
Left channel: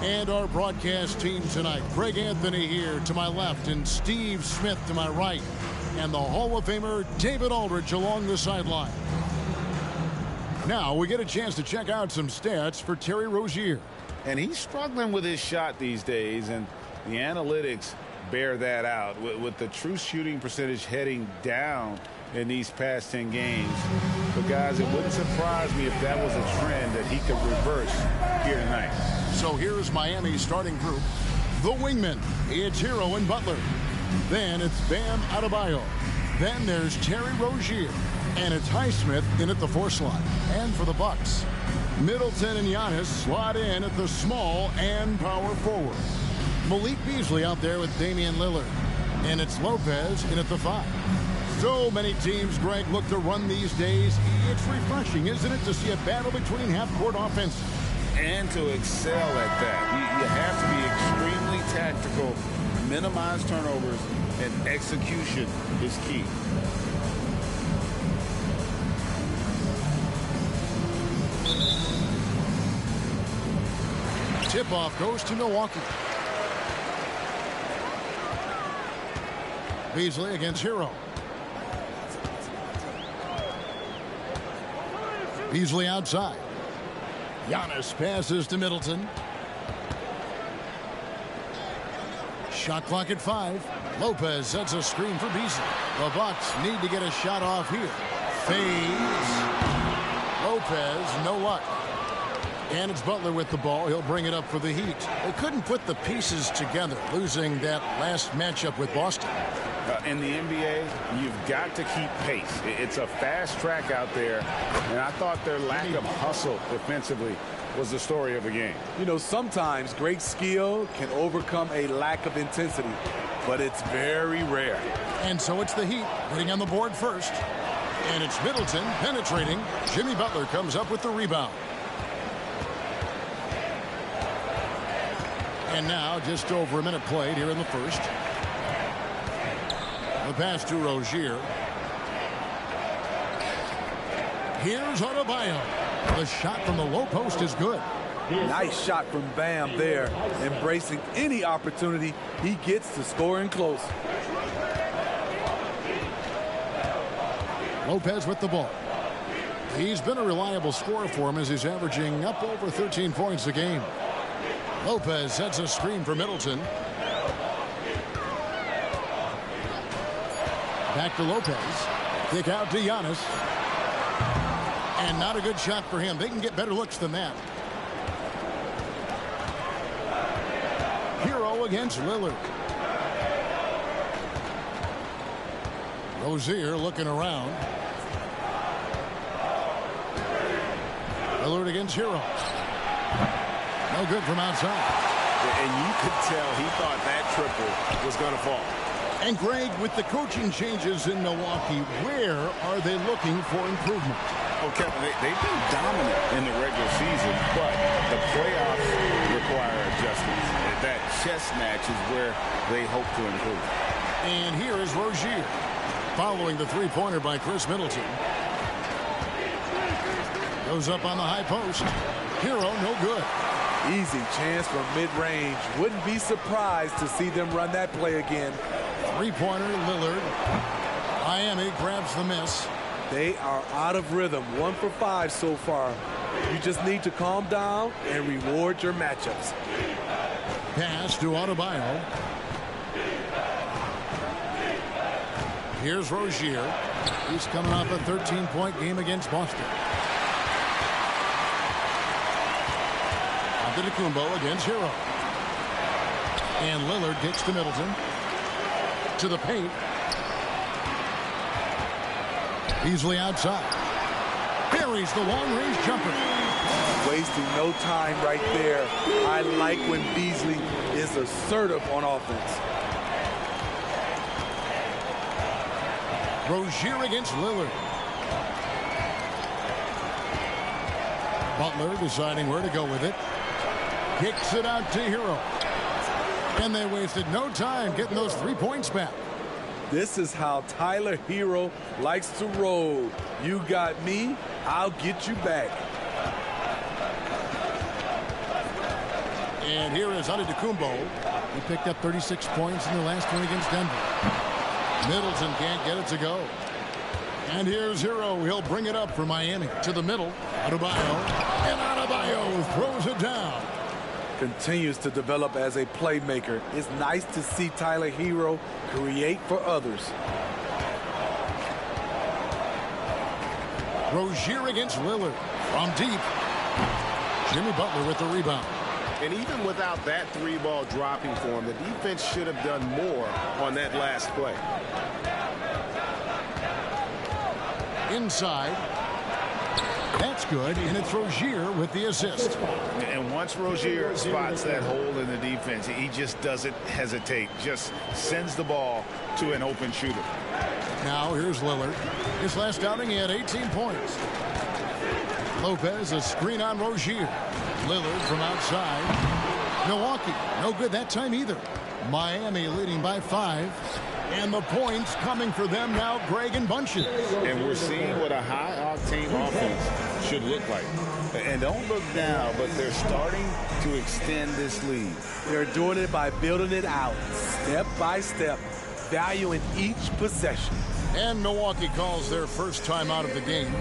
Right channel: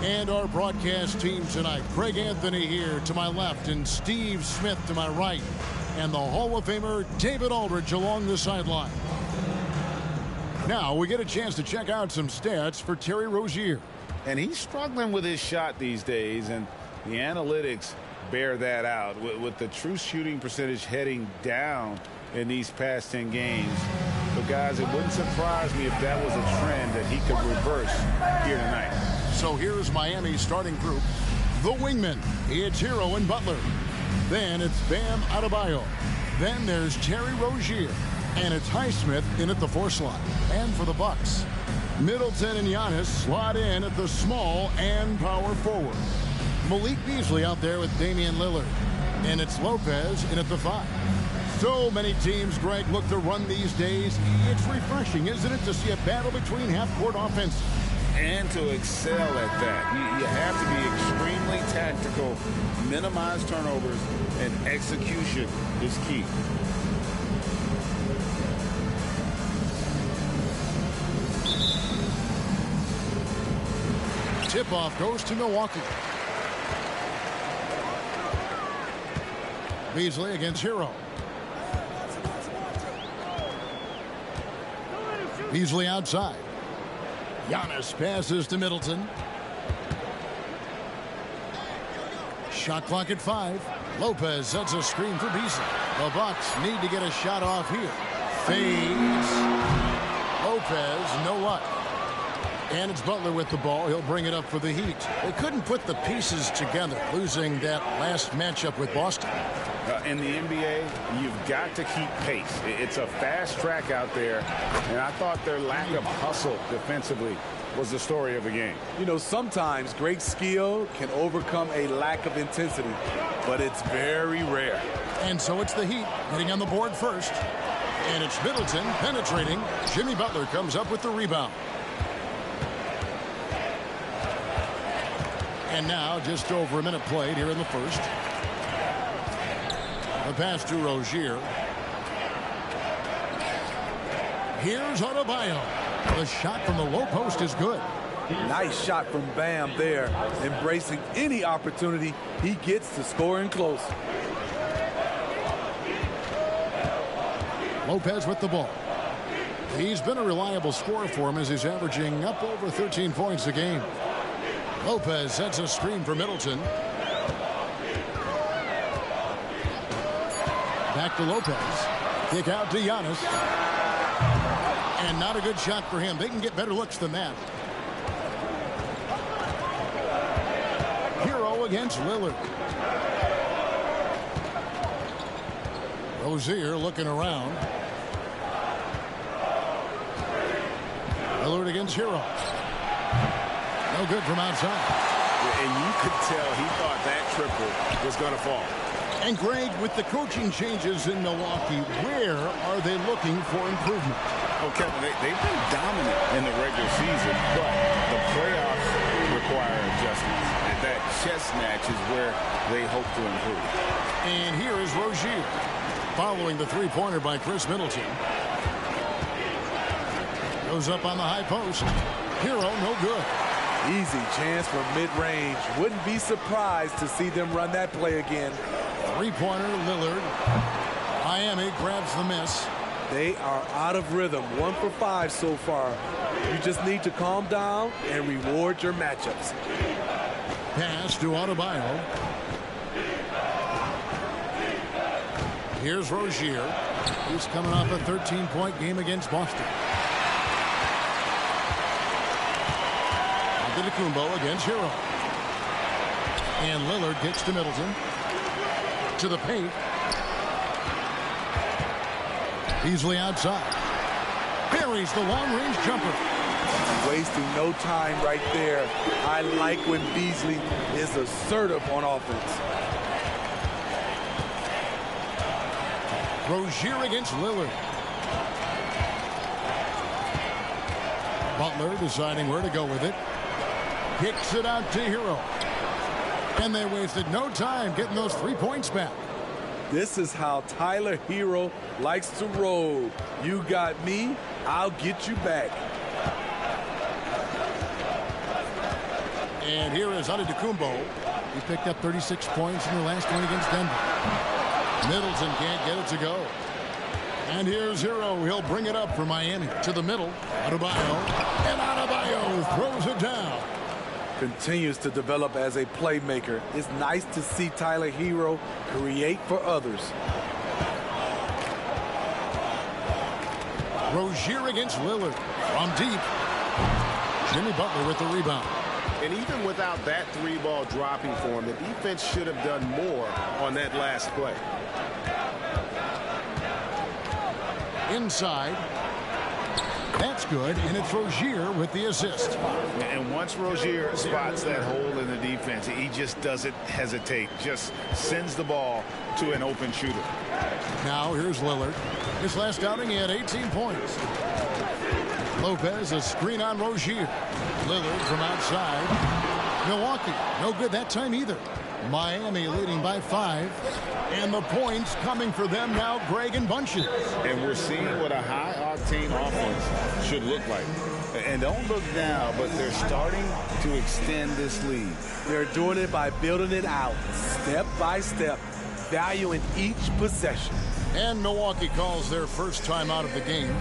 And our broadcast team tonight, Greg Anthony here to my left and Steve Smith to my right. And the Hall of Famer, David Aldridge, along the sideline. Now we get a chance to check out some stats for Terry Rozier. And he's struggling with his shot these days, and the analytics bear that out. With the true shooting percentage heading down in these past 10 games. But guys, it wouldn't surprise me if that was a trend that he could reverse here tonight. So here's Miami's starting group. The wingmen, it's Hero and Butler. Then it's Bam Adebayo. Then there's Terry Rozier. And it's Highsmith in at the 4 slot. And for the Bucks, Middleton and Giannis slot in at the small and power forward. Malik Beasley out there with Damian Lillard. And it's Lopez in at the 5. So many teams, Greg, look to run these days. It's refreshing, isn't it, to see a battle between half-court offenses? And to excel at that. You have to be extremely tactical, minimize turnovers, and execution is key. Tip-off goes to Milwaukee. Beasley against Hero. Beasley outside. Giannis passes to Middleton. Shot clock at 5. Lopez sets a screen for Beasley. The Bucks need to get a shot off here. Fades. Lopez, no luck. And it's Butler with the ball. He'll bring it up for the Heat. They couldn't put the pieces together, losing that last matchup with Boston. In the NBA, you've got to keep pace. It's a fast track out there, and I thought their lack of hustle defensively was the story of the game. You know, sometimes great skill can overcome a lack of intensity, but it's very rare. And so it's the Heat getting on the board first. And it's Middleton penetrating. Jimmy Butler comes up with the rebound. And now just over a minute played here in the first. The pass to Rozier. Here's Adebayo. The shot from the low post is good. Nice shot from Bam there, embracing any opportunity he gets to scoring close. Lopez with the ball. He's been a reliable scorer for him as he's averaging up over 13 points a game. Lopez sets a screen for Middleton. Back to Lopez. Kick out to Giannis. And not a good shot for him. They can get better looks than that. Hero against Lillard. Rozier looking around. Lillard against Hero. No good from outside. And you could tell he thought that triple was going to fall. And Greg, with the coaching changes in Milwaukee, where are they looking for improvement? Oh, Kevin, they've been dominant in the regular season, but The playoffs require adjustments. That chess match is where they hope to improve. And here is Rozier, following the three-pointer by Chris Middleton. Goes up on the high post. Hero, no good. Easy chance from mid-range. Wouldn't be surprised to see them run that play again. Three-pointer, Lillard. Miami grabs the miss. They are out of rhythm. 1 for 5 so far. You just need to calm down and reward your matchups. Pass to Adebayo. Here's Rozier. He's coming off a 13-point game against Boston. Antetokounmpo against Hero. And Lillard kicks to Middleton. To the paint. Beasley outside. Buries the long-range jumper. Wasting no time right there. I like when Beasley is assertive on offense. Rozier against Lillard. Butler deciding where to go with it. Kicks it out to Hero. And they wasted no time getting those 3 points back. This is how Tyler Hero likes to roll. You got me, I'll get you back. And here is Antetokounmpo. He picked up 36 points in their last one against Denver. Middleton can't get it to go. And here's Hero. He'll bring it up for Miami. To the middle. Adebayo. And Adebayo throws it down. Continues to develop as a playmaker. It's nice to see Tyler Hero create for others. Rozier against Lillard. From deep. Jimmy Butler with the rebound. And even without that three-ball dropping for him, the defense should have done more on that last play. Inside. That's good, and it's Rozier with the assist. And once Rozier spots that hole in the defense, he just doesn't hesitate. Just sends the ball to an open shooter. Now here's Lillard. His last outing, he had 18 points. Lopez, a screen on Rozier. Lillard from outside. Milwaukee, no good that time either. Miami leading by 5. And the points coming for them now, Greg and Bunches. And we're seeing what a high-octane offense should look like. And don't look now, but they're starting to extend this lead. They're doing it by building it out, step by step, valuing each possession. And Milwaukee calls their first time out of the game.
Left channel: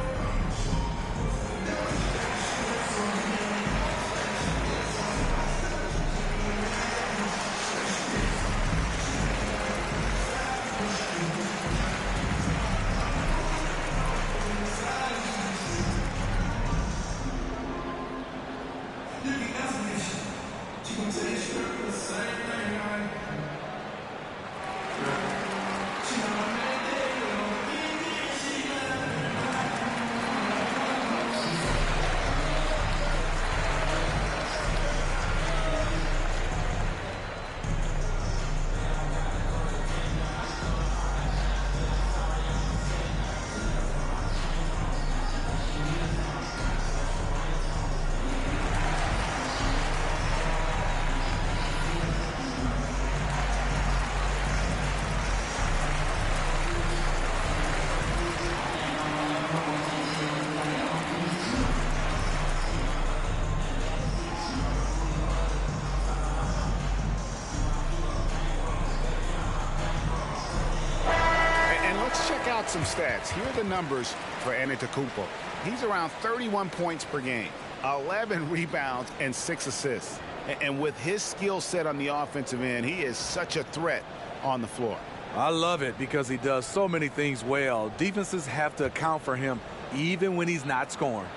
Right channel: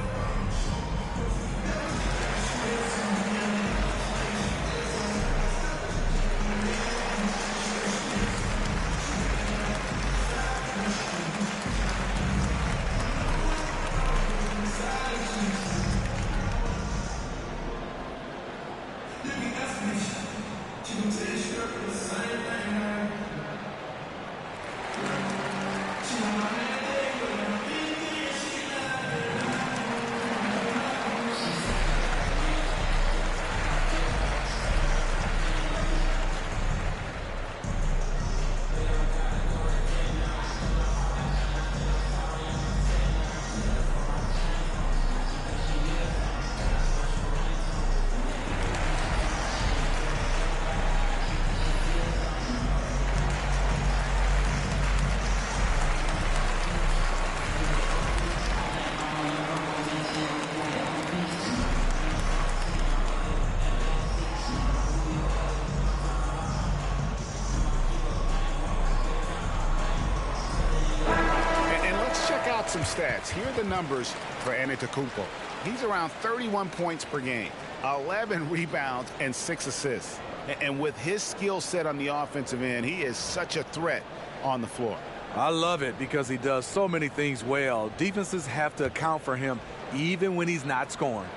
Out some stats. Here are the numbers for Antetokounmpo. He's around 31 points per game, 11 rebounds, and 6 assists. And with his skill set on the offensive end, he is such a threat on the floor. I love it because he does so many things well. Defenses have to account for him even when he's not scoring.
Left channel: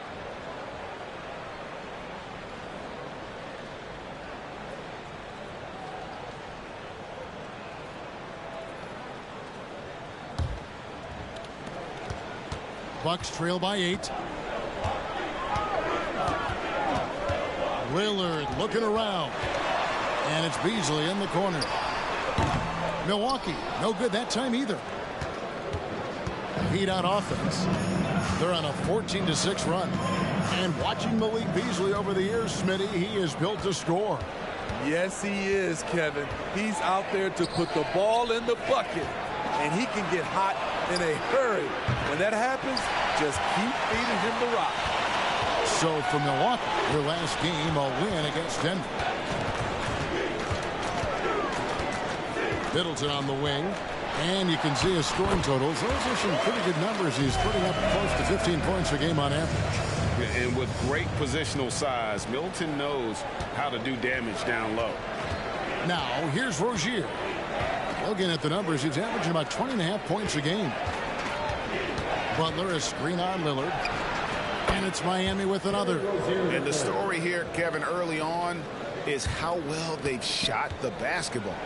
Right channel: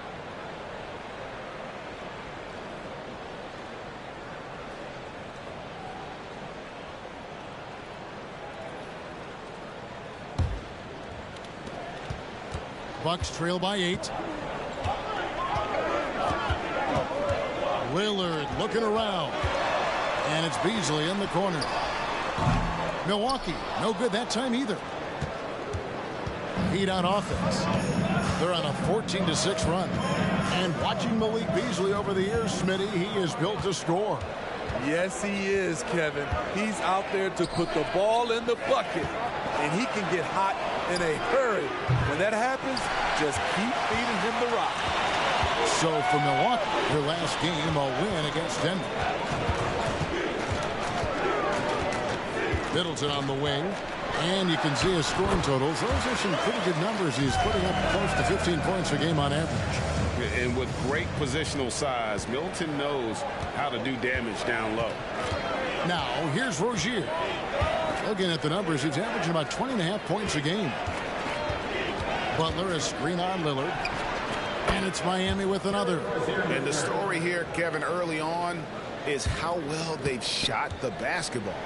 Bucks trail by 8. Lillard looking around. And it's Beasley in the corner. Milwaukee, no good that time either. Heat on offense. They're on a 14-6 run. And watching Malik Beasley over the years, Smitty, he is built to score. Yes, he is, Kevin. He's out there to put the ball in the bucket, and he can get hot in a hurry. When that happens, just keep feeding him the rock. So for Milwaukee, their last game, a win against Denver. Middleton on the wing. And you can see his scoring totals. Those are some pretty good numbers. He's putting up close to 15 points a game on average. And with great positional size, Middleton knows how to do damage down low. Now, here's Rozier. Looking at the numbers, he's averaging about 20.5 points a game. Butler, a screen on Lillard. And it's Miami with another. And the story here, Kevin, early on is how well they've shot the basketball.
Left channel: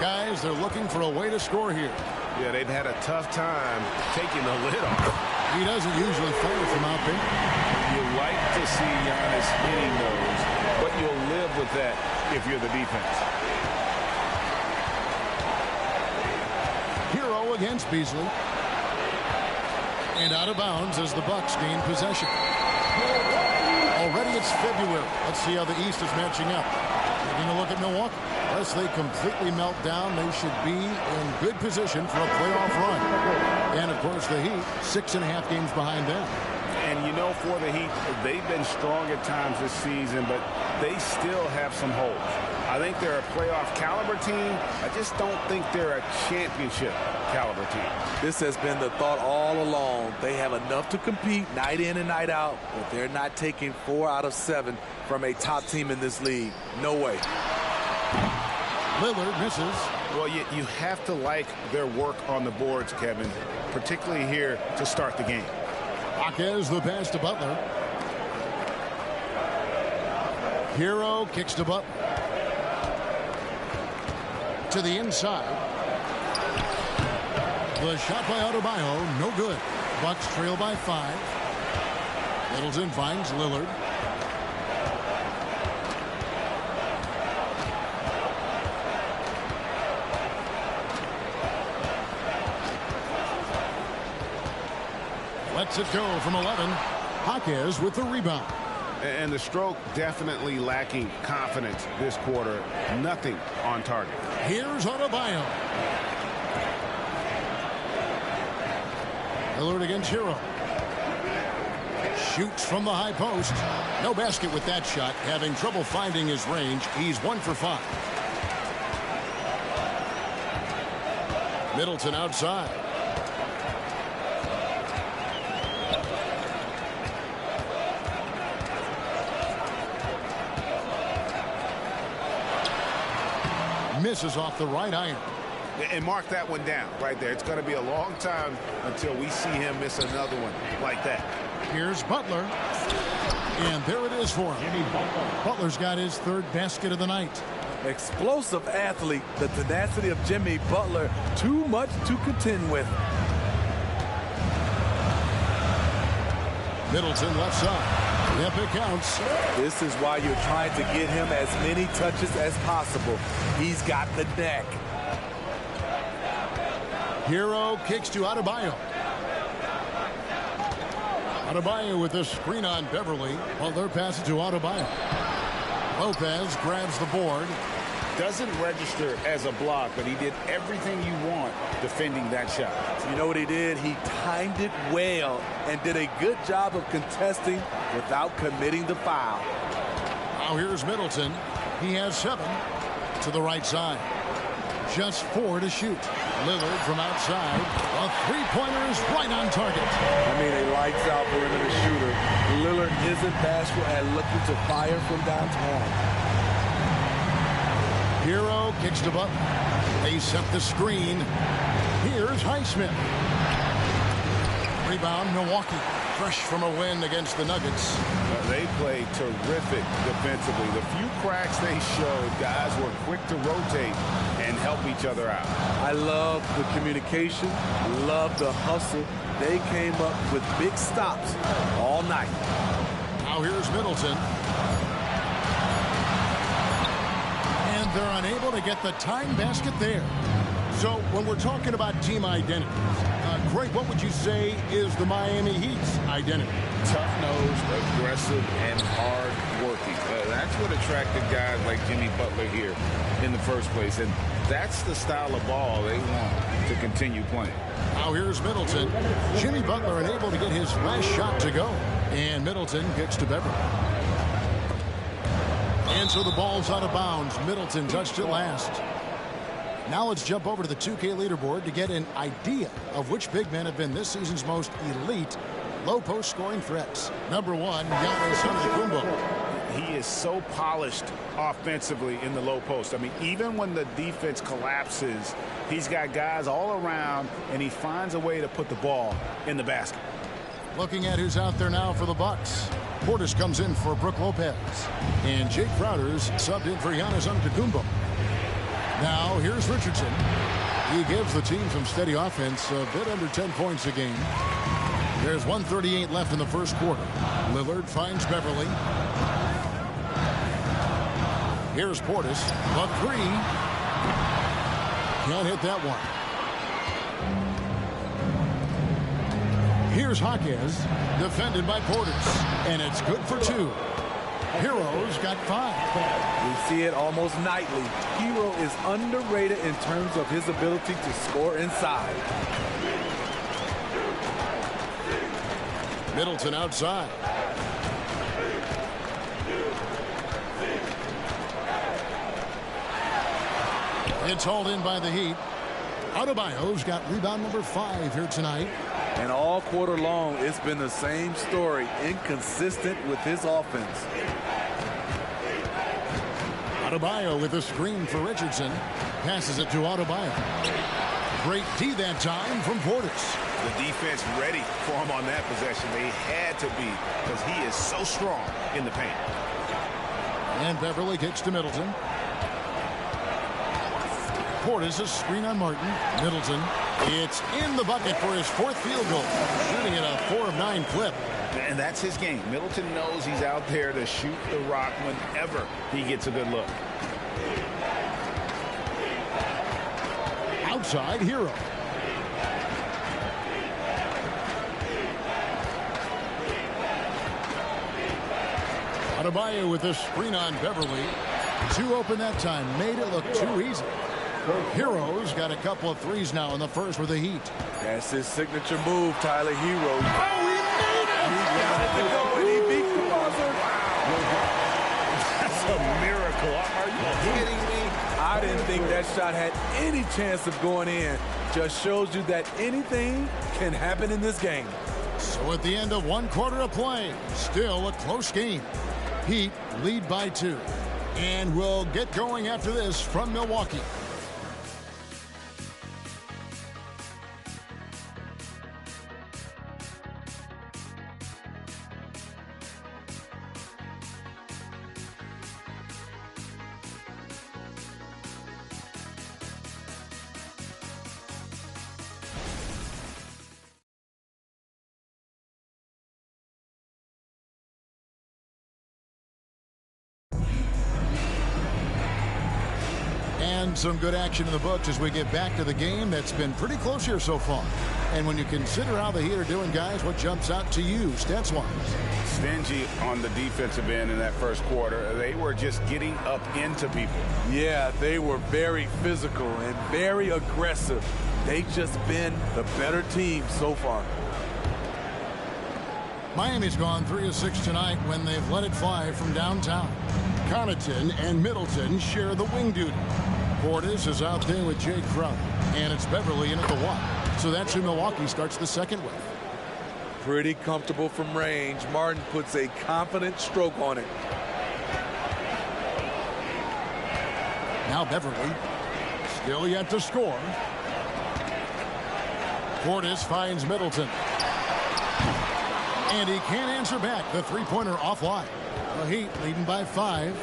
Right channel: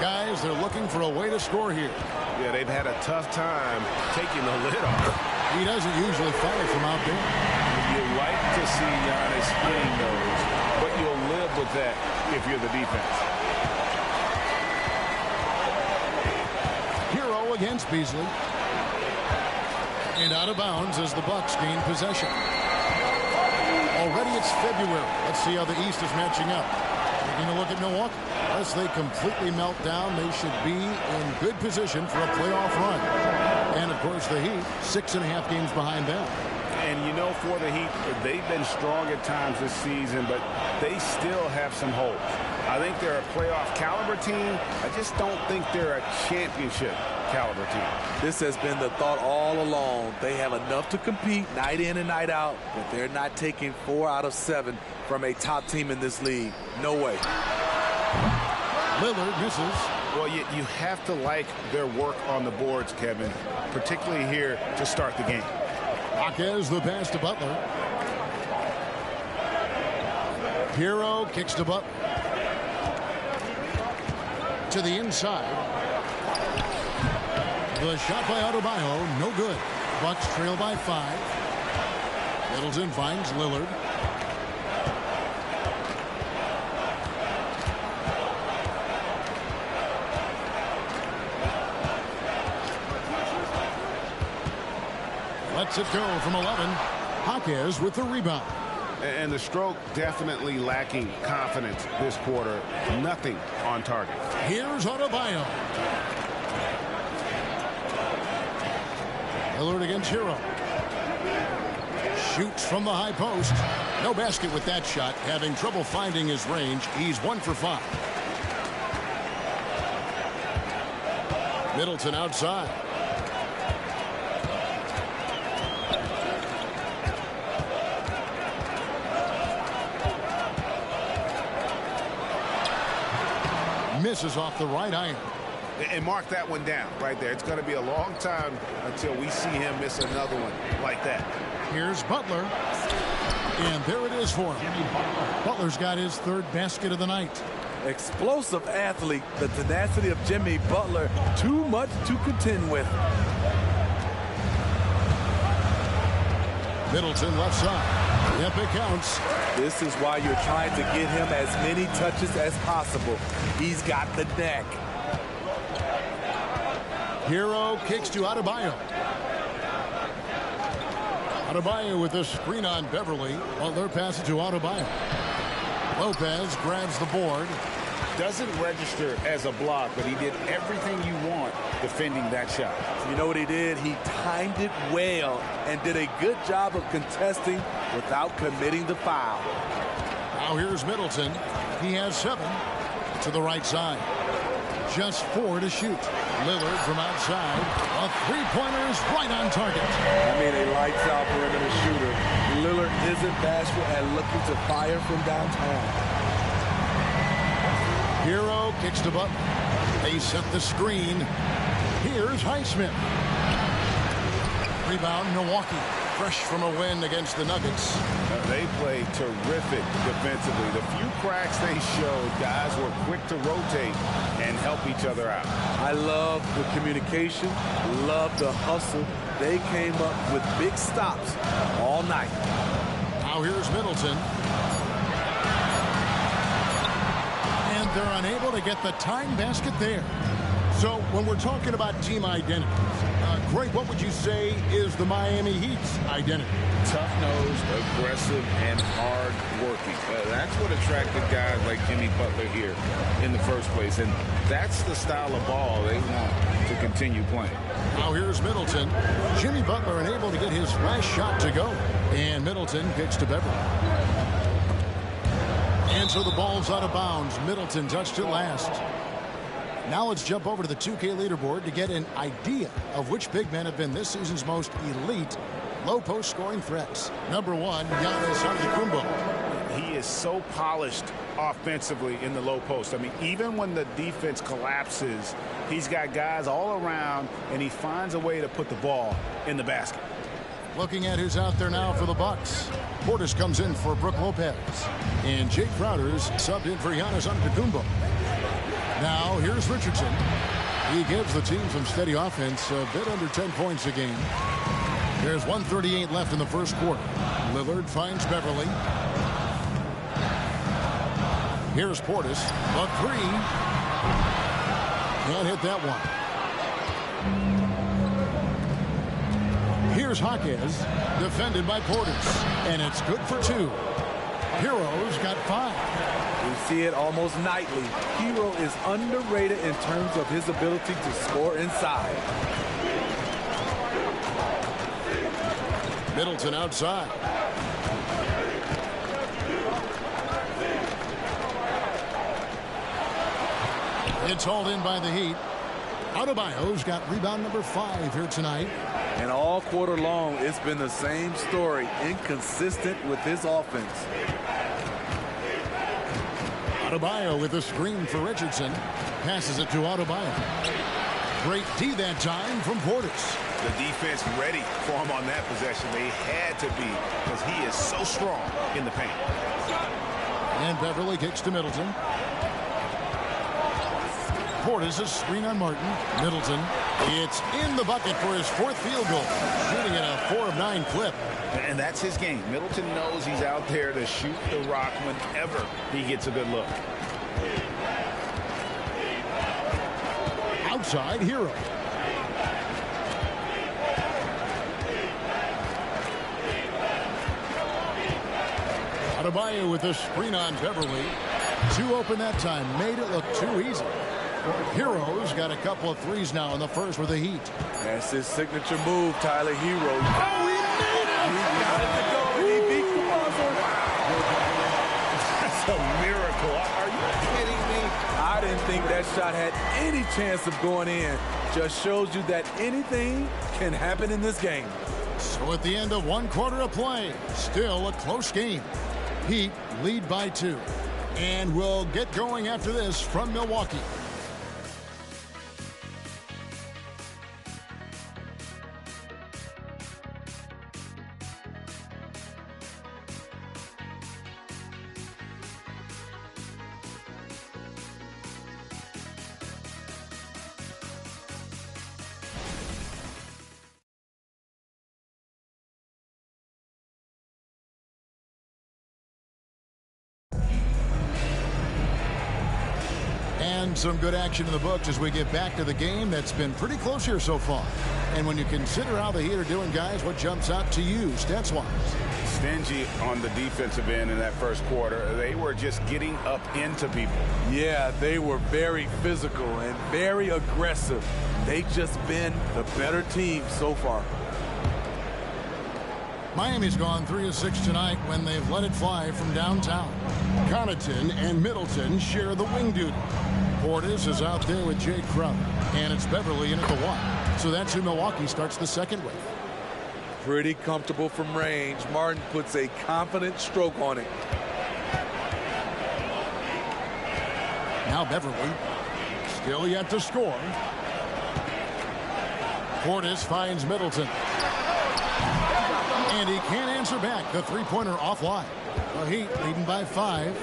Guys, they're looking for a way to score here. Yeah, they've had a tough time taking the lid off. He doesn't usually fire from out there. You like to see Giannis hitting those, but you'll live with that if you're the defense. Hero against Beasley. And out of bounds as the Bucks gain possession. Already it's February. Let's see how the East is matching up. Taking a look at Milwaukee. Unless they completely melt down, they should be in good position for a playoff run. And, of course, the Heat, 6.5 games behind them. And, you know, for the Heat, they've been strong at times this season, but they still have some holes. I think they're a playoff caliber team. I just don't think they're a championship caliber team. This has been the thought all along. They have enough to compete night in and night out, but they're not taking 4 out of 7 from a top team in this league. No way. Lillard misses. Well, you have to like their work on the boards, Kevin, particularly here to start the game. Jaquez the pass to Butler. Hero kicks to Butler. To the inside. The shot by Adebayo, no good. Bucks trail by 5. Middleton finds Lillard. Lets it go from 11. Jaquez with the rebound. And the stroke definitely lacking confidence this quarter. Nothing on target. Here's Adebayo. Lillard against Hero. Shoots from the high post. No basket with that shot. Having trouble finding his range. He's 1 for 5. Middleton outside. Misses off the right iron. And mark that one down right there. It's going to be a long time until we see him miss another one like that. Here's Butler. And there it is for him. Butler's got his 3rd basket of the night. Explosive athlete. The tenacity of Jimmy Butler. Too much to contend with. Middleton left side. Yep, it counts. This is why you're trying to get him as many touches as possible. He's got the neck. Hero kicks to Adebayo. Adebayo with the screen on Beverly. Butler passes to Adebayo. Lopez grabs the board. Doesn't register as a block, but he did everything you want defending that shot. You know what he did? He timed it well and did a good job of contesting without committing the foul. Now here's Middleton. He has 7 to the right side. Just 4 to shoot. Lillard from outside. A 3-pointer is right on target. I mean, a lights-out perimeter shooter. Lillard isn't bashful at looking to fire from downtown. Hero kicks to Butler. They set the screen. Here's Highsmith. Rebound, Milwaukee. Fresh from a win against the Nuggets. They played terrific defensively. The few cracks they showed, guys were quick to rotate and help each other out. I love the communication, love the hustle. They came up with big stops all night. Now here's Middleton. And they're unable to get the time basket there. So when we're talking about team identities, Craig, what would you say is the Miami Heat's identity? Tough-nosed, aggressive, and hard-working. That's what attracted guys like Jimmy Butler here in the first place, and that's the style of ball they want to continue playing. Now here's Middleton. Jimmy Butler unable to get his last shot to go, and Middleton kicks to Beverly. And so the ball's out of bounds. Middleton touched it last. Now let's jump over to the 2K leaderboard to get an idea of which big men have been this season's most elite low-post scoring threats. Number 1, Giannis Antetokounmpo. He is so polished offensively in the low post. I mean, even when the defense collapses, he's got guys all around, and he finds a way to put the ball in the basket. Looking at who's out there now for the Bucks. Portis comes in for Brook Lopez. And Jake Crowder's subbed in for Giannis Antetokounmpo. Now here's Richardson. He gives the team some steady offense, a bit under 10 points a game. There's 1:38 left in the first quarter. Lillard finds Beverly. Here's Portis. The three. Can't hit that one. Here's Jaquez, defended by Portis, and it's good for 2. Hero's got 5. We see it almost nightly. Hero is underrated in terms of his ability to score inside. Middleton outside. It's hauled in by the Heat. Adebayo's got rebound number 5 here tonight. And all quarter long, it's been the same story, inconsistent with his offense. Adebayo with a screen for Richardson. Passes it to Adebayo. Great D that time from Portis. The defense ready for him on that possession. They had to be, because he is so strong in the paint. And Beverly kicks to Middleton. Portis a screen on Martin. Middleton. It's in the bucket for his 4th field goal. Shooting at a 4 of 9 clip. And that's his game. Middleton knows he's out there to shoot the rock whenever he gets a good look. Outside, Hero. Adebayo with a screen on Beverly. 2 open that time. Made it look too easy. Hero's got a couple of threes now in the first with the Heat. That's his signature move, Tyler Hero. Oh, he made it! He got it to go, and he beat the buzzer. Wow. That's a miracle. Are you kidding me? I didn't think that shot had any chance of going in. Just shows you that anything can happen in this game. So at the end of 1 quarter of play, still a close game. Heat lead by 2. And we'll get going after this from Milwaukee. And some good action in the books as we get back to the game that's been pretty close here so far. And when you consider how the Heat are doing, guys, what jumps out to you, stats-wise? Stingy on the defensive end in that first quarter. They were just getting up into people. Yeah, they were very physical and very aggressive. They've just been the better team so far. Miami's gone 3 of 6 tonight when they've let it fly from downtown. Connaughton and Middleton share the wing duty. Portis is out there with Jake Crowder, and it's Beverly in at the 1. So that's who Milwaukee starts the second with. Pretty comfortable from range. Martin puts a confident stroke on it. Now Beverly, still yet to score. Portis finds Middleton. And he can't answer back. The three-pointer offline. The Heat leading by 5.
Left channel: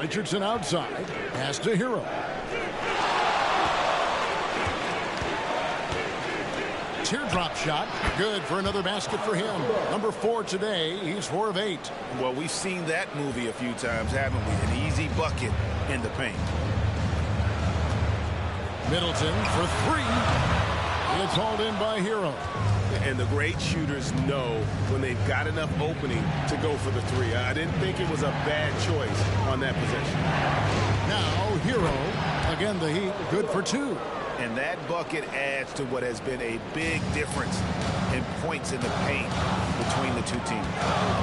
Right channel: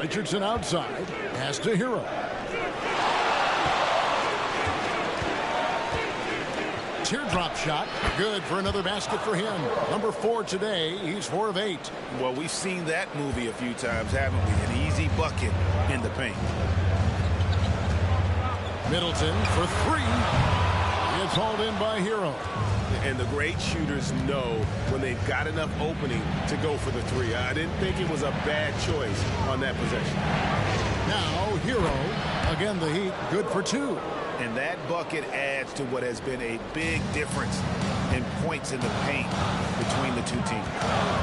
Richardson outside. Pass to Hero. Teardrop shot. Good for another basket for him. Number 4 today. He's 4 of 8. Well, we've seen that movie a few times, haven't we? An easy bucket in the paint. Middleton for three. It's hauled in by Hero. And the great shooters know when they've got enough opening to go for the three. I didn't think it was a bad choice on that possession. Now Hero. Again, the Heat good for two. And that bucket adds to what has been a big difference in points in the paint between the two teams.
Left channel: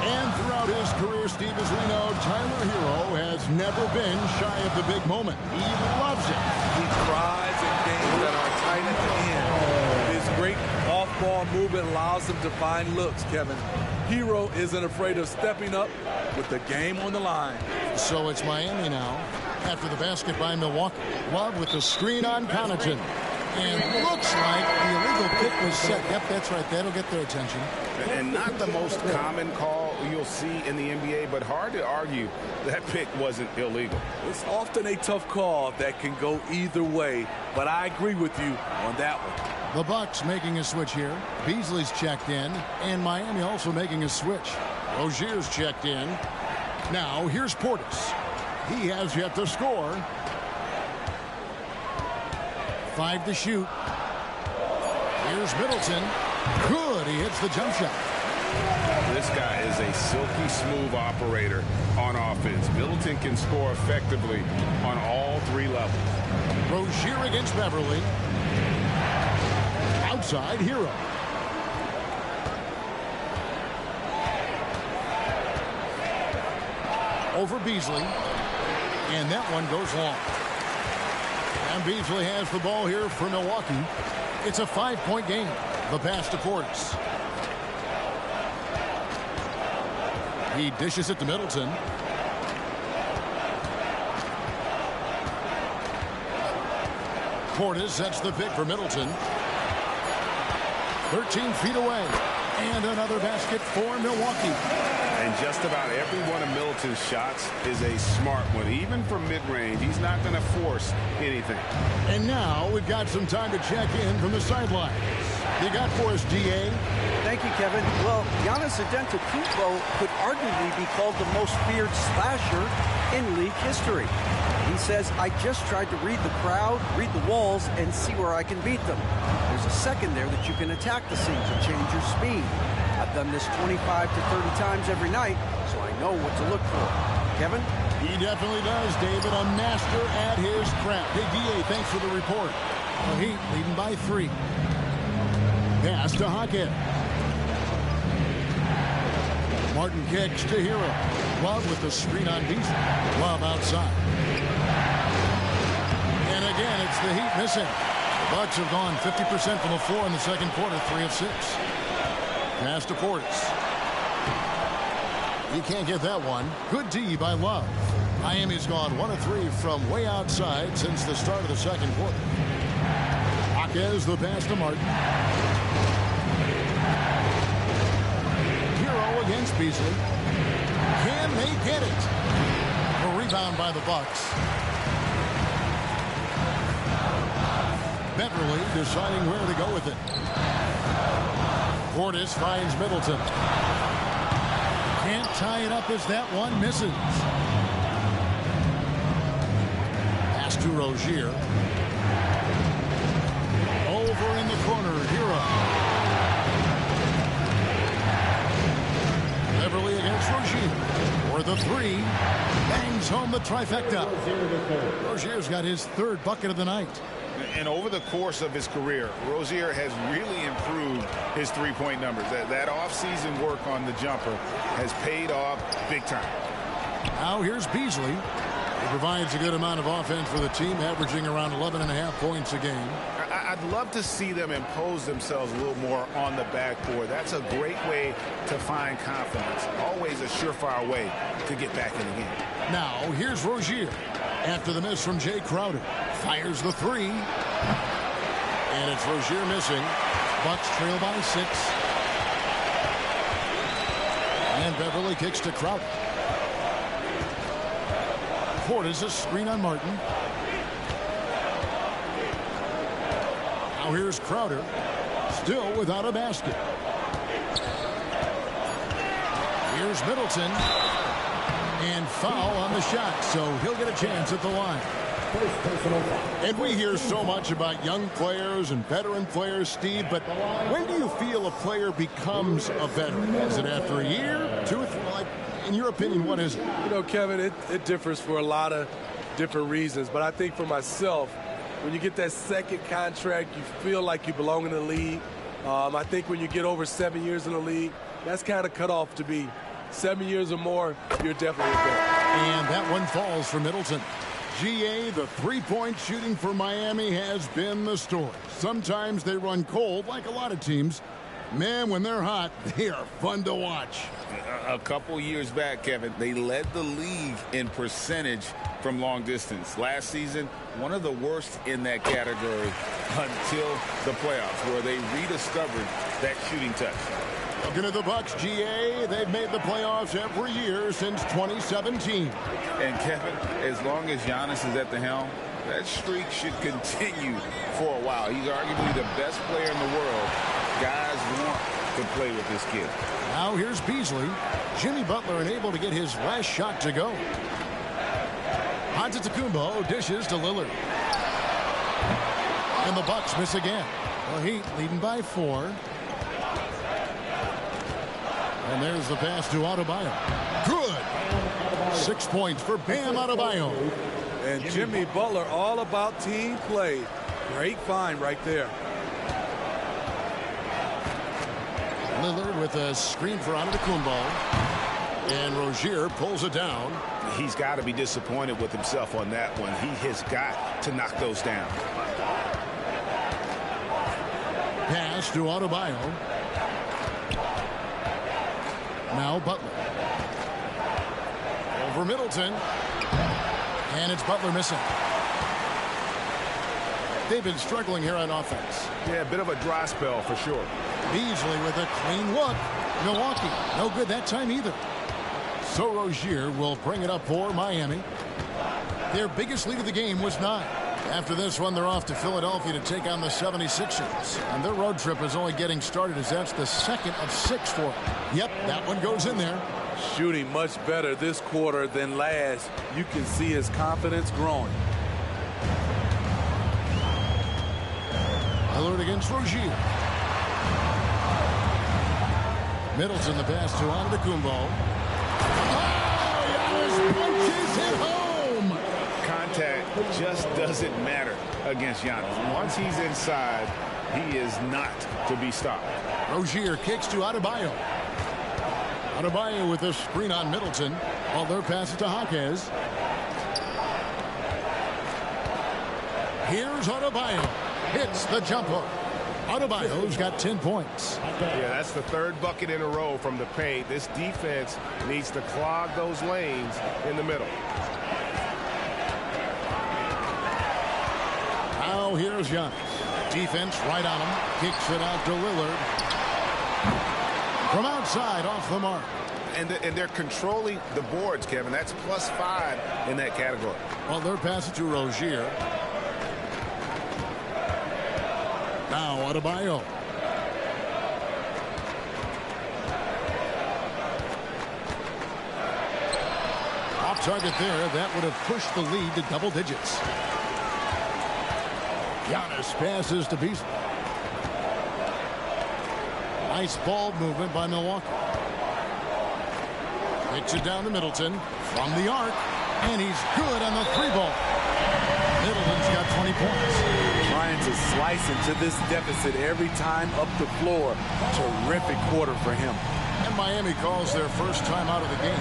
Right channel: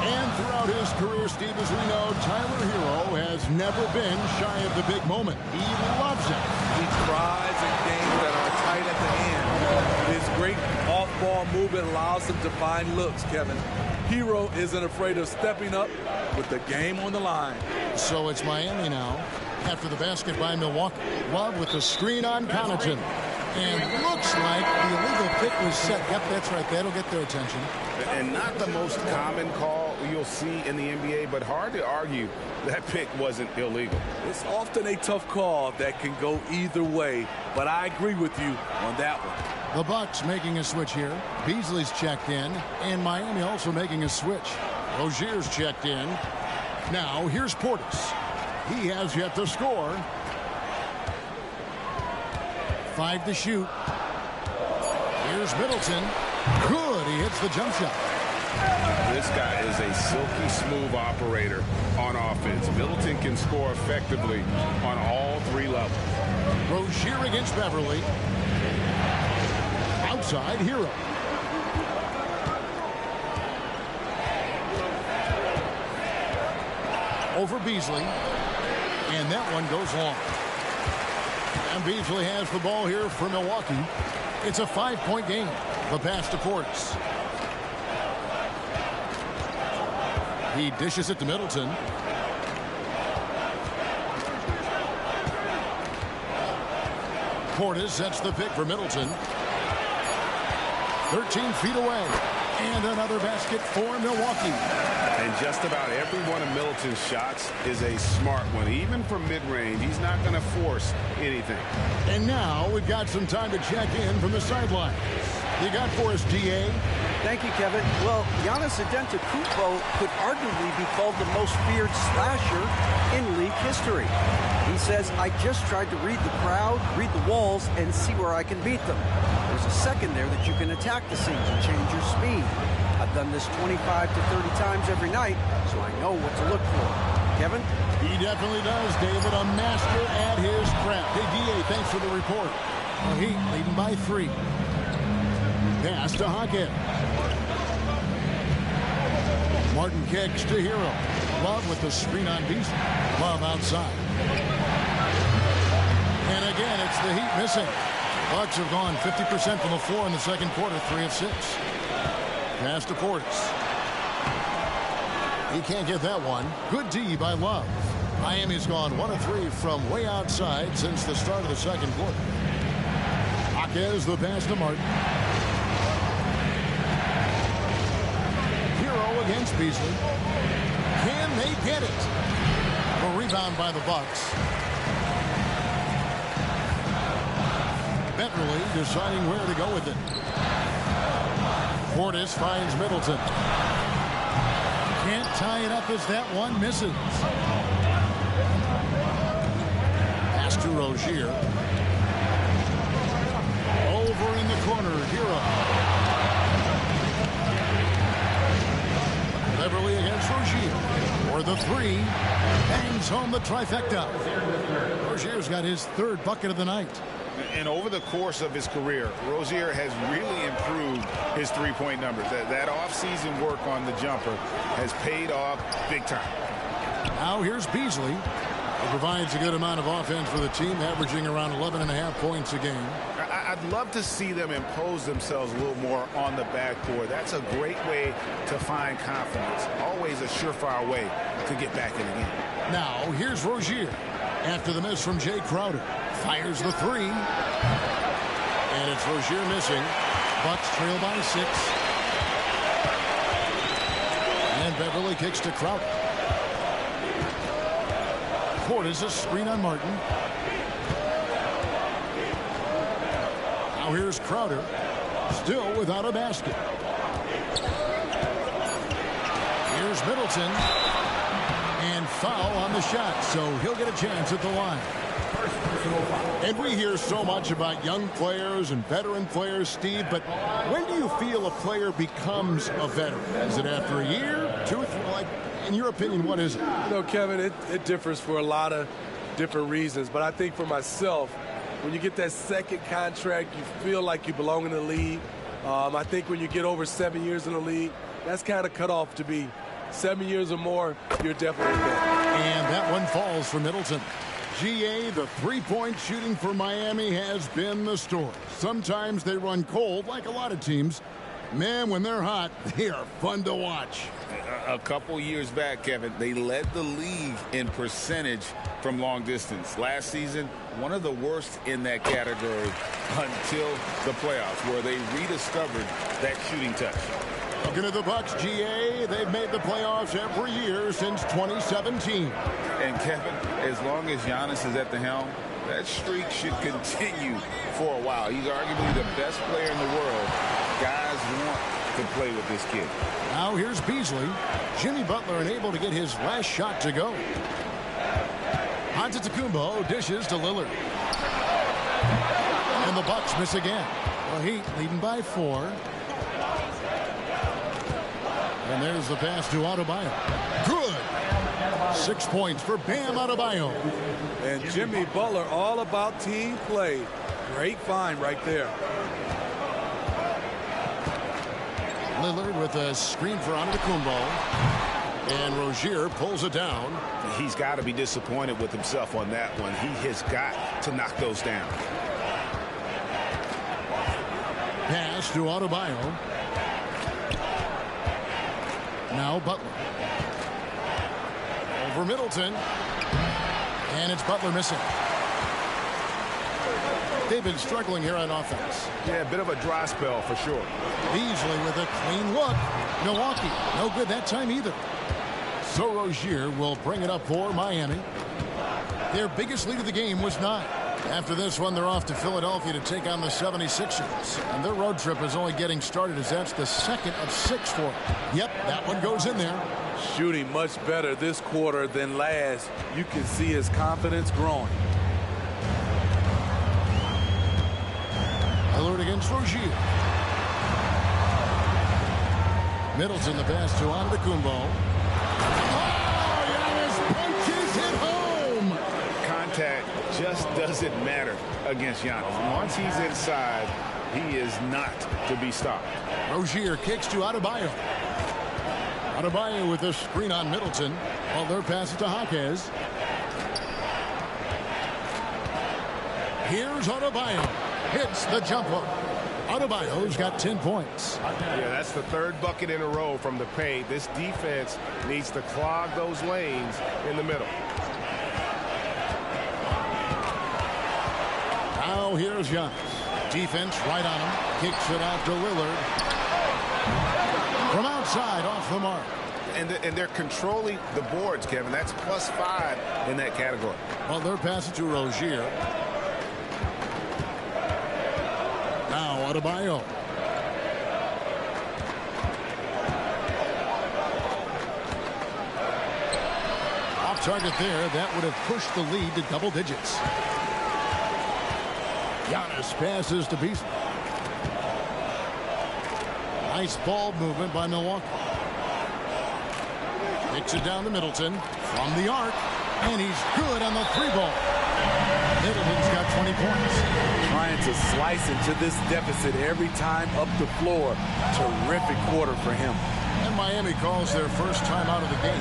And throughout his career, Steve, as we know, Tyler Hero has never been shy of the big moment. He loves it. He thrives in games that are tight at the end. His great off-ball movement allows him to find looks, Kevin. Hero isn't afraid of stepping up with the game on the line. So it's Miami now after the basket by Milwaukee. Love with the screen on Connaughton. And looks like the illegal pick was set. Yep, that's right. That'll get their attention. And not the most common call you'll see in the NBA, but hard to argue that pick wasn't illegal. It's often a tough call that can go either way, but I agree with you on that one. The Bucks making a switch here. Beasley's checked in, and Miami also making a switch. Rozier's checked in. Now here's Portis. He has yet to score. 5 to shoot. Here's Middleton. Good. He hits the jump shot. This guy is a silky smooth operator on offense. Middleton can score effectively on all three levels. Rozier against Beverly. Outside, Hero. Over Beasley. And that one goes long. And Beasley has the ball here for Milwaukee. It's a 5-point game. The pass to Portis. He dishes it to Middleton. Portis sets the pick for Middleton. 13 feet away. And another basket for Milwaukee. And just about every one of Middleton's shots is a smart one. Even from mid-range, he's not going to force anything. And now we've got some time to check in from the sidelines. You got for us, D.A.? Thank you, Kevin. Well, Giannis Antetokounmpo could arguably be called the most feared slasher in league history. He says, I just tried to read the crowd, read the walls, and see where I can beat them. There's a second there that you can attack the seams and change your speed. I've done this 25 to 30 times every night, so I know what to look for. Kevin? He definitely does, David. A master at his craft. Hey, D.A., thanks for the report. The Heat leading by 3. Pass to Hawkins. Martin kicks to Hero. Love with the screen on Beasley. Love outside. And again, it's the Heat missing. The Bucks have gone 50% from the floor in the second quarter, 3 of 6. Pass to Portis. He can't get that one. Good D by Love. Miami's gone 1 of 3 from way outside since the start of the second quarter. Hawkins the pass to Martin. Hero against Beasley. Can they get it? A rebound by the Bucks. Beverly deciding where to go with it. Portis finds Middleton. Can't tie it up as that one misses. Pass to Rozier. Over in the corner, Hero. Beverly against Rozier. For the 3. Bangs home the trifecta. Rozier's got his 3rd bucket of the night. And over the course of his career, Rozier has really improved his three-point numbers. That off-season work on the jumper has paid off big time. Now here's Beasley. He provides a good amount of offense for the team, averaging around 11.5 points a game. I'd love to see them impose themselves a little more on the backboard. That's a great way to find confidence. Always a surefire way to get back in the game. Now here's Rozier. After the miss from Jay Crowder. Fires the 3. And it's Rozier missing. Bucks trail by 6. And Beverly kicks to Crowder. Portis a screen on Martin. Now here's Crowder. Still without a basket. Here's Middleton. And foul on the shot, so he'll get a chance at the line. First personal foul. And we hear so much about young players and veteran players, Steve, but when do you feel a player becomes a veteran? Is it after a year, 2 or 3? Like, in your opinion, what is it? You know, Kevin, it differs for a lot of different reasons. But I think for myself, when you get that second contract, you feel like you belong in the league. I think when you get over 7 years in the league, that's kind of cut off to be 7 years or more, you're definitely a vet. And that one falls for Middleton. GA, the three-point shooting for Miami has been the story. Sometimes they run cold, like a lot of teams. Man, when they're hot, they are fun to watch. A couple years back, Kevin, they led the league in percentage from long distance. Last season, one of the worst in that category until the playoffs, where they rediscovered that shooting touch. Looking at the Bucks, GA, they've made the playoffs every year since 2017. And Kevin, as long as Giannis is at the helm, that streak should continue for a while. He's arguably the best player in the world. Guys want to play with this kid. Now here's Beasley. Jimmy Butler unable to get his last shot to go. Antetokounmpo dishes to Lillard. And the Bucks miss again. The Heat leading by 4. And there's the pass to Adebayo. Good. 6 points for Bam Adebayo. And Jimmy Butler, all about team play. Great find right there. Lillard with a screen for Antetokounmpo. And Rozier pulls it down. He's got to be disappointed with himself on that one. He has got to knock those down. Pass to Adebayo. Now Butler. Over Middleton. And it's Butler missing. They've been struggling here on offense. Yeah, a bit of a dry spell for sure. Beasley with a clean look. Milwaukee, no good that time either. So Rozier will bring it up for Miami. Their biggest lead of the game was 9. After this one, they're off to Philadelphia to take on the 76ers. And their road trip is only getting started as that's the second of 6 for them. Yep, that one goes in there. Shooting much better this quarter than last. You can see his confidence growing. Lillard against Rozier. Middleton the pass to Antetokounmpo. Oh, Giannis punches it home. Contact just doesn't matter against Giannis. Once he's inside, he is not to be stopped. Rozier kicks to Adebayo. Adebayo with a screen on Middleton. While they're passing to Jaquez. Here's Adebayo. Hits the jump hook. Adebayo's got 10 points. Yeah, that's the third bucket in a row from the paint. This defense needs to clog those lanes in the middle. Now here's Giannis. Defense right on him. Kicks it out to Lillard. From outside, off the mark. And they're controlling the boards, Kevin. That's +5 in that category. Well, they're passing to Rozier. Now Adebayo. Off target there. That would have pushed the lead to double digits. Giannis passes to Beasley. Nice ball movement by Milwaukee. Kicks it down to Middleton from the arc. And he's good on the 3-ball. Middleton's got 20 points. Trying to slice into this deficit every time up the floor. Terrific quarter for him. And Miami calls their first time out of the game.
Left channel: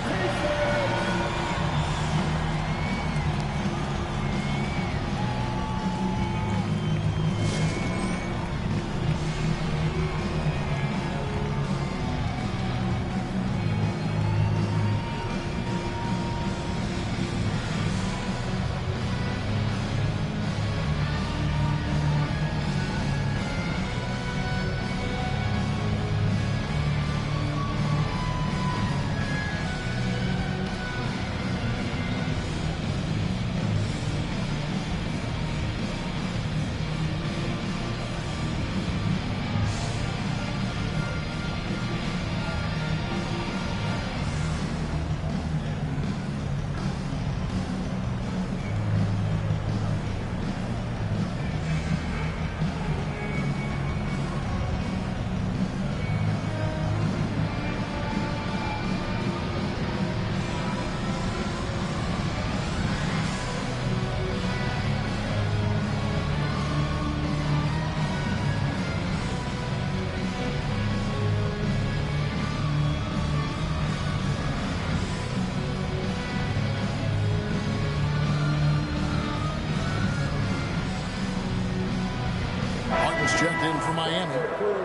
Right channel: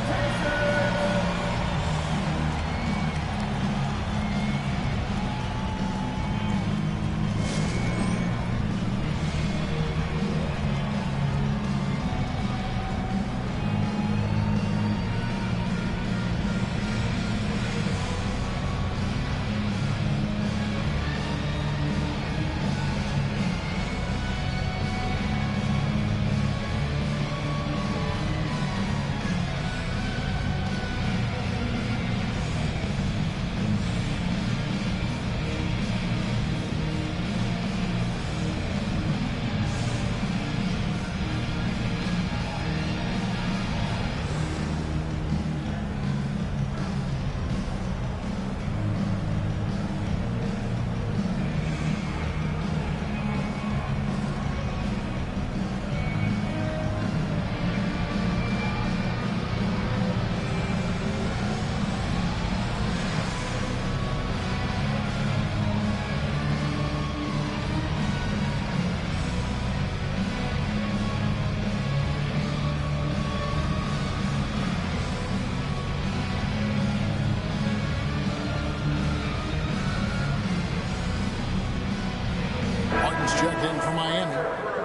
in for Miami.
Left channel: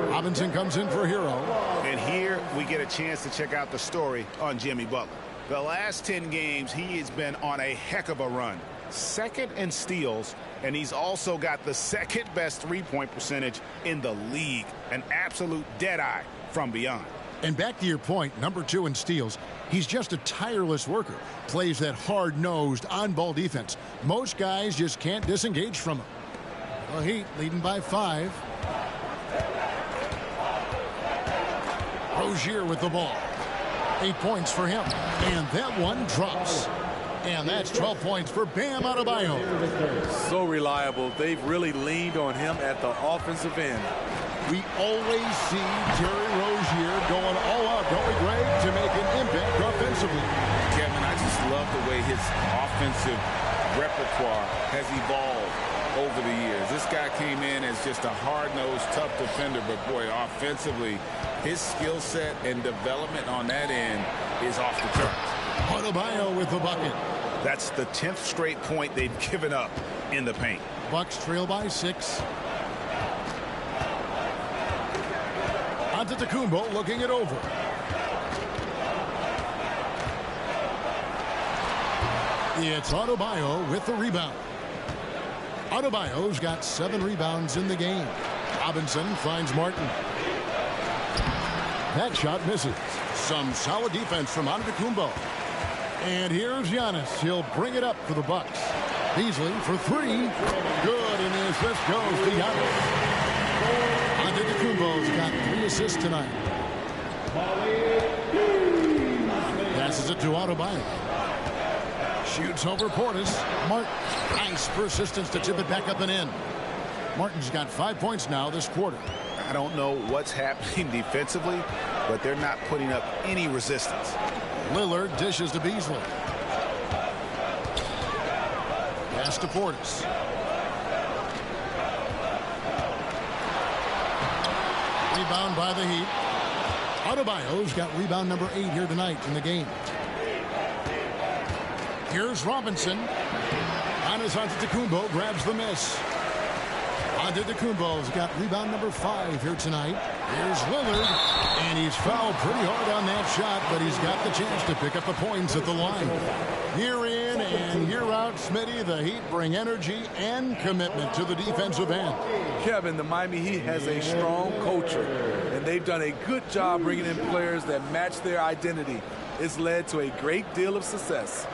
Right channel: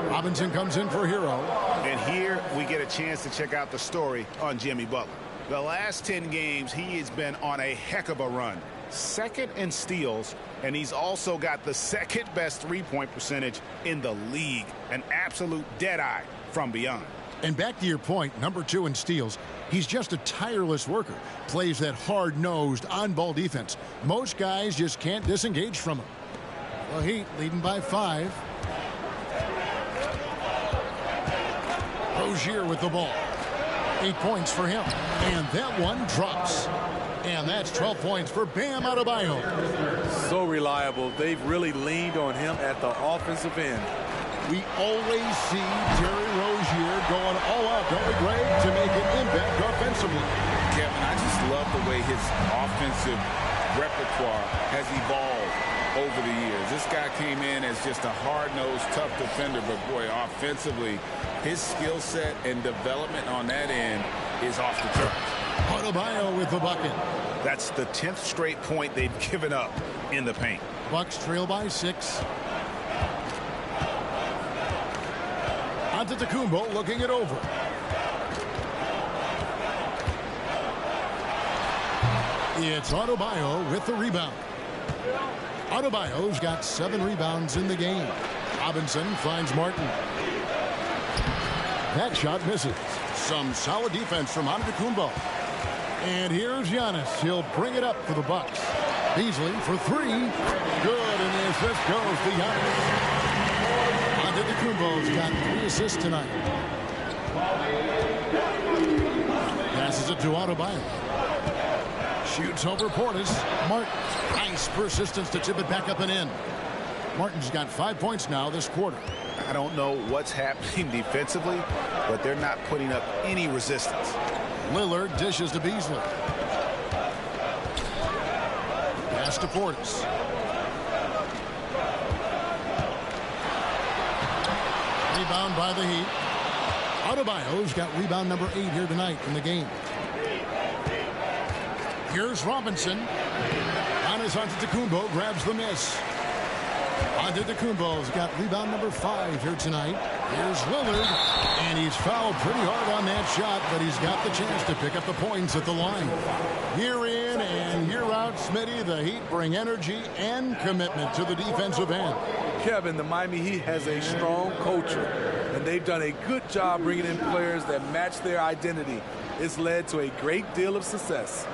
Robinson comes in for Hero. And here we get a chance to check out the story on Jimmy Butler. The last 10 games, he has been on a heck of a run. Second in steals, and he's also got the second best three-point percentage in the league. An absolute deadeye from beyond. And back to your point, number 2 in steals. He's just a tireless worker. Plays that hard-nosed, on-ball defense. Most guys just can't disengage from him. The Heat leading by 5. Rozier with the ball. 8 points for him. And that one drops. And that's 12 points for Bam Adebayo. So reliable. They've really leaned on him at the offensive end. We always see Terry Rozier going all out, don't we, Greg, to make an impact offensively. Kevin, I just love the way his offensive repertoire has evolved over the years. This guy came in as just a hard-nosed, tough defender, but boy, offensively, his skill set and development on that end is off the charts. Adebayo with the bucket. That's the 10th straight point they've given up in the paint. Bucks trail by 6. Antetokounmpo looking it over. It's Adebayo with the rebound. Adebayo's got 7 rebounds in the game. Robinson finds Martin. That shot misses. Some solid defense from Antetokounmpo. And here's Giannis. He'll bring it up for the Bucks. Beasley for 3. Good, and the assist goes to Giannis. Antetokounmpo's got 3 assists tonight. Passes it to Adebayo. Shoots over Portis. Martin. Nice persistence to tip it back up and in. Martin's got 5 points now this quarter. I don't know what's happening defensively, but they're not putting up any resistance. Lillard dishes to Beasley. Pass to Portis. Rebound by the Heat. Adebayo's got rebound number 8 here tonight in the game. Here's Robinson. Giannis Antetokounmpo grabs the miss. Antetokounmpo's got rebound number 5 here tonight. Here's Lillard, and he's fouled pretty hard on that shot, but he's got the chance to pick up the points at the line. Year in and year out, Smitty, the Heat bring energy and commitment to the defensive end. Kevin, the Miami Heat has a strong culture, and they've done a good job bringing in players that match their identity. It's led to a great deal of success.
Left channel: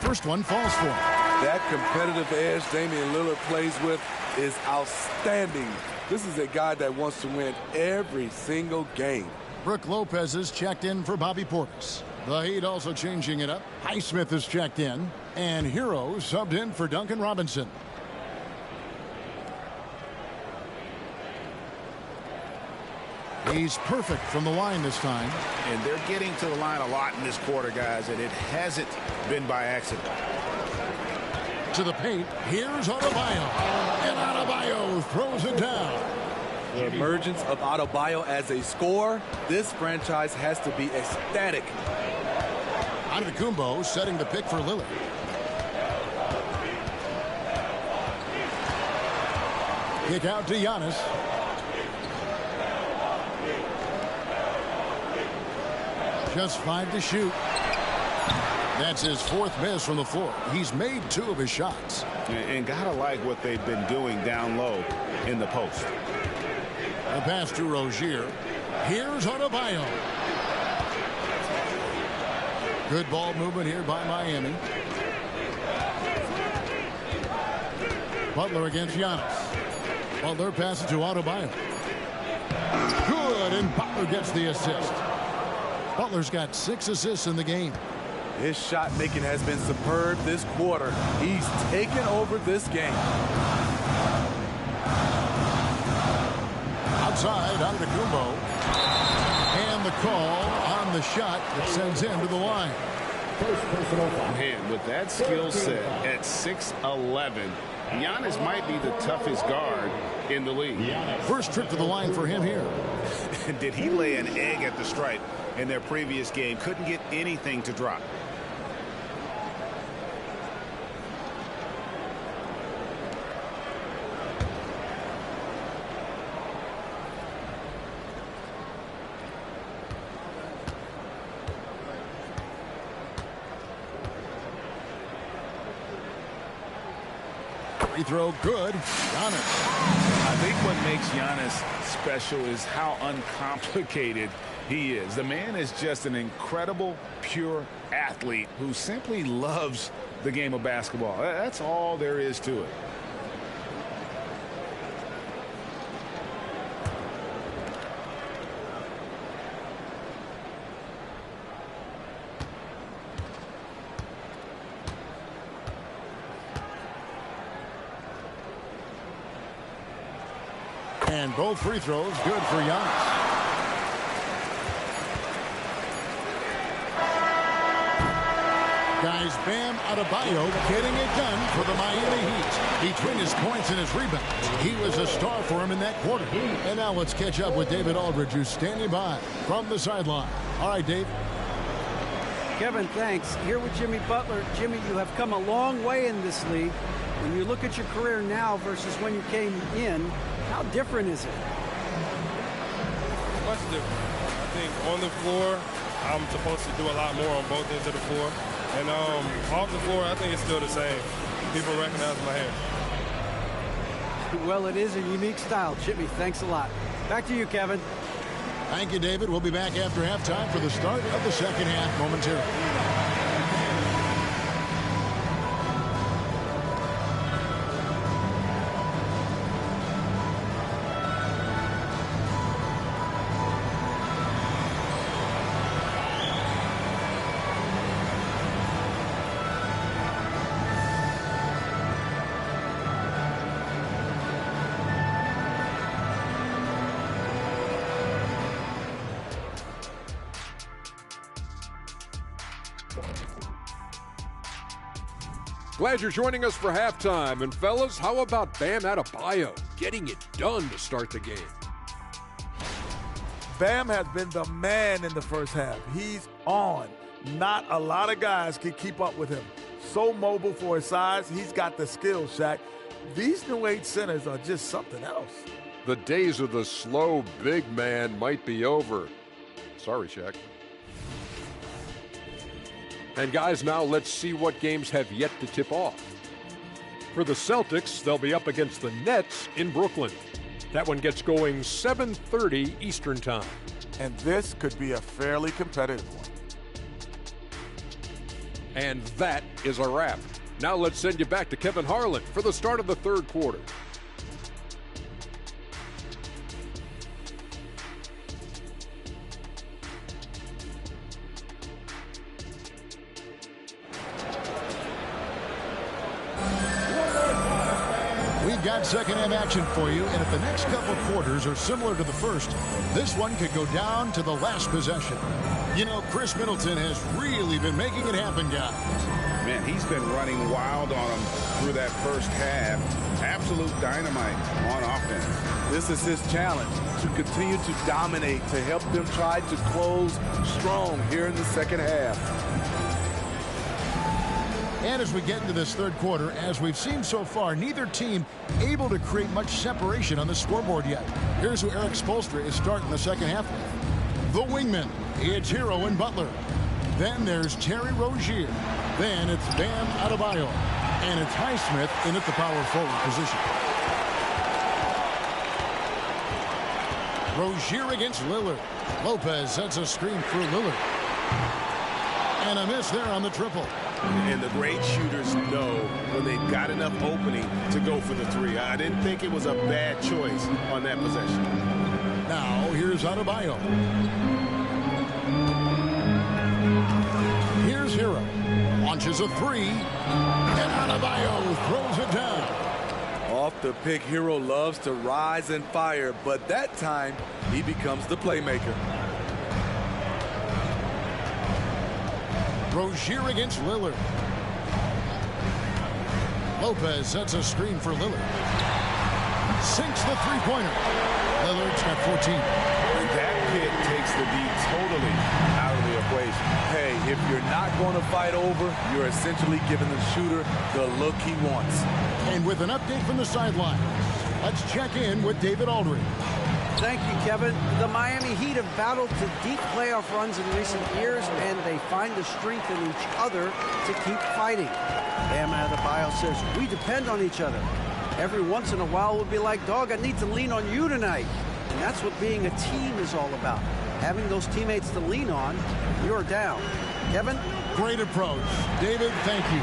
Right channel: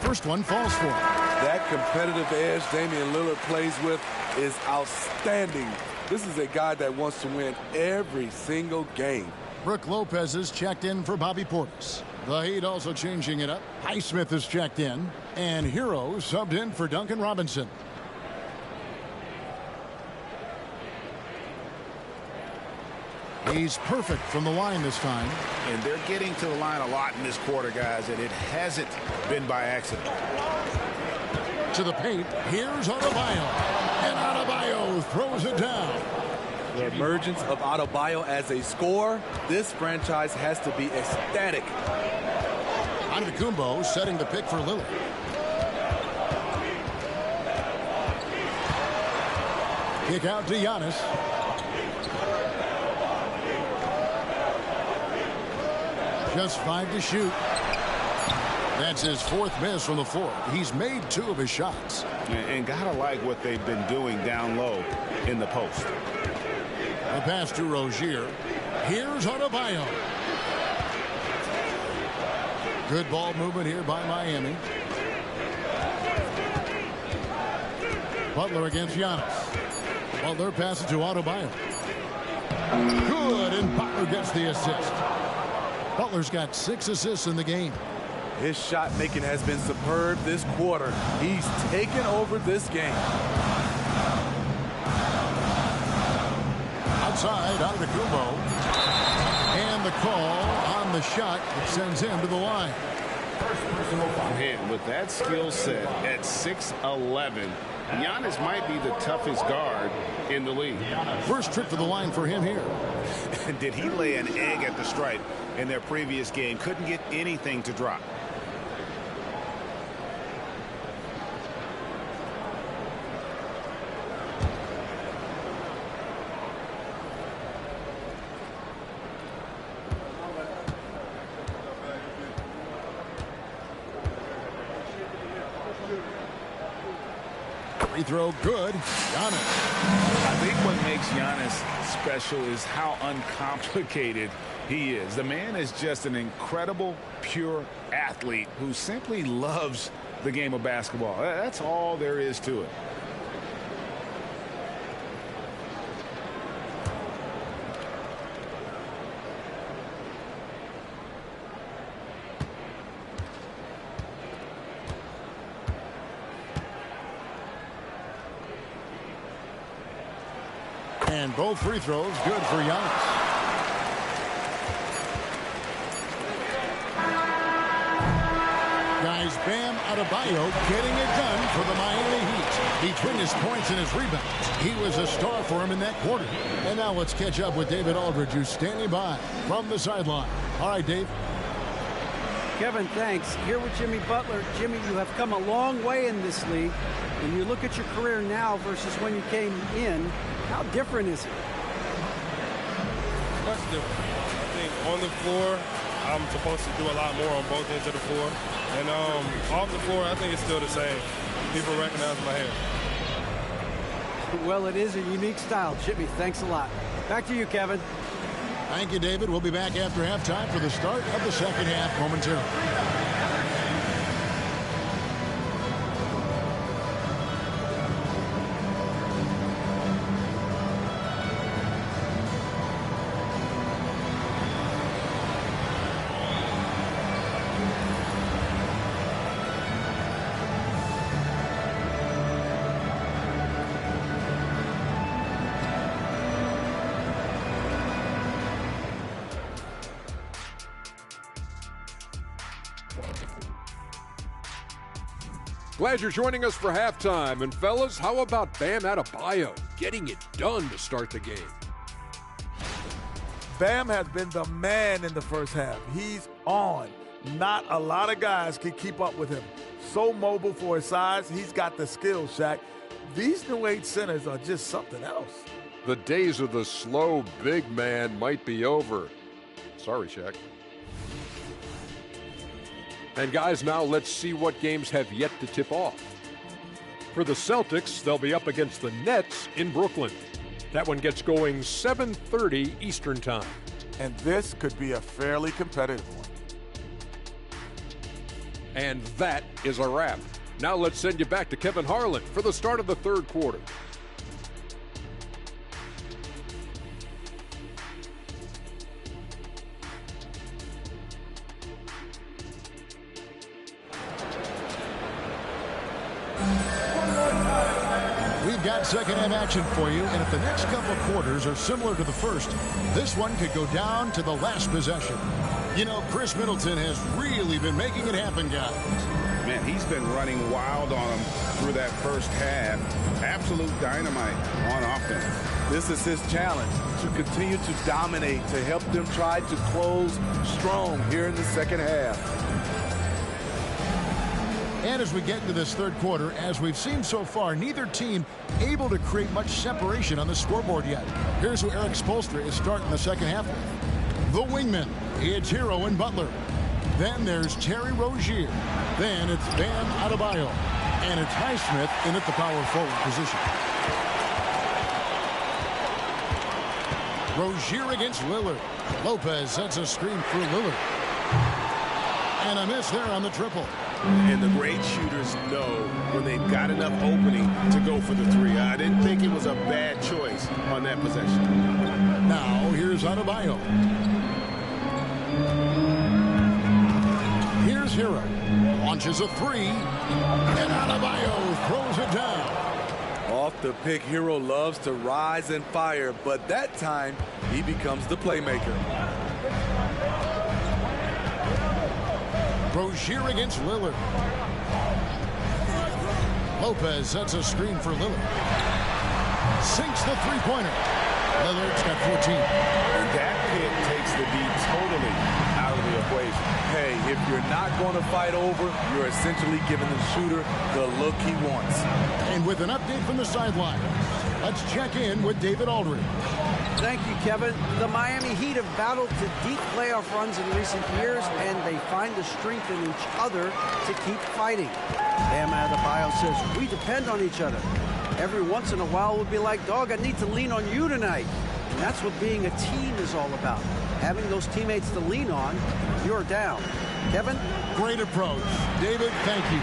First one falls for him. That competitive edge Damian Lillard plays with is outstanding. This is a guy that wants to win every single game. Brook Lopez is checked in for Bobby Portis. The Heat also changing it up. Highsmith is checked in. And Hero subbed in for Duncan Robinson. He's perfect from the line this time. And they're getting to the line a lot in this quarter, guys, and it hasn't been by accident. To the paint, here's Adebayo. And Adebayo throws it down. The emergence of Adebayo as a scorer, this franchise has to be ecstatic. Antetokounmpo setting the pick for Lillard. Kick out to Giannis. Just 5 to shoot. That's his 4th miss from the floor. He's made 2 of his shots. And gotta like what they've been doing down low in the post. The pass to Rozier. Here's Adebayo. Good ball movement here by Miami. Butler against Giannis. Butler passes to Adebayo. Good, and Butler gets the assist. Butler's got 6 assists in the game. His shot making has been superb this quarter. He's taken over this game. Outside, Antetokounmpo. And the call on the shot that sends him to the line. Man, with that skill set at 6'11", Giannis might be the toughest guard in the league. First trip to the line for him here. Did he lay an egg at the stripe in their previous game? Couldn't get anything to drop. Free throw good. Giannis. I think what makes Giannis special is how uncomplicated he is. The man is just an incredible, pure athlete who simply loves the game of basketball. That's all there is to it. And both free throws good for Giannis. Guys, Bam Adebayo getting it done for the Miami Heat. Between his points and his rebounds, he was a star for him in that quarter. And now let's catch up with David Aldridge, who's standing by from the sideline. All right, Dave. Kevin, thanks. Here with Jimmy Butler. Jimmy, you have come a long way in this league. When you look at your career now versus when you came in, how different is it? Much different. I think on the floor, I'm supposed to do a lot more on both ends of the floor. And off the floor, I think it's still the same. People recognize my hair. Well, it is a unique style, Jimmy. Thanks a lot. Back to you, Kevin. Thank you, David. We'll be back after halftime for the start of the second half momentarily. Glad you're joining us for halftime. And fellas, how about Bam Adebayo getting it done to start the game? Bam has been the man in the first half. He's on. Not a lot of guys can keep up with him. So mobile for his size. He's got the skills, Shaq. These new age centers are just something else. The days of the slow big man might be over. Sorry, Shaq. And guys, now let's see what games have yet to tip off. For the Celtics, they'll be up against the Nets in Brooklyn. That one gets going 7:30 Eastern Time. And this could be a fairly competitive one. And that is a wrap. Now let's send you back to Kevin Harlan for the start of the third quarter. We've got second half action for you, and if the next couple of quarters are similar to the first, this one could go down to the last possession. You know, Chris Middleton has really been making it happen, guys. Man, he's been running wild on them through that first half. Absolute dynamite on offense. This is his challenge, to continue to dominate, to help them try to close strong here in the second half. And as we get into this third quarter, as we've seen so far, neither team able to create much separation on the scoreboard yet. Here's who Eric Spoelstra is starting the second half with. The wingman, it's Hero and Butler. Then there's Terry Rozier. Then it's Bam Adebayo. And it's Highsmith in at the power forward position. Rozier against Lillard. Lopez sets a screen for Lillard. And a miss there on the triple. And the great shooters know when they've got enough opening to go for the three. I didn't think it was a bad choice on that possession. Now, here's Adebayo. Here's Hero. Launches a three. And Adebayo throws it down. Off the pick, Hero loves to rise and fire, but that time he becomes the playmaker. Rozier against Lillard. Lopez sets a screen for Lillard. Sinks the three-pointer. Lillard's got 14. And that pick takes the D totally out of the equation. Hey, if you're not going to fight over, you're essentially giving the shooter the look he wants. And with an update from the sidelines, let's check in with David Aldridge. Thank you, Kevin. The Miami Heat have battled to deep playoff runs in recent years, and they find the strength in each other to keep fighting. Bam Adebayo says, we depend on each other. Every once in a while, we'll be like, dog, I need to lean on you tonight. And that's what being a team is all about. Having those teammates to lean on, you're down. Kevin? Great approach. David, thank you.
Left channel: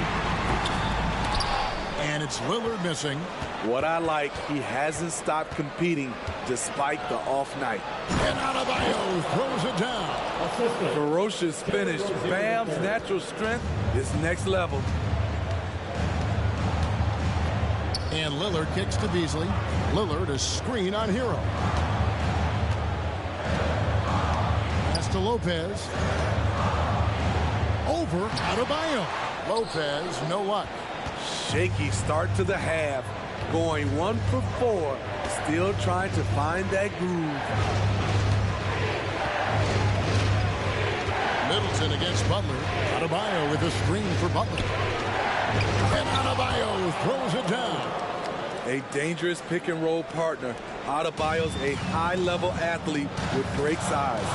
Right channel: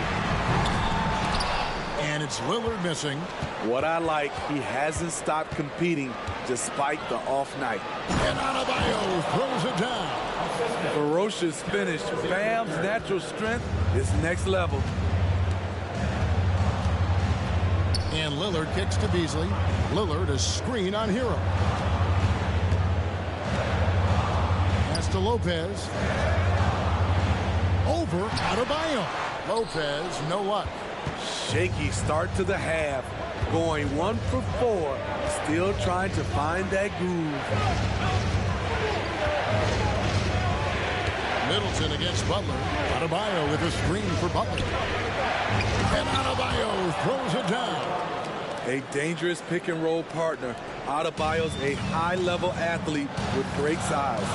And it's Lillard missing. What I like, he hasn't stopped competing despite the off night. And Adebayo throws it down. Ferocious finish. Bam's natural strength is next level. And Lillard kicks to Beasley. Lillard a screen on Hero. Pass to Lopez. Over Adebayo. Lopez, no luck. Shaky start to the half. Going 1 for 4. Still trying to find that groove. Middleton against Butler. Adebayo with a screen for Butler. And Adebayo throws it down. A dangerous pick-and-roll partner. Adebayo's a high-level athlete with great size.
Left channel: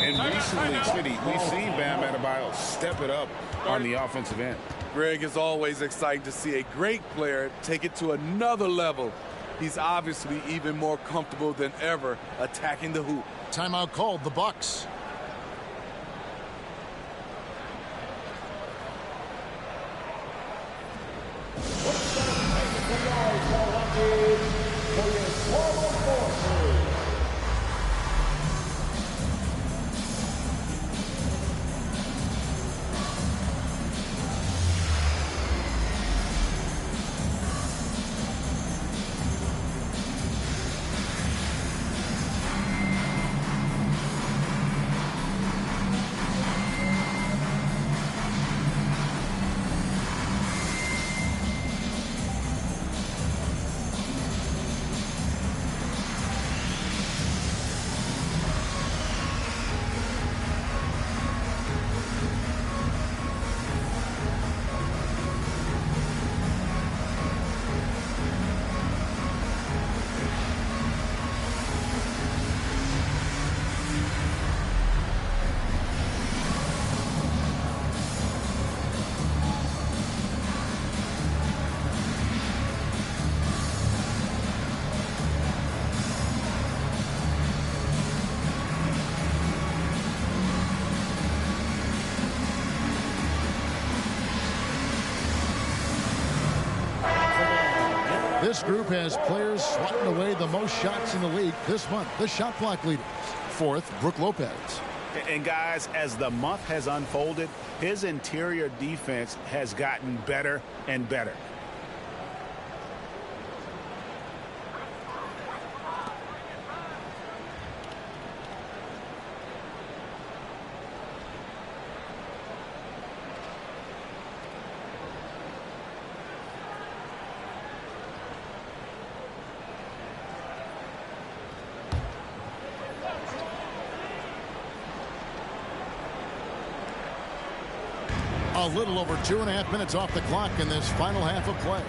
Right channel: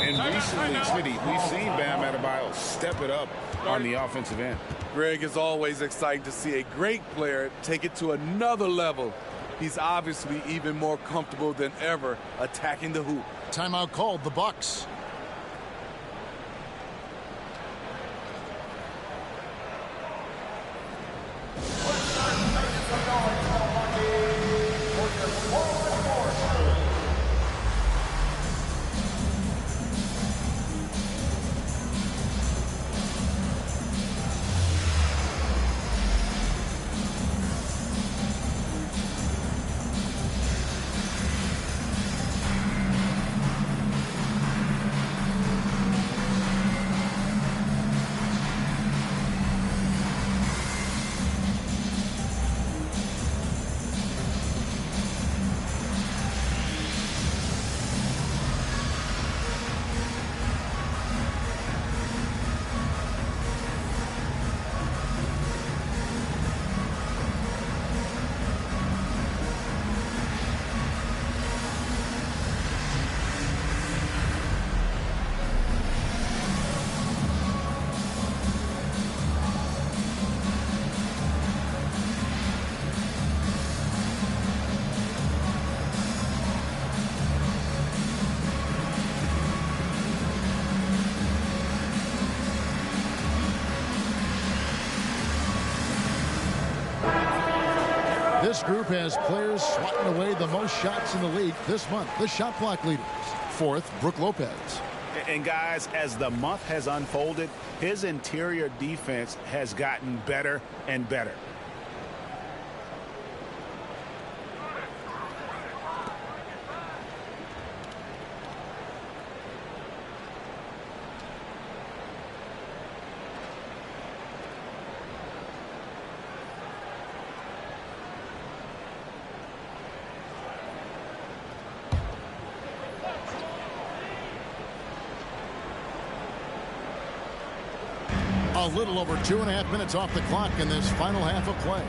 And recently, Smitty, we've seen Bam Adebayo step it up on the offensive end. Greg, is always exciting to see a great player take it to another level. He's obviously even more comfortable than ever attacking the hoop. Timeout called, the Bucks. This group has players swatting away the most shots in the league this month. The shot clock leaders. Fourth, Brook Lopez. And guys, as the month has unfolded, his interior defense has gotten better and better. A little over 2.5 minutes off the clock in this final half of play.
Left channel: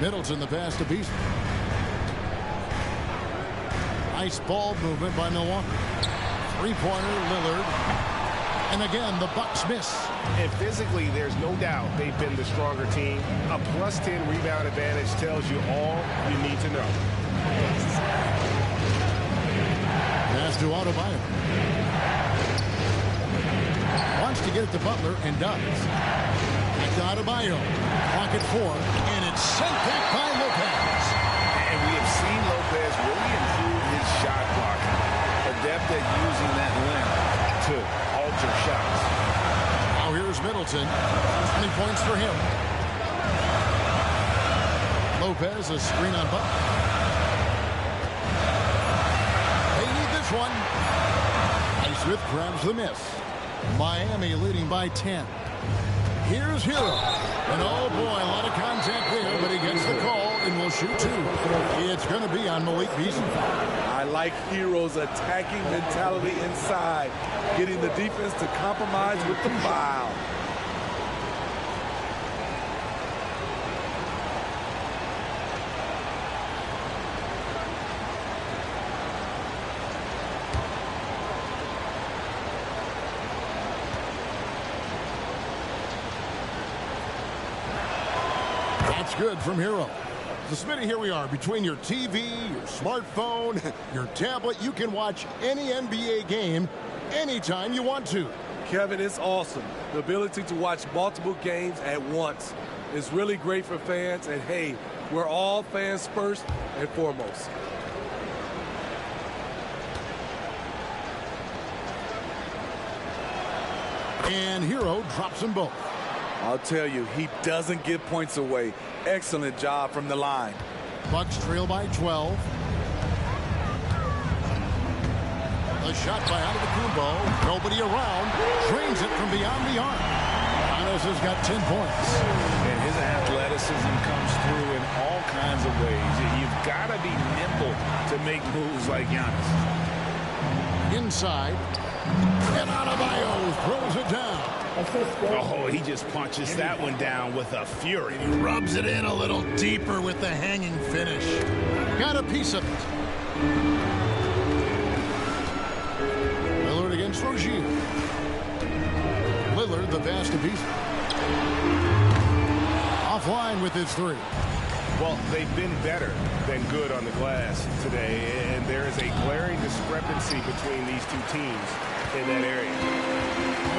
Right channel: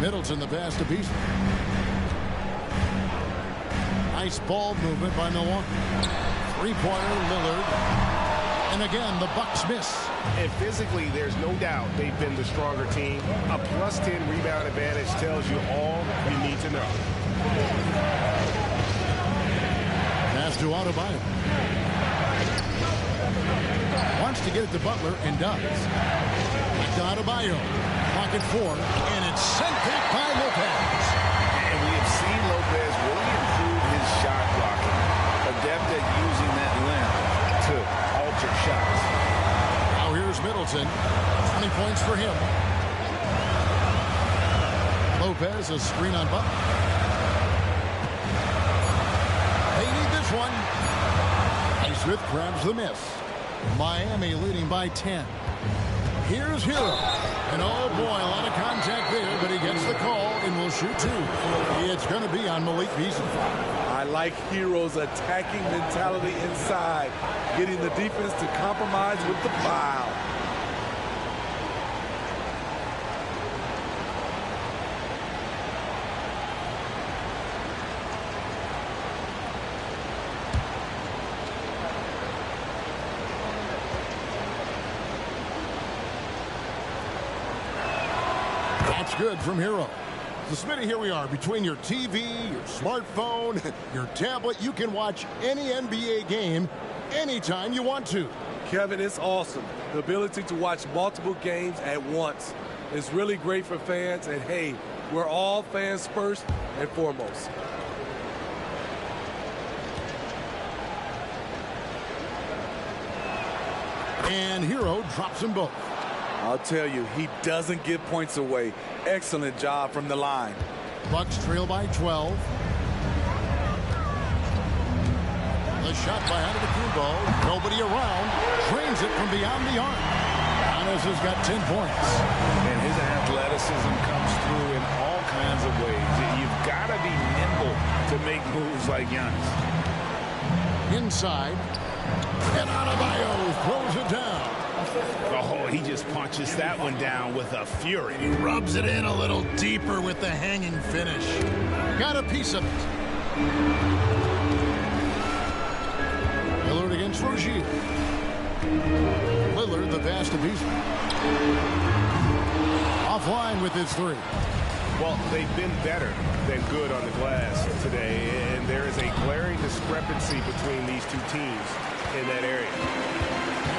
Middleton the pass to Beasley. Nice ball movement by Milwaukee. Three-pointer Lillard. And again, the Bucks miss. And physically, there's no doubt they've been the stronger team. A +10 rebound advantage tells you all you need to know. Pass to Adebayo. Wants to get it to Butler and does. Back to Adebayo. Clock at 4, and it's sent back by Lopez. And we have seen Lopez really improve his shot blocking. Adept at using that length to alter shots. Now here's Middleton. 20 points for him. Lopez, a screen on Butler. They need this one. Highsmith grabs the miss. Miami leading by 10. Here's Hero. And oh boy, a lot of contact there, but he gets the call and will shoot two. It's going to be on Malik Beasley. I like Hero's attacking mentality inside, getting the defense to compromise with the foul. That's good from Hero. So, Smitty, here we are. Between your TV, your smartphone, your tablet, you can watch any NBA game anytime you want to. Kevin, it's awesome. The ability to watch multiple games at once is really great for fans. And, hey, we're all fans first and foremost. And Hero drops them both. I'll tell you, he doesn't give points away. Excellent job from the line. Bucks trail by 12. The shot by Antetokounmpo. Nobody around. Drains it from beyond the arc. Giannis has got 10 points. And his athleticism comes through in all kinds of ways. You've got to be nimble to make moves like Giannis. Inside. And Adebayo throws it down. Oh, he just punches that one down with a fury. He rubs it in a little deeper with the hanging finish. Got a piece of it. Lillard against Rozier. Lillard, the pass to Beasley. Offline with his three. Well, they've been better than good on the glass today, and there is a glaring discrepancy between these two teams in that area.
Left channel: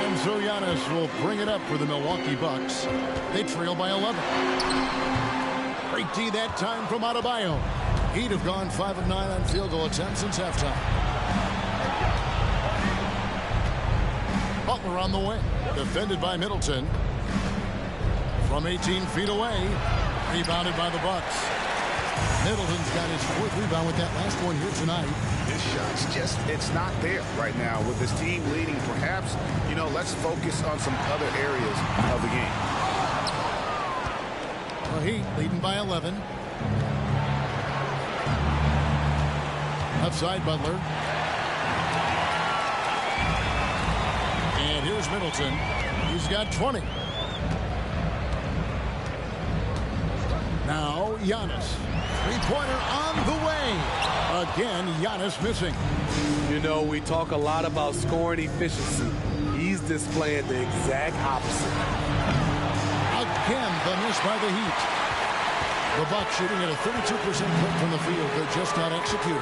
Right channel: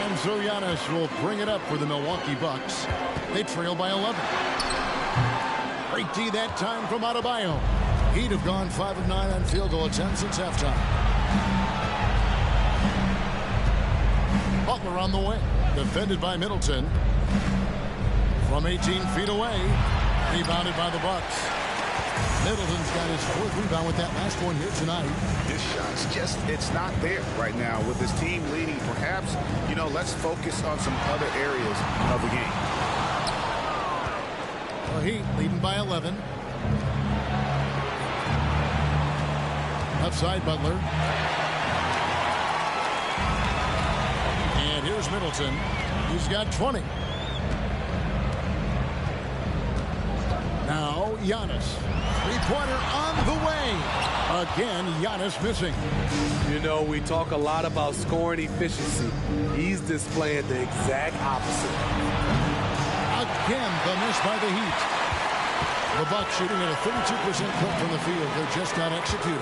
And so Giannis will bring it up for the Milwaukee Bucks. They trail by 11. Great D that time from Adebayo. He'd have gone 5 of 9 on field goal attempts since halftime. Butler on the wing. Defended by Middleton. From 18 feet away. Rebounded by the Bucks. Middleton's got his 4th rebound with that last one here tonight. His shot's just, it's not there right now with his team leading. Perhaps, let's focus on some other areas of the game. Well, Heat leading by 11. Left side, Butler. And here's Middleton. He's got 20. Now, Giannis. Three-pointer on the way. Again, Giannis missing. We talk a lot about scoring efficiency. He's displaying the exact opposite. Again, the miss by the Heat. The Bucks shooting at a 32% clip from the field. They're just not executing.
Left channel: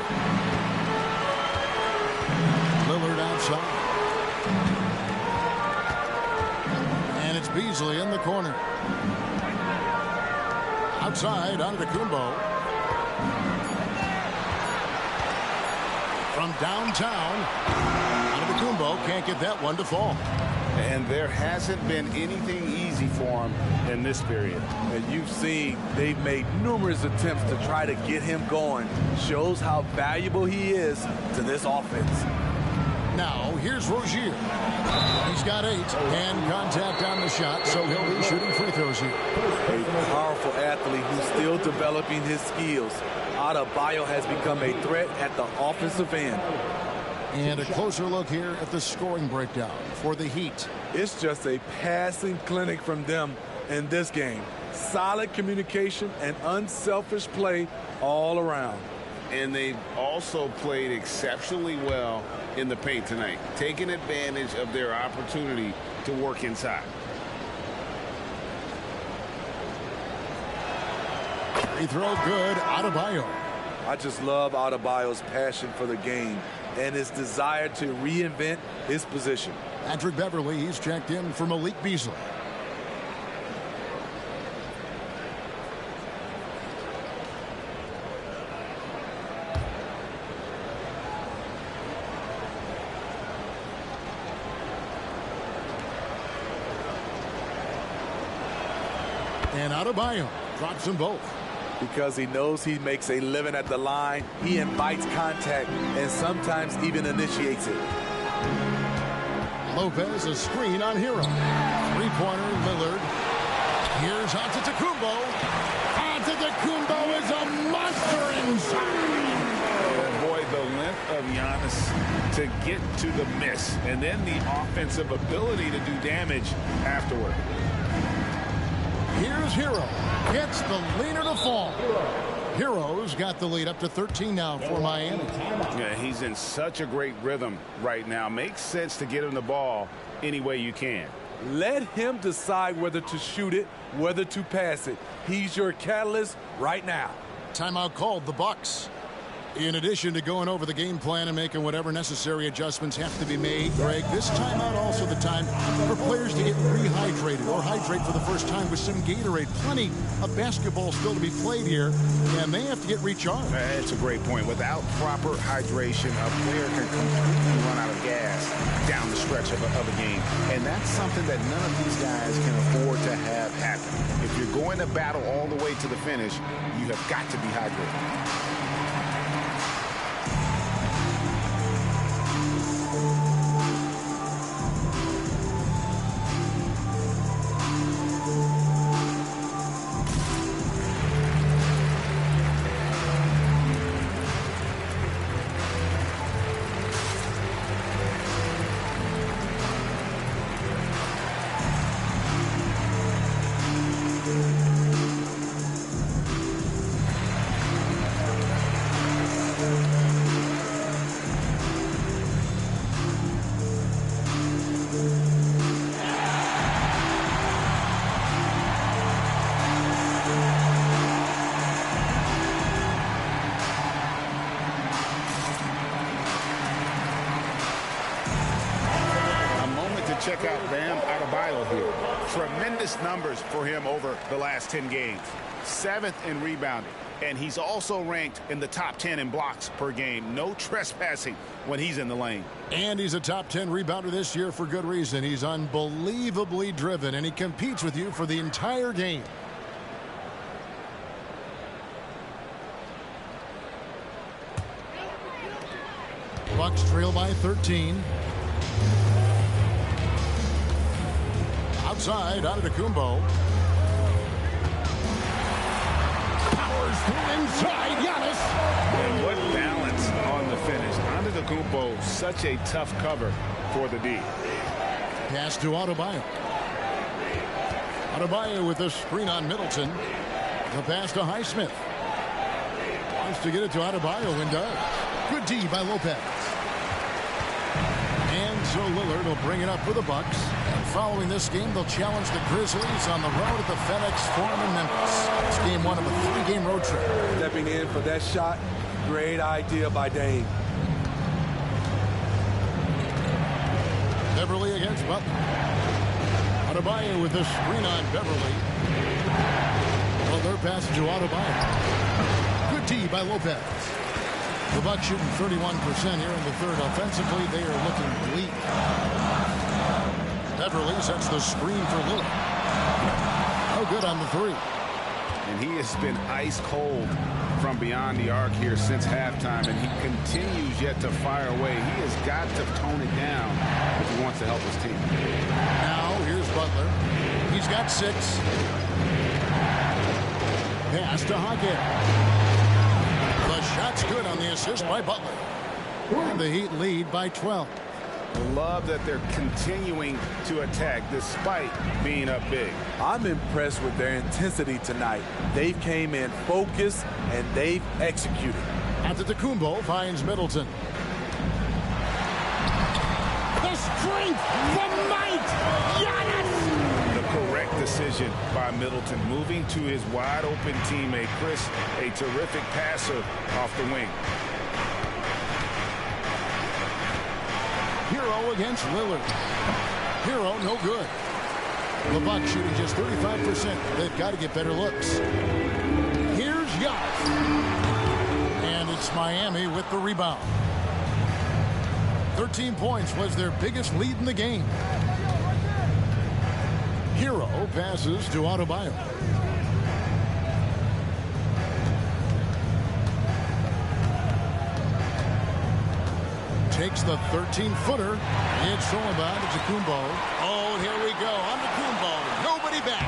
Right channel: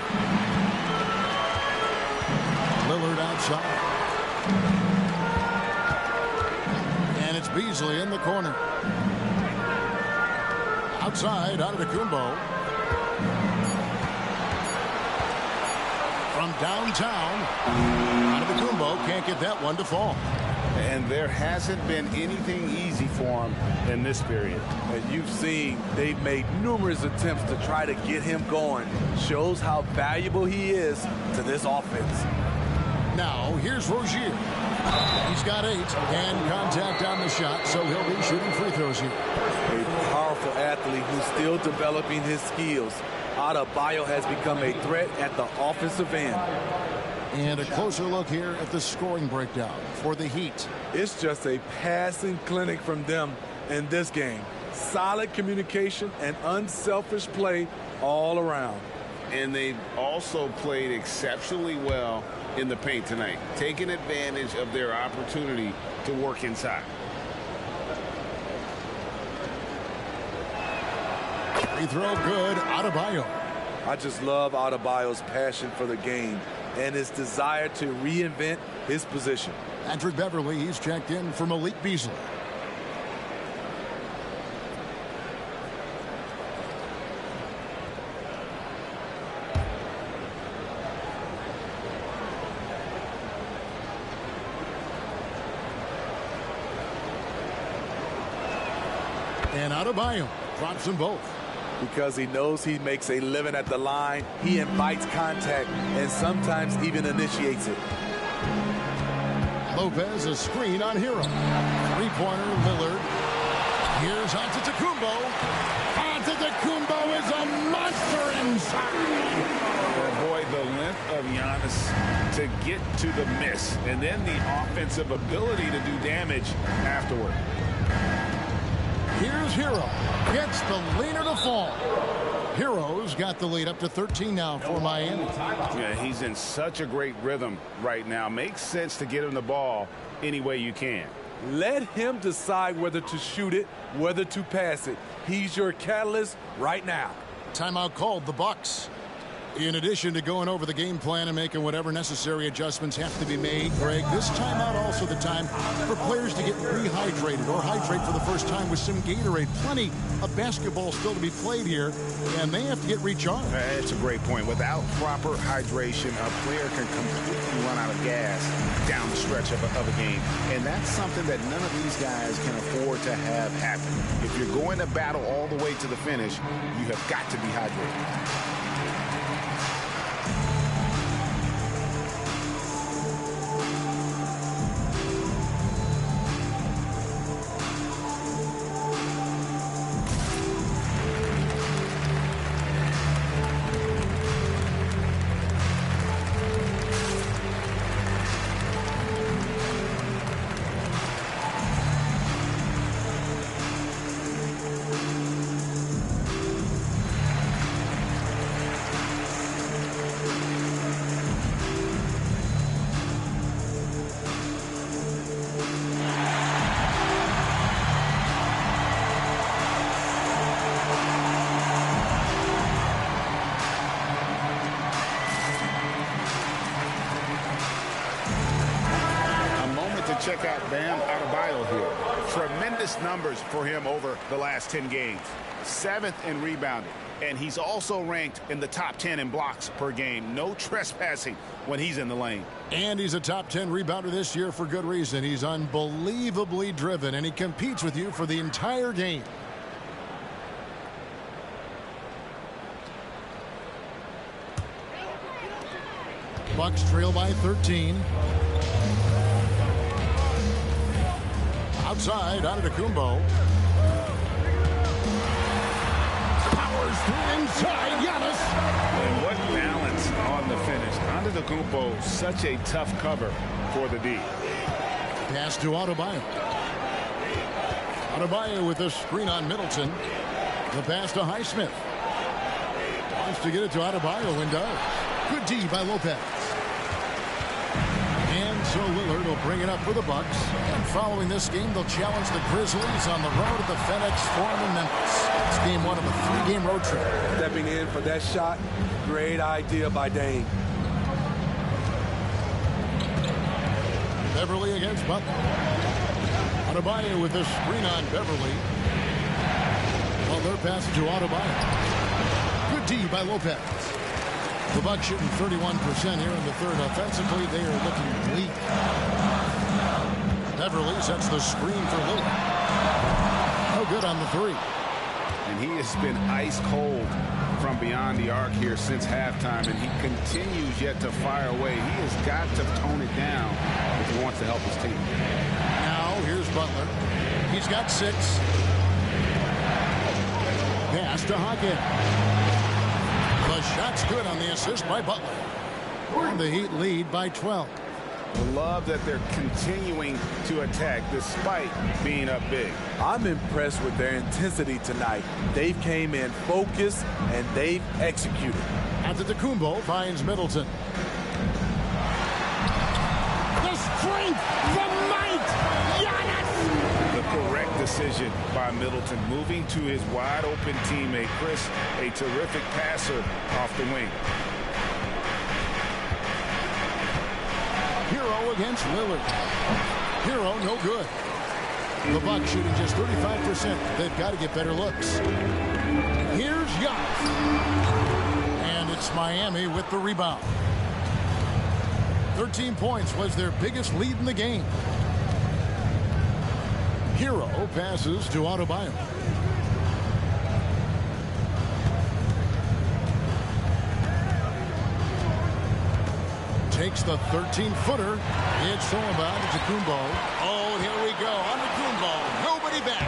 Lillard outside. And it's Beasley in the corner. Outside, Antetokounmpo. From downtown, Antetokounmpo can't get that one to fall. And there hasn't been anything easy for him in this period. And you've seen they've made numerous attempts to try to get him going. Shows how valuable he is to this offense. Now, here's Rozier. He's got 8. Hand contact on the shot, so he'll be shooting free throws here. A powerful athlete who's still developing his skills. Adebayo has become a threat at the offensive end. And a closer look here at the scoring breakdown for the Heat. It's just a passing clinic from them in this game. Solid communication and unselfish play all around. And they've also played exceptionally well in the paint tonight, taking advantage of their opportunity to work inside. Free throw good, Adebayo. I just love Adebayo's passion for the game and his desire to reinvent his position. Patrick Beverly, he's checked in for Malik Beasley. And Adebayo drops them both. Because he knows he makes a living at the line, he invites contact and sometimes even initiates it. Lopez, a screen on Hero. Three-pointer, Lillard. Here's Antetokounmpo. Antetokounmpo is a monster inside. And boy, the length of Giannis to get to the miss, and then the offensive ability to do damage afterward. Here's Hero. Gets the leaner to fall. Hero's got the lead up to 13 now for Miami. Yeah, he's in such a great rhythm right now. Makes sense to get him the ball any way you can. Let him decide whether to shoot it, whether to pass it. He's your catalyst right now. Timeout called, the Bucks. In addition to going over the game plan and making whatever necessary adjustments have to be made, Greg, this timeout also the time for players to get rehydrated or hydrate for the first time with some Gatorade. Plenty of basketball still to be played here, and they have to get recharged. That's a great point. Without proper hydration, a player can completely run out of gas down the stretch of a game. And that's something that none of these guys can afford to have happen. If you're going to battle all the way to the finish, you have got to be hydrated. Check out Bam Adebayo here. Tremendous numbers for him over the last 10 games. 7th in rebounding. And he's also ranked in the top 10 in blocks per game. No trespassing when he's in the lane. And he's a top 10 rebounder this year for good reason. He's unbelievably driven, and he competes with you for the entire game. Bucks trail by 13. Outside, Antetokounmpo. Powers through inside, Giannis. And what balance on the finish. Antetokounmpo, such a tough cover for the D. Pass to Adebayo. Adebayo with a screen on Middleton. The pass to Highsmith. Wants to get it to Adebayo and does. Good D by Lopez. And so Lillard will bring it up for the Bucks. And following this game, they'll challenge the Grizzlies on the road at the FedEx Forum in Memphis. It's game one of a 3-game road trip. Stepping in for that shot, great idea by Dame. Beverly against Butler. Adebayo with a screen on Beverly. Butler passes to Adebayo. Good D by Lopez. The Bucks shooting 31% here in the third. Offensively, they are looking bleak. Beverly sets the screen for Lillard. No good on the three. And he has been ice cold from beyond the arc here since halftime, and he continues yet to fire away. He has got to tone it down if he wants to help his team. Now, here's Butler. He's got 6. Pass to Hawkins. The shot's good on the assist by Butler. And the Heat lead by 12. Love that they're continuing to attack despite being up big. I'm impressed with their intensity tonight. They've came in focused and they've executed. Antetokounmpo finds Middleton. The strength, the might, Giannis! The correct decision by Middleton, moving to his wide-open teammate, Chris, a terrific passer off the wing. Hero against Lillard. Hero no good. The Bucks shooting just 35%. They've got to get better looks. Here's Giannis. And it's Miami with the rebound. 13 points was their biggest lead in the game. Hero passes to Adebayo. takes the 13-footer. It's Solomon to Kumbo. Oh, and here we go. On to Kumbo. Nobody back.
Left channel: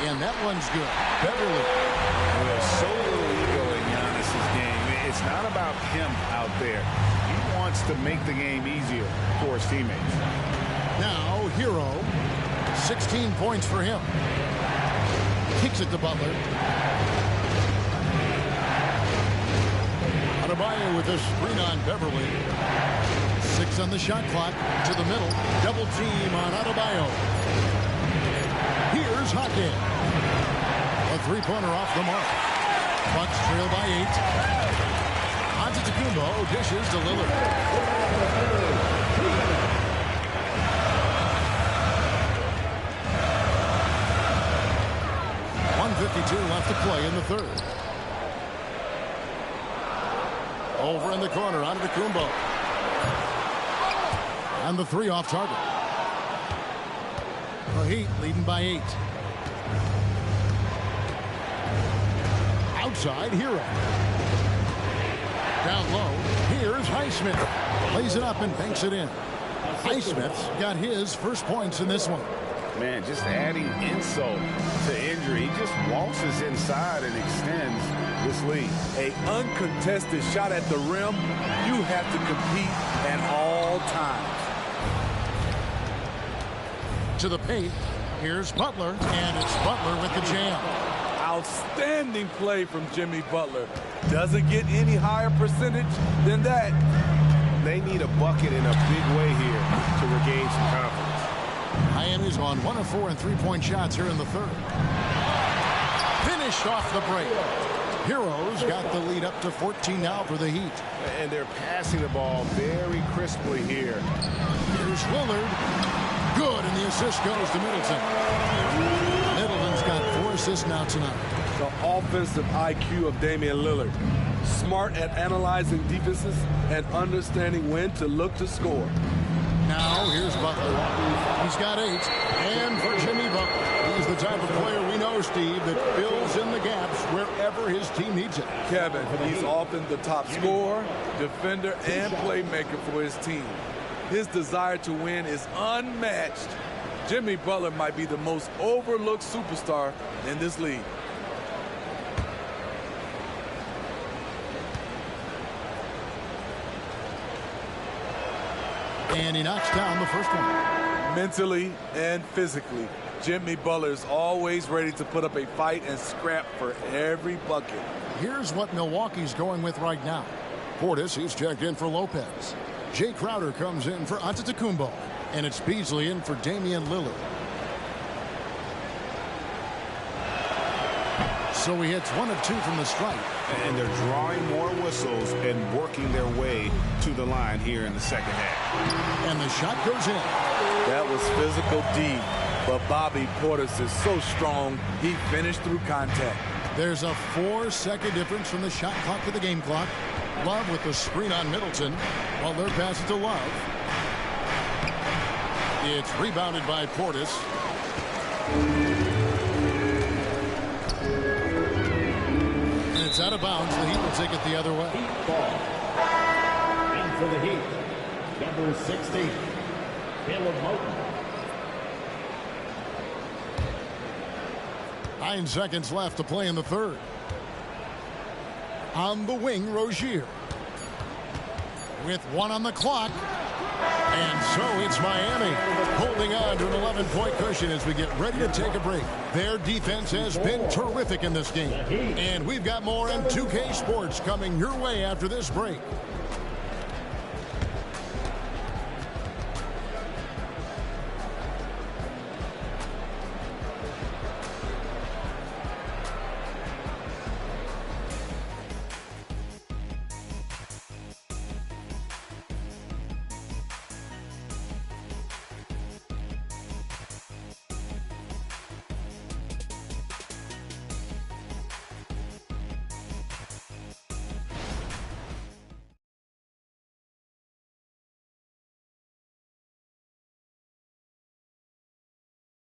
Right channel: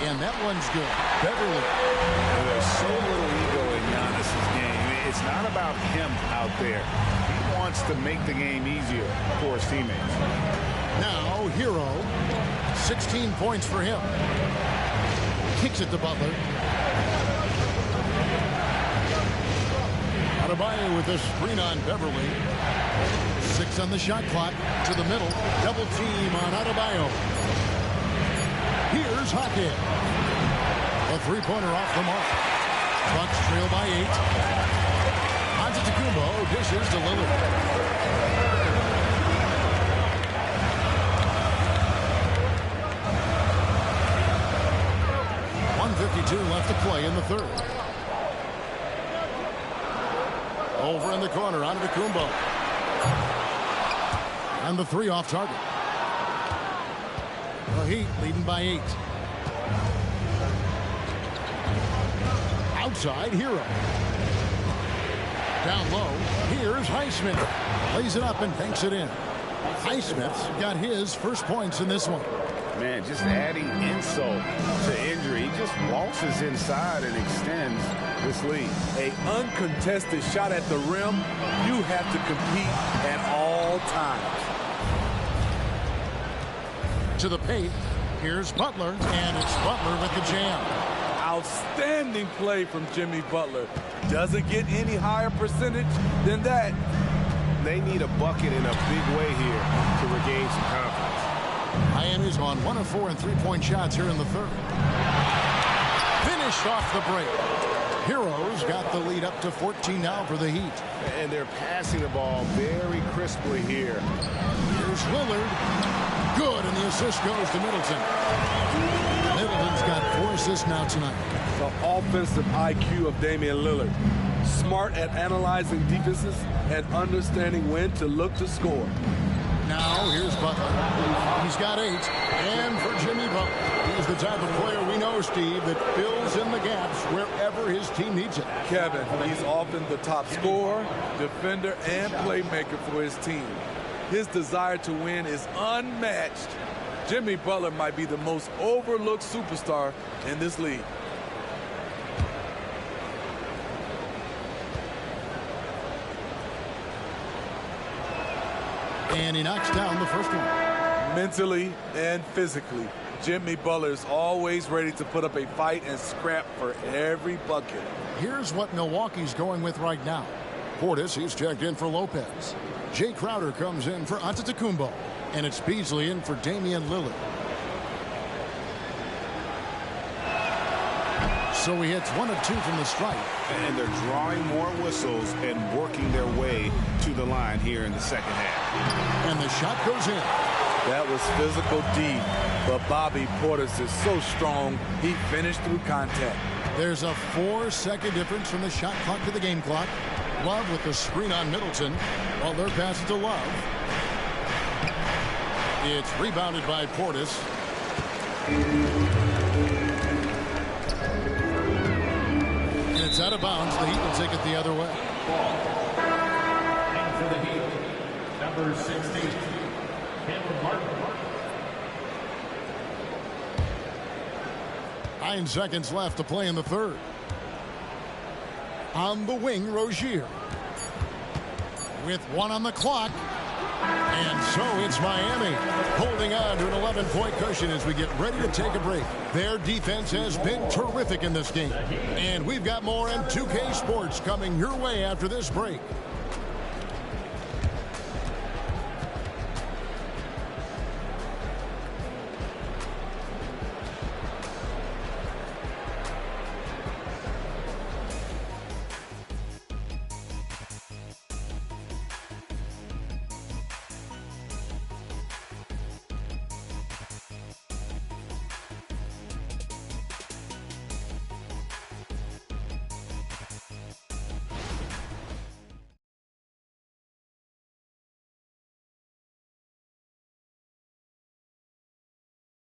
And that one's good. Beverly. Well, there's so little ego in Giannis's game. It's not about him out there. He wants to make the game easier for his teammates. Now, Hero. 16 points for him. Kicks it to Butler. Adebayo with a screen on Beverly. 6 on the shot clock. To the middle. Double team on Adebayo. Here's Hackett. A three-pointer off the mark. Bucks trail by 8. Antetokounmpo dishes to Lillard. .152 left to play in the third. Over in the corner, Antetokounmpo. And the 3 off target. The Heat leading by 8. Outside, Hero. Down low, here's Highsmith. Lays it up and banks it in. Highsmith's got his first points in this one. Man, just adding insult to injury. He just waltzes inside and extends this lead. A uncontested shot at the rim, you have to compete at all times. To the paint, here's Butler, and it's Butler with the jam. Outstanding play from Jimmy Butler. Doesn't get any higher percentage than that. They need a bucket in a big way here to regain some confidence. Miami's on 1 of 4 and 3-point shots here in the third. Finished off the break. Heroes got the lead up to 14 now for the Heat. And they're passing the ball very crisply here. Here's Lillard. Good, and the assist goes to Middleton. Middleton's got 4 assists now tonight. The offensive IQ of Damian Lillard. Smart at analyzing defenses and understanding when to look to score. Now here's Butler. He's got 8. And for Jimmy Butler, he's the type of player we know, Steve, that fills in the gaps wherever his team needs it. Kevin, he's often the top scorer, defender, and playmaker for his team. His desire to win is unmatched. Jimmy Butler might be the most overlooked superstar in this league. And he knocks down the first one. Mentally and physically, Jimmy Butler is always ready to put up a fight and scrap for every bucket. Here's what Milwaukee's going with right now. Portis, he's checked in for Lopez. Jay Crowder comes in for Antetokounmpo. And it's Beasley in for Damian Lillard. So he hits 1 of 2 from the stripe. And they're drawing more whistles and working their way to the line here in the second half. And the shot goes in. That was physical D. But Bobby Portis is so strong, he finished through contact. There's a 4-second difference from the shot clock to the game clock. Love with the screen on Middleton. While they're passing to Love. It's rebounded by Portis. And it's out of bounds. The Heat will take it the other way. And for the Heat, number 16, Caleb Martin. 9 seconds left to play in the third. On the wing, Rozier. With 1 on the clock. And so it's Miami holding on to an 11-point cushion as we get ready to take a break. Their defense has been terrific in this game. And we've got more on 2K Sports coming your way after this break.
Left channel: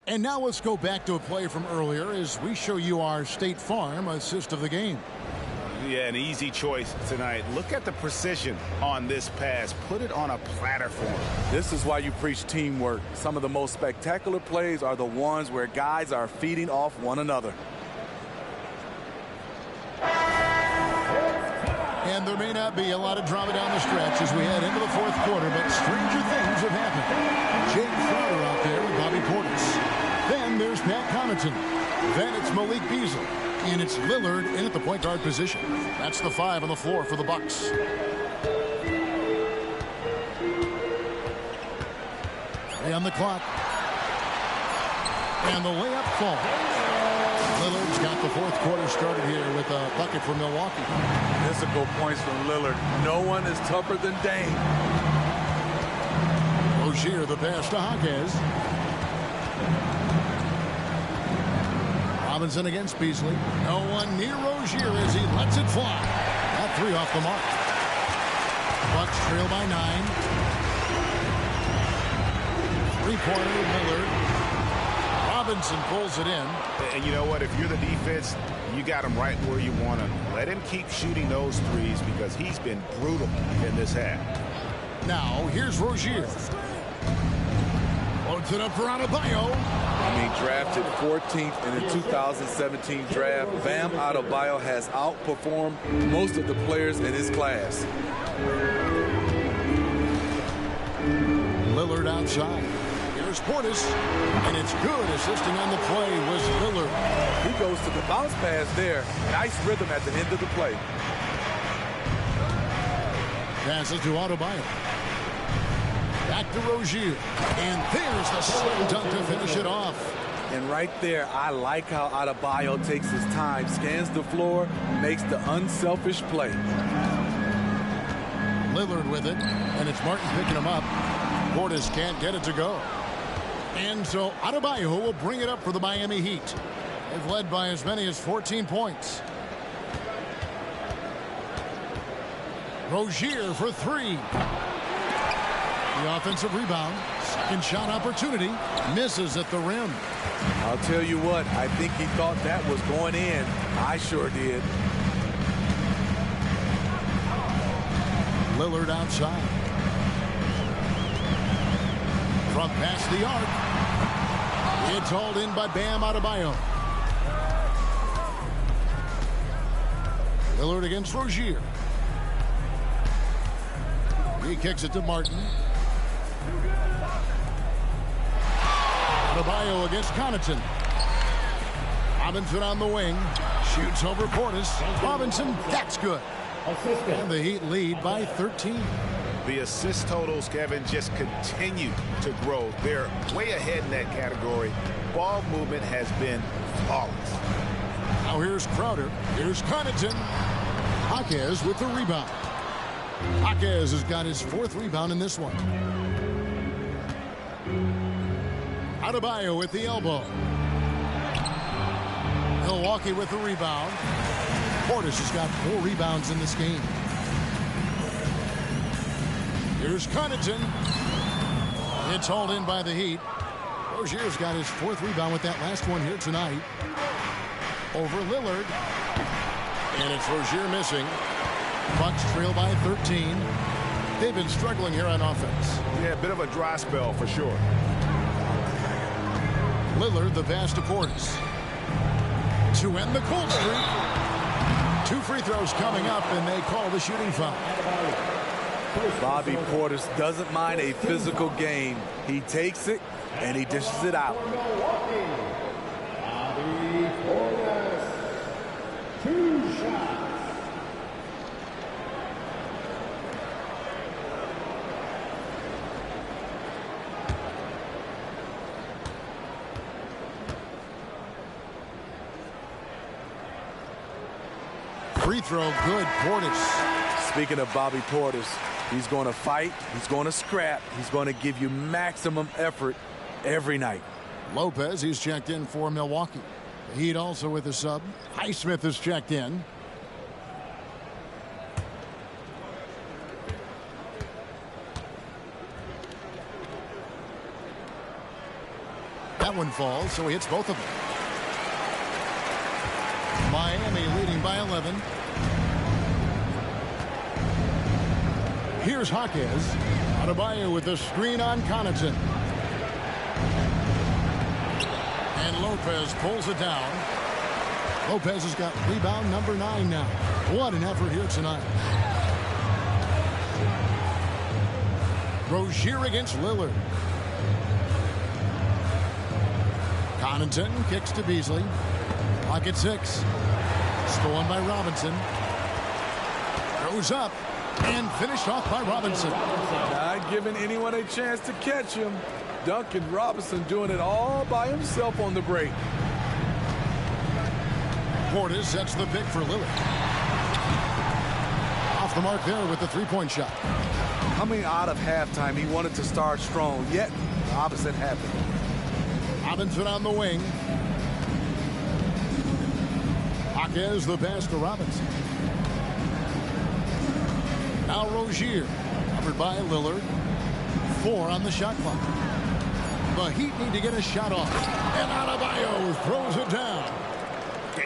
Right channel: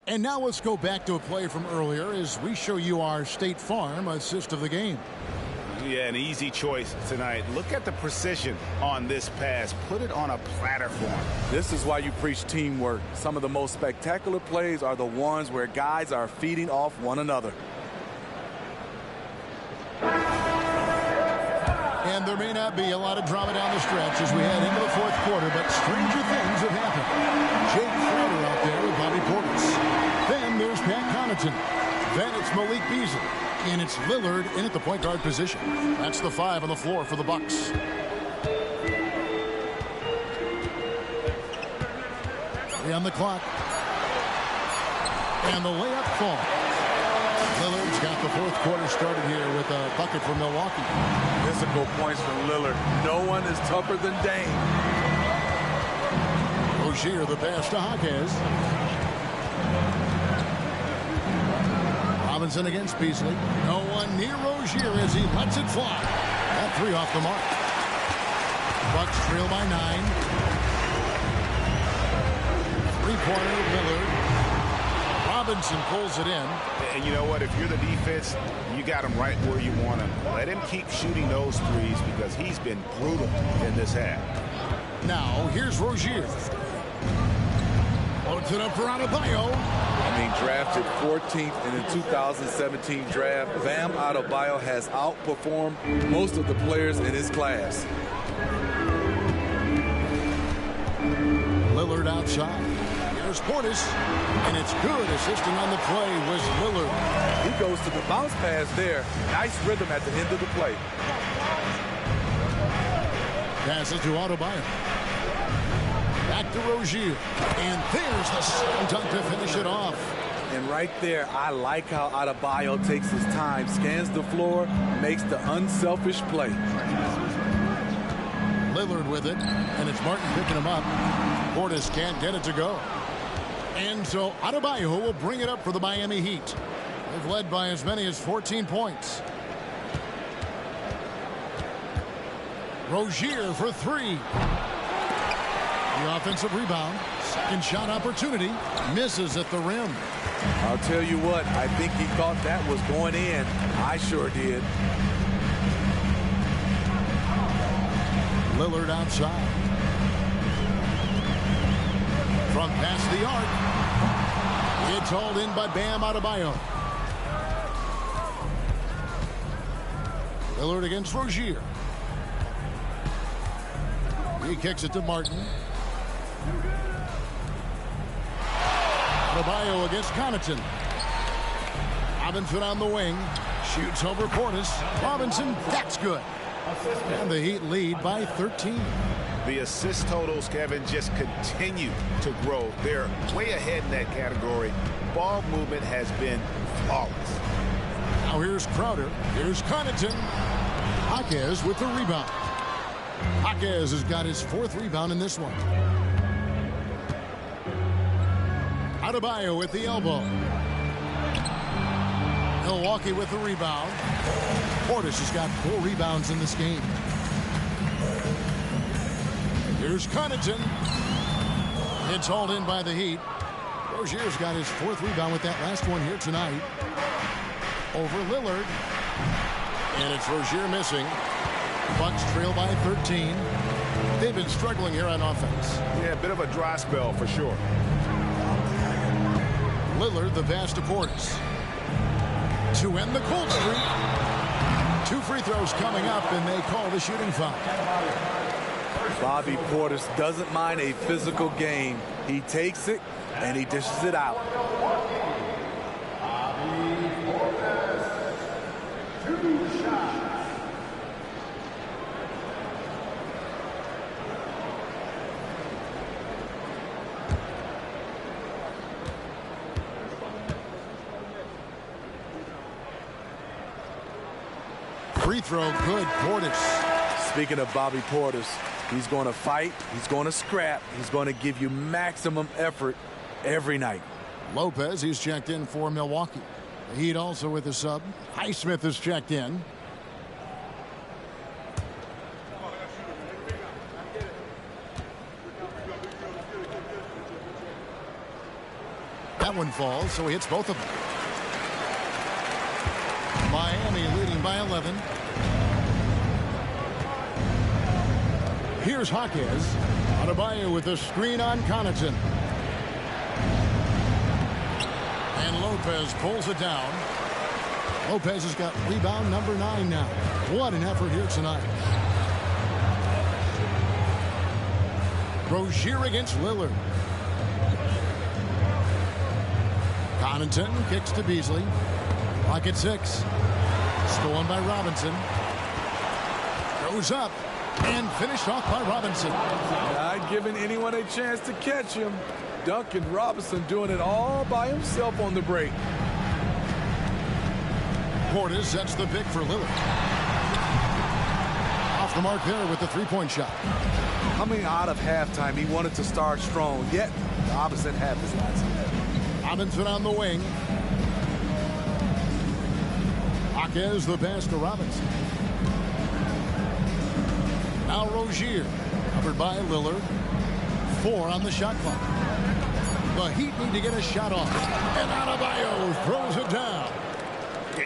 And now let's go back to a play from earlier as we show you our State Farm assist of the game. Yeah, an easy choice tonight. Look at the precision on this pass. Put it on a platter for him. This is why you preach teamwork. Some of the most spectacular plays are the ones where guys are feeding off one another. And there may not be a lot of drama down the stretch as we head into the fourth quarter, but stranger things have happened. Jake Crowder out there with Bobby Portis. Then there's Pat Connaughton. Then it's Malik Beasley. And it's Lillard in at the point guard position. That's the 5 on the floor for the Bucks. Three on the clock. And the layup falls. Lillard's got the fourth quarter started here with a bucket for Milwaukee. Physical points from Lillard. No one is tougher than Dame. Rozier the pass to Jaquez. Robinson against Beasley. No one near Rozier as he lets it fly. That 3 off the mark. Bucks trail by 9. 3-pointer Lillard. Robinson pulls it in. And you know what? If you're the defense, you got him right where you want him. Let him keep shooting those threes because he's been brutal in this half. Now, here's Rozier. Loads it up for Adebayo. I mean, drafted 14th in the 2017 draft, Bam Adebayo has outperformed most of the players in his class. Lillard outside. Here's Portis, and it's good. Assisting on the play was Lillard. He goes to the bounce pass there. Nice rhythm at the end of the play. Passes to Adebayo. Back to Rozier. And there's the slam dunk to finish it off. And right there, I like how Adebayo takes his time, scans the floor, makes the unselfish play. Lillard with it, and it's Martin picking him up. Portis can't get it to go. And so Adebayo will bring it up for the Miami Heat. They've led by as many as 14 points. Rozier for 3. The offensive rebound. Second shot opportunity. Misses at the rim. I'll tell you what, I think he thought that was going in. I sure did. Lillard outside. From past the arc. It's hauled in by Bam Adebayo. Lillard against Rozier. He kicks it to Martin. Adebayo against Connaughton. Robinson on the wing. Shoots over Portis. Robinson, that's good. And the Heat lead by 13. The assist totals, Kevin, just continue to grow. They're way ahead in that category. Ball movement has been flawless. Now here's Crowder. Here's Connaughton. Jaquez with the rebound. Jaquez has got his 4th rebound in this one. Adebayo with the elbow. Milwaukee with the rebound. Portis has got 4 rebounds in this game. Here's Connaughton. It's hauled in by the Heat. Rozier's got his 4th rebound with that last one here tonight. Over Lillard. And it's Rozier missing. Bucks trail by 13. They've been struggling here on offense. Yeah, a bit of a dry spell for sure. Lillard the pass to Portis. To end the cold streak. 2 free throws coming up, and they call the shooting foul. Bobby Portis doesn't mind a physical game. He takes it, and he dishes it out. Bobby Portis. 2 shots. Free throw good, Portis. Speaking of Bobby Portis, he's going to fight, he's going to scrap, he's going to give you maximum effort every night. Lopez, he's checked in for Milwaukee. The Heat also with a sub. Highsmith is checked in. That one falls, so he hits both of them. Miami leading by 11. Here's Jaquez. Adebayo with the screen on Connaughton. And Lopez pulls it down. Lopez has got rebound number 9 now. What an effort here tonight. Rozier against Lillard. Connaughton kicks to Beasley. Clock at 6. Stolen by Robinson. Goes up and finished off by Robinson. Not giving anyone a chance to catch him. Duncan Robinson doing it all by himself on the break. Portis sets the pick for Lillard. Off the mark there with the three-point shot. Coming out of halftime, he wanted to start strong, yet the opposite half is last. Robinson on the wing. Jaquez the pass to Robinson. Now Rozier, covered by Lillard. 4 on the shot clock. The Heat need to get a shot off. And Adebayo throws it down.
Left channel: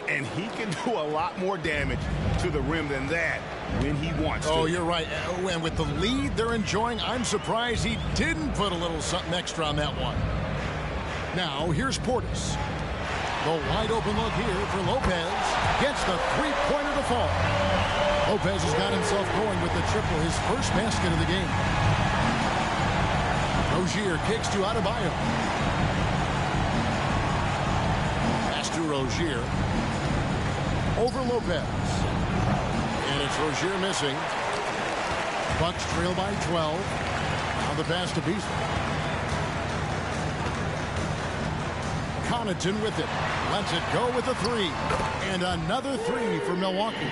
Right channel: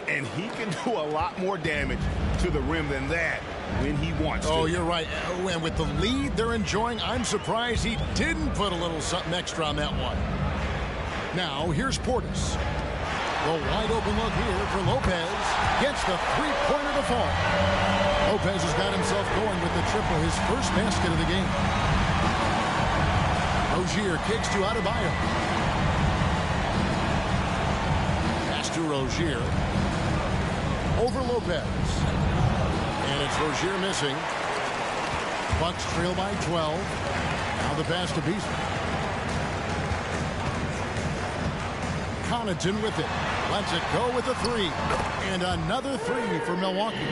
And he can do a lot more damage to the rim than that when he wants to. Oh, you're right. And with the lead they're enjoying, I'm surprised he didn't put a little something extra on that one. Now, here's Portis. The wide open look here for Lopez. Gets the three-pointer to fall. Lopez has got himself going with the triple, his first basket of the game. Rozier kicks to Adebayo. Pass to Rozier. Over Lopez. And it's Rozier missing. Bucks trail by 12. Now the pass to Beasley. Connaughton with it. Lets it go with a 3. And another 3 for Milwaukee.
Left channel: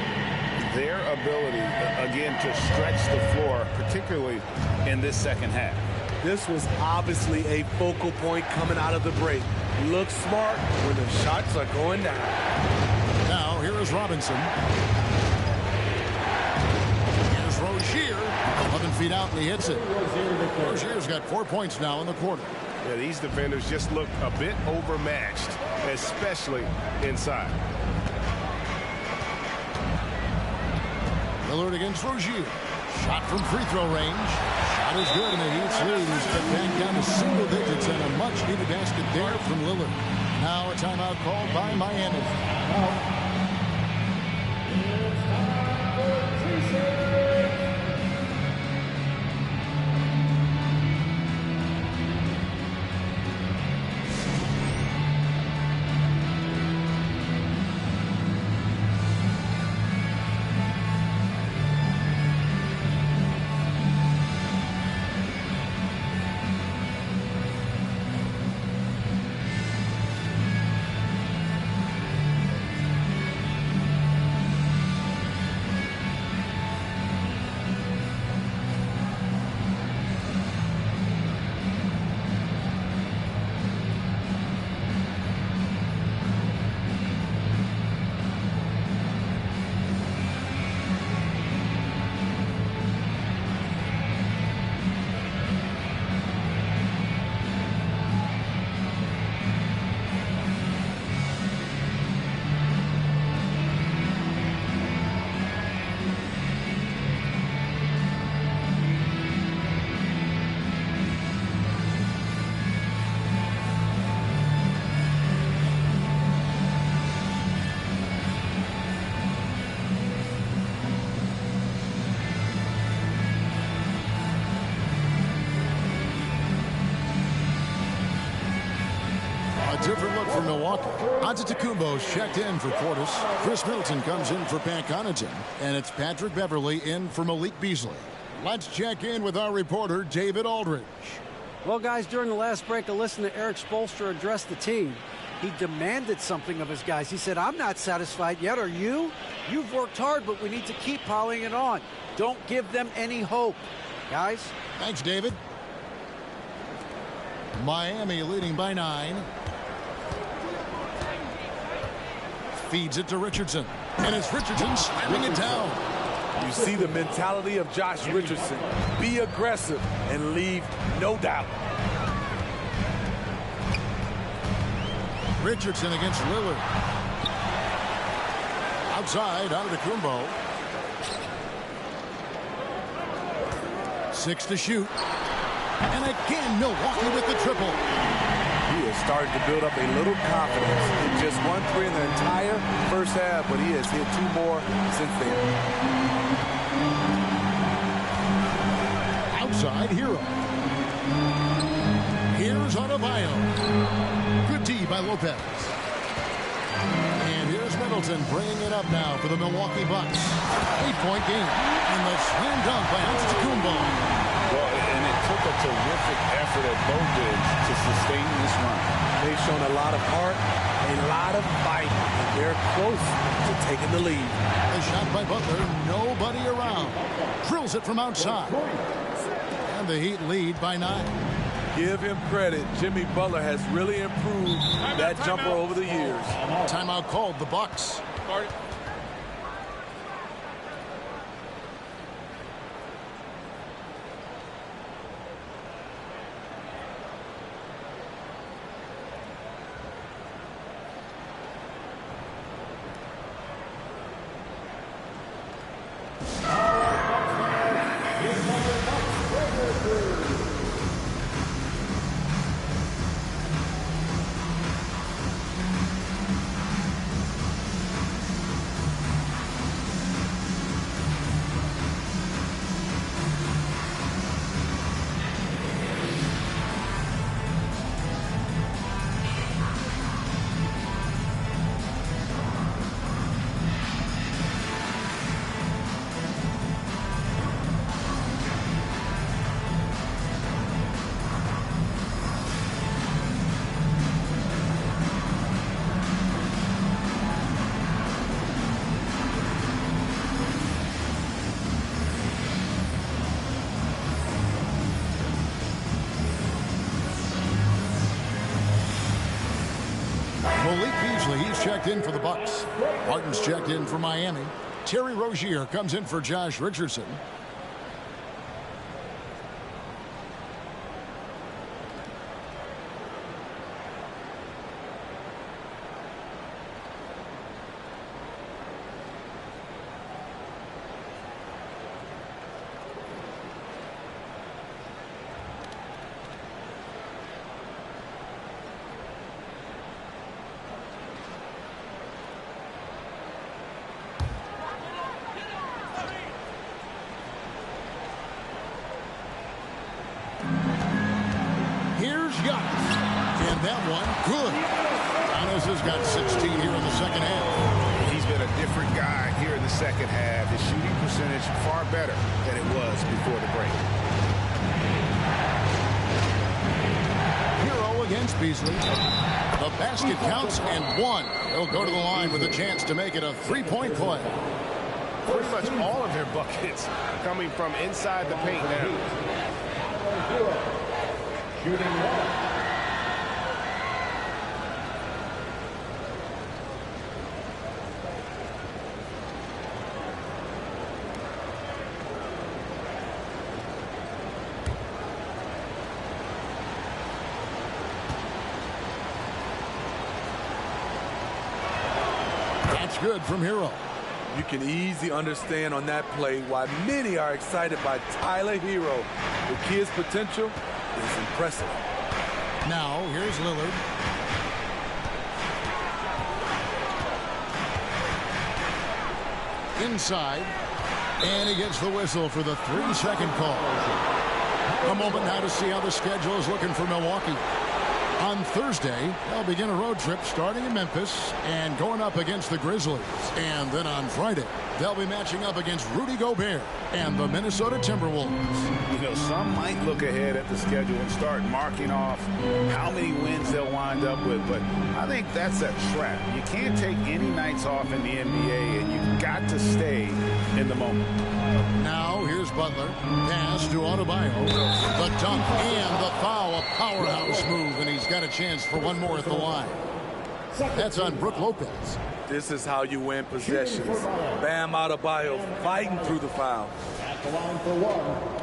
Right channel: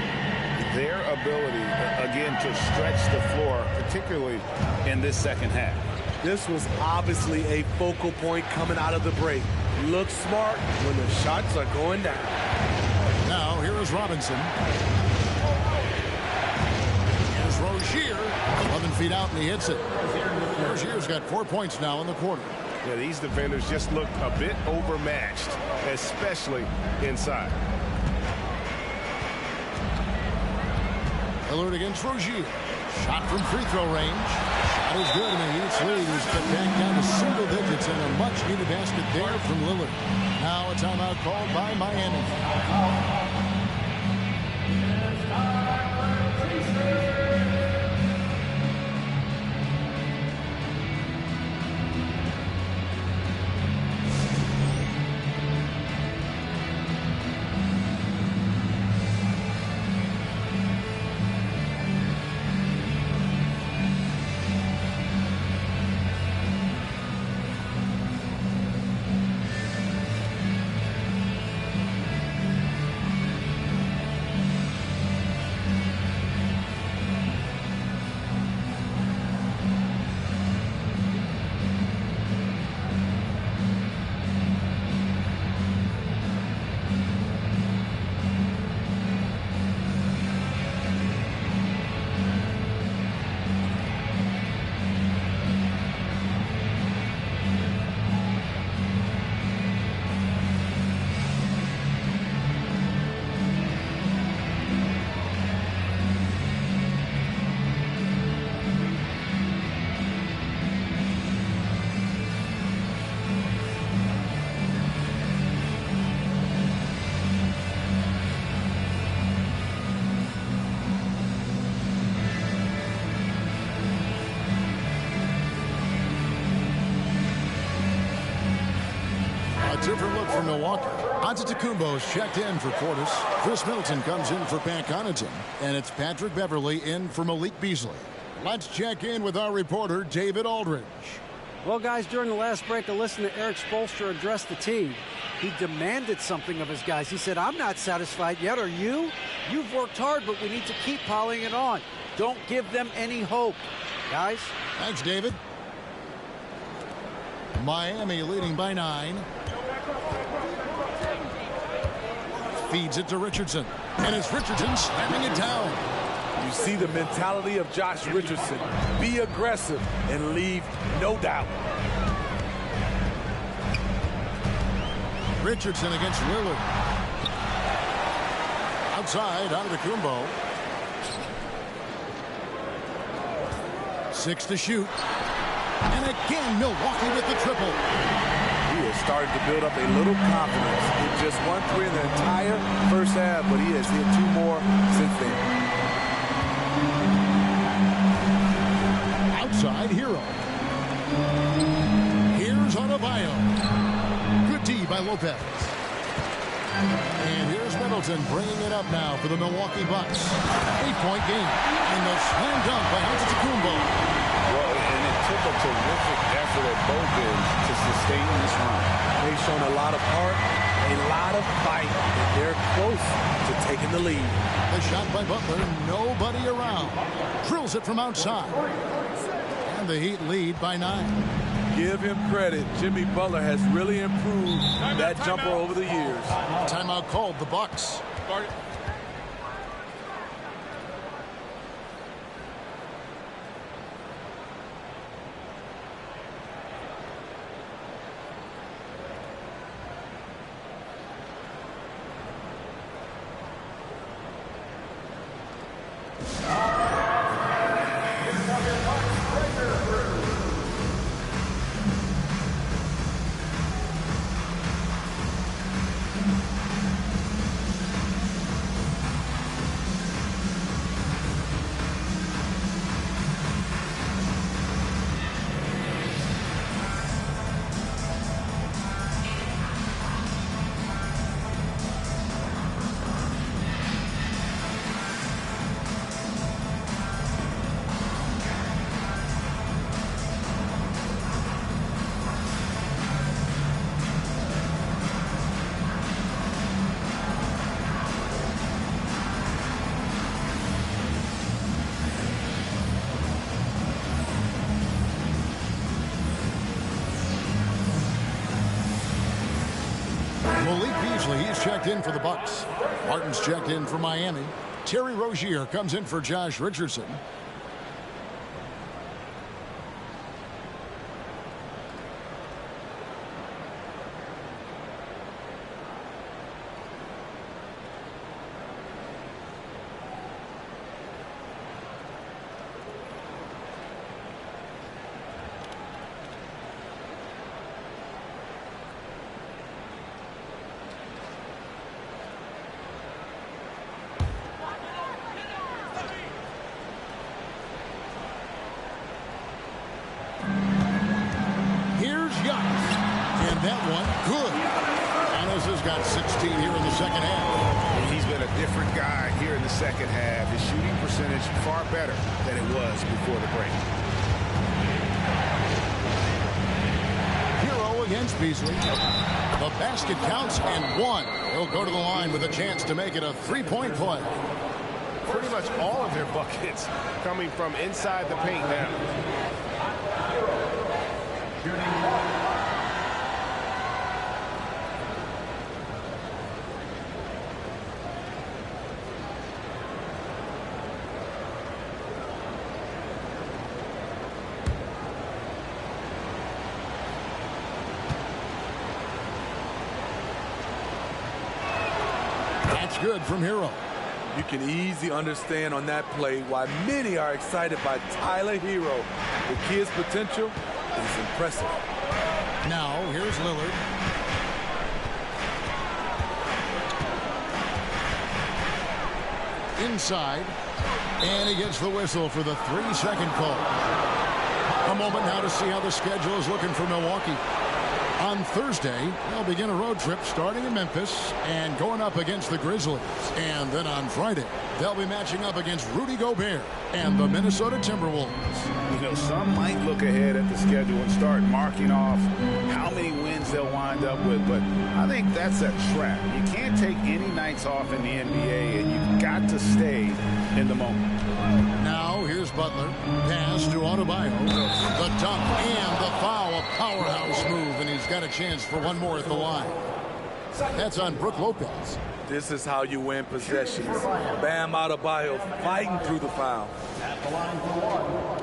Their ability, again, to stretch the floor, particularly in this second half. This was obviously a focal point coming out of the break. Look smart when the shots are going down. Now, here is Robinson. Here's Rozier. 11 feet out, and he hits it. Rozier's got 4 points now in the quarter. Yeah, these defenders just look a bit overmatched, especially inside. Lillard against Rozier. Shot from free throw range. Shot is good, and the Heat's lead is cut back down to single digits, and a much-needed basket there from Lillard. Now a timeout called by Miami. Different look for Milwaukee. Antetokounmpo's checked in for Portis. Chris Middleton comes in for Pat Connaughton. And it's Patrick Beverley in for Malik Beasley. Let's check in with our reporter, David Aldridge. Well, guys, during the last break, I listened to Eric Spoelstra address the team. He demanded something of his guys. He said, I'm not satisfied yet. Are you? You've worked hard, but we need to keep piling it on. Don't give them any hope. Guys? Thanks, David. Miami leading by 9. Feeds it to Richardson. And it's Richardson slamming it down. You see the mentality of Josh Richardson. Be aggressive and leave no doubt. Richardson against Lillard. Outside, Antetokounmpo. 6 to shoot. And again, Milwaukee with the triple. He is starting to build up a little confidence. Hit just 1 3 in the entire first half, but he has hit 2 more since then. Outside Hero. Here's Adebayo. Good D by Lopez. And here's Middleton bringing it up now for the Milwaukee Bucks. 8-point game. And the slam dunk by Antetokounmpo. Well, and it took a terrific effort at both ends to sustain this run. They've shown a lot of heart, a lot of fight, and they're close to taking the lead. The shot by Butler, nobody around. Drills it from outside. And the Heat lead by 9. Give him credit. Jimmy Butler has really improved that jumper over the years. Timeout called the Bucks. Malik Beasley, he's checked in for the Bucks. Martin's checked in for Miami. Terry Rozier comes in for Josh Richardson. Here's Giannis. And that one, good. Giannis has got 16 here in the second half. He's been a different guy here in the second half. His shooting percentage far better than it was before the break. Hero against Beasley. The basket counts and one. He'll go to the line with a chance to make it a three-point play. Pretty much all of their buckets coming from inside the paint now. That's good from Hero. You can easily understand on that play why many are excited by Tyler Hero. The kid's potential is impressive. Now, here's Lillard. Inside. And he gets the whistle for the 3-second call. A moment now to see how the schedule is looking for Milwaukee. On Thursday, they'll begin a road trip starting in Memphis and going up against the Grizzlies. And then on Friday, they'll be matching up against Rudy Gobert and the Minnesota Timberwolves. You know, some might look ahead at the schedule and start marking off how many wins they'll wind up with, but I think that's a trap. You can't take any nights off in the NBA, and you've got to stay in the moment. Now, here's Butler. Pass to Adebayo. The dunk and the foul. A powerhouse move, and he's got a chance for one more at the line. That's on Brook Lopez. This is how you win possessions. Bam Adebayo fighting through the foul. At the line for one.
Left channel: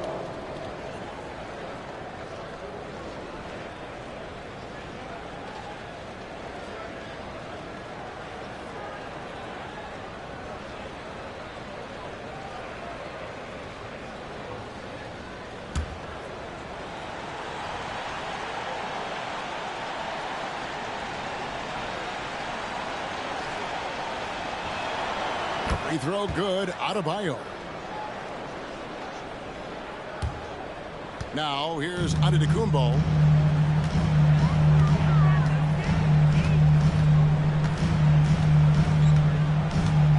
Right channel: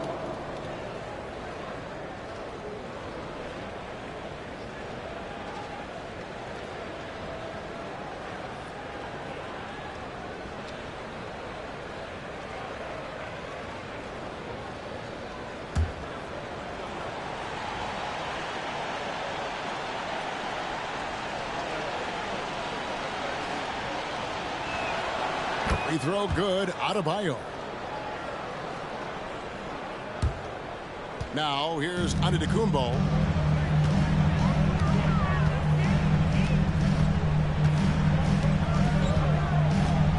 Free throw good. Adebayo. Now here's Antetokounmpo.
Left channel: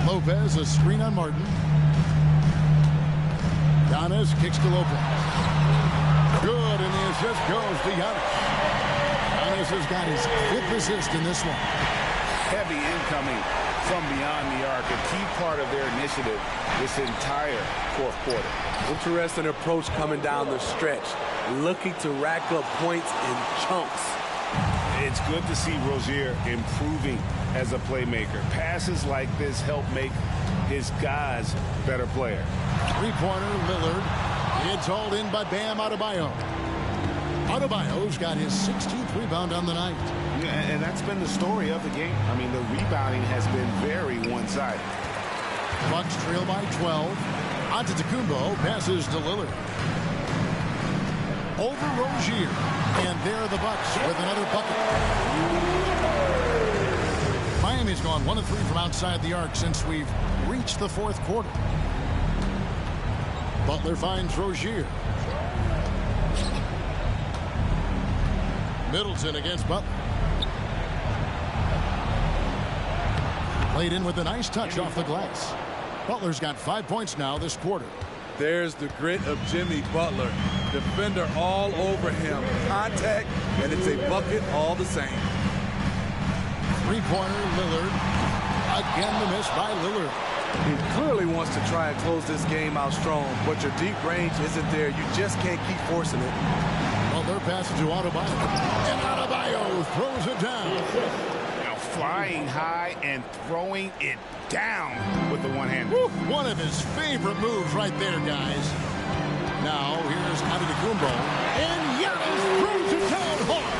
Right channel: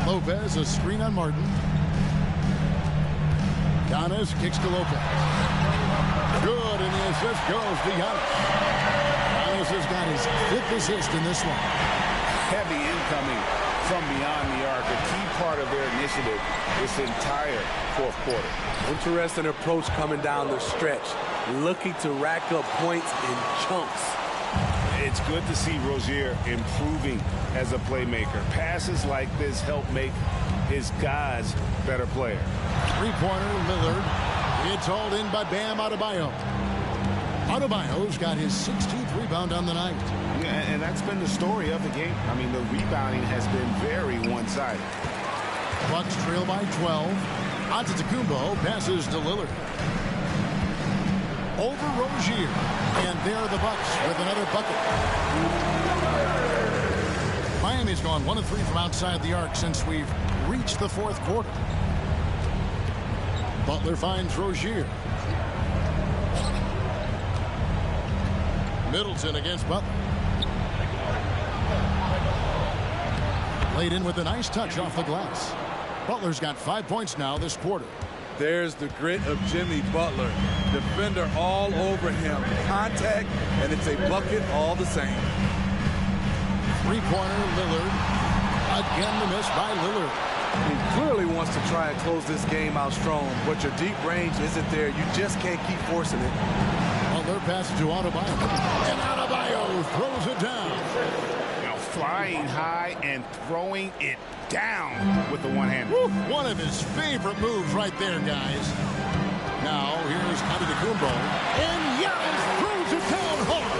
Lopez, a screen on Martin. Giannis kicks to Lopez. Good, and the assist goes to Giannis. Giannis has got his 5th assist in this one. Heavy incoming from beyond the arc, a key part of their initiative this entire fourth quarter. Interesting approach coming down the stretch, looking to rack up points in chunks. It's good to see Rozier improving as a playmaker. Passes like this help make his guys better player. Three-pointer, Lillard. It's hauled in by Bam Adebayo. Adebayo's got his 16th rebound on the night. Yeah, and that's been the story of the game. I mean, the rebounding has been very one-sided. Bucks trail by 12. Antetokounmpo passes to Lillard. Over Rozier. And there are the Bucks with another bucket. Miami's gone 1 of 3 from outside the arc since we've reached the fourth quarter. Butler finds Rozier. Middleton against Butler. Played in with a nice touch off the glass. Butler's got 5 points now this quarter. There's the grit of Jimmy Butler. Defender all over him. Contact, and it's a bucket all the same. Three-pointer, Lillard. Again, the miss by Lillard. He clearly wants to try and close this game out strong, but your deep range isn't there. You just can't keep forcing it. Butler passes to Adebayo. And Adebayo throws it down. Now flying high and throwing it down with the one hand. One of his favorite moves right there, guys. Now here's Antetokounmpo. And Giannis throws it down hard.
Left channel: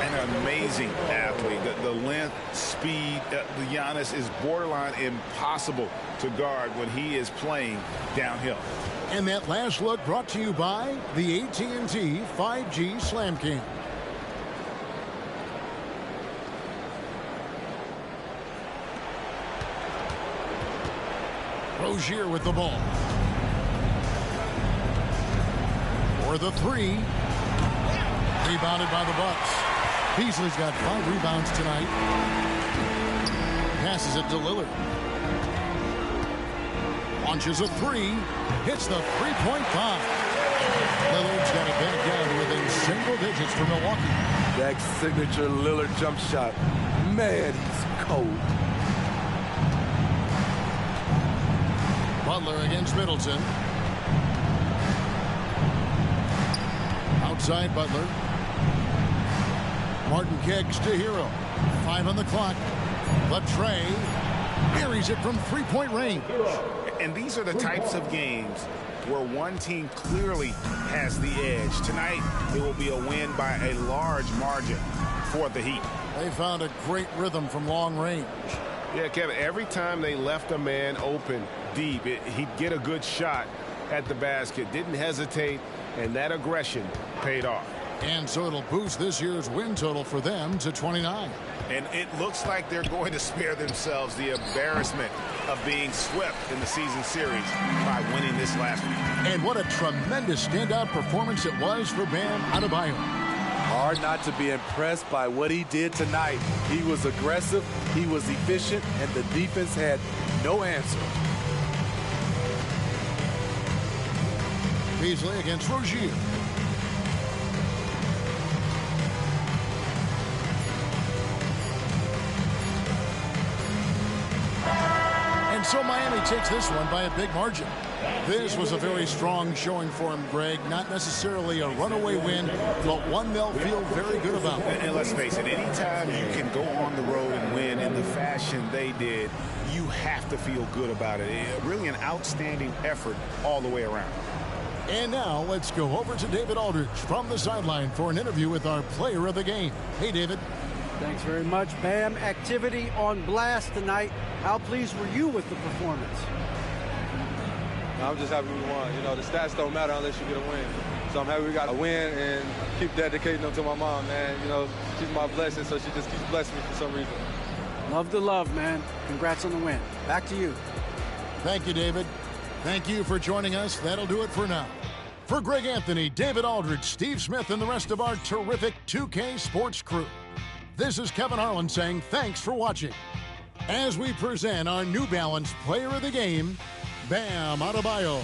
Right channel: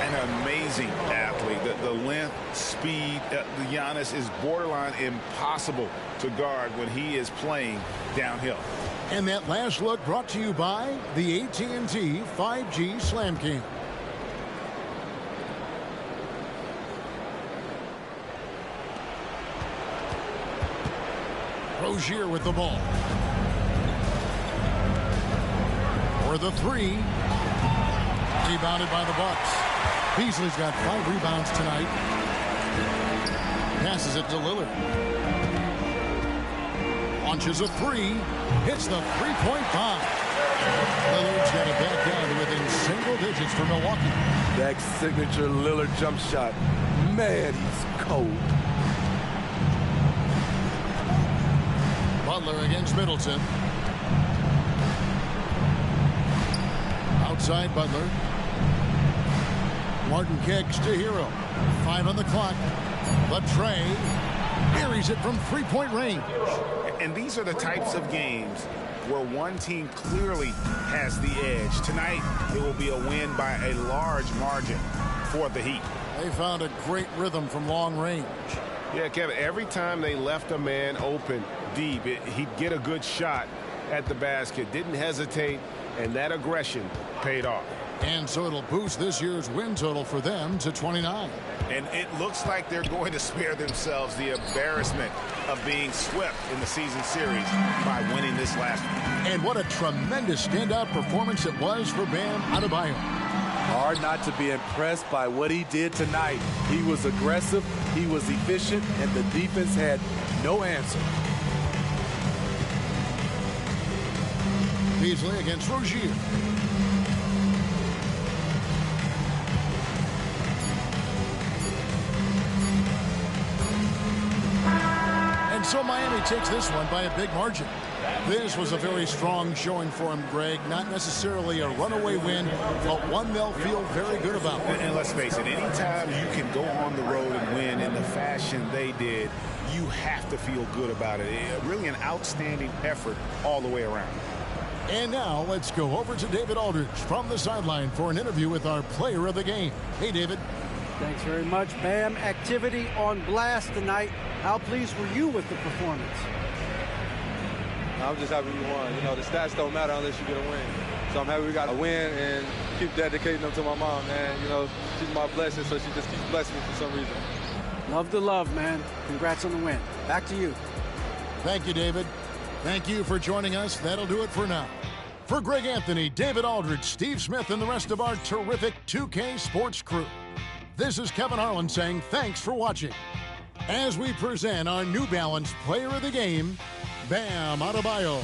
An amazing athlete. The length, speed, the Giannis is borderline impossible to guard when he is playing downhill. And that last look brought to you by the AT&T 5G Slam Cam. Rozier with the ball. For the three. Rebounded by the Bucks. Beasley's got 5 rebounds tonight. Passes it to Lillard. Launches a 3. Hits the three-point bomb. Lillard's got it back down to within single digits for Milwaukee. That signature Lillard jump shot. Man, he's cold. Butler against Middleton. Outside Butler. Martin kicks to Hero. 5 on the clock. The tray. Buries it from three-point range. And these are the types of games where one team clearly has the edge. Tonight, it will be a win by a large margin for the Heat. They found a great rhythm from long range. Yeah, Kevin, every time they left a man open deep, he'd get a good shot at the basket. Didn't hesitate, and that aggression paid off. And so it'll boost this year's win total for them to 29. And it looks like they're going to spare themselves the embarrassment of being swept in the season series by winning this last one. And what a tremendous standout performance it was for Bam Adebayo. Hard not to be impressed by what he did tonight. He was aggressive, he was efficient, and the defense had no answer. Beasley against Rozier. And so Miami takes this one by a big margin. This was a very strong showing for him, Greg. Not necessarily a runaway win, but one they'll feel very good about. And let's face it, anytime you can go on the road and win in the fashion they did, you have to feel good about it. Really an outstanding effort all the way around. And now let's go over to David Aldridge from the sideline for an interview with our player of the game. Hey, David. Thanks very much, Bam. Activity on blast tonight. How pleased were you with the performance? I'm just happy we won. You know, the stats don't matter unless you get a win. So I'm happy we got a win and keep dedicating them to my mom, man. You know, she's my blessing, so she just keeps blessing me for some reason. Love the love, man. Congrats on the win. Back to you. Thank you, David. Thank you for joining us. That'll do it for now. For Greg Anthony, David Aldridge, Steve Smith, and the rest of our terrific 2K Sports crew, this is Kevin Harlan saying thanks for watching. As we present our New Balance Player of the Game, Bam Adebayo.